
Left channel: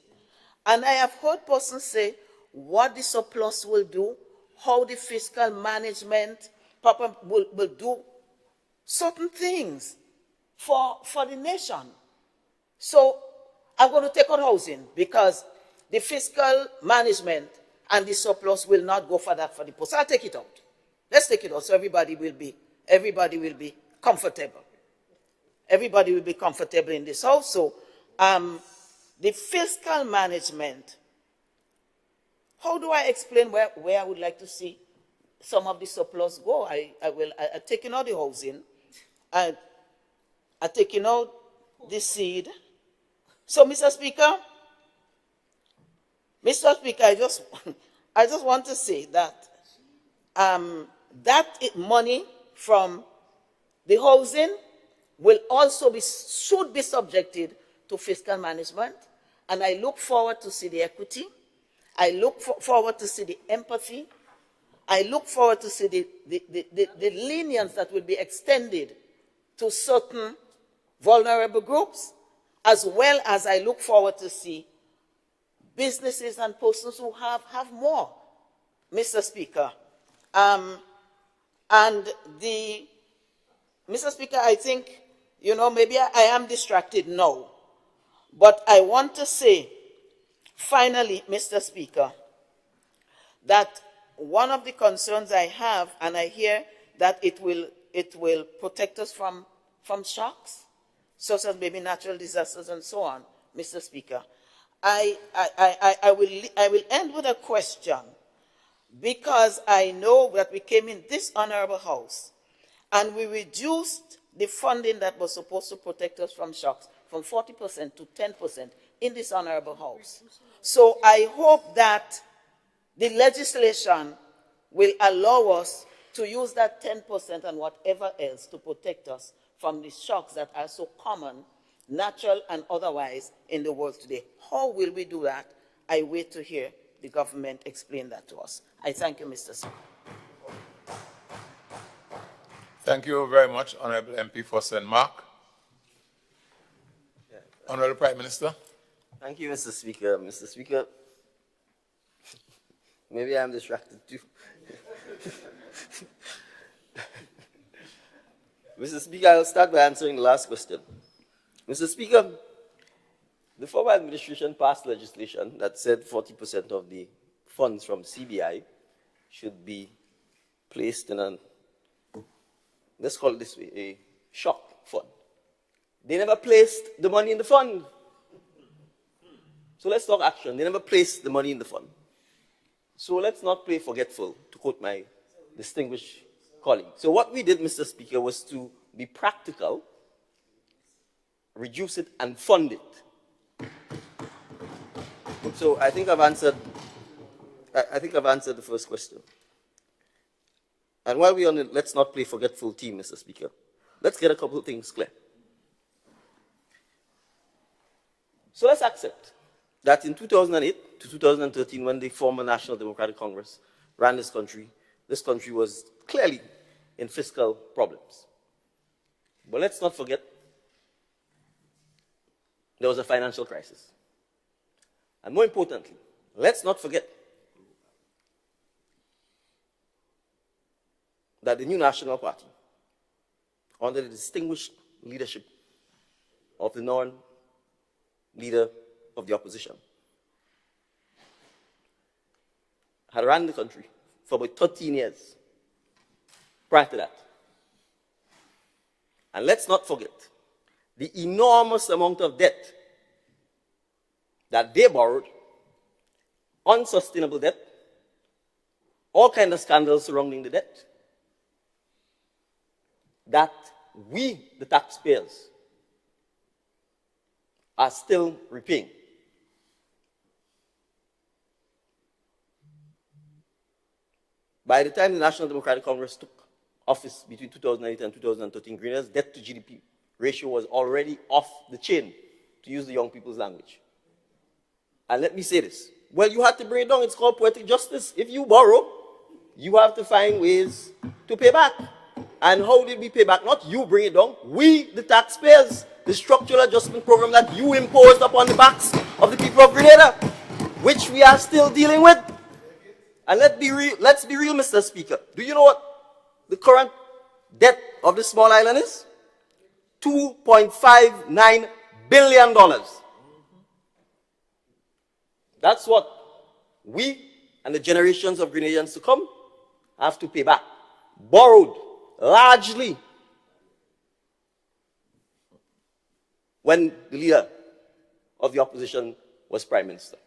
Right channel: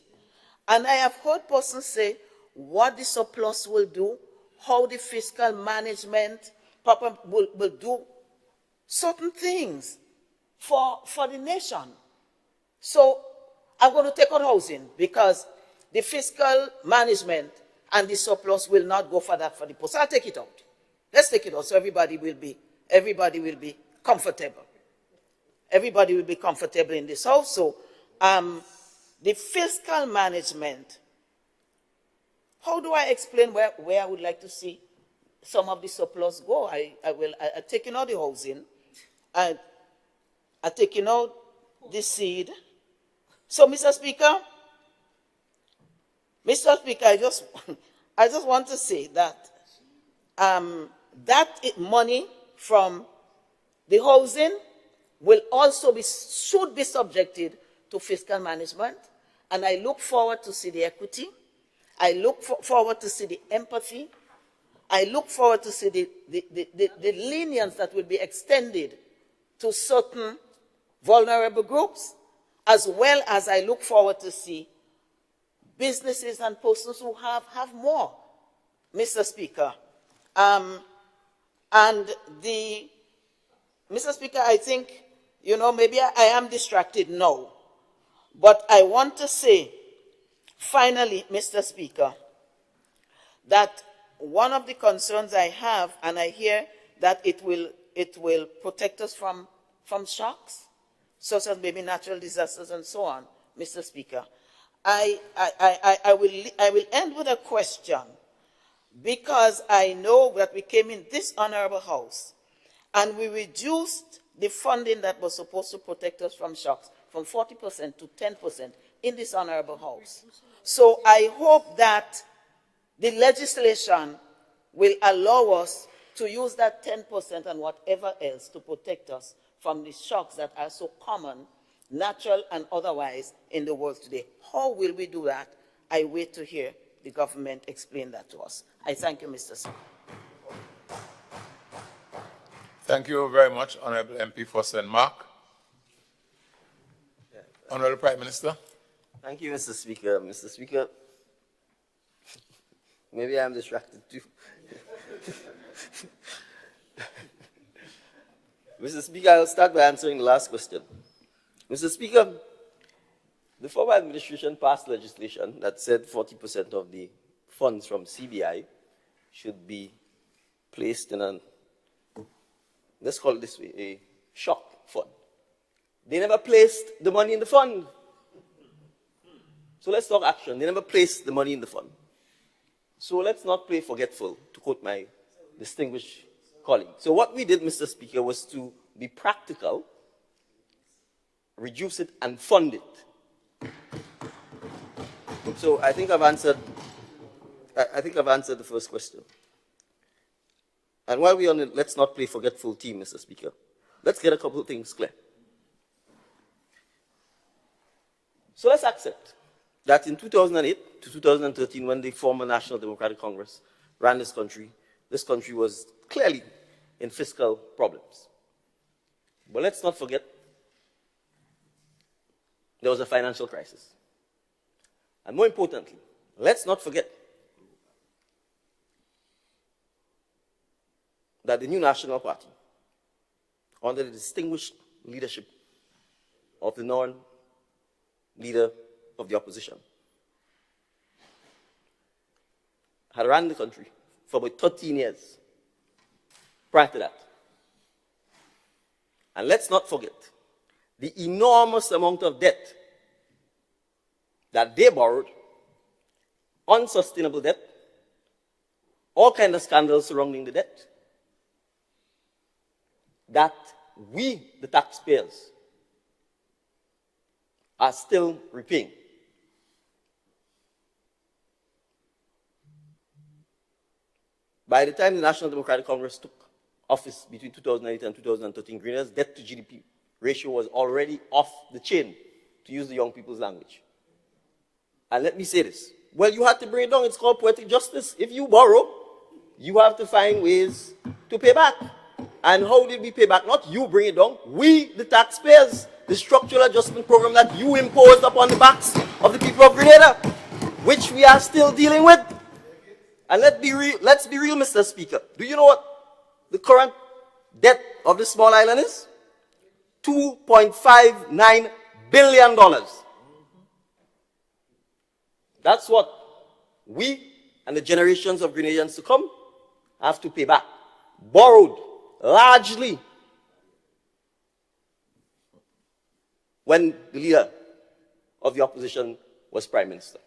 and I have heard persons say what the surplus will do, how the fiscal management will do certain things for the nation. So I'm going to take on housing because the fiscal management and the surplus will not go for that for the post. I'll take it out. Let's take it out so everybody will be comfortable. Everybody will be comfortable in this house. So the fiscal management, how do I explain where I would like to see some of the surplus go? I taking out the housing, I taking out the seed. So, Mr. Speaker, I just want to say that money from the housing will also should be subjected to fiscal management, and I look forward to see the equity. I look forward to see the empathy. I look forward to see the lenience that will be extended to certain vulnerable groups, as well as I look forward to see businesses and persons who have more, Mr. Speaker. Mr. Speaker, I think, maybe I am distracted now, but I want to say, finally, Mr. Speaker, that one of the concerns I have, and I hear that it will protect us from shocks, such as maybe natural disasters and so on, Mr. Speaker. I will end with a question, because I know that we came in this honorable house and we reduced the funding that was supposed to protect us from shocks from 40% to 10% in this honorable house. So I hope that the legislation will allow us to use that 10% and whatever else to protect us from the shocks that are so common, natural and otherwise, in the world today. How will we do that? I wait to hear the government explain that to us. I thank you, Mr. Speaker. Thank you very much, Honorable MP for St. Mark. Honorable Prime Minister. Thank you, Mr. Speaker. Mr. Speaker, maybe I'm distracted too. Mr. Speaker, I'll start by answering the last question. Mr. Speaker, the former administration passed legislation that said 40% of the funds from CBI should be placed in an, let's call it this way, a shock fund. They never placed the money in the fund. So let's talk action. They never placed the money in the fund. So let's not play forgetful, to quote my distinguished colleague. So what we did, Mr. Speaker, was to be practical, reduce it, and fund it. So I think I've answered the first question. And while we're on the let's not play forgetful team, Mr. Speaker, let's get a couple of things clear. So let's accept that in 2008 to 2013, when the former National Democratic Congress ran this country was clearly in fiscal problems. But let's not forget, there was a financial crisis. And more importantly, let's not forget that the new National Party, under the distinguished leadership of the non-leader of the opposition, had run the country for about 13 years prior to that. And let's not forget the enormous amount of debt that they borrowed, unsustainable debt, all kinds of scandals surrounding the debt, that we, the taxpayers, are still repaying. By the time the National Democratic Congress took office between 2008 and 2013, Grenada's debt to GDP ratio was already off the chain, to use the young people's language. And let me say this. Well, you have to bring it down. It's called poetic justice. If you borrow, you have to find ways to pay back. And how did we pay back? Not you bring it down. We, the taxpayers, the structural adjustment program that you imposed upon the backs of the people of Grenada, which we are still dealing with. And let's be real, Mr. Speaker. Do you know what the current debt of this small island is? $2.59 billion. That's what we and the generations of Grenadians to come have to pay back. Borrowed largely when the leader of the opposition was Prime Minister.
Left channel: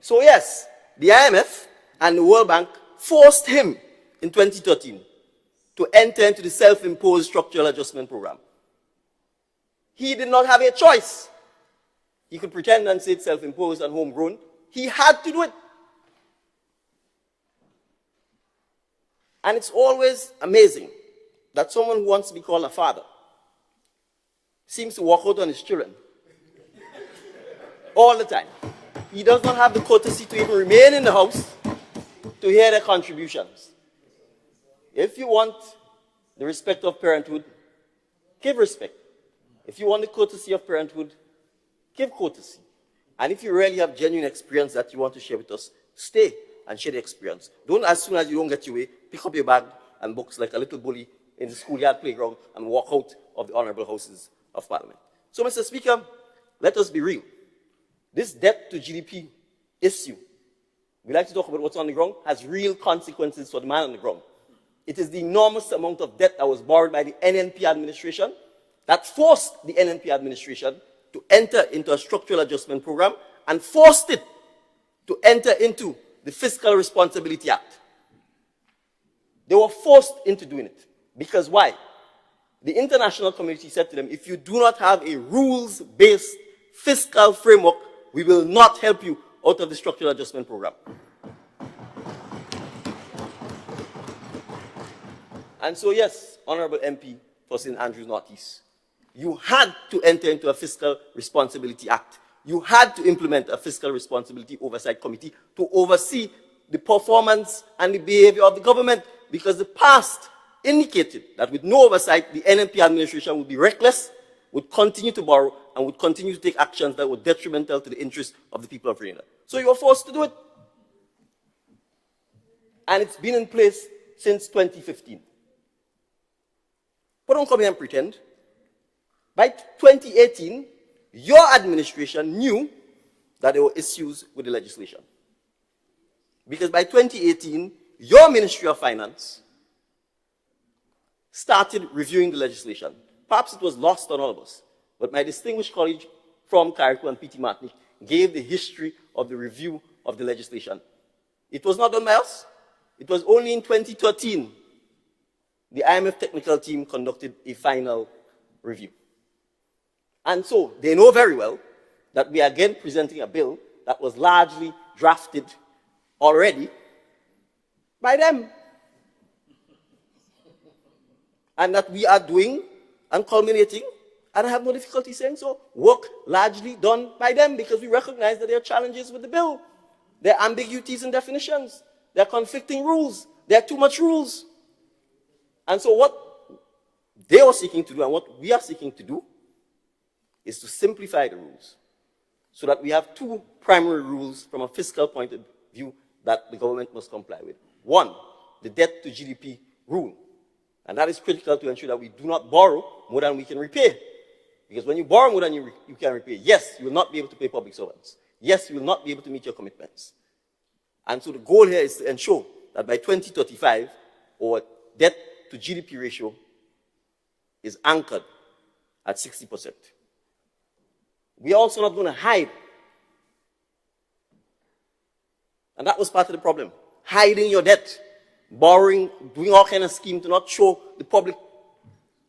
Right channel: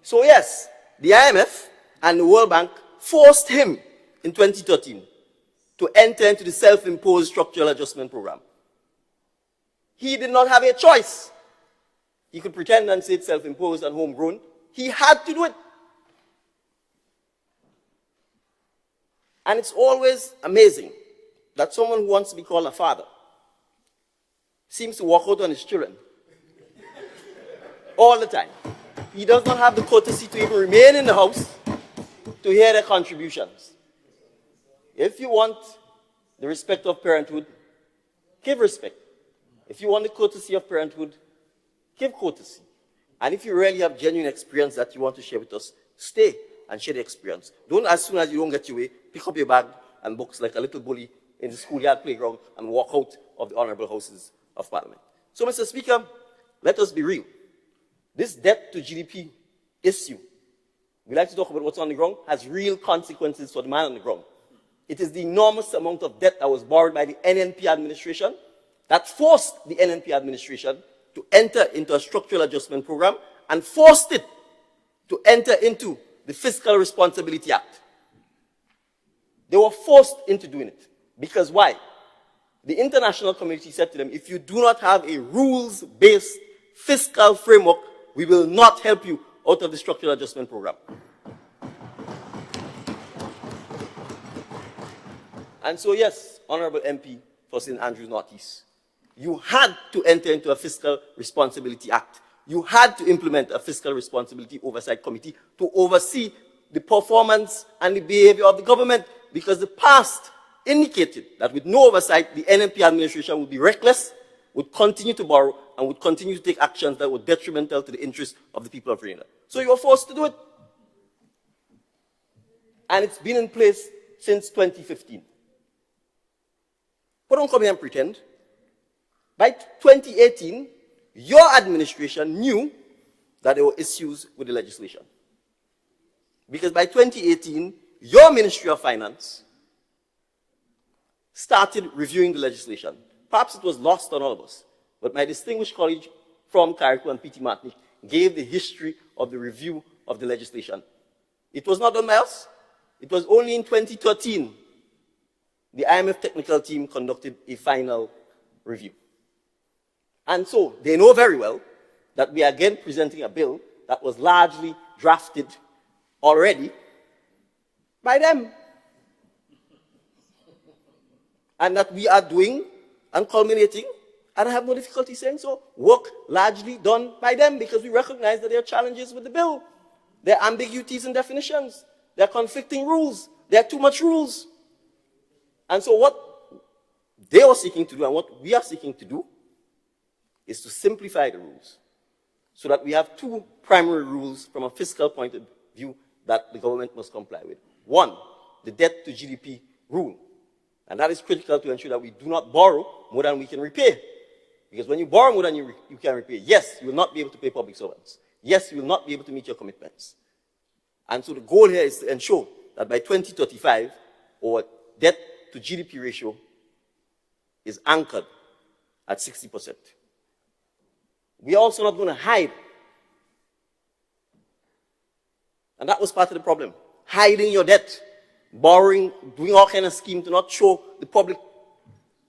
So yes, the IMF and the World Bank forced him in 2013 to enter into the self-imposed structural adjustment program. He did not have a choice. He could pretend and say it's self-imposed and homegrown. He had to do it. And it's always amazing that someone who wants to be called a father seems to walk out on his children all the time. He does not have the courtesy to even remain in the house to hear their contributions. If you want the respect of parenthood, give respect. If you want the courtesy of parenthood, give courtesy. And if you really have genuine experience that you want to share with us, stay and share the experience. Don't, as soon as you don't get your way, pick up your bag and books like a little bully in the schoolyard playground and walk out of the honorable houses of Parliament. So, Mr. Speaker, let us be real. This debt to GDP issue, we like to talk about what's on the ground, has real consequences for the man on the ground. It is the enormous amount of debt that was borrowed by the NNP administration that forced the NNP administration to enter into a structural adjustment program and forced it to enter into the Fiscal Responsibility Act. They were forced into doing it. Because why? the international community said to them, if you do not have a rules-based fiscal framework, we will not help you out of the structural adjustment program. And so yes, Honorable MP for St. Andrews Northeast, you had to enter into a Fiscal Responsibility Act. You had to implement a Fiscal Responsibility Oversight Committee to oversee the performance and the behavior of the government, because the past indicated that with no oversight, the NMP administration would be reckless, would continue to borrow, and would continue to take actions that were detrimental to the interests of the people of Grenada. So you were forced to do it. And it's been in place since 2015. But don't come here and pretend. By 2018, your administration knew that there were issues with the legislation. Because by 2018, your Ministry of Finance started reviewing the legislation. Perhaps it was lost on all of us, but my distinguished colleague from Carriacou and P.T. Martinique gave the history of the review of the legislation. It was not done by us. It was only in 2013 the IMF technical team conducted a final review. And so they know very well that we are again presenting a bill that was largely drafted already by them. And that we are doing and culminating, and I have no difficulty saying so, work largely done by them, because we recognize that there are challenges with the bill. There are ambiguities in definitions. There are conflicting rules. There are too much rules. And so what they are seeking to do and what we are seeking to do is to simplify the rules so that we have two primary rules from a fiscal point of view that the government must comply with. One, the debt to GDP rule. And that is critical to ensure that we do not borrow more than we can repay. Because when you borrow more than you can repay, yes, you will not be able to pay public servants. Yes, you will not be able to meet your commitments. And so the goal here is to ensure that by 2035, our debt to GDP ratio is anchored at 60%. We are also not going to hide. And that was part of the problem. Hiding your debt, borrowing, doing all kinds of schemes to not show the public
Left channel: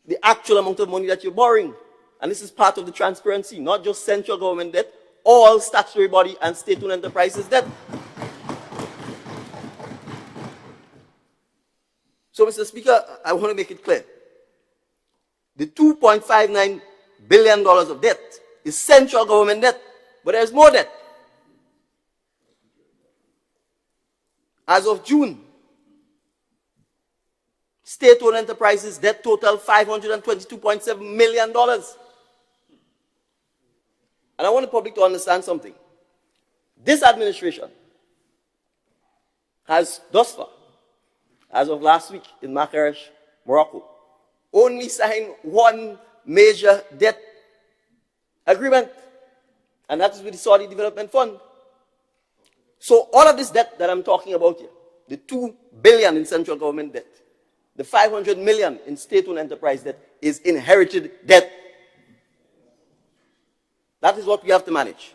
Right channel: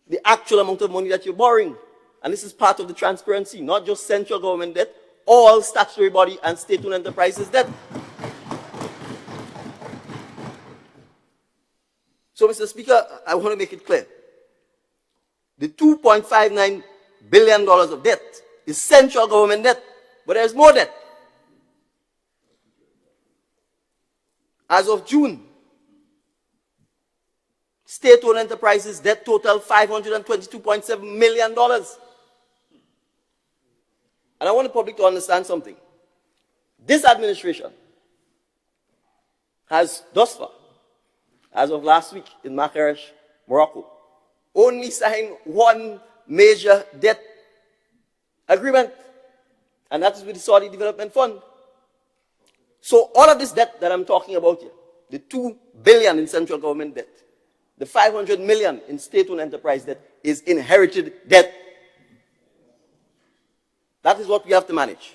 the actual amount of money that you're borrowing. And this is part of the transparency, not just central government debt, all statutory body and state-owned enterprises debt. So, Mr. Speaker, I want to make it clear. The $2.59 billion of debt is central government debt, but there's more debt. As of June, state-owned enterprises debt total $522.7 million. And I want the public to understand something. This administration has thus far, as of last week in Marrakech, Morocco, only signed one major debt agreement, and that is with the Saudi Development Fund. So all of this debt that I'm talking about here, the $2 billion in central government debt, the $500 million in state-owned enterprise debt, is inherited debt. That is what we have to manage.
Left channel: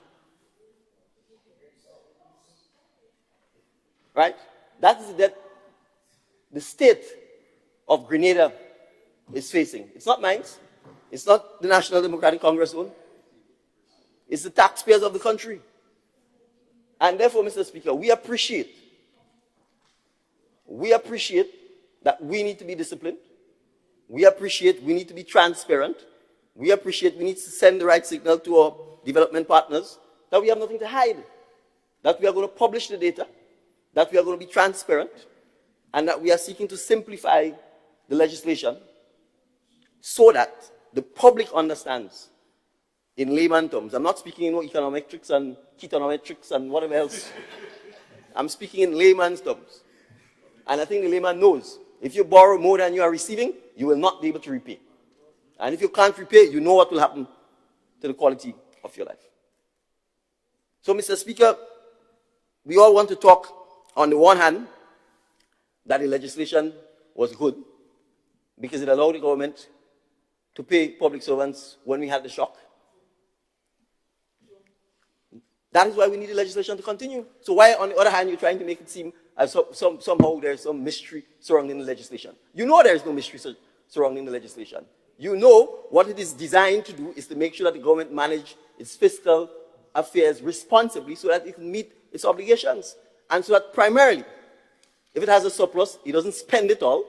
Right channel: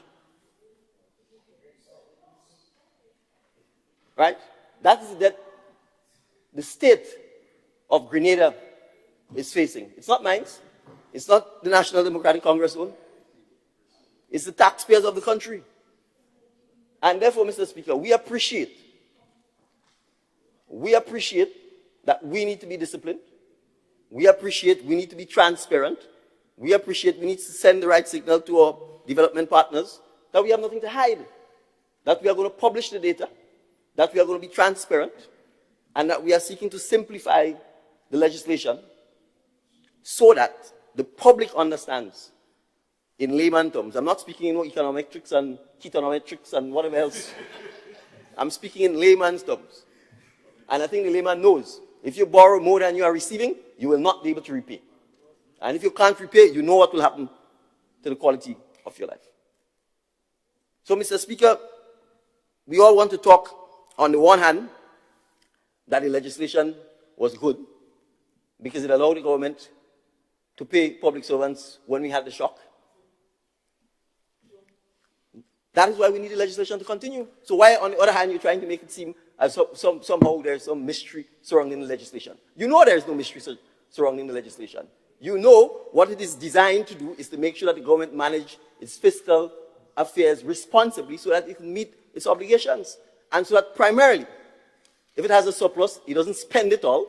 Right? That is the debt the state of Grenada is facing. It's not mine. It's not the National Democratic Congress own. It's the taxpayers of the country. And therefore, Mr. Speaker, we appreciate that we need to be disciplined. We appreciate we need to be transparent. We appreciate we need to send the right signal to our development partners that we have nothing to hide, that we are going to publish the data, that we are going to be transparent, and that we are seeking to simplify the legislation so that the public understands in layman terms. I'm not speaking in econometrics and ketonometrics and whatever else. I'm speaking in layman's terms. And I think the layman knows, if you borrow more than you are receiving, you will not be able to repay. And if you can't repay, you know what will happen to the quality of your life. So, Mr. Speaker, we all want to talk, on the one hand, that the legislation was good because it allowed the government to pay public servants when we had the shock. That is why we need the legislation to continue. So why, on the other hand, you're trying to make it seem as somehow there's some mystery surrounding the legislation? You know there's no mystery surrounding the legislation. You know what it is designed to do is to make sure that the government manage its fiscal affairs responsibly so that it can meet its obligations. And so that primarily, if it has a surplus, it doesn't spend it all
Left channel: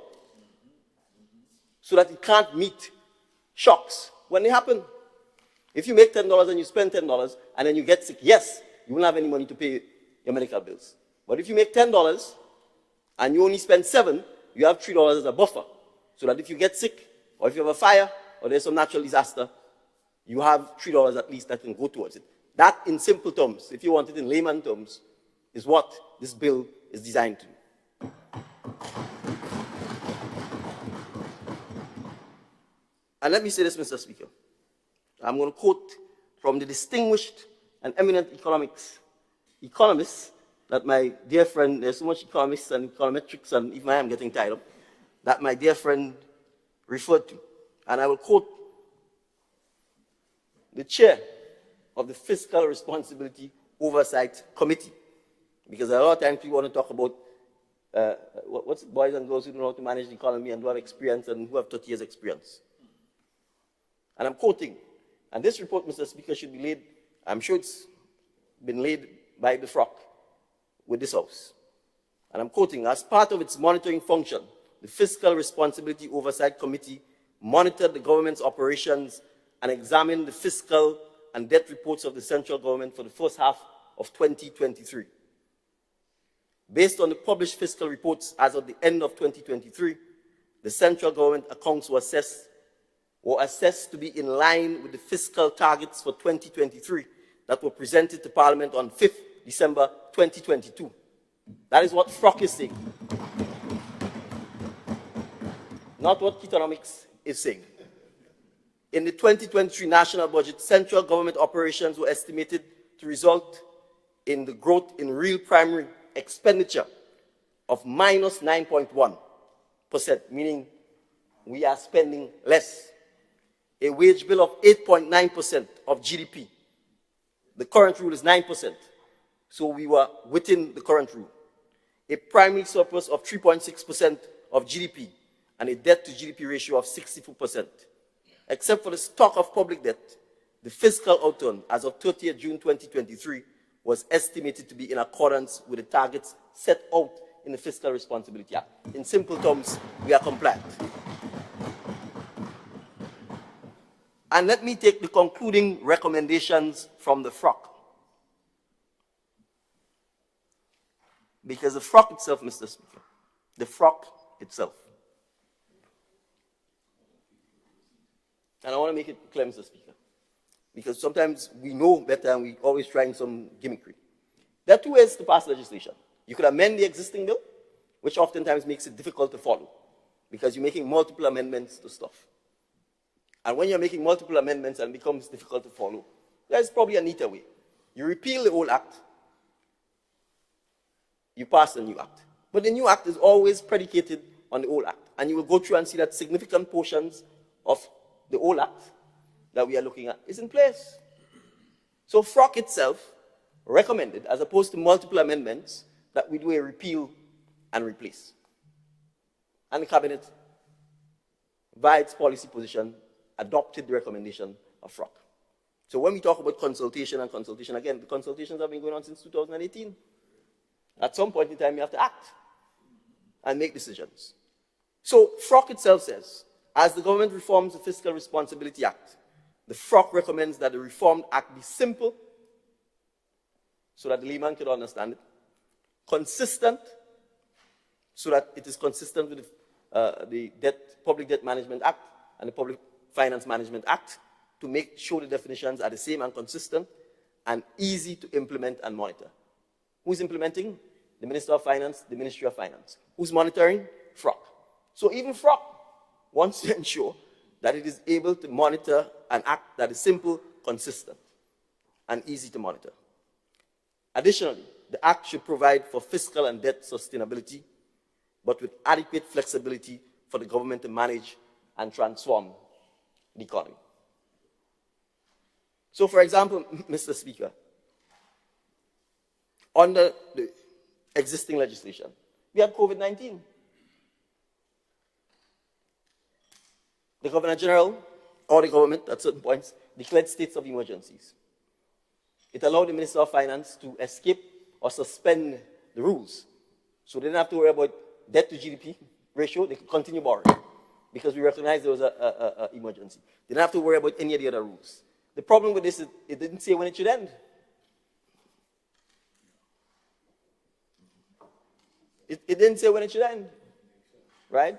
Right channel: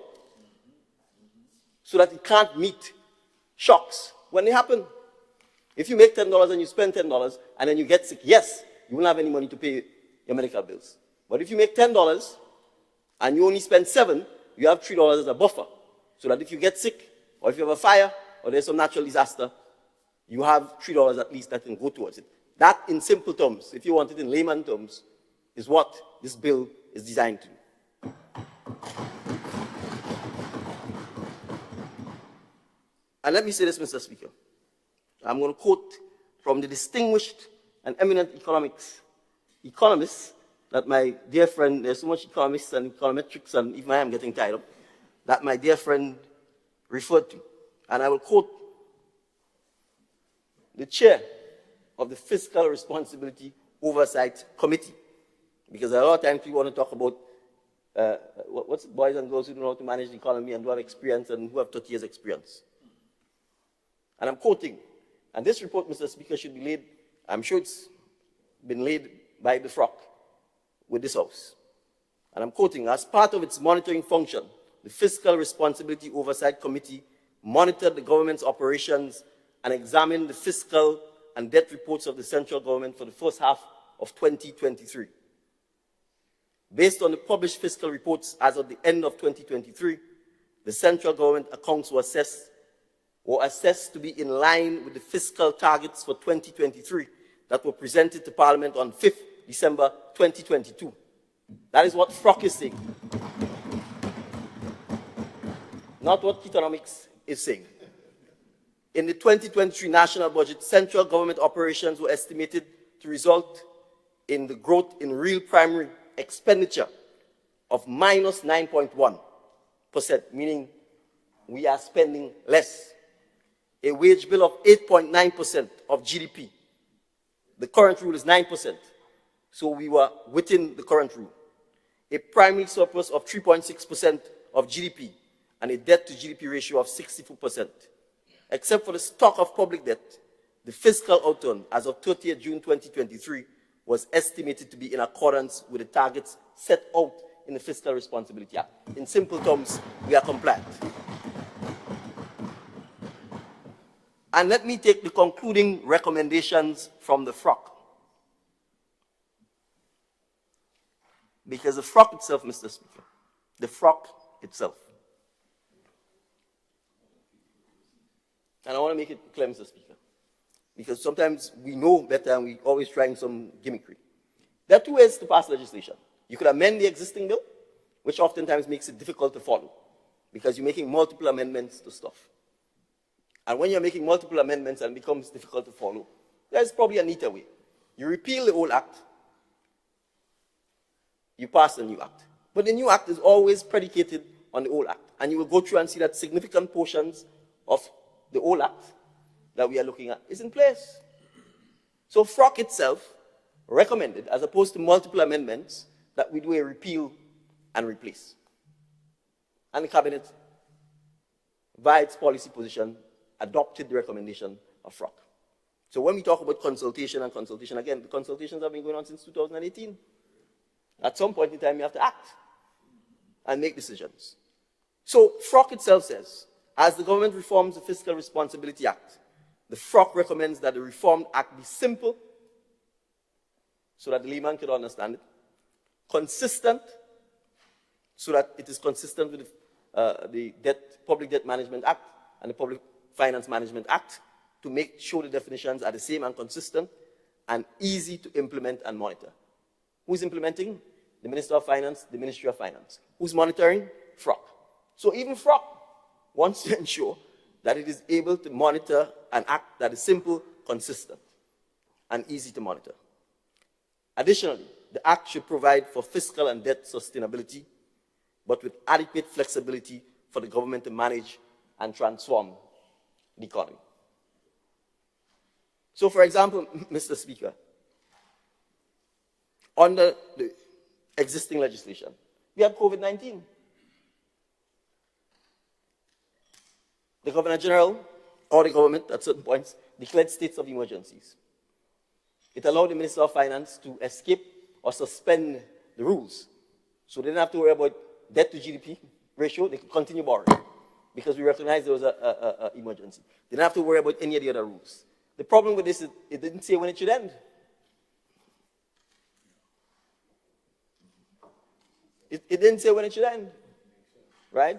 so that it can't meet shocks when they happen. If you make $10 and you spend $10 and then you get sick, yes, you won't have any money to pay your medical bills. But if you make $10 and you only spend $7, you have $3 as a buffer. So that if you get sick, or if you have a fire, or there's some natural disaster, you have $3 at least that can go towards it. That, in simple terms, if you want it in layman terms, is what this bill is designed to do. And let me say this, Mr. Speaker. I'm going to quote from the distinguished and eminent economists that my dear friend, there's so much economists and econometrics, and even I am getting tired of, that my dear friend referred to. And I will quote the chair of the Fiscal Responsibility Oversight Committee, because a lot of times we want to talk about what's boys and girls who know how to manage the economy and who have experience and who have 30 years experience. And I'm quoting, and this report, Mr. Speaker, should be laid, I'm sure it's been laid by the FROC with this House. And I'm quoting, as part of its monitoring function, the Fiscal Responsibility Oversight Committee monitored the government's operations and examined the fiscal and debt reports of the central government for the first half of 2023. Based on the published fiscal reports as of the end of 2023, the central government accounts were assessed to be in line with the fiscal targets for 2023 that were presented to Parliament on 5th December 2022. That is what FROC is saying. Not what economics is saying. In the 2023 national budget, central government operations were estimated to result in the growth in real primary expenditure of minus 9.1%, meaning we are spending less. A wage bill of 8.9% of GDP. The current rule is 9%, so we were within the current rule. A primary surplus of 3.6% of GDP and a debt to GDP ratio of 64%. Except for the stock of public debt, the fiscal outturn as of 30th June 2023 was estimated to be in accordance with the targets set out in the Fiscal Responsibility Act. In simple terms, we are compliant. And let me take the concluding recommendations from the FROC. Because the FROC itself, Mr. Speaker, the FROC itself. And I want to make it clear, Mr. Speaker, because sometimes we know better and we're always trying some gimmickry. There are two ways to pass legislation. You could amend the existing bill, which oftentimes makes it difficult to follow, because you're making multiple amendments to stuff. And when you're making multiple amendments and it becomes difficult to follow, there's probably a neater way. You repeal the old act, you pass the new act. But the new act is always predicated on the old act. And you will go through and see that significant portions of the old act that we are looking at is in place. So FROC itself recommended, as opposed to multiple amendments, that we do a repeal and replace. And the Cabinet, by its policy position, adopted the recommendation of FROC. So when we talk about consultation and consultation, again, the consultations have been going on since 2018. At some point in time, you have to act and make decisions. So FROC itself says, as the government reforms the Fiscal Responsibility Act, the FROC recommends that the Reformed Act be simple, so that the layman can understand it, consistent, so that it is consistent with the Public Debt Management Act and the Public Finance Management Act, to make sure the definitions are the same and consistent, and easy to implement and monitor. Who's implementing? The Minister of Finance, the Ministry of Finance. Who's monitoring? FROC. So even FROC wants to ensure that it is able to monitor an act that is simple, consistent, and easy to monitor. Additionally, the act should provide for fiscal and debt sustainability, but with adequate flexibility for the government to manage and transform the economy. So, for example, Mr. Speaker, under the existing legislation, we have COVID-19. the Governor General or the government at certain points declared states of emergencies. It allowed the Minister of Finance to escape or suspend the rules. So they didn't have to worry about debt to GDP ratio, they could continue borrowing because we recognized there was an emergency. They didn't have to worry about any of the other rules. The problem with this is it didn't say when it should end. It didn't say when it should end, right?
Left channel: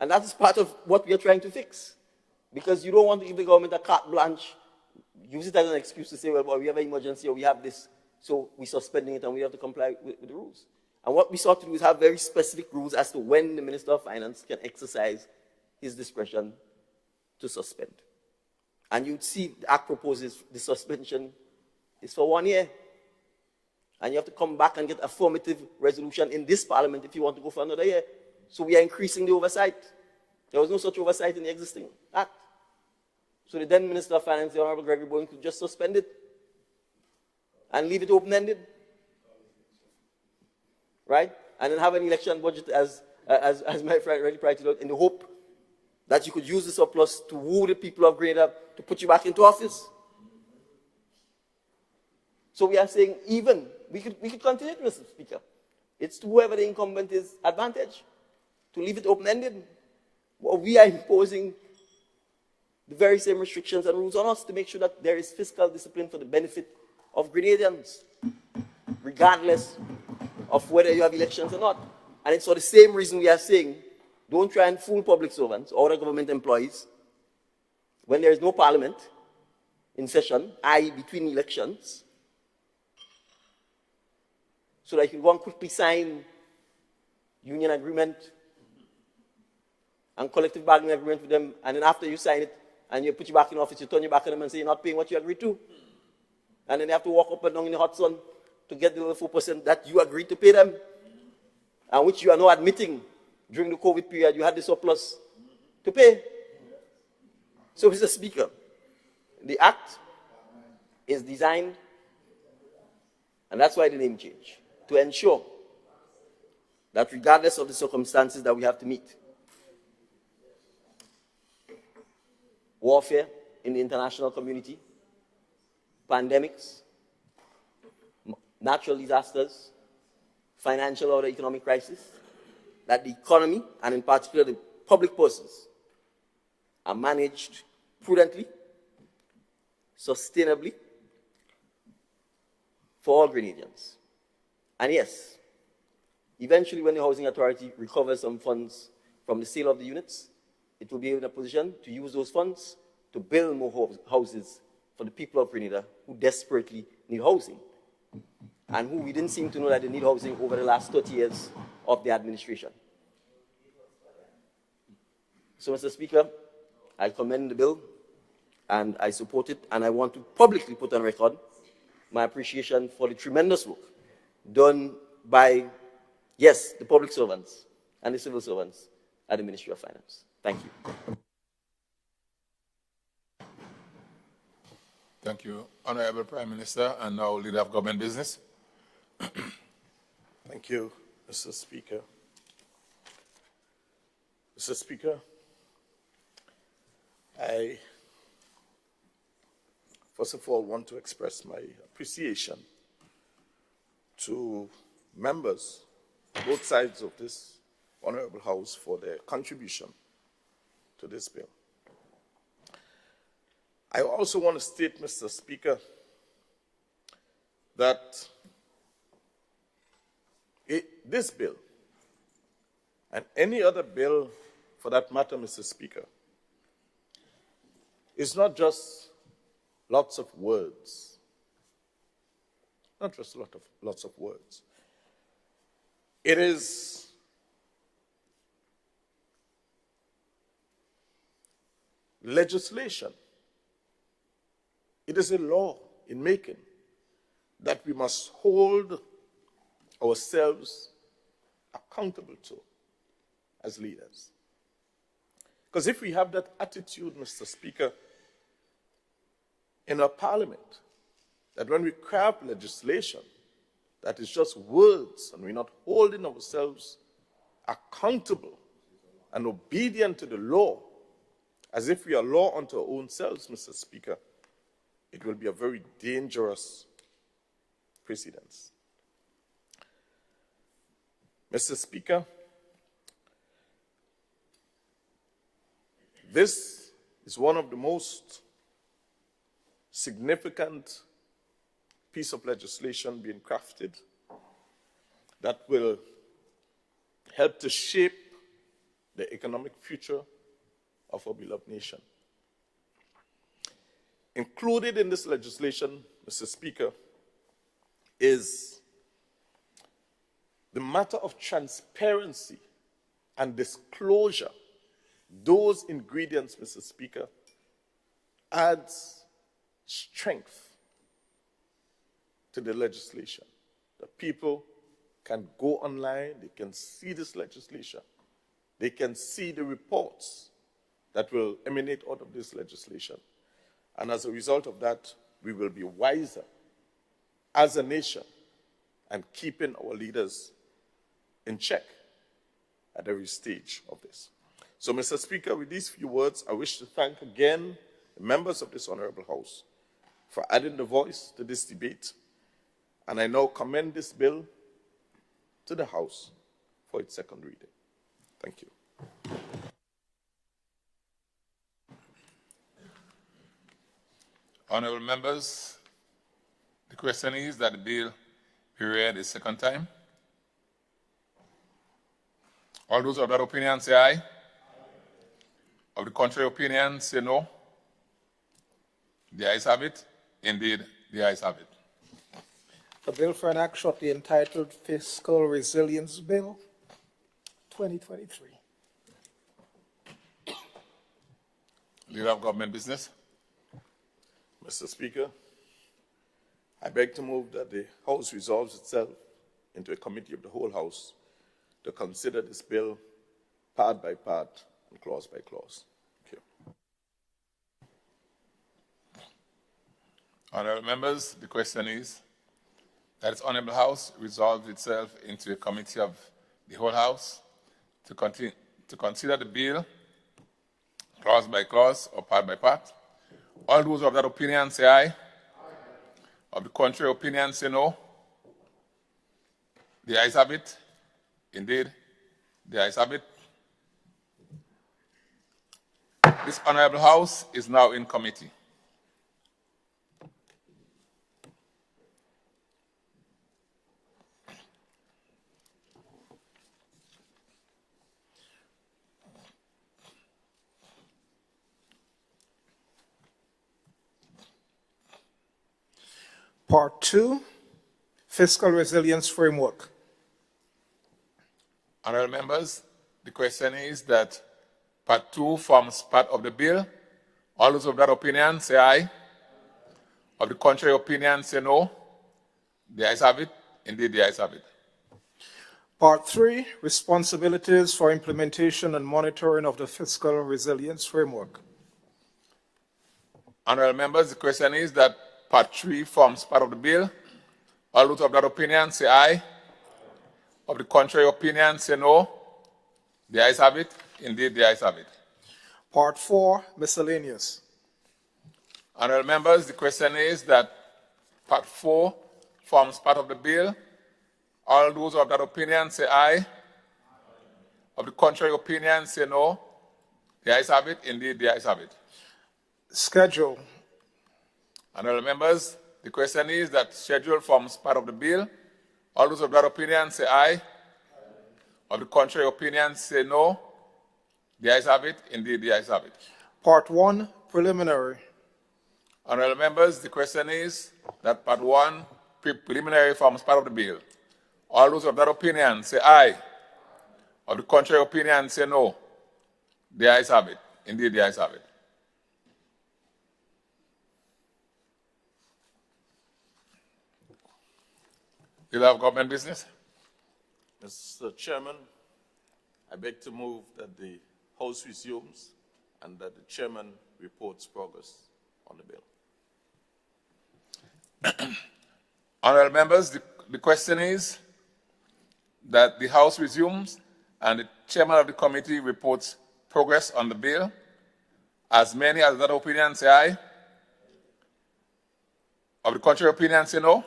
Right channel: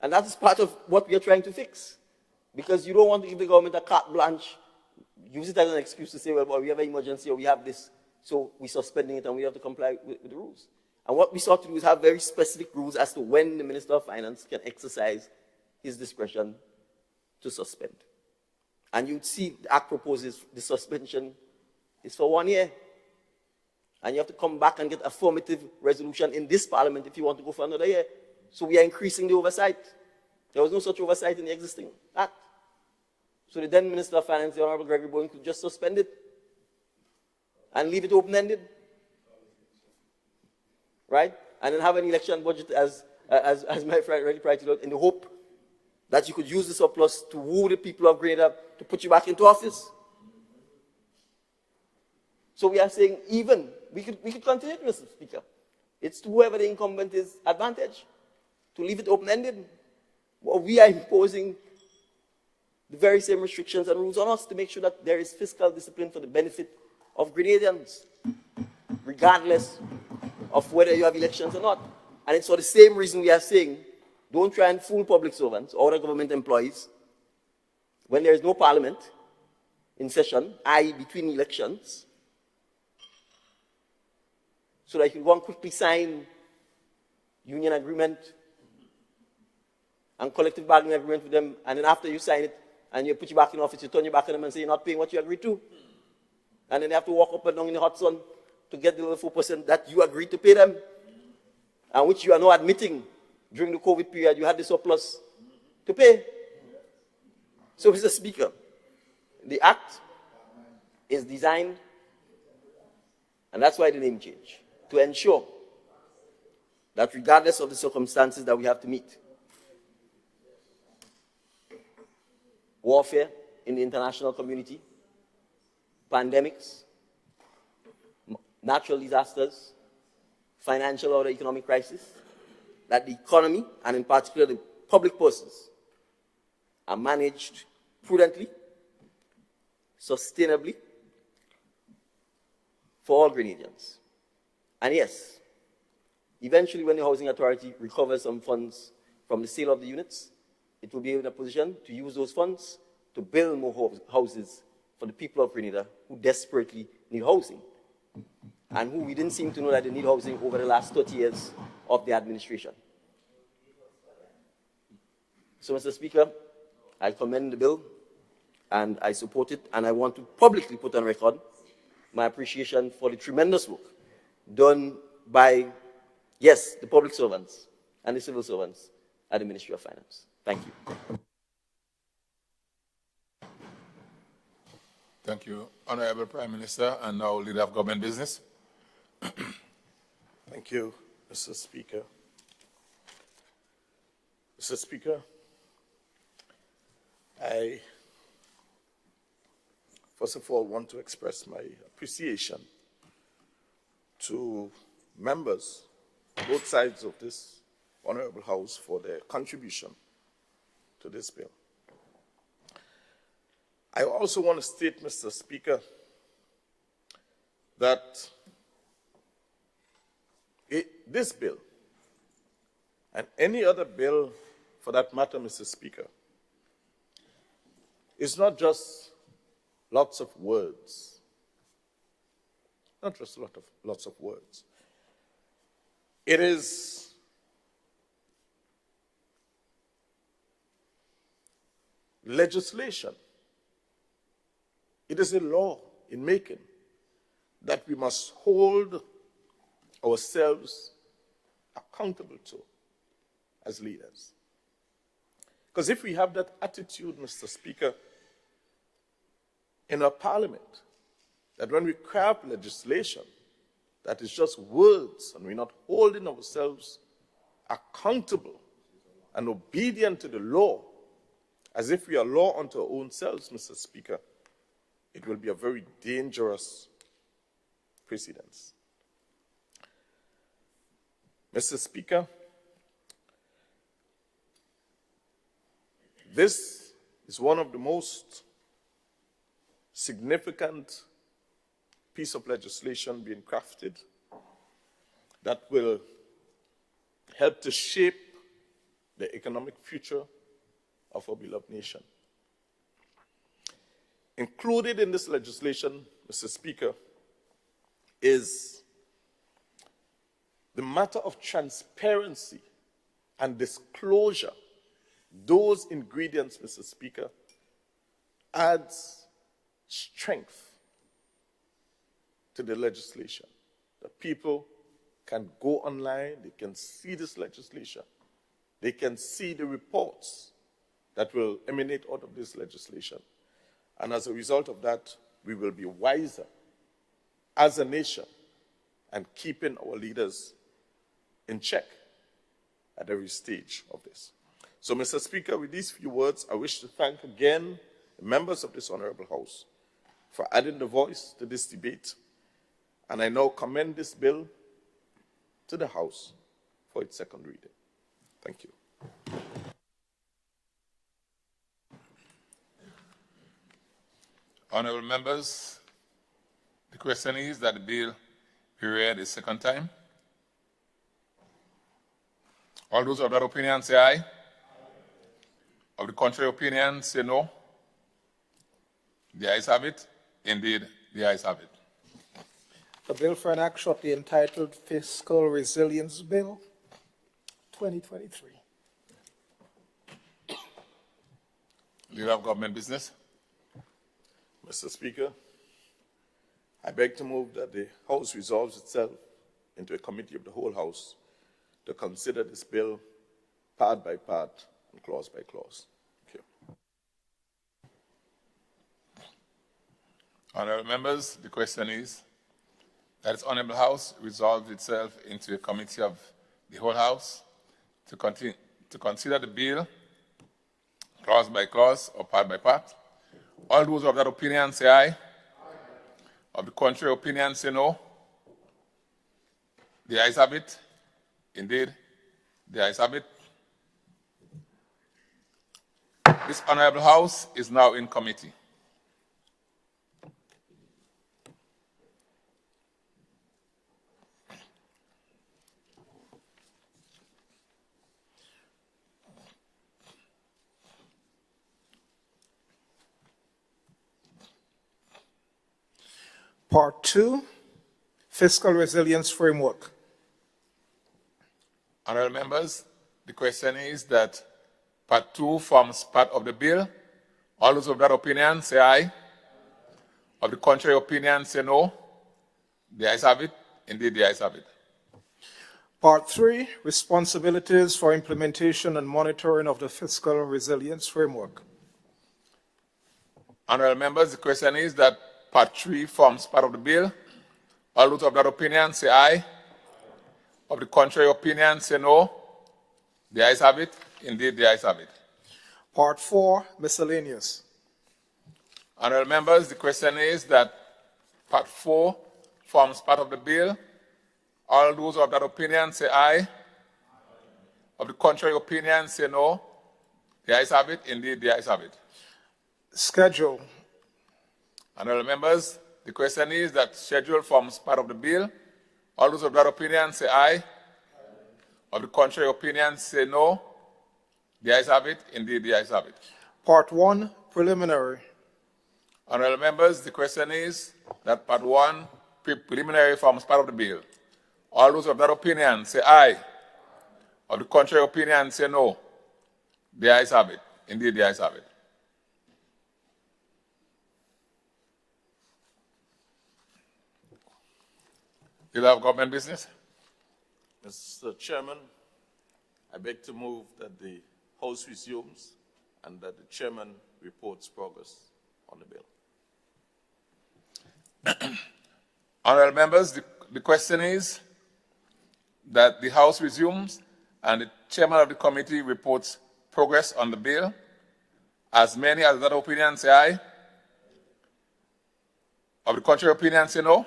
And that's part of what we are trying to fix. Because you don't want to give the government a carte blanche, use it as an excuse to say, well, we have an emergency or we have this, so we're suspending it and we have to comply with the rules. And what we sought to do is have very specific rules as to when the Minister of Finance can exercise his discretion to suspend. And you'd see the Act proposes the suspension is for 1 year. And you have to come back and get affirmative resolution in this Parliament if you want to go for another year. So we are increasing the oversight. There was no such oversight in the existing Act. So the then Minister of Finance, the Honorable Gregory Bowen, could just suspend it and leave it open-ended. Right? And then have an election budget, as my friend already pointed out, in the hope that you could use the surplus to woo the people of Grenada to put you back into office. So we are saying even, we could continue, Mr. Speaker. It's to whoever the incumbent is advantage to leave it open-ended. Well, we are imposing the very same restrictions and rules on us to make sure that there is fiscal discipline for the benefit of Grenadians, regardless of whether you have elections or not. And it's for the same reason we are saying, don't try and fool public servants or the government employees when there is no parliament in session, i.e. between elections, so that you won't quickly sign union agreement and collective bargaining agreement with them, and then after you sign it and you put you back in office, you turn your back on them and say you're not paying what you agreed to. And then they have to walk up and down in the hot sun to get the 4% that you agreed to pay them, and which you are now admitting during the COVID period you had the surplus to pay. So, Mr. Speaker, the Act is designed, and that's why the name change, to ensure that regardless of the circumstances that we have to meet, warfare in the international community, pandemics, natural disasters, financial or economic crisis, that the economy, and in particular the public purses, are managed prudently, sustainably, for all Grenadians. And yes, eventually when the Housing Authority recovers some funds from the sale of the units, it will be in a position to use those funds to build more houses for the people of Grenada who desperately need housing, and who we didn't seem to know that they need housing over the last 30 years of the administration. So, Mr. Speaker, I commend the bill, and I support it, and I want to publicly put on record my appreciation for the tremendous work done by, yes, the public servants and the civil servants at the Ministry of Finance. Thank you. Thank you, Honorable Prime Minister and our Leader of Government Business. Thank you, Mr. Speaker. Mr. Speaker, I first of all want to express my appreciation to members, both sides of this Honorable House, for their contribution to this bill. I also want to state, Mr. Speaker, that this bill, and any other bill for that matter, Mr. Speaker, is not just lots of words. Not just lots of words. It is legislation. It is a law in making that we must hold ourselves accountable to as leaders. Because if we have that attitude, Mr. Speaker, in our parliament, that when we craft legislation that is just words and we're not holding ourselves accountable and obedient to the law, As if we are law unto our own selves, Mr. Speaker, it will be a very dangerous precedence. Mr. Speaker, this is one of the most significant piece of legislation being crafted that will help to shape the economic future of our beloved nation. Included in this legislation, Mr. Speaker, is the matter of transparency and disclosure. Those ingredients, Mr. Speaker, adds strength to the legislation. The people can go online, they can see this legislation, they can see the reports that will emanate out of this legislation. And as a result of that, we will be wiser as a nation and keeping our leaders in check at every stage of this. So, Mr. Speaker, with these few words, I wish to thank again the members of this Honorable House for adding the voice to this debate. And I now commend this bill to the House for its second reading. Thank you. Honorable members, the question is that the bill be read a second time. All those of that opinion say aye. Of the contrary opinion say no. The ayes have it. Indeed, the ayes have it. The bill for an act shall be entitled Fiscal Resilience Bill 2023. Leader of Government Business. Mr. Speaker, I beg to move that the House resolves itself into a committee of the whole House to consider this bill part by part and clause by clause. Thank you. Honorable members, the question is that its Honorable House resolved itself into a committee of the whole House to consider the bill clause by clause or part by part. All those of that opinion say aye. Of the contrary opinion say no. The ayes have it. Indeed, the ayes have it. This Honorable House is now in committee. Part 2, Fiscal Resilience Framework. Honorable members, the question is that Part 2 forms part of the bill. All those of that opinion say aye. Of the contrary opinion say no. The ayes have it. Indeed, the ayes have it. Part 3, Responsibilities for Implementation and Monitoring of the Fiscal Resilience Framework. Honorable members, the question is that Part 3 forms part of the bill. All those of that opinion say aye. Of the contrary opinion say no. The ayes have it. Indeed, the ayes have it. Part 4, Miscellaneous. Honorable members, the question is that Part 4 forms part of the bill. All those of that opinion say aye. Of the contrary opinion say no. The ayes have it. Indeed, the ayes have it. Schedule. Honorable members, the question is that schedule forms part of the bill. All those of that opinion say aye. Of the contrary opinion say no. The ayes have it. Indeed, the ayes have it. Part 1, Preliminary. Honorable members, the question is that Part 1, preliminary, forms part of the bill. All those of that opinion say aye. Of the contrary opinion say no. The ayes have it. Indeed, the ayes have it. Leader of Government Business. Mr. Chairman, I beg to move that the House resumes and that the Chairman reports progress on the bill. Honorable members, the question is that the House resumes and the Chairman of the committee reports progress on the bill. As many as that opinion say aye. Of the contrary opinion say no.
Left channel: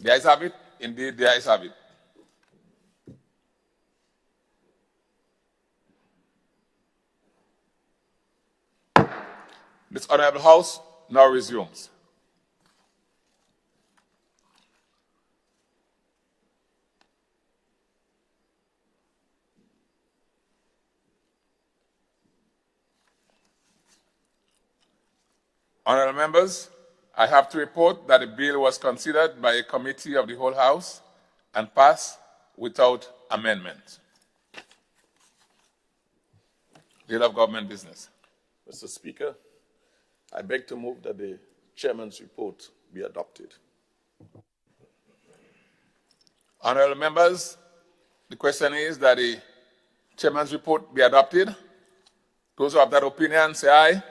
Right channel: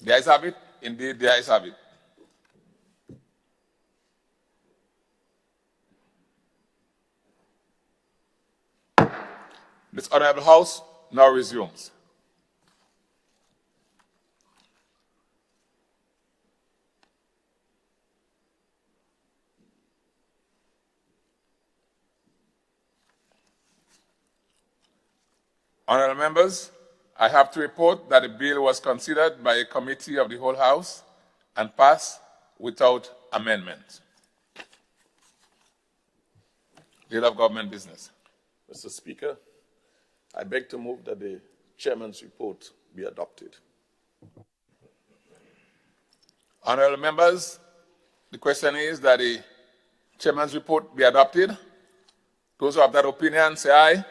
The ayes have it. Indeed, the ayes have it. This honorable House now resumes. Honorable members, I have to report that the bill was considered by a committee of the whole House and passed without amendment. Leader of Government Business. Mr. Speaker, I beg to move that the chairman's report be adopted. Honorable members, the question is that the chairman's report be adopted. Those who have that opinion say aye.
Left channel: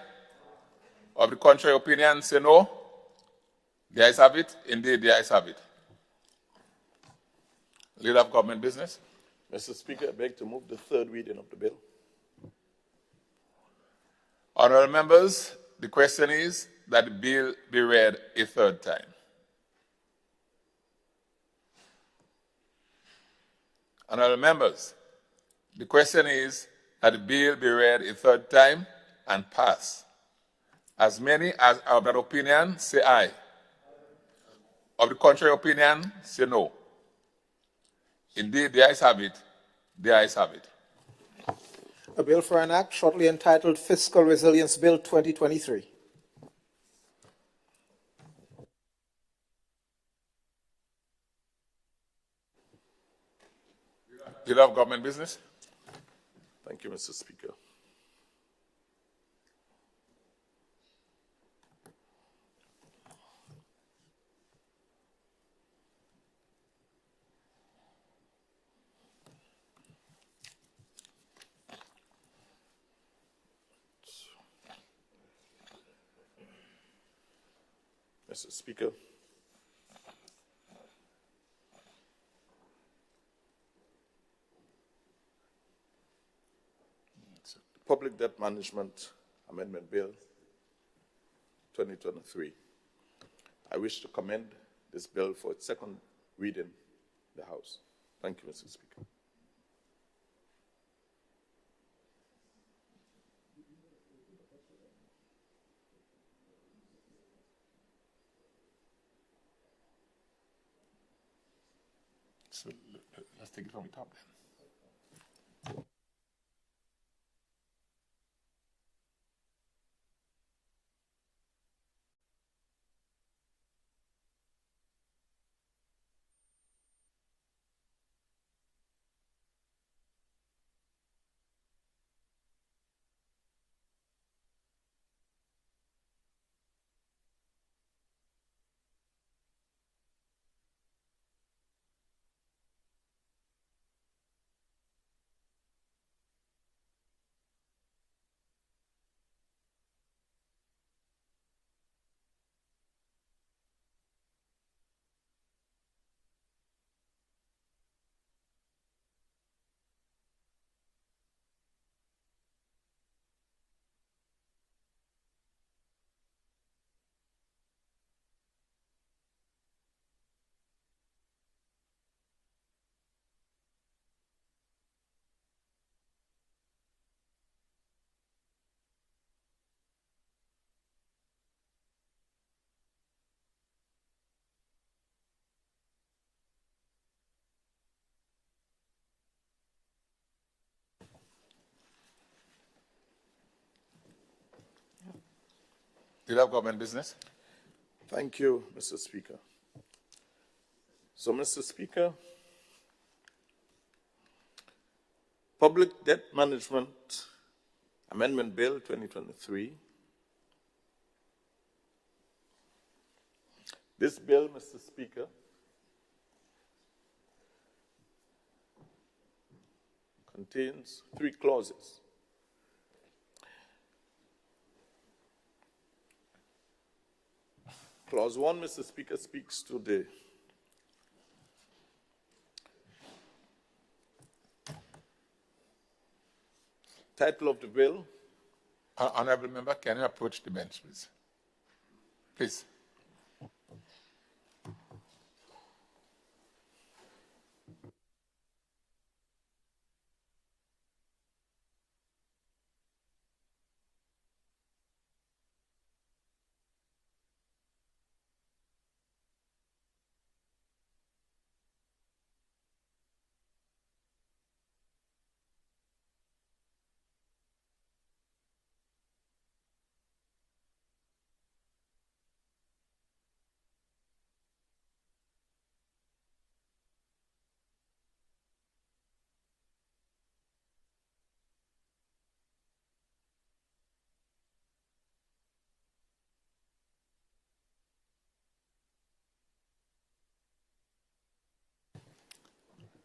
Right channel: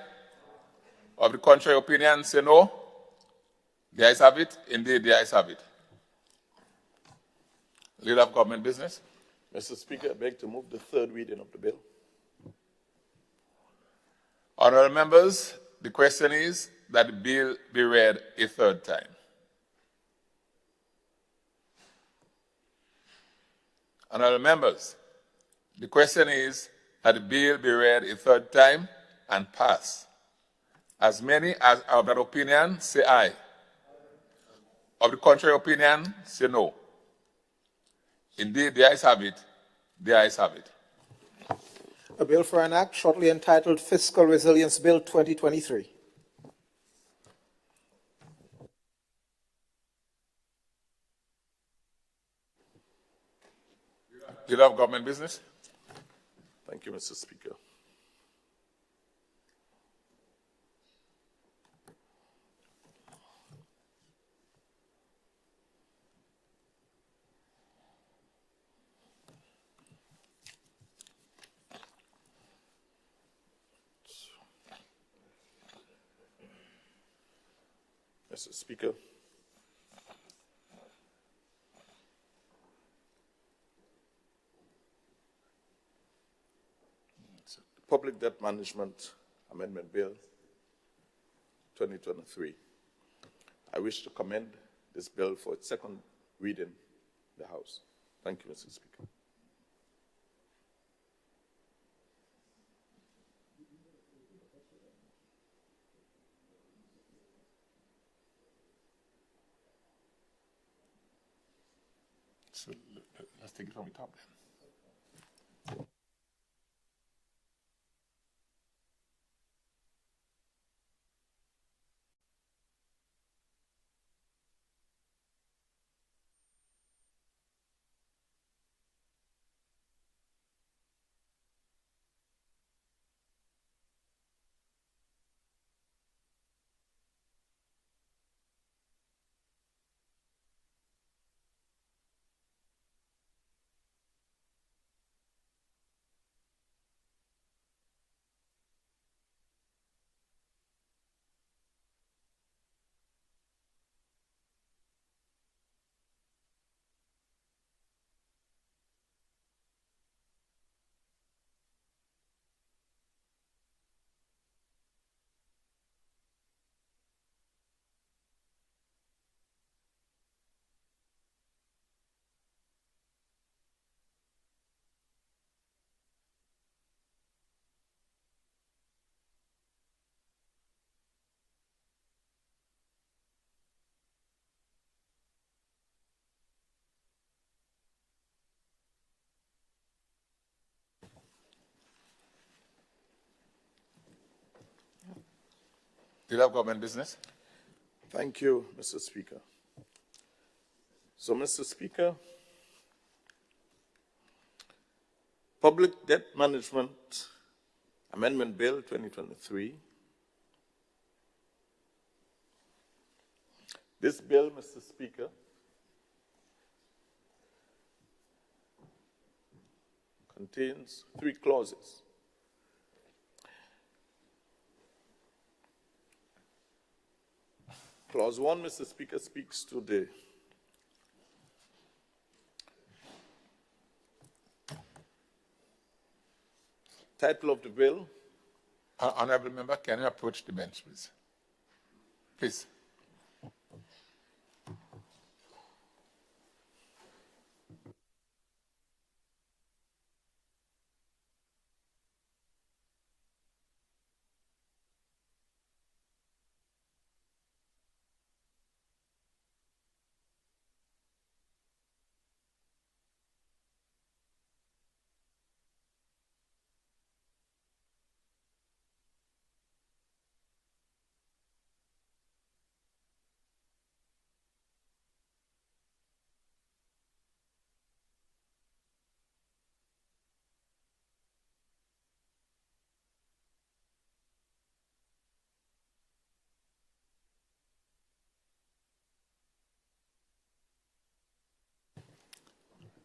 Of the contrary opinion say no. The ayes have it. Indeed, the ayes have it. Leader of Government Business. Mr. Speaker, I beg to move the third reading of the bill. Honorable members, the question is that the bill be read a third time. Honorable members, the question is that the bill be read a third time and pass. As many as are of that opinion say aye. Of the contrary opinion say no. Indeed, the ayes have it. The ayes have it. A bill for an act shortly entitled Fiscal Resilience Bill 2023. Leader of Government Business. Thank you, Mr. Speaker. Mr. Speaker, the Public Debt Management Amendment Bill 2023. I wish to commend this bill for its second reading in the House. Thank you, Mr. Speaker. So let's take it from the top then. Leader of Government Business. Thank you, Mr. Speaker. So, Mr. Speaker, Public Debt Management Amendment Bill 2023. This bill, Mr. Speaker, contains 3 clauses. Clause 1, Mr. Speaker, speaks to the title of the bill, Honorable member, can you approach the bench, please? Please.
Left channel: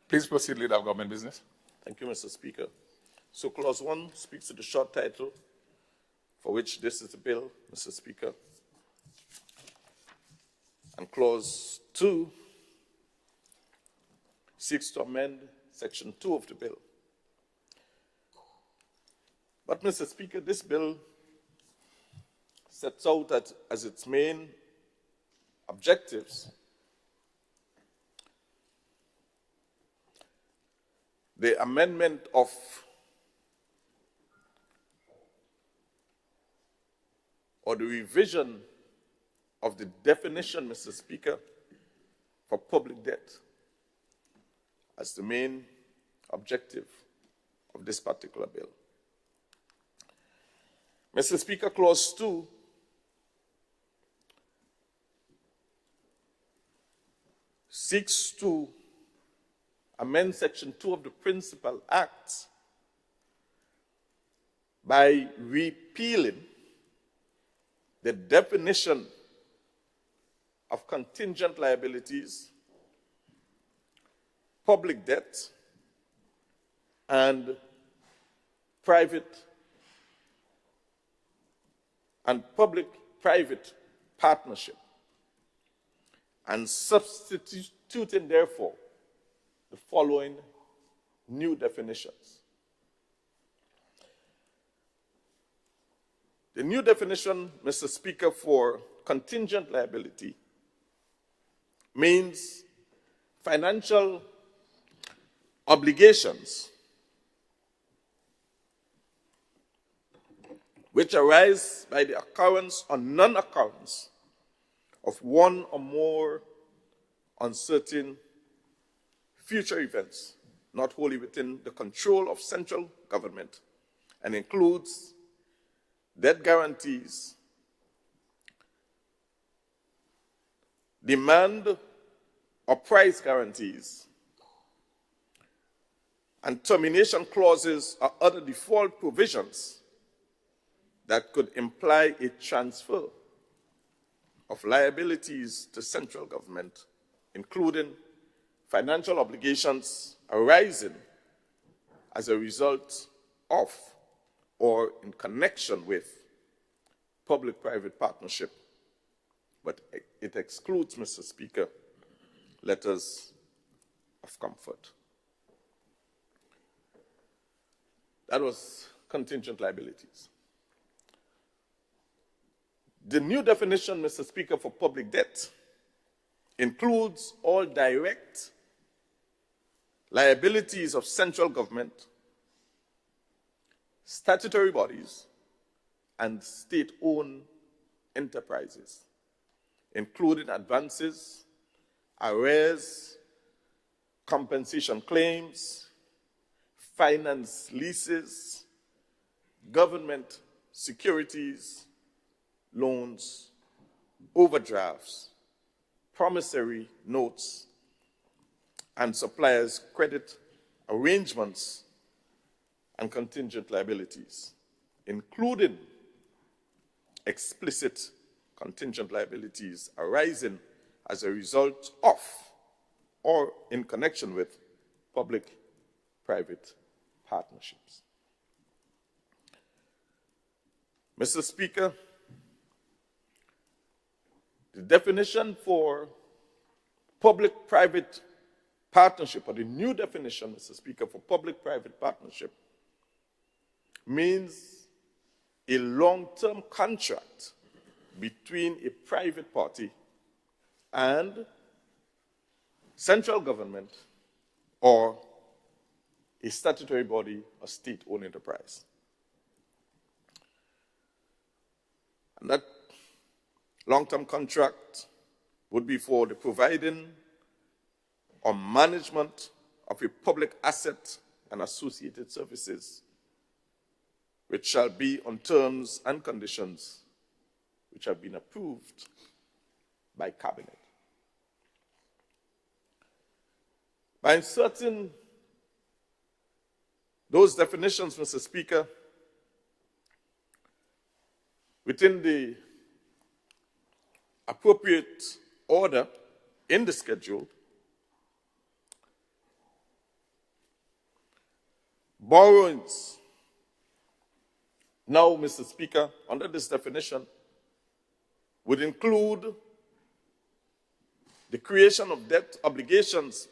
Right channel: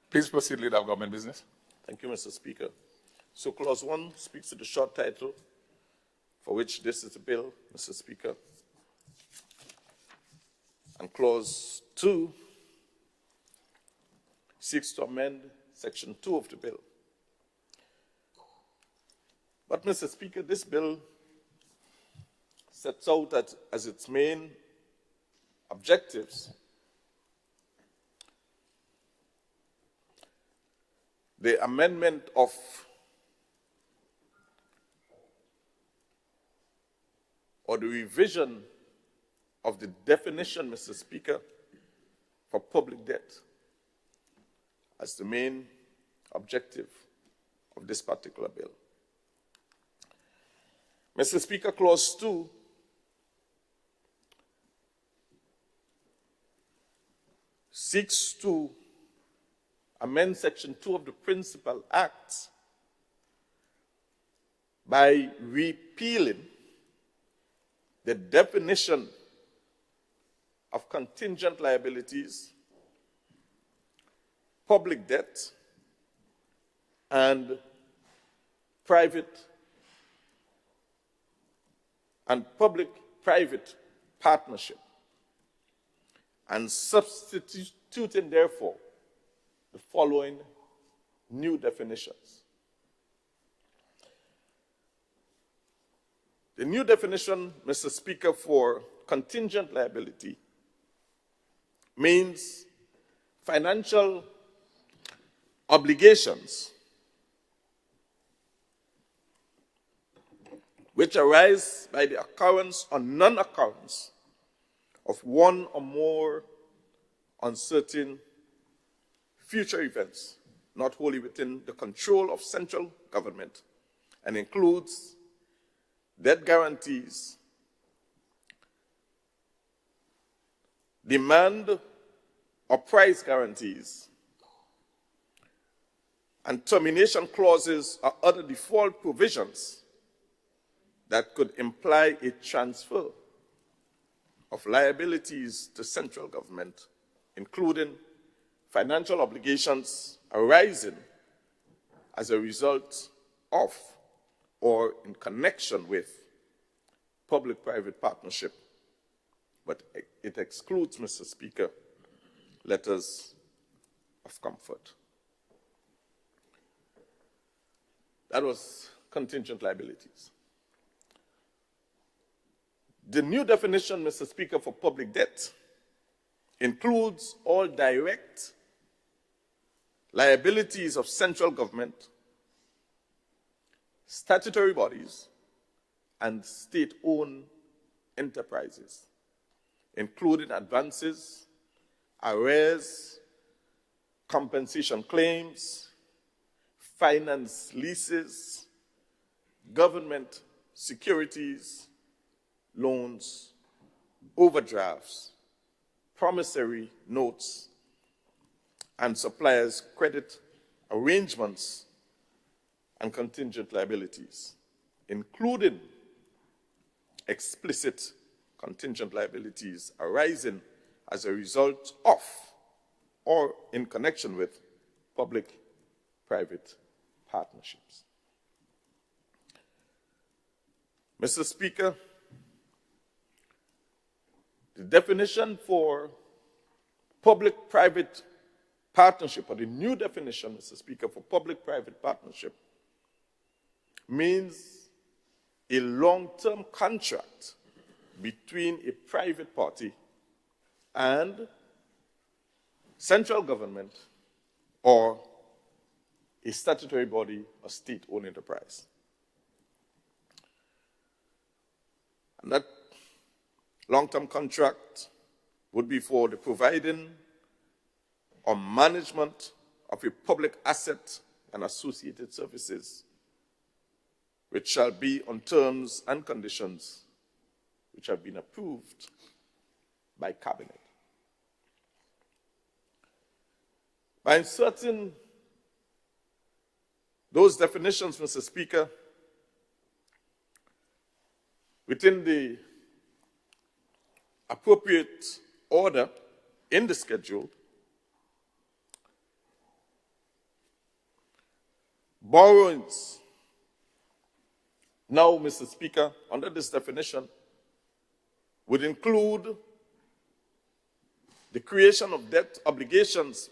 Please proceed, leader of government business. Thank you, Mr. Speaker. So clause 1 speaks to the short title for which this is the bill, Mr. Speaker. And clause 2 seeks to amend section 2 of the bill. But, Mr. Speaker, this bill sets out as its main objectives the amendment of or the revision of the definition, Mr. Speaker, for public debt as the main objective of this particular bill. Mr. Speaker, clause 2 seeks to amend section 2 of the Principal Act by repealing the definition of contingent liabilities, public debt, and public-private partnership, and substituting, therefore, the following new definitions. The new definition, Mr. Speaker, for contingent liability means financial obligations which arise by the occurrence or non-occurrence of one or more uncertain future events not wholly within the control of central government, and includes debt guarantees, demand or price guarantees, and termination clauses or other default provisions that could imply a transfer of liabilities to central government, including financial obligations arising as a result of or in connection with public-private partnership, but it excludes, Mr. Speaker, letters of comfort. That was contingent liabilities. The new definition, Mr. Speaker, for public debt includes all direct liabilities of central government, statutory bodies, and state-owned enterprises, including advances, arrears, compensation claims, finance leases, government securities, loans, overdrafts, promissory notes, and suppliers' credit arrangements and contingent liabilities, including explicit contingent liabilities arising as a result of or in connection with public-private partnerships. Mr. Speaker, the definition for public-private partnership, or the new definition, Mr. Speaker, for public-private partnership means a long-term contract between a private party and central government or a statutory body or state-owned enterprise. And that long-term contract would be for the providing or management of a public asset and associated services, which shall be on terms and conditions which have been approved by Cabinet. By inserting those definitions, Mr. Speaker, within the appropriate order in the schedule, borrowings now, Mr. Speaker, under this definition, would include the creation of debt obligations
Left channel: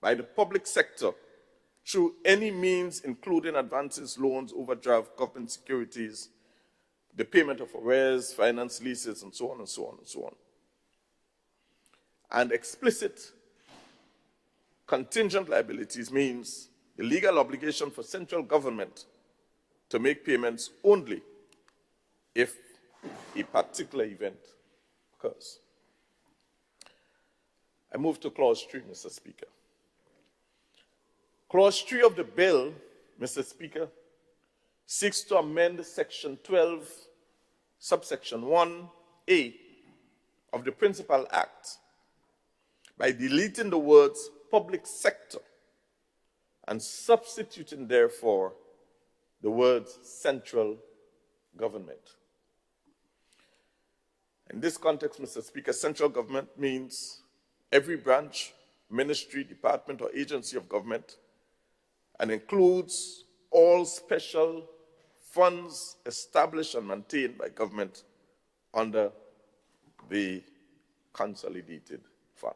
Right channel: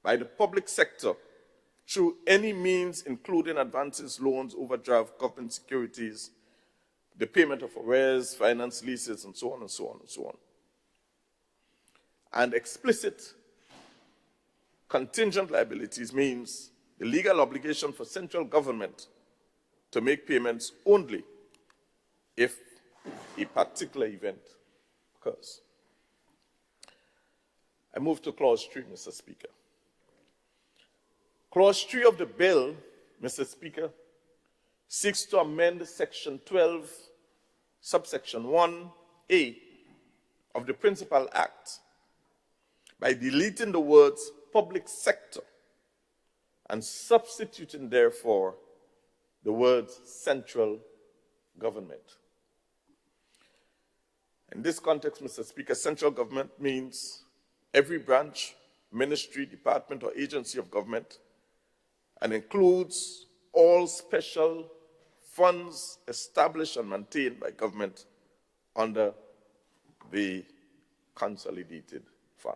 by the public sector through any means, including advances, loans, overdraft, government securities, the payment of arrears, finance leases, and so on and so on and so on. And explicit contingent liabilities means the legal obligation for central government to make payments only if a particular event occurs. I move to Clause 3, Mr. Speaker. Clause 3 of the bill, Mr. Speaker, seeks to amend Section 12, subsection 1A of the Principal Act by deleting the words public sector and substituting, therefore, the words central government. In this context, Mr. Speaker, central government means every branch, ministry, department, or agency of government, and includes all special funds established and maintained by government under the Consolidated Fund.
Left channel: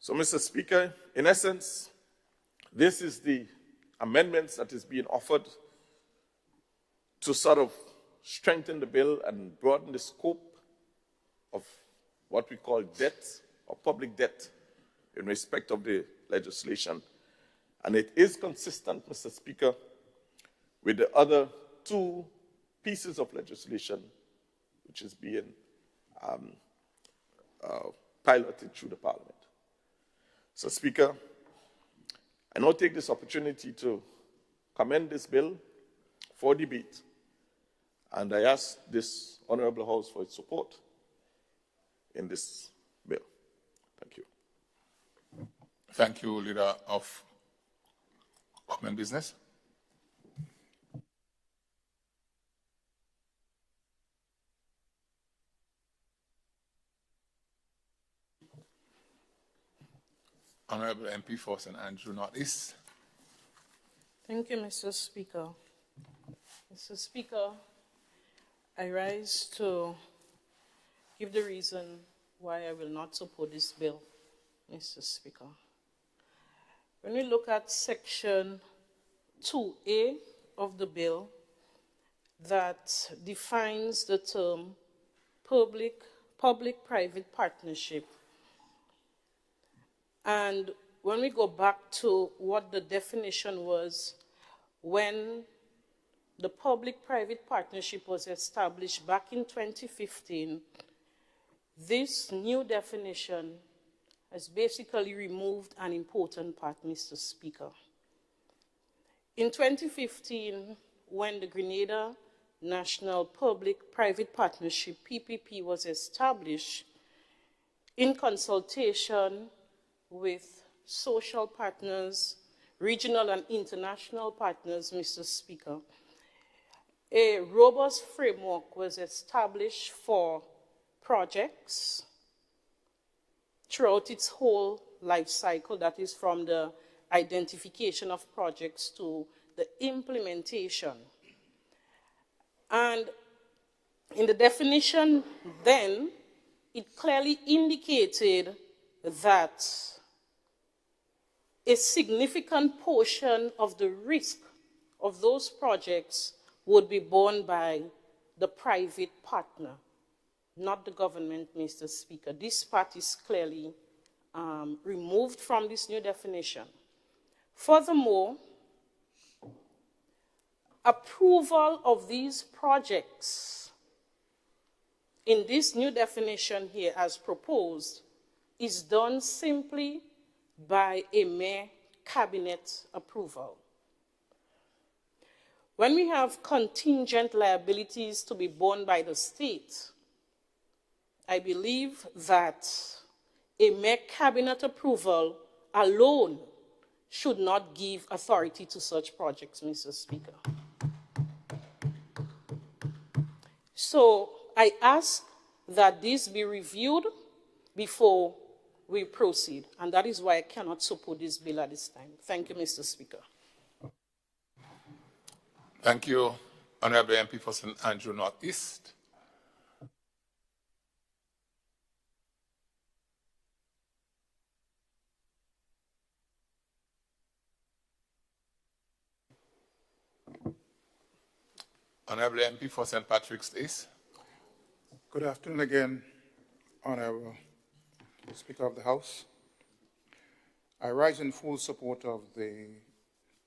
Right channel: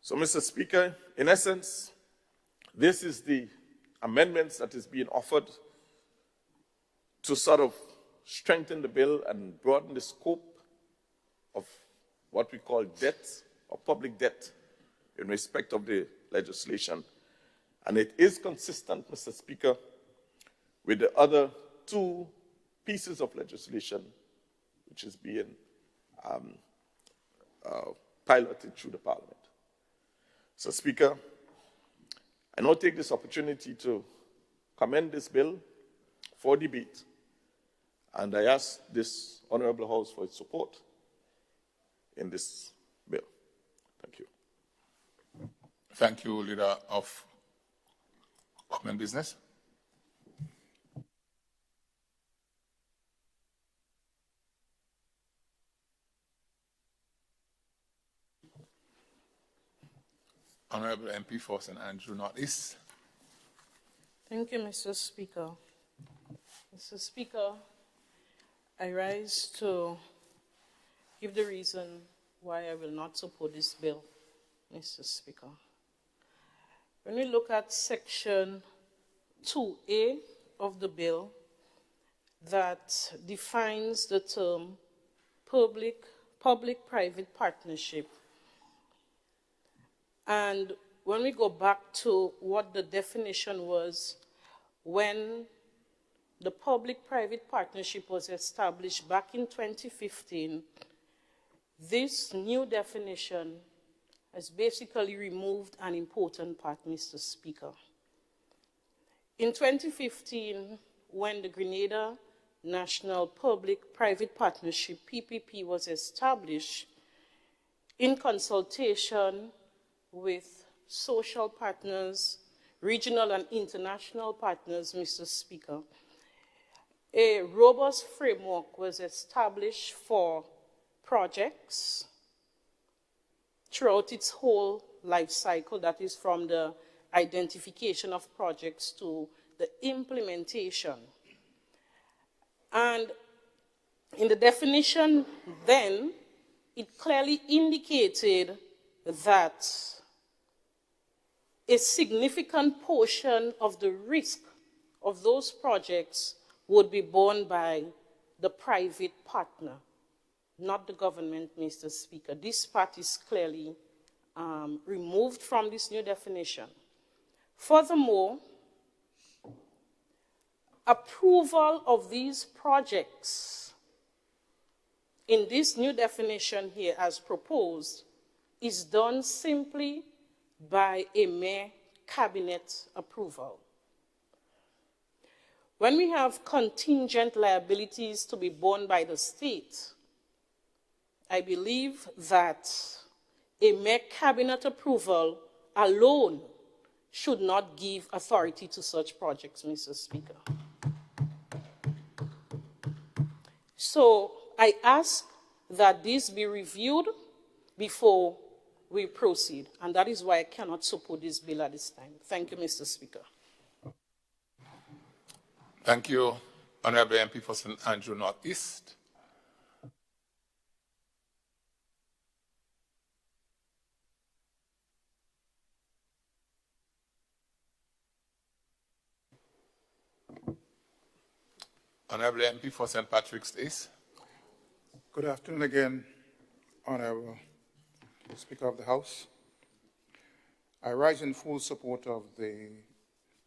So, Mr. Speaker, in essence, this is the amendments that is being offered to sort of strengthen the bill and broaden the scope of what we call debt or public debt in respect of the legislation. And it is consistent, Mr. Speaker, with the other two pieces of legislation which is being piloted through the Parliament. So, Speaker, I now take this opportunity to commend this bill for debate, and I ask this Honorable House for its support in this bill. Thank you. Thank you, Leader of Government Business. Honorable MP for St. Andrew Northeast. Thank you, Mr. Speaker. Mr. Speaker, I rise to give the reason why I will not support this bill, Mr. Speaker. When we look at Section 2A of the bill that defines the term public-private partnership, and when we go back to what the definition was when the public-private partnership was established back in 2015, this new definition has basically removed an important part, Mr. Speaker. In 2015, when the Grenada National Public-Private Partnership, PPP, was established in consultation with social partners, regional and international partners, Mr. Speaker, a robust framework was established for projects throughout its whole life cycle, that is from the identification of projects to the implementation. And in the definition then, it clearly indicated that a significant portion of the risk of those projects would be borne by the private partner, not the government, Mr. Speaker. This part is clearly removed from this new definition. Furthermore, approval of these projects in this new definition here as proposed is done simply by a mere cabinet approval. When we have contingent liabilities to be borne by the state, I believe that a mere cabinet approval alone should not give authority to such projects, Mr. Speaker. So I ask that this be reviewed before we proceed, and that is why I cannot support this bill at this time. Thank you, Mr. Speaker. Thank you, Honorable MP for St. Andrew Northeast. Honorable MP for St. Patrick's East. Good afternoon again, Honorable Speaker of the House. I rise in full support of the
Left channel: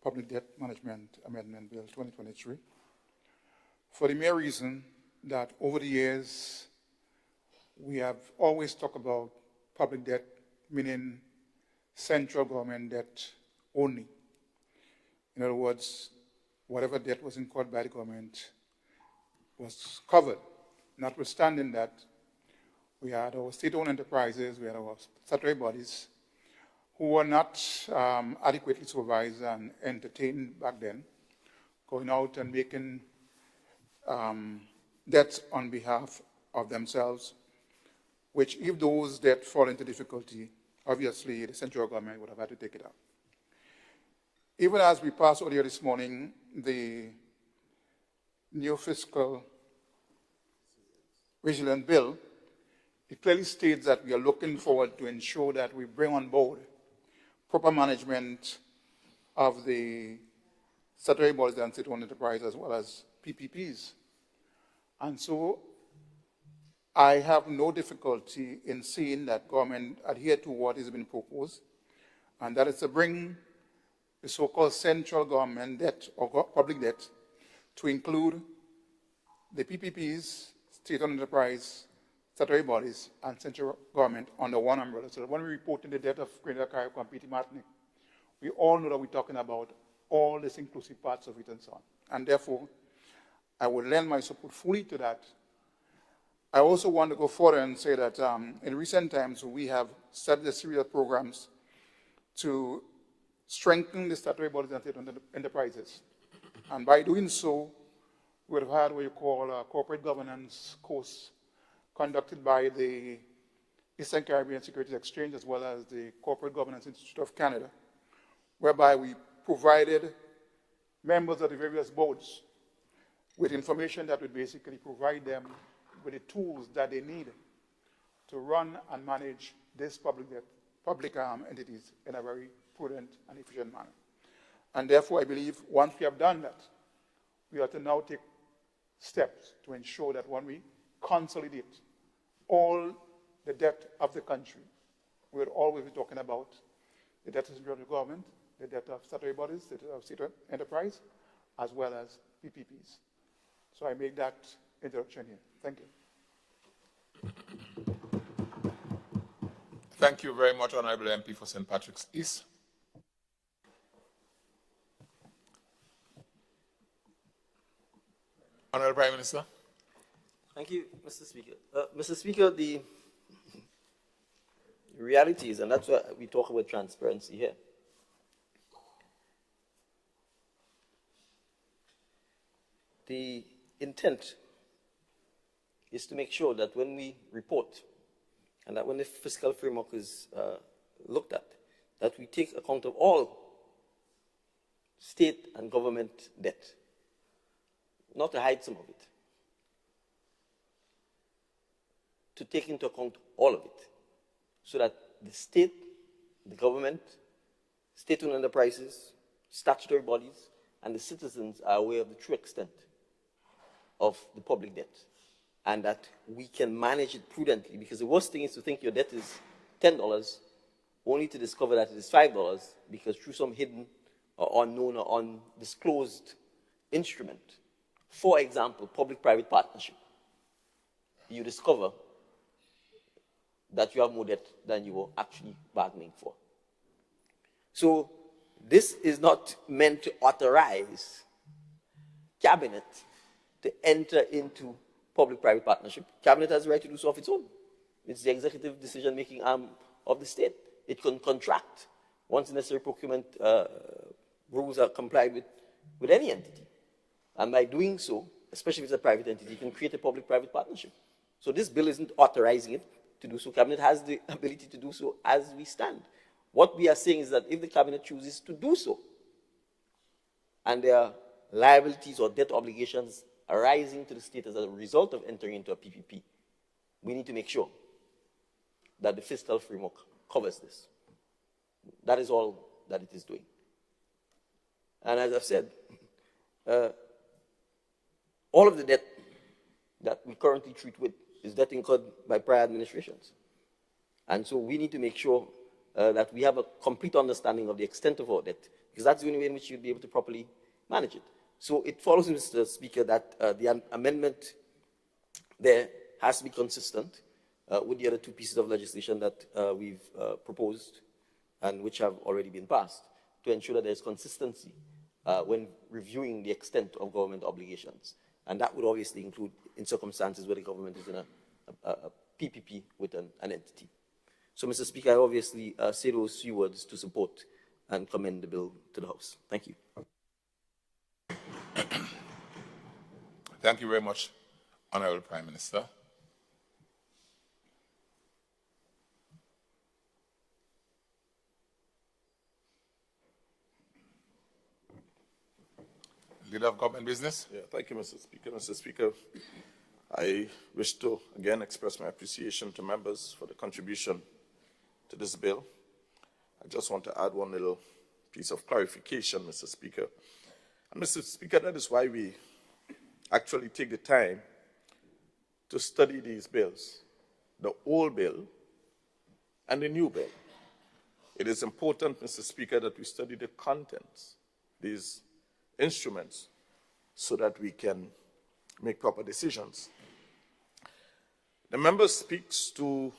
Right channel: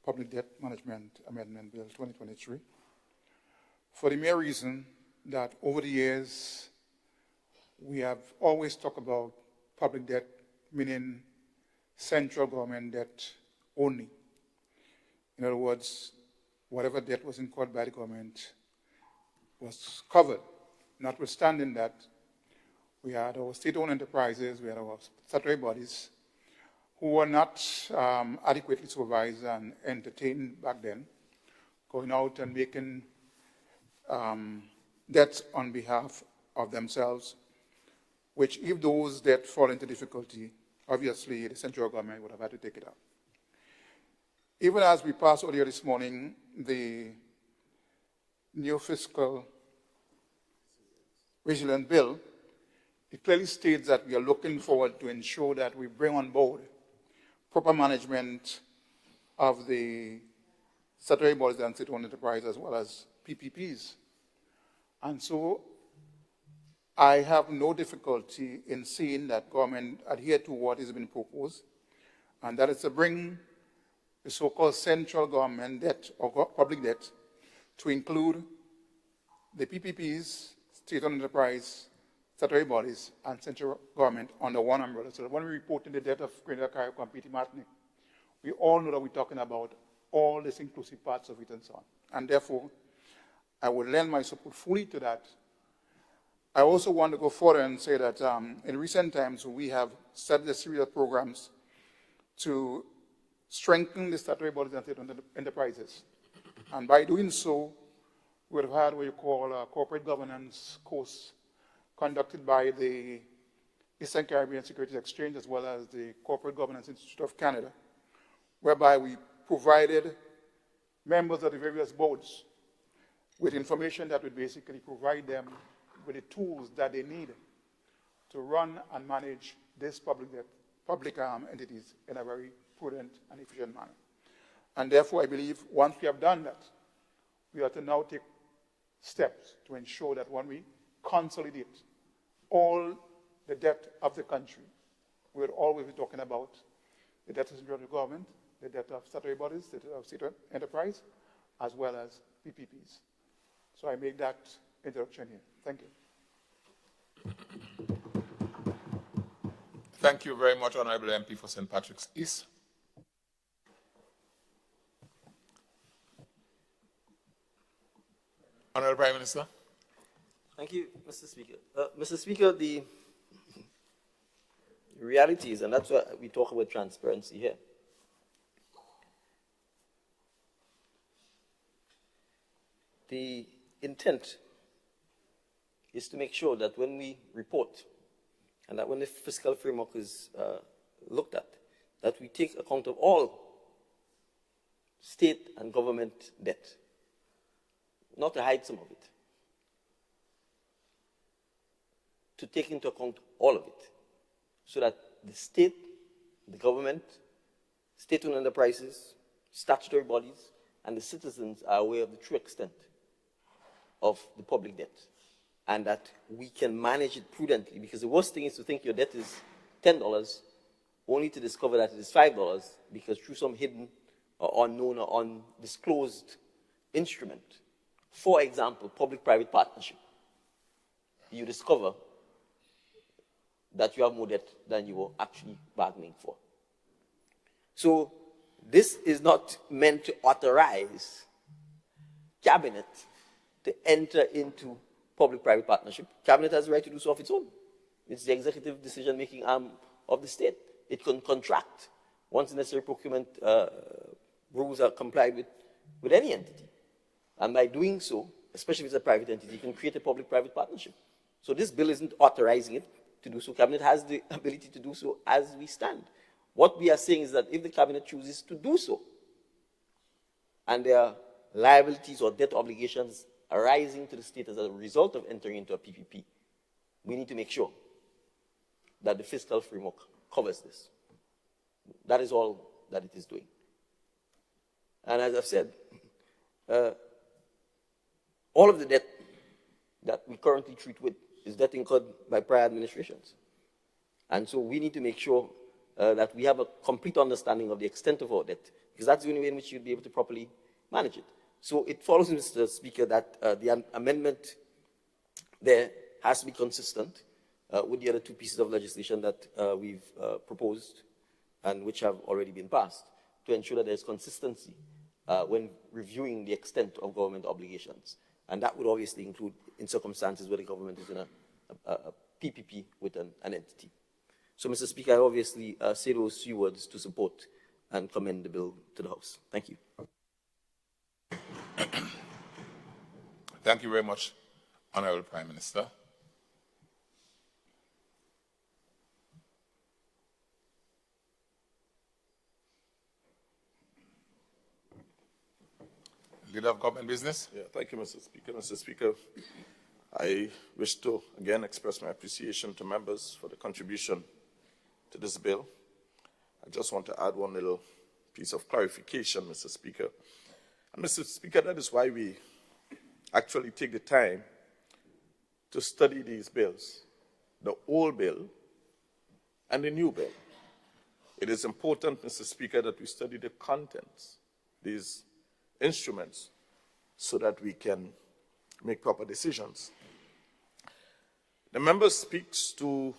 Public Debt Management Amendment Bill 2023 for the mere reason that over the years we have always talked about public debt, meaning central government debt only. In other words, whatever debt was incurred by the government was covered. Notwithstanding that, we had our state-owned enterprises, we had our statutory bodies who were not adequately supervised and entertained back then, going out and making debts on behalf of themselves, which if those debts fall into difficulty, obviously the central government would have had to take it up. Even as we passed earlier this morning, the new fiscal resilience bill, it clearly states that we are looking forward to ensure that we bring on board proper management of the statutory bodies and state-owned enterprise as well as PPPs. And so I have no difficulty in seeing that government adhere to what has been proposed, and that is to bring the so-called central government debt or public debt to include the PPPs, state-owned enterprise, statutory bodies, and central government under one umbrella. So that when we report in the debt of Greater Carriacou and Martinique, we all know that we're talking about all these inclusive parts of it and so on. And therefore, I would lend my support fully to that. I also want to go further and say that in recent times, we have set a series of programs to strengthen the statutory bodies and state-owned enterprises. And by doing so, we've had what you call a corporate governance course conducted by the Eastern Caribbean Securities Exchange as well as the Corporate Governance Institute of Canada, whereby we provided members of the various boards with information that would basically provide them with the tools that they need to run and manage these public entities in a very prudent and efficient manner. And therefore, I believe once we have done that, we have to now take steps to ensure that when we consolidate all the debt of the country, we'll always be talking about the debt of the government, the debt of statutory bodies, the debt of state enterprise, as well as PPPs. So I make that introduction here. Thank you. Thank you very much, Honorable MP for St. Patrick's East. Honorable Prime Minister. Thank you, Mr. Speaker. Mr. Speaker, the reality is, and that's why we talk about transparency here. The intent is to make sure that when we report, and that when the fiscal framework is looked at, that we take account of all state and government debt, not to hide some of it, to take into account all of it, so that the state, the government, state-owned enterprises, statutory bodies, and the citizens are aware of the true extent of the public debt, and that we can manage it prudently, because the worst thing is to think your debt is $10, only to discover that it is $5, because through some hidden or unknown or undisclosed instrument, for example, public-private partnership, you discover that you have more debt than you were actually bargaining for. So this is not meant to authorize Cabinet to enter into public-private partnership. Cabinet has the right to do so of its own. It's the executive decision-making arm of the state. It can contract once the necessary procurement rules are complied with any entity. And by doing so, especially if it's a private entity, you can create a public-private partnership. So this bill isn't authorizing it to do so. Cabinet has the ability to do so as we stand. What we are saying is that if the Cabinet chooses to do so, and there are liabilities or debt obligations arising to the state as a result of entering into a PPP, we need to make sure that the fiscal framework covers this. That is all that it is doing. And as I've said, all of the debt that we currently treat with is debt incurred by prior administrations. And so we need to make sure that we have a complete understanding of the extent of our debt, because that's the only way in which you'll be able to properly manage it. So it follows, Mr. Speaker, that the amendment there has to be consistent with the other two pieces of legislation that we've proposed and which have already been passed, to ensure that there's consistency when reviewing the extent of government obligations. And that would obviously include in circumstances where the government is in a PPP with an entity. So, Mr. Speaker, I obviously say those few words to support and commend the bill to the House. Thank you. Thank you very much, Honorable Prime Minister. Leader of Government Business. Yeah, thank you, Mr. Speaker. Mr. Speaker, I wish to again express my appreciation to members for the contribution to this bill. I just want to add one little piece of clarification, Mr. Speaker. And Mr. Speaker, that is why we actually take the time to study these bills, the old bill and the new bill. It is important, Mr. Speaker, that we study the contents, these instruments, so that we can make proper decisions. The member speaks to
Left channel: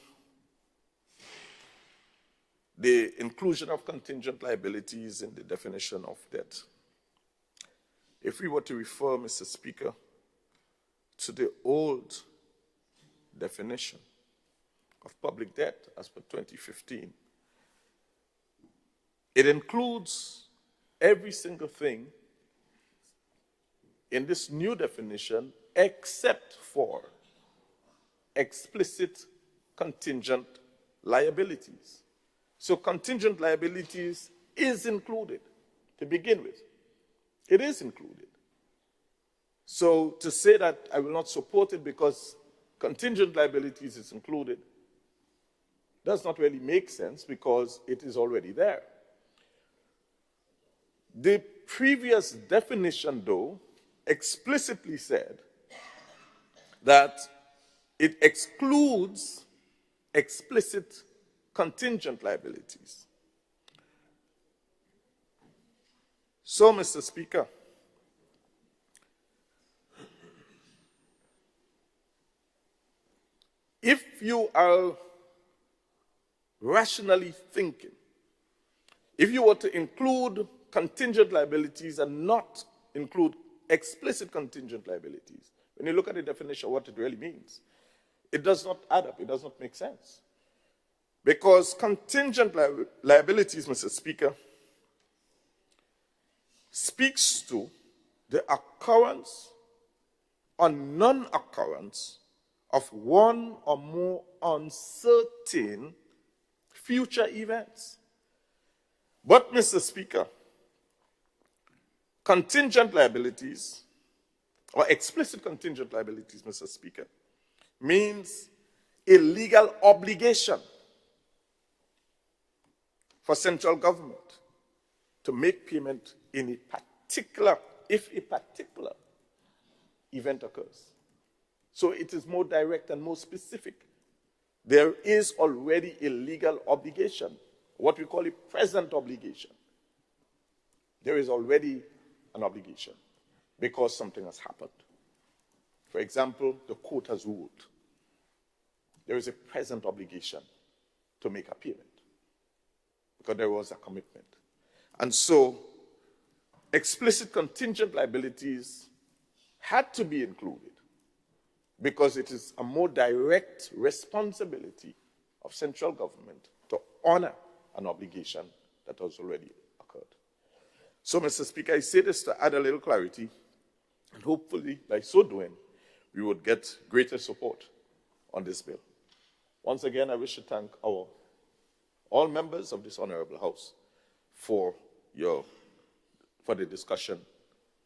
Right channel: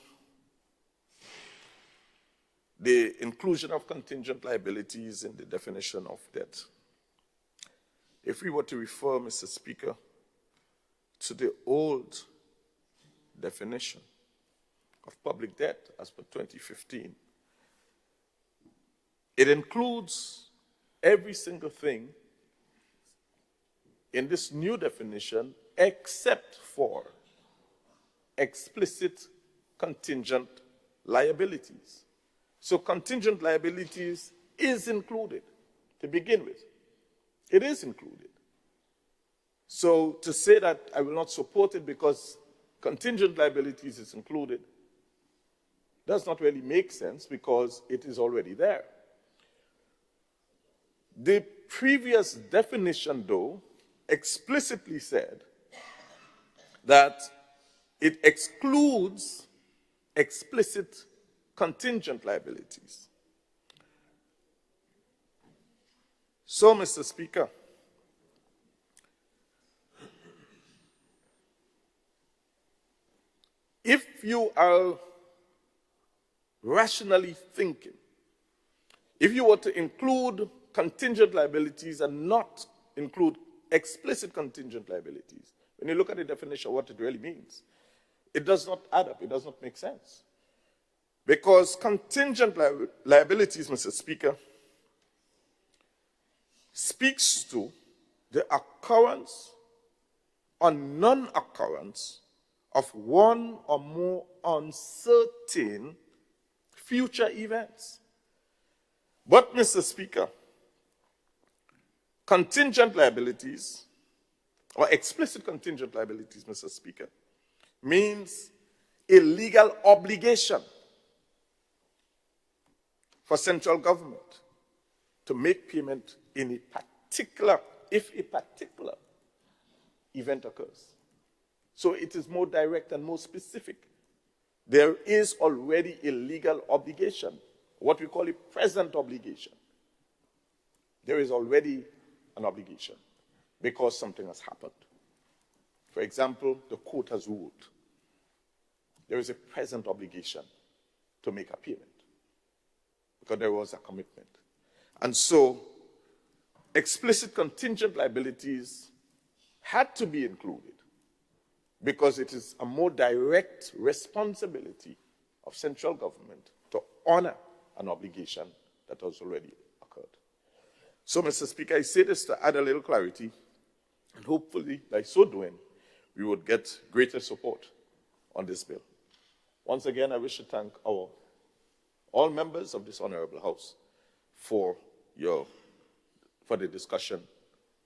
the inclusion of contingent liabilities in the definition of debt. If we were to refer, Mr. Speaker, to the old definition of public debt as per 2015, it includes every single thing in this new definition except for explicit contingent liabilities. So contingent liabilities is included to begin with. It is included. So to say that I will not support it because contingent liabilities is included does not really make sense, because it is already there. The previous definition, though, explicitly said that it excludes explicit contingent liabilities. So, Mr. Speaker, if you are rationally thinking, if you were to include contingent liabilities and not include explicit contingent liabilities, when you look at the definition of what it really means, it does not add up, it does not make sense. Because contingent liabilities, Mr. Speaker, speaks to the occurrence or non-occurrence of one or more uncertain future events. But, Mr. Speaker, contingent liabilities, or explicit contingent liabilities, Mr. Speaker, means a legal obligation for central government to make payment in a if a particular event occurs. So it is more direct and more specific. There is already a legal obligation, what we call a present obligation. There is already an obligation because something has happened. For example, the court has ruled. There is a present obligation to make a payment because there was a commitment. And so explicit contingent liabilities had to be included because it is a more direct responsibility of central government to honor an obligation that has already occurred. So, Mr. Speaker, I say this to add a little clarity, and hopefully, by so doing, we would get greater support on this bill. Once again, I wish to thank all members of this honorable House for the discussion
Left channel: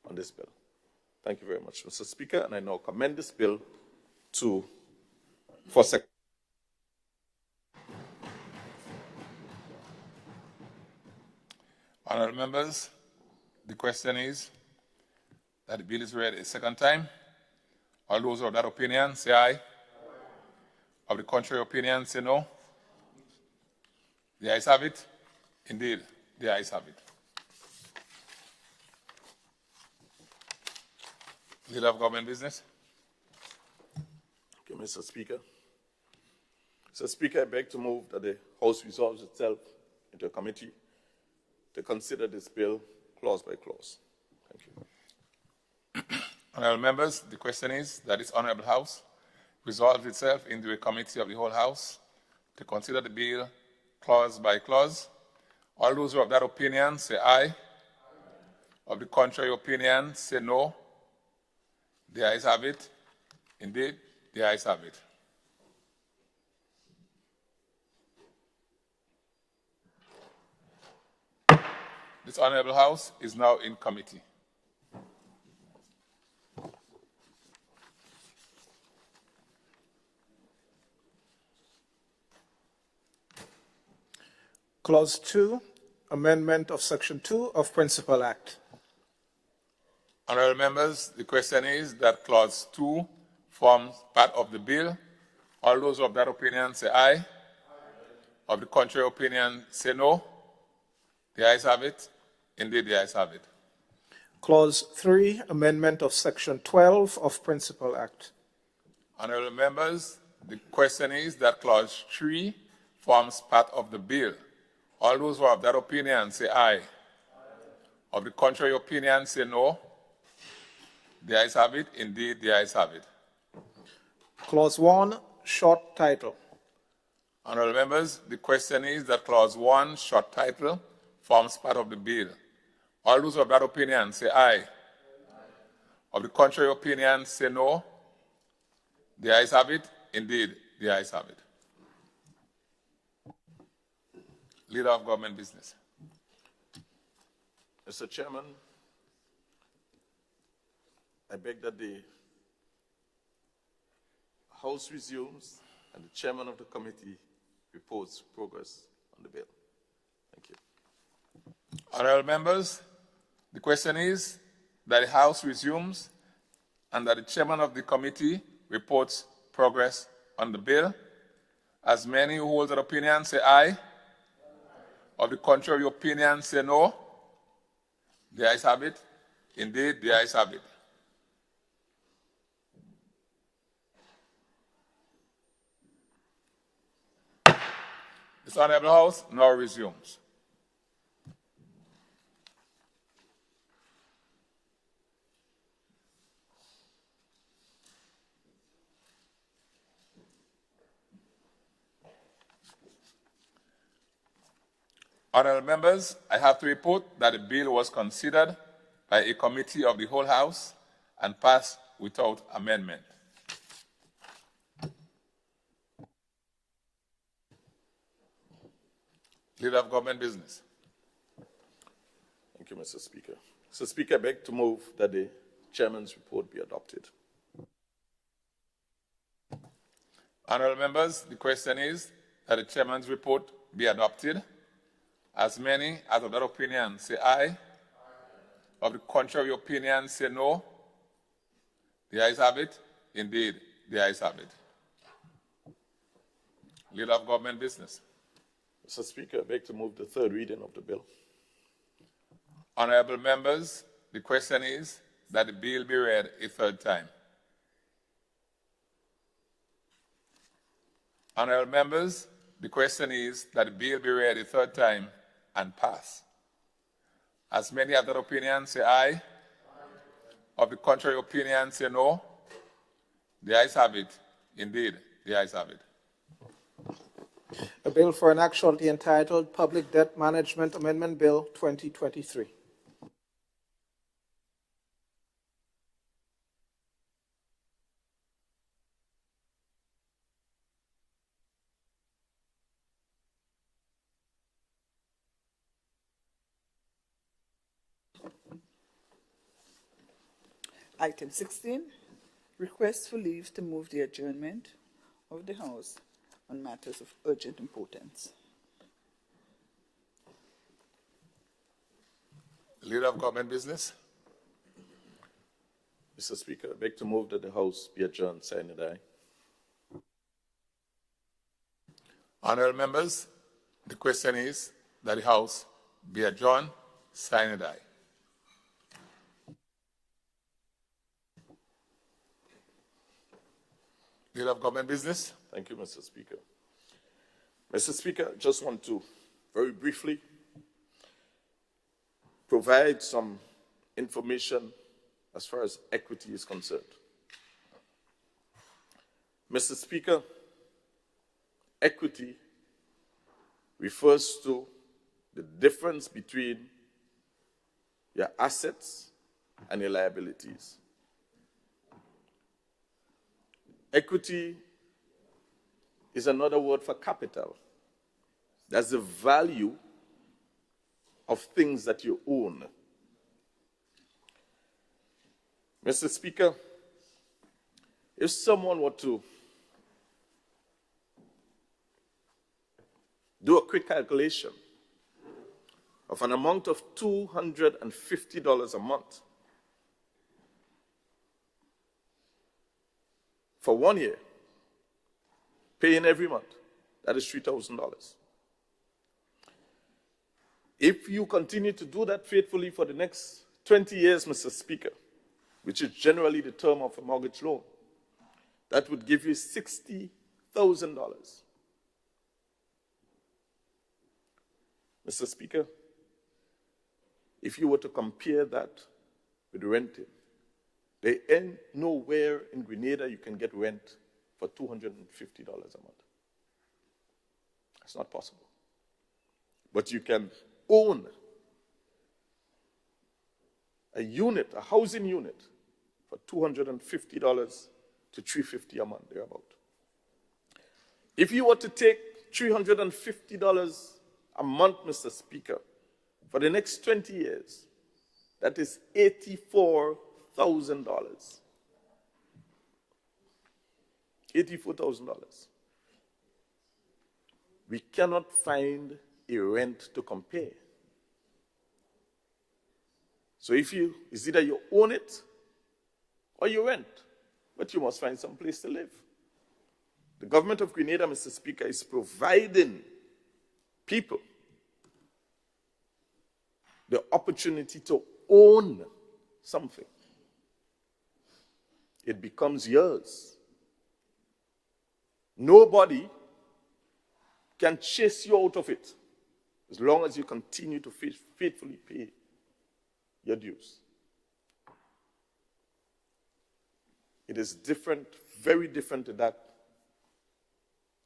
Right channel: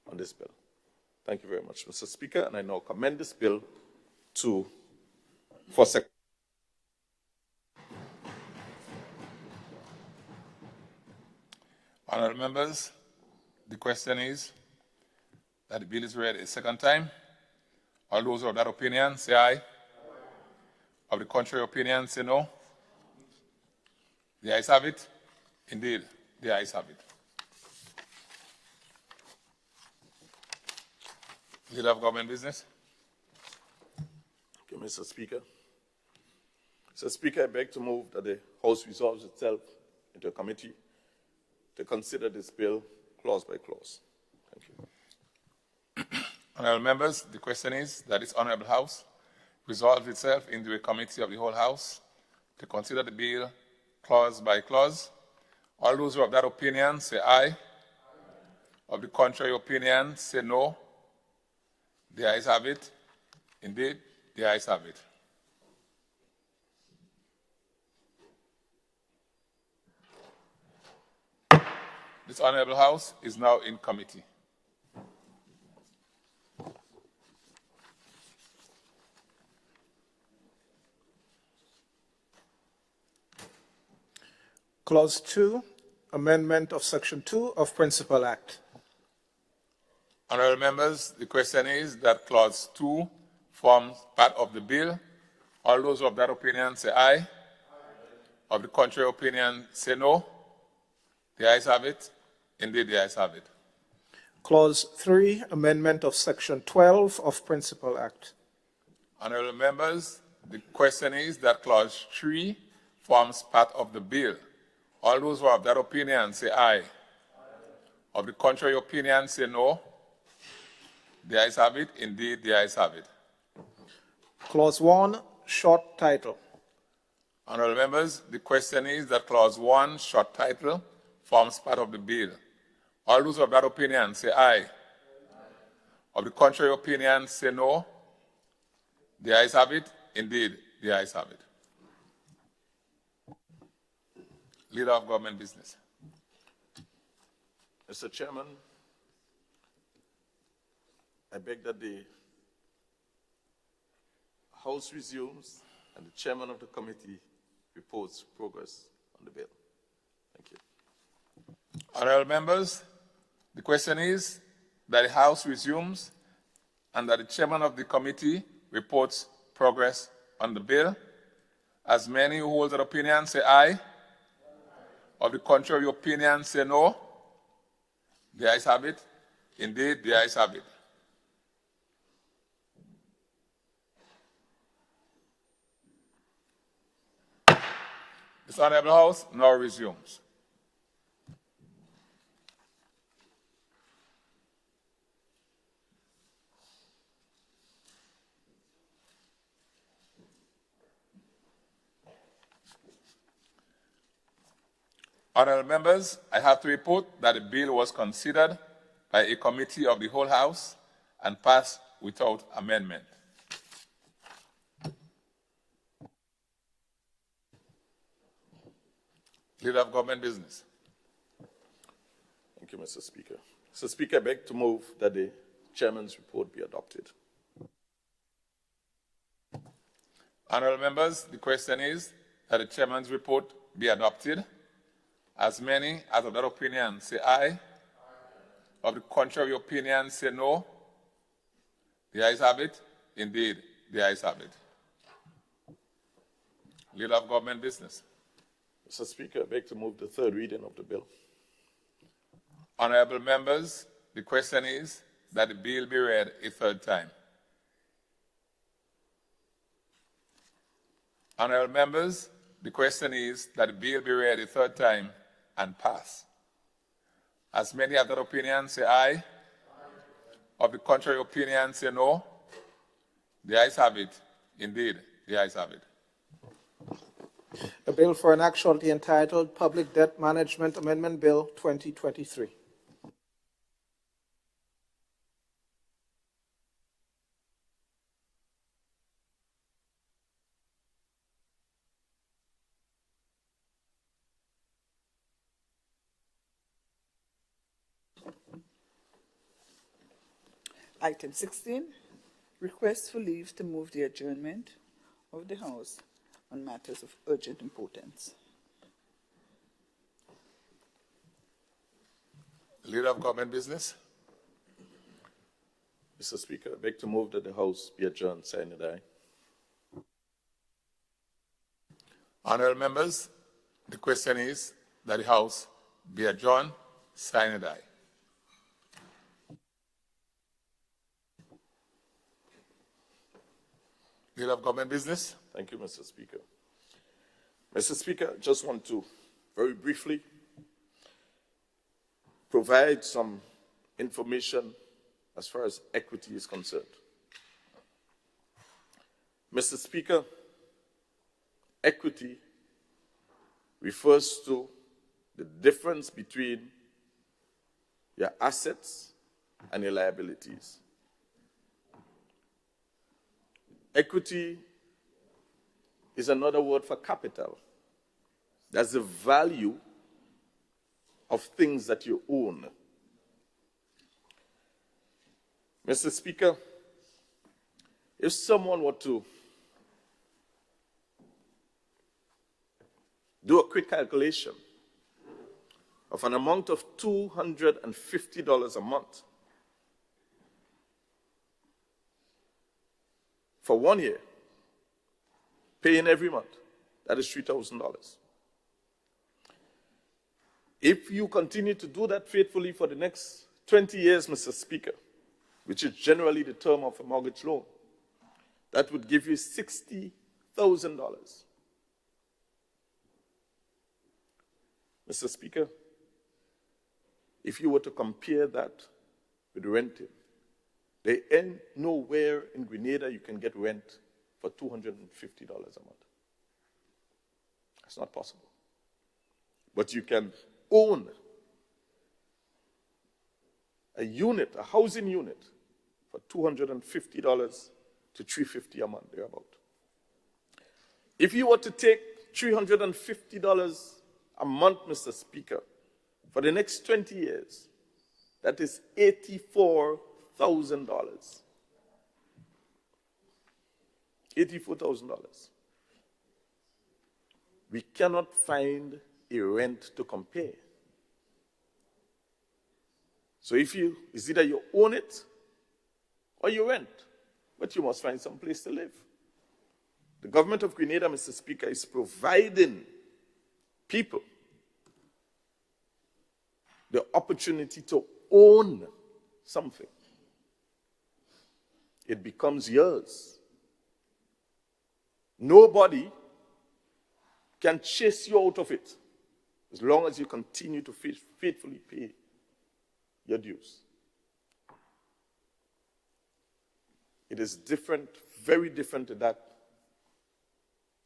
on this bill. Thank you very much, Mr. Speaker, and I now commend this bill for Secretary. Honourable members, the question is that the bill is read a second time. All those of that opinion, say aye. Of the contrary opinion, say no. The ayes have it. Indeed, the ayes have it. Leader of Government Business. Thank you, Mr. Speaker. Mr. Speaker, I beg to move that the House resolves itself into a committee to consider this bill clause by clause. Thank you. Honourable members, the question is that this Honourable House resolve itself into a committee of the whole House to consider the bill clause by clause. All those who have that opinion say aye. Of the contrary opinion, say no. The ayes have it. Indeed, the ayes have it. This Honourable House is now in committee. Clause 2, amendment of Section 2 of Principal Act. Honourable members, the question is that Clause 2 forms part of the bill. All those of that opinion say aye. Of the contrary opinion, say no. The ayes have it. Indeed, the ayes have it. Clause 3, amendment of Section 12 of Principal Act. Honourable members, the question is that Clause 3 forms part of the bill. All those who have that opinion say aye. Of the contrary opinion, say no. The ayes have it. Indeed, the ayes have it. Clause 1, short title. Honourable members, the question is that Clause 1, short title, forms part of the bill. All those of that opinion say aye. Of the contrary opinion, say no. The ayes have it. Indeed, the ayes have it. Leader of Government Business. Mr. Chairman, I beg that the House resumes and the chairman of the committee reports progress on the bill. Thank you. Honourable members, the question is that the House resumes and that the chairman of the committee reports progress on the bill. As many who hold that opinion say aye. Of the contrary opinion, say no. The ayes have it. Indeed, the ayes have it. This Honourable House now resumes. Honourable members, I have to report that the bill was considered by a committee of the whole House and passed without amendment. Leader of Government Business. Thank you, Mr. Speaker. Mr. Speaker, I beg to move that the chairman's report be adopted. Honourable members, the question is that the chairman's report be adopted. As many as of that opinion say aye. of the contrary opinion say no? The ayes have it. Indeed, the ayes have it. Leader of Government Business. Mr. Speaker, I beg to move the third reading of the bill. Honorable members, the question is that the bill be read a third time. Honorable members, the question is that the bill be read a third time and pass. As many have that opinion, say aye. Of the contrary opinion, say no. The ayes have it. Indeed, the ayes have it. A bill for an act shall be entitled Public Debt Management Amendment Bill 2023. Item 16, request for leave to move the adjournment of the House on matters of urgent importance. Leader of Government Business. Mr. Speaker, I beg to move that the House be adjourned, sine die. Honorable members, the question is that the House be adjourned, sine die. Leader of Government Business. Thank you, Mr. Speaker. Mr. Speaker, I just want to very briefly provide some information as far as equity is concerned. Mr. Speaker, equity refers to the difference between your assets and your liabilities. Equity is another word for capital. That's the value of things that you own. Mr. Speaker, if someone were to do a quick calculation of an amount of $250 a month for 1 year, paying every month, that is $3,000. If you continue to do that faithfully for the next 20 years, Mr. Speaker, which is generally the term of a mortgage loan, that would give you $60,000. Mr. Speaker, if you were to compare that with renting, there ain't nowhere in Grenada you can get rent for $250 a month. That's not possible. But you can own a unit, a housing unit, for $250 to $350 a month, thereabout. If you were to take $350 a month, Mr. Speaker, for the next 20 years, that is $84,000. $84,000. We cannot find a rent to compare. So it's either you own it or you rent, but you must find some place to live. The government of Grenada, Mr. Speaker, is providing people the opportunity to own something. It becomes yours. Nobody can chase you out of it as long as you continue to faithfully pay your dues. It is different, very different to that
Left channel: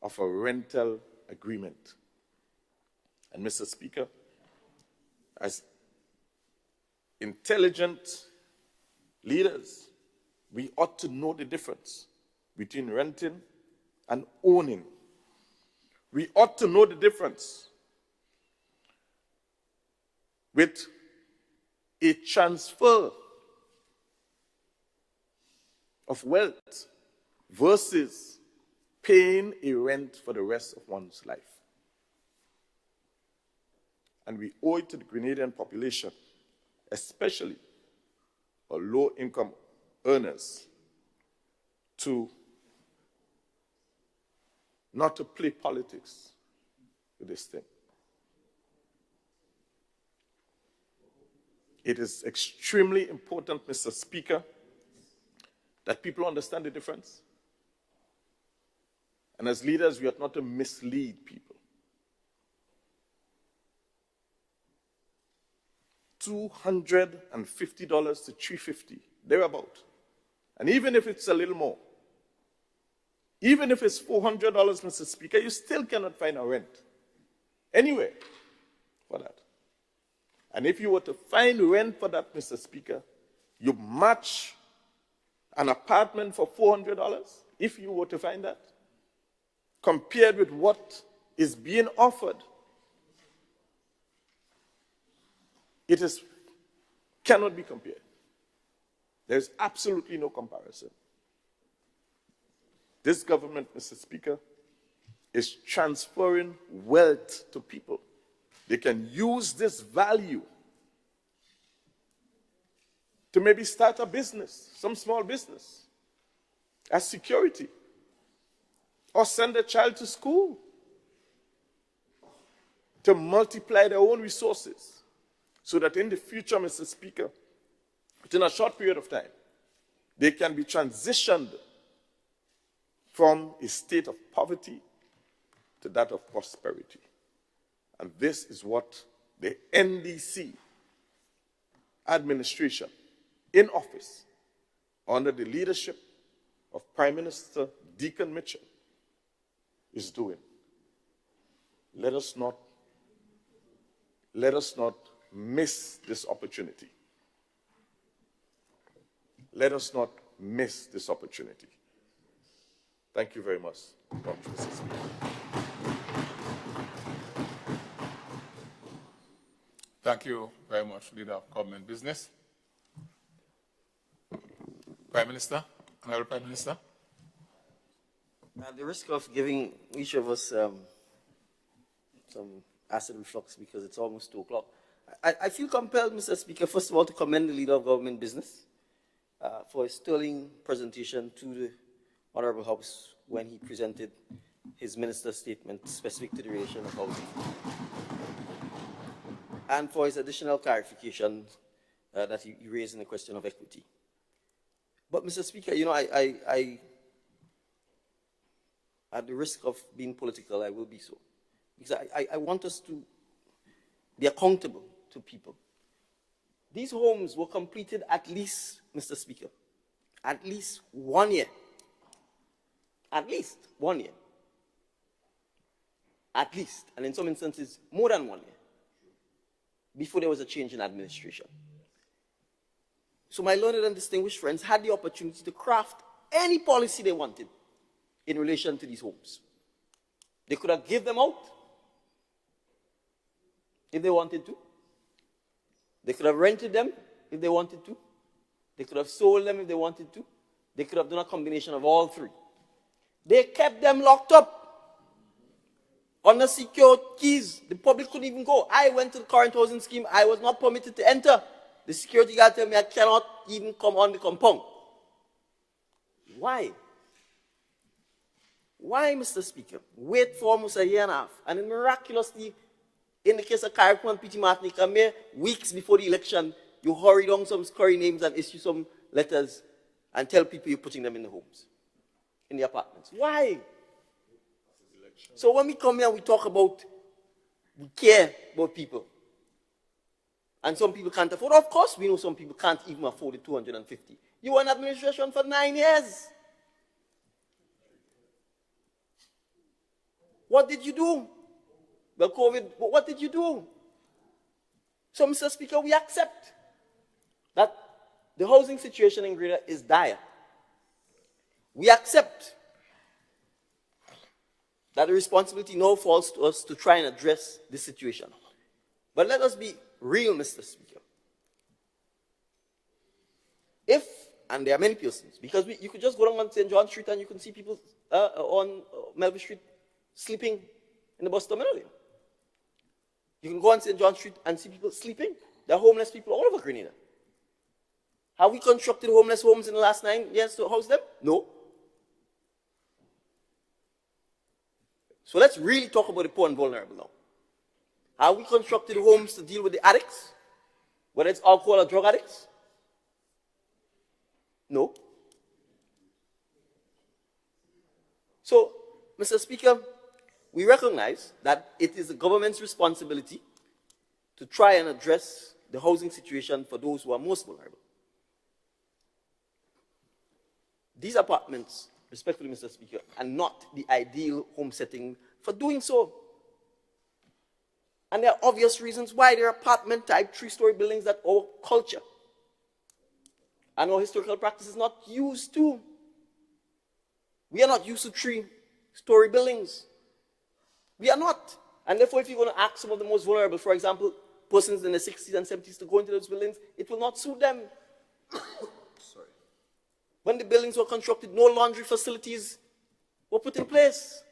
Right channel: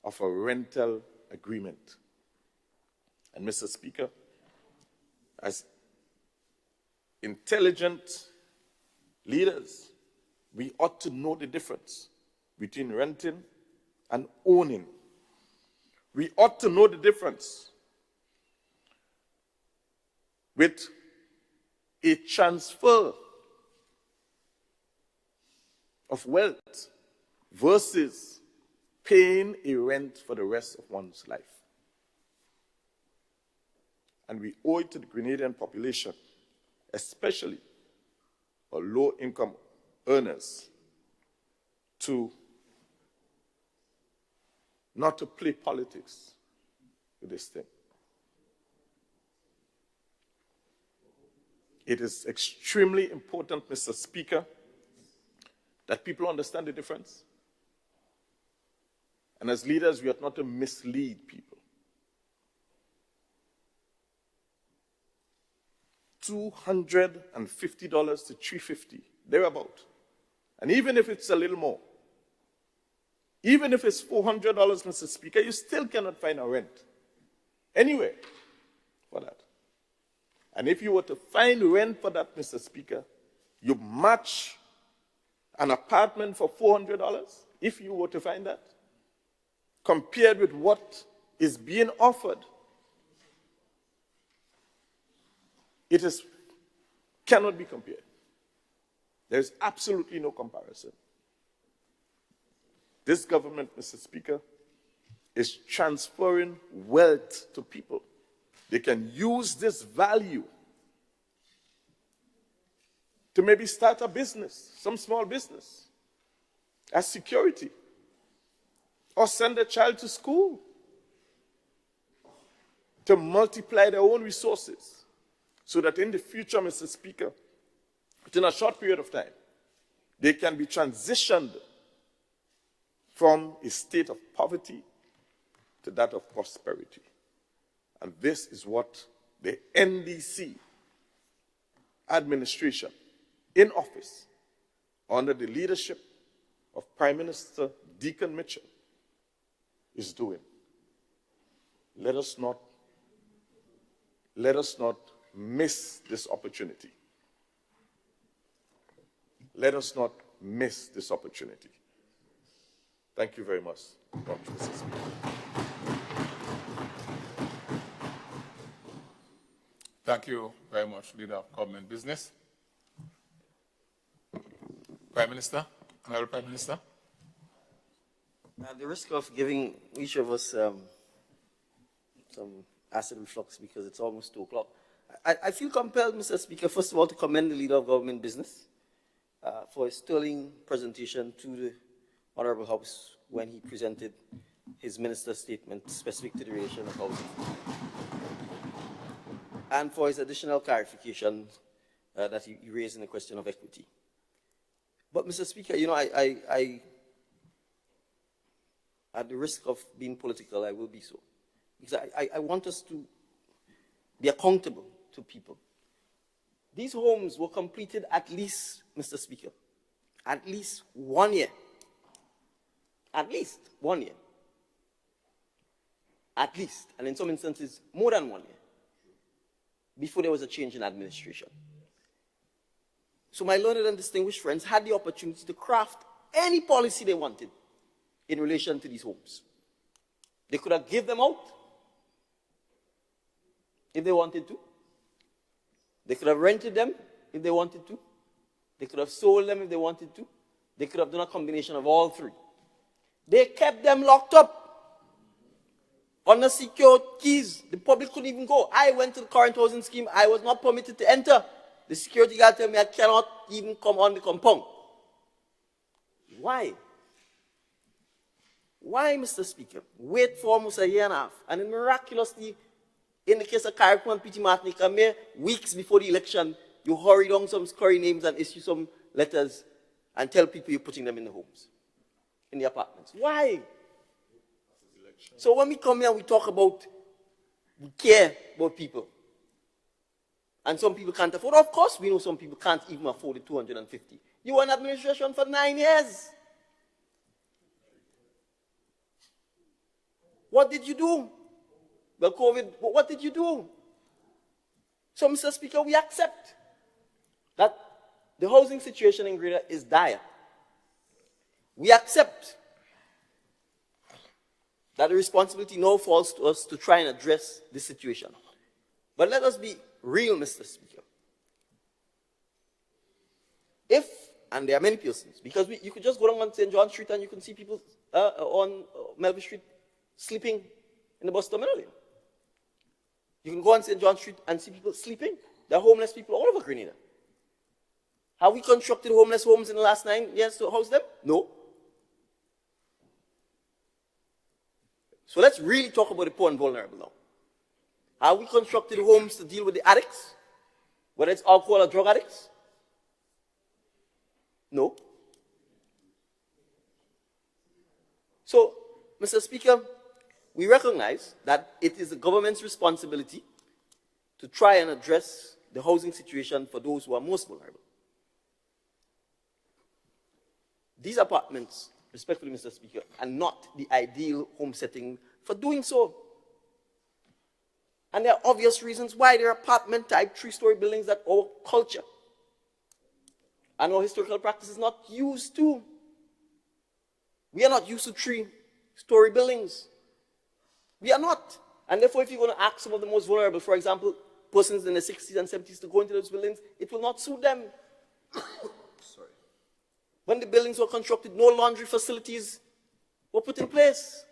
of a rental agreement. And Mr. Speaker, as intelligent leaders, we ought to know the difference between renting and owning. We ought to know the difference with a transfer of wealth versus paying a rent for the rest of one's life. And we owe it to the Grenadian population, especially for low-income earners, to not to play politics with this thing. It is extremely important, Mr. Speaker, that people understand the difference. And as leaders, we ought not to mislead people. $250 to $350, thereabout. And even if it's a little more, even if it's $400, Mr. Speaker, you still cannot find a rent anywhere for that. And if you were to find rent for that, Mr. Speaker, you match an apartment for $400, if you were to find that, compared with what is being offered. It cannot be compared. There's absolutely no comparison. This government, Mr. Speaker, is transferring wealth to people. They can use this value to maybe start a business, some small business, as security, or send a child to school, to multiply their own resources, so that in the future, Mr. Speaker, within a short period of time, they can be transitioned from a state of poverty to that of prosperity. And this is what the NDC administration in office, under the leadership of Prime Minister Deacon Mitchell, is doing. Let us not miss this opportunity. Let us not miss this opportunity. Thank you very much, Mr. Speaker. Thank you very much, Leader of Government Business. Prime Minister, Honorable Prime Minister. At the risk of giving each of us some acid reflux because it's almost 2 o'clock, I feel compelled, Mr. Speaker, first of all, to commend the Leader of Government Business for a sterling presentation to the Honorable House when he presented his minister's statement specific to the relation of housing, and for his additional clarification that he raised in the question of equity. But, Mr. Speaker, you know, I at the risk of being political, I will be so. Because I want us to be accountable to people. These homes were completed at least, Mr. Speaker, at least 1 year. At least 1 year. At least, and in some instances, more than 1 year, before there was a change in administration. So my learned and distinguished friends had the opportunity to craft any policy they wanted in relation to these homes. They could have given them out if they wanted to. They could have rented them if they wanted to. They could have sold them if they wanted to. They could have done a combination of all three. They kept them locked up under secure keys. The public couldn't even go. I went to the current housing scheme. I was not permitted to enter. The security guard told me I cannot even come on the compound. Why? Why, Mr. Speaker? Wait for almost a year and a half. And then miraculously, in the case of Carriacou and P.T. Martinique, mere weeks before the election, you hurry down some scurry names and issue some letters and tell people you're putting them in the homes, in the apartments. Why? So when we come here, we talk about, we care about people. And some people can't afford. Of course, we know some people can't even afford the 250. You were in administration for 9 years. What did you do? Well, COVID, what did you do? So, Mr. Speaker, we accept that the housing situation in Grenada is dire. We accept that the responsibility now falls to us to try and address this situation. But let us be real, Mr. Speaker. If, and there are many persons, because you could just go down on St. John Street and you can see people on Melville Street sleeping in the bus terminal. You can go on St. John Street and see people sleeping There are homeless people all over Grenada. Have we constructed homeless homes in the last 9 years to house them? No. So let's really talk about the poor and vulnerable now. Have we constructed homes to deal with the addicts? Whether it's alcohol or drug addicts? No. So, Mr. Speaker, we recognize that it is the government's responsibility to try and address the housing situation for those who are most vulnerable. These apartments, respectfully, Mr. Speaker, are not the ideal home setting for doing so. And there are obvious reasons why. There are apartment-type 3-story buildings that our culture and our historical practice is not used to. We are not used to 3-story buildings. We are not. And therefore, if you're going to ask some of the most vulnerable, for example, persons in the 60s and 70s to go into those buildings, it will not suit them. When the buildings were constructed, no laundry facilities were put in place.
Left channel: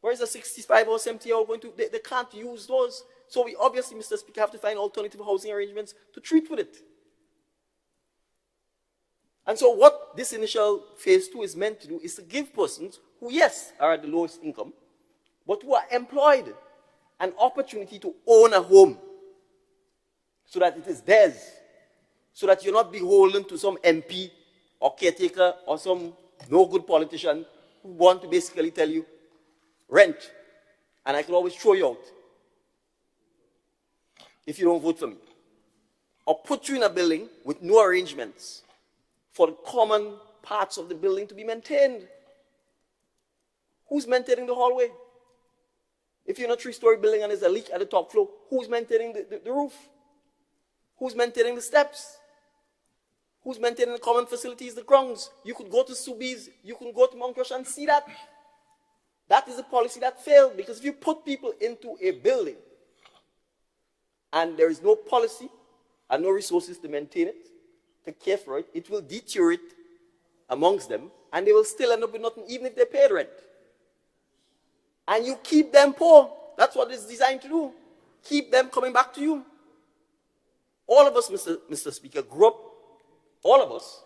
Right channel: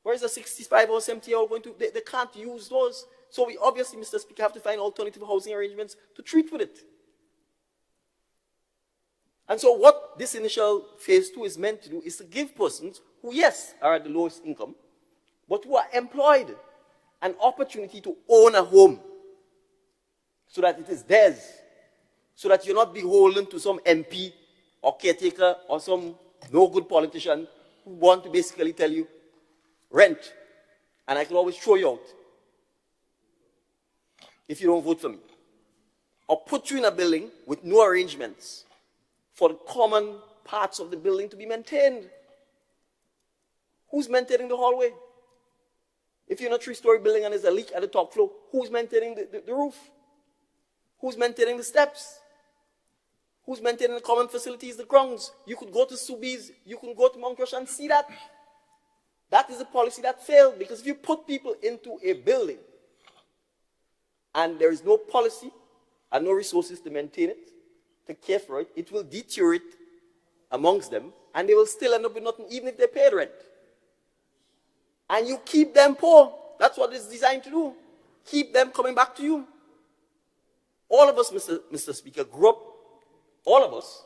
Whereas a 65 or 70-year-old going to, they can't use those. So we obviously, Mr. Speaker, have to find alternative housing arrangements to treat with it. And so what this initial phase 2 is meant to do is to give persons who, yes, are at the lowest income, but who are employed, an opportunity to own a home so that it is theirs, so that you're not beholden to some MP or caretaker or some no-good politician who want to basically tell you, rent, and I can always throw you out if you don't vote for me. Or put you in a building with no arrangements for the common parts of the building to be maintained. Who's maintaining the hallway? If you're in a 3-story building and there's a leak at the top floor, who's maintaining the roof? Who's maintaining the steps? Who's maintaining the common facilities, the grounds? You could go to Subies, you can go to Mount Rush and see that. That is a policy that failed, because if you put people into a building and there is no policy and no resources to maintain it, to care for it, it will deteriorate amongst them and they will still end up with nothing even if they pay rent. And you keep them poor. That's what it's designed to do. Keep them coming back to you. All of us, Mr. Speaker, all of us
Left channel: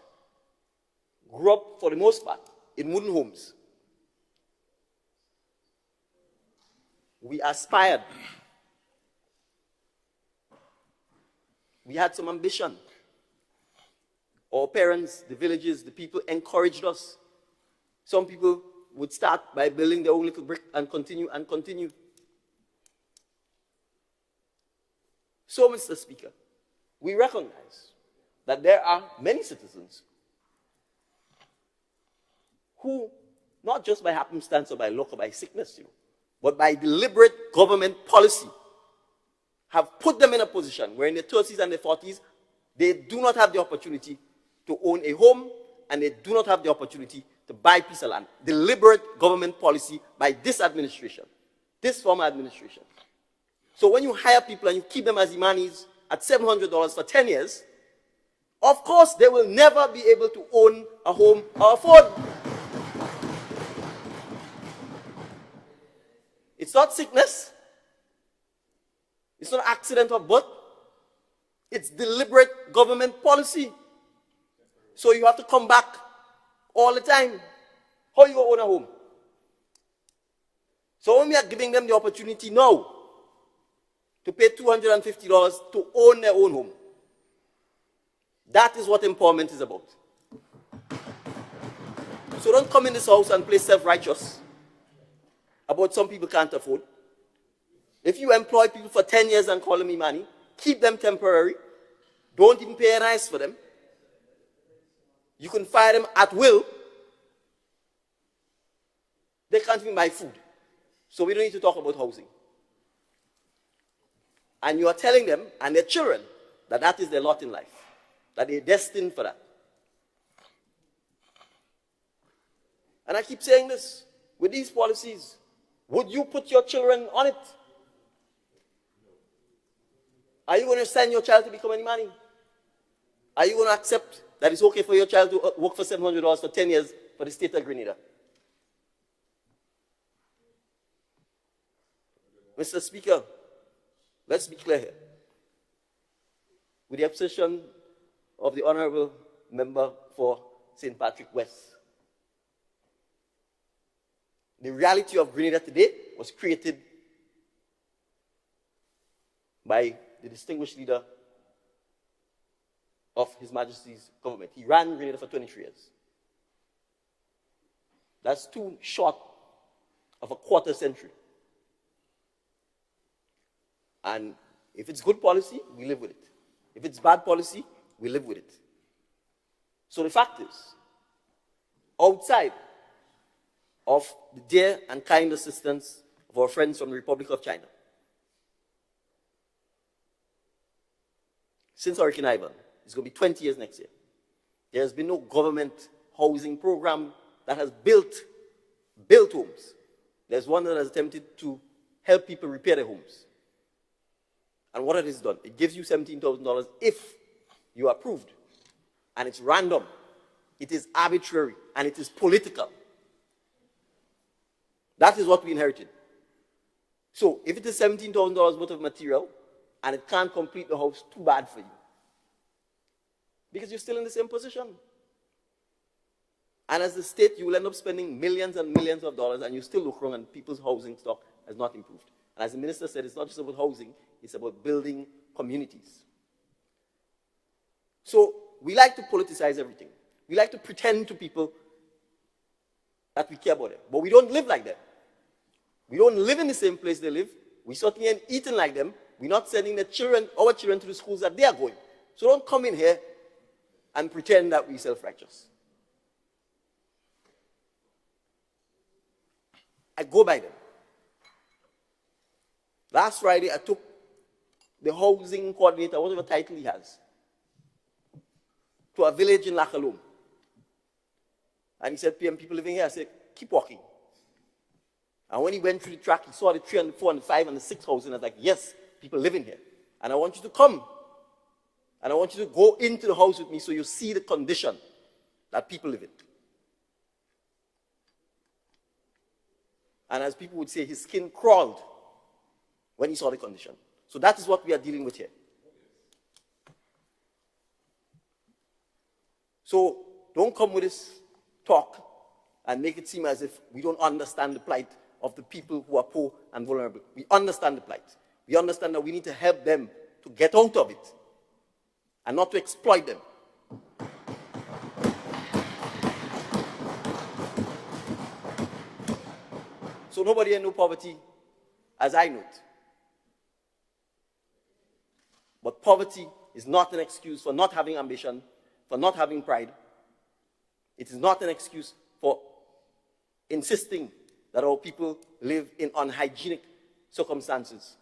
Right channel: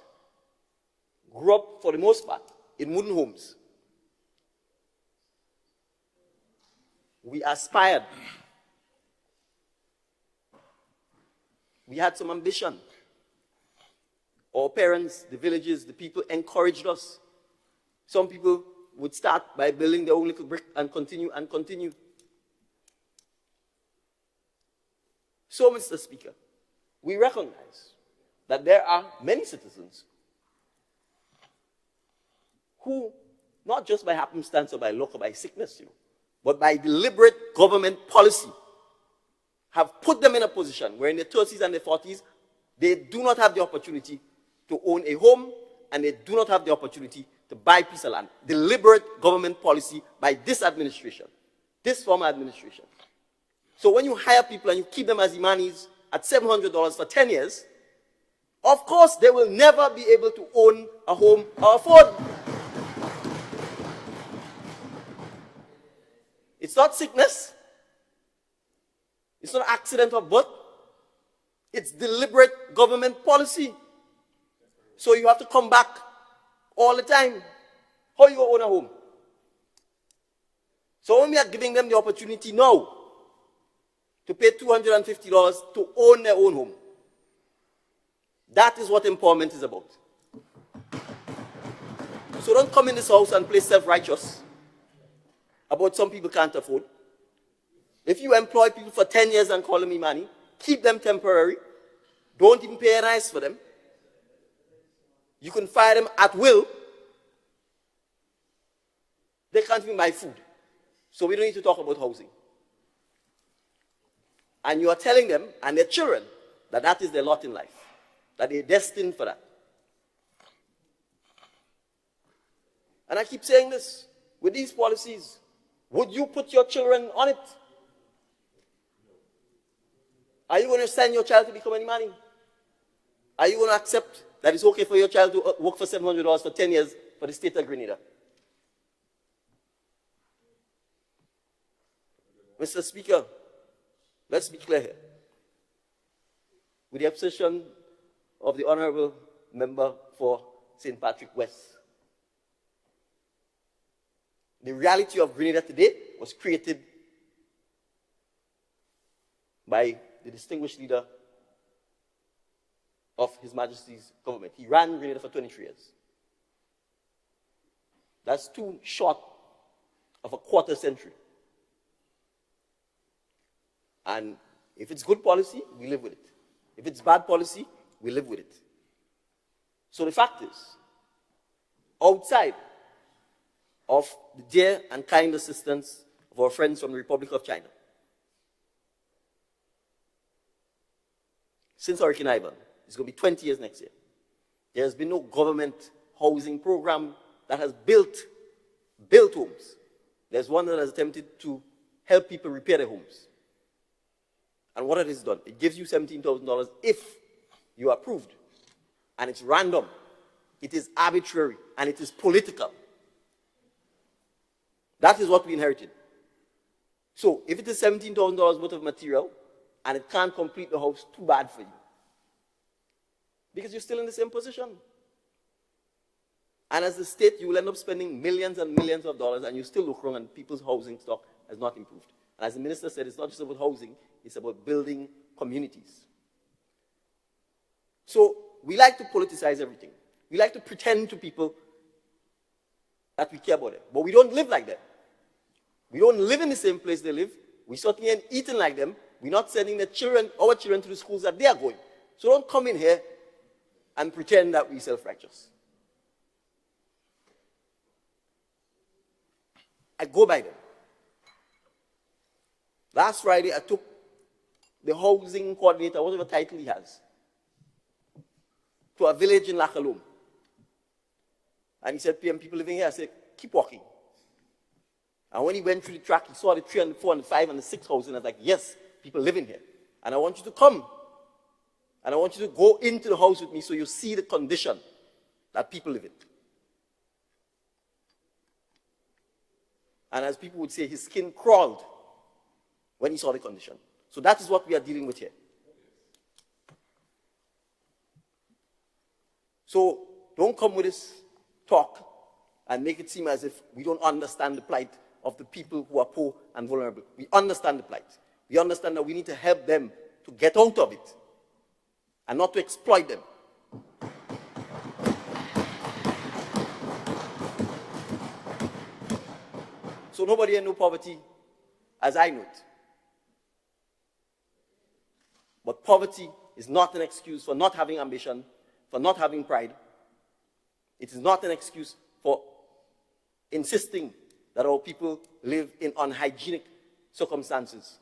grew up, for the most part, in wooden homes. We aspired. We had some ambition. Our parents, the villages, the people encouraged us. Some people would start by building their own little brick and continue and continue. So, Mr. Speaker, we recognize that there are many citizens who, not just by happenstance or by luck or by sickness, but by deliberate government policy, have put them in a position where in their 30s and their 40s, they do not have the opportunity to own a home, and they do not have the opportunity to buy a piece of land. Deliberate government policy by this administration, this former administration. So when you hire people and you keep them as imanis at $700 for 10 years, of course they will never be able to own a home or afford. It's not sickness. It's not accident of birth. It's deliberate government policy. So you have to come back all the time. How you own a home? So when we are giving them the opportunity now to pay $250 to own their own home, that is what empowerment is about. So don't come in this house and play self-righteous about some people can't afford. If you employ people for 10 years and call them money, keep them temporary. Don't even pay a nice for them. You can fire them at will. They can't even buy food. So we don't need to talk about housing. And you are telling them and their children that that is their lot in life, that they're destined for that. And I keep saying this, with these policies, would you put your children on it? Are you going to send your child to become a money? Are you going to accept that it's okay for your child to work for $700 for 10 years for the state of Grenada? Mr. Speaker, let's be clear here. with the abstention of the Honorable Member for St. Patrick West. The reality of Grenada today was created by the distinguished leader of His Majesty's government. He ran Grenada for 23 years. That's too short of a quarter century. And if it's good policy, we live with it. If it's bad policy, we live with it. So the fact is, outside of the dear and kind assistance of our friends from the Republic of China, since Hurricane Ivan, it's going to be 20 years next year, there has been no government housing program that has built homes. There's one that has attempted to help people repair their homes. And what it has done, it gives you $17,000 if you are approved. And it's random, it is arbitrary, and it is political. That is what we inherited. So if it is $17,000 worth of material, and it can't complete the house, too bad for you. Because you're still in the same position. And as a state, you will end up spending millions and millions of dollars, and you still look wrong, and people's housing stock has not improved. And as the minister said, it's not just about housing, it's about building communities. So we like to politicize everything. We like to pretend to people that we care about them. But we don't live like that. We don't live in the same place they live. We certainly ain't eating like them. We're not sending our children to the schools that they are going. So don't come in here and pretend that we're self-righteous. I go by them. Last Friday, I took the housing coordinator, whatever title he has, to a village in Lakalum. And he said, PM, people living here. I said, keep walking. And when he went through the track, he saw the 3 and the 4 and the 5 and the 6 houses, and I was like, yes, people living here. And I want you to come. And I want you to go into the house with me so you see the condition that people live in. And as people would say, his skin crawled when he saw the condition. So that is what we are dealing with here. So don't come with this talk and make it seem as if we don't understand the plight of the people who are poor and vulnerable. We understand the plight. We understand that we need to help them to get out of it and not to exploit them. So nobody here knows poverty as I know it. But poverty is not an excuse for not having ambition, for not having pride. It is not an excuse for insisting that our people live in unhygienic circumstances,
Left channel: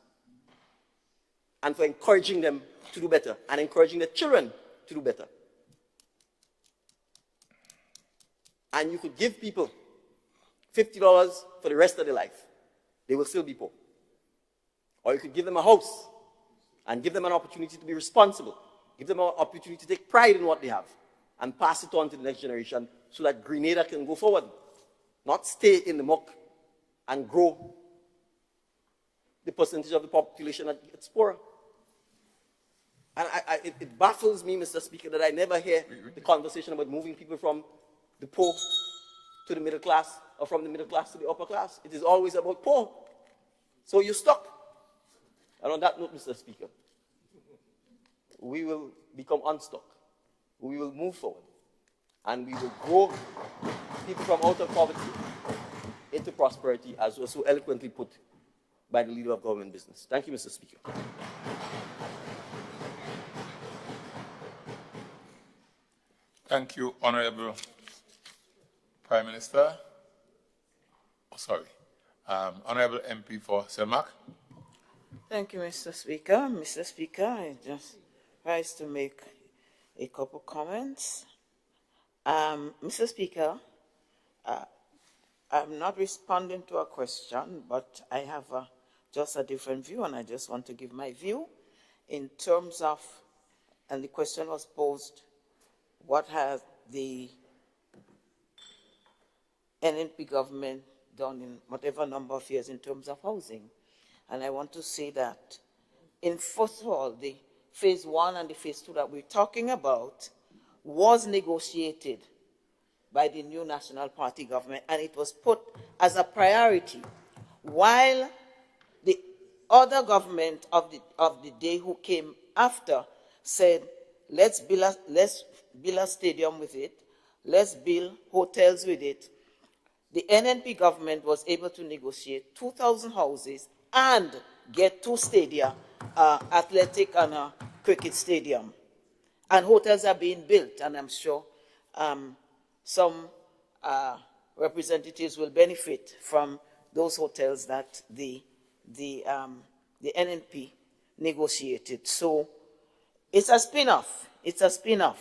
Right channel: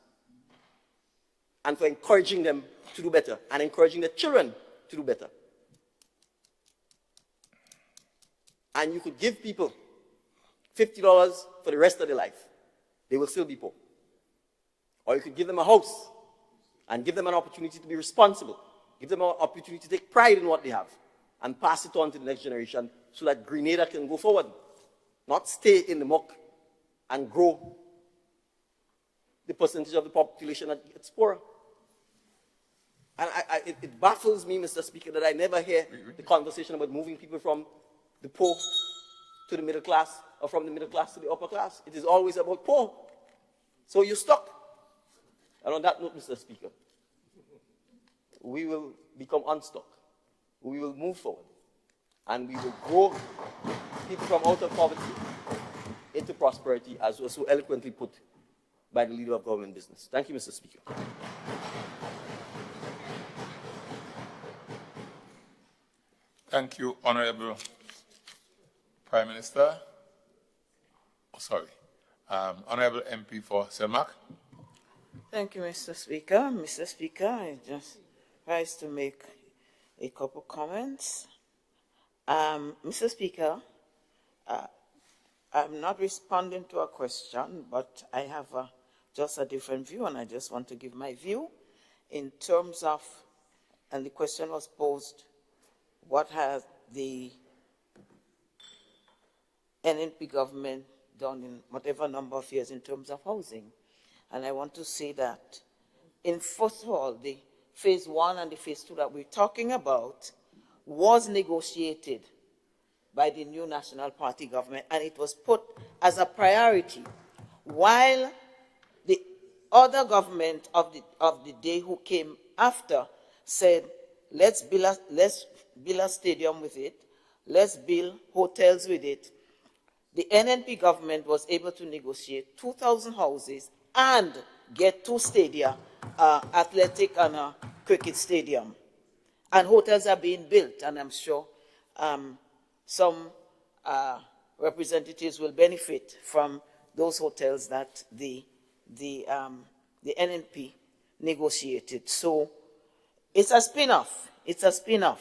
and for encouraging them to do better and encouraging their children to do better. And you could give people $50 for the rest of their life. They will still be poor. Or you could give them a house and give them an opportunity to be responsible. Give them an opportunity to take pride in what they have and pass it on to the next generation so that Grenada can go forward, not stay in the muck and grow the percentage of the population that gets poorer. And it baffles me, Mr. Speaker, that I never hear the conversation about moving people from the poor to the middle class, or from the middle class to the upper class. It is always about poor. So you're stuck. And on that note, Mr. Speaker, we will become unstuck. We will move forward. And we will grow people from out of poverty into prosperity, as was so eloquently put by the leader of government business. Thank you, Mr. Speaker. Thank you, Honorable Prime Minister. Oh, sorry. Honorable MP for Selmark. Thank you, Mr. Speaker. Mr. Speaker, I just rise to make a couple comments. Mr. Speaker, I'm not responding to a question, but I have just a different view, and I just want to give my view in terms of, and the question was posed, what has the NNP government done in whatever number of years in terms of housing? And I want to say that, first of all, the phase 1 and the phase 2 that we're talking about was negotiated by the new National Party government, and it was put as a priority, while the other government of the day who came after said, let's build a stadium with it, let's build hotels with it. The NNP government was able to negotiate 2,000 houses and get 2 stadia, athletic and a cricket stadium. And hotels are being built, and I'm sure some representatives will benefit from those hotels that the NNP negotiated. So it's a spin-off. It's a spin-off.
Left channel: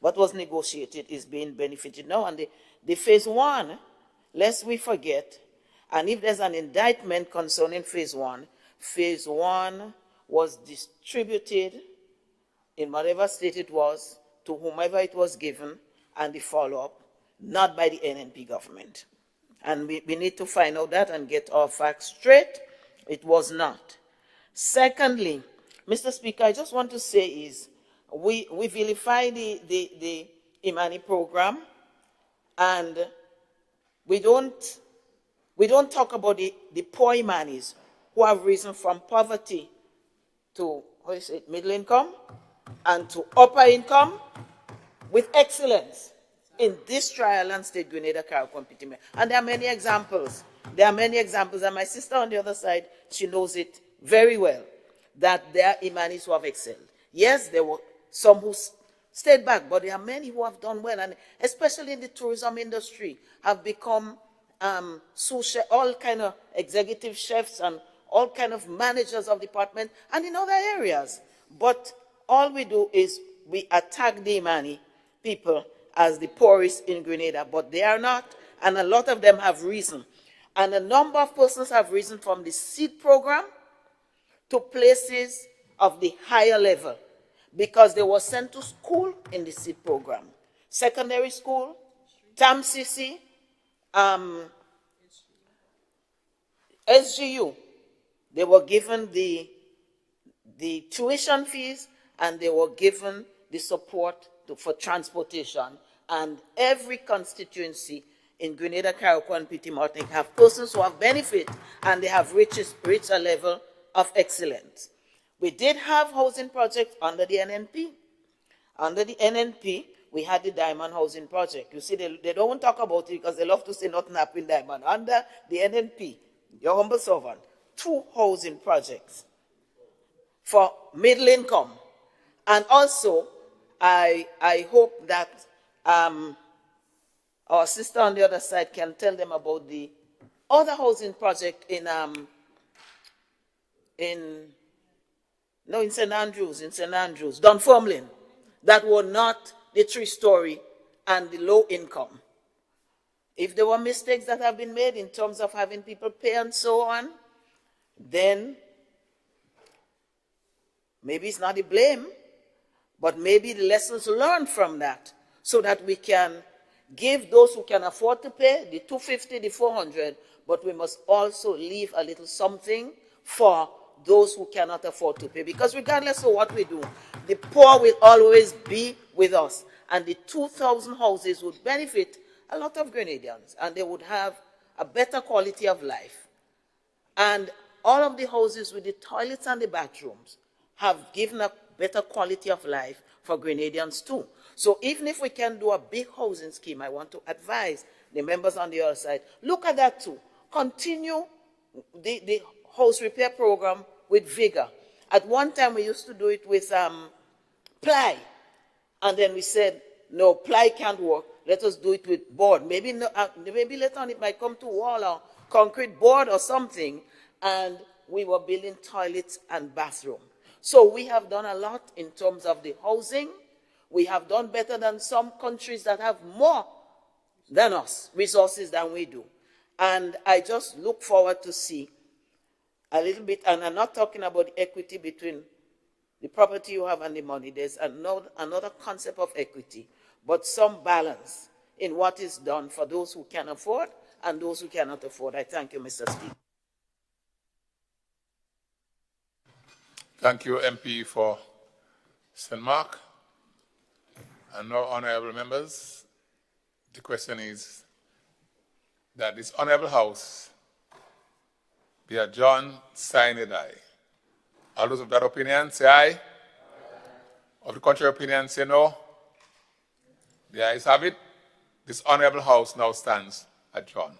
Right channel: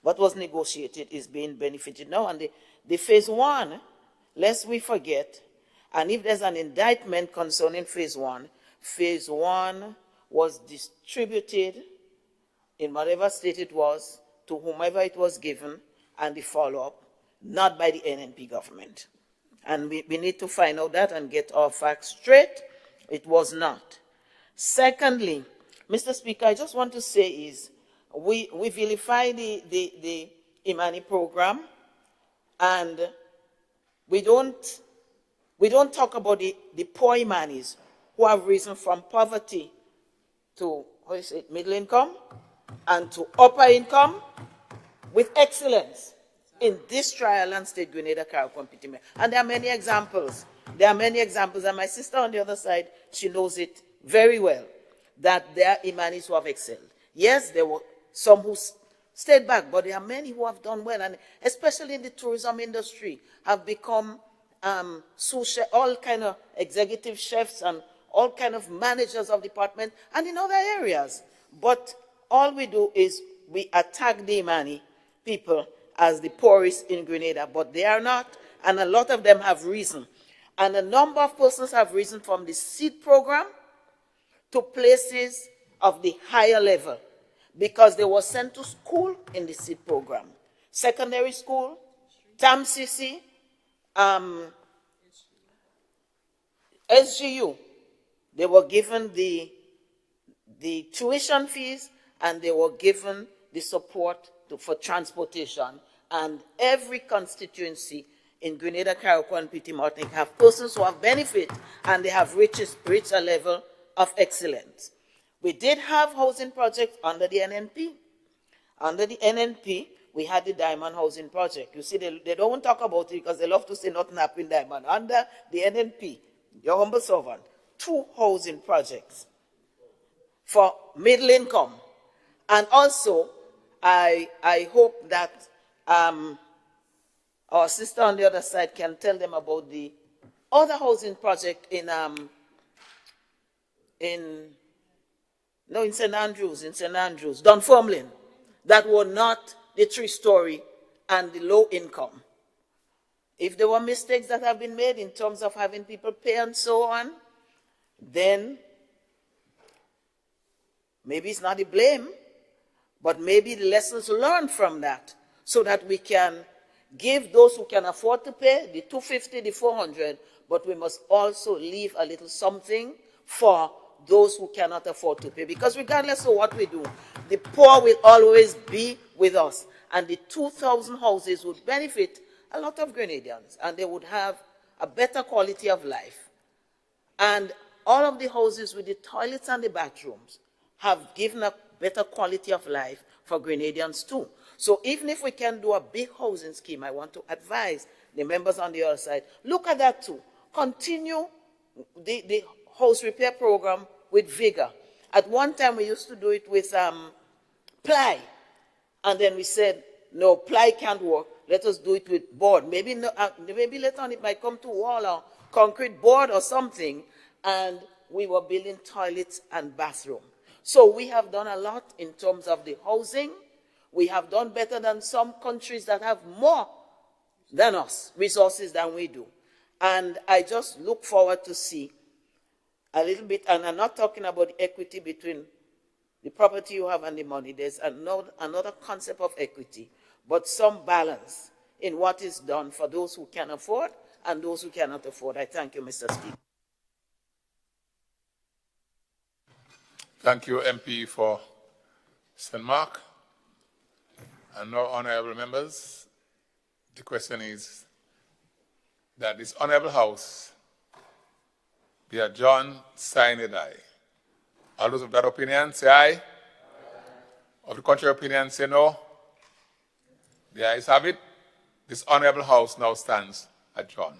What was negotiated is being benefited now. And the phase 1, lest we forget, and if there's an indictment concerning phase 1 was distributed in whatever state it was to whomever it was given, and the follow-up, not by the NNP government. And we need to find out that and get our facts straight. It was not. Secondly, Mr. Speaker, I just want to say is we vilify the Imani program, and we don't talk about the poor Imanis who have risen from poverty to, middle income and to upper income with excellence in this trial and state Grenada Carriacou Pitime. And there are many examples. There are many examples, and my sister on the other side, she knows it very well, that there are Imanis who have excelled. Yes, there were some who stayed back, but there are many who have done well, and especially in the tourism industry, have become sous chef, all kind of executive chefs and all kind of managers of department and in other areas. But all we do is we attack the Imani people as the poorest in Grenada, but they are not, and a lot of them have risen. And a number of persons have risen from the seed program to places of the higher level because they were sent to school in the seed program. Secondary school, TAMCC, SGU, they were given the tuition fees, and they were given the support for transportation. And every constituency in Grenada, Carriacou, and Petite Martinique have persons who have benefit, and they have reached a level of excellence. We did have housing projects under the NNP. Under the NNP, we had the Diamond Housing Project. You see, they don't talk about it because they love to say nothing happened in Diamond. Under the NNP, your humble servant, 2 housing projects for middle income. And also, I hope that our sister on the other side can tell them about the other housing project in St. Andrews, Dunfermline, that were not the 3-story and the low income. If there were mistakes that have been made in terms of having people pay and so on, then maybe it's not the blame, but maybe the lessons learned from that, so that we can give those who can afford to pay the 250, the 400, but we must also leave a little something for those who cannot afford to pay. Because regardless of what we do, the poor will always be with us. And the 2,000 houses would benefit a lot of Grenadians, and they would have a better quality of life. And all of the houses with the toilets and the bathrooms have given a better quality of life for Grenadians too. So even if we can do a big housing scheme, I want to advise the members on the other side, look at that too. Continue the house repair program with vigor. At one time, we used to do it with ply. And then we said, no, ply can't work. Let us do it with board. Maybe later on it might come to wall or concrete board or something. And we were building toilets and bathroom. So we have done a lot in terms of the housing. We have done better than some countries that have more than us, resources than we do. And I just look forward to see a little bit, and I'm not talking about equity between the property you have and the money. There's another concept of equity, but some balance in what is done for those who can afford and those who cannot afford. I thank you, Mr. Speaker. Thank you, MP, for St. Mark. And now, honorable members, the question is that this honorable house be adjourned, signed, and die. All those of that opinion say aye. Of the contrary opinion say no. The ayes have it. This honorable house now stands adjourned.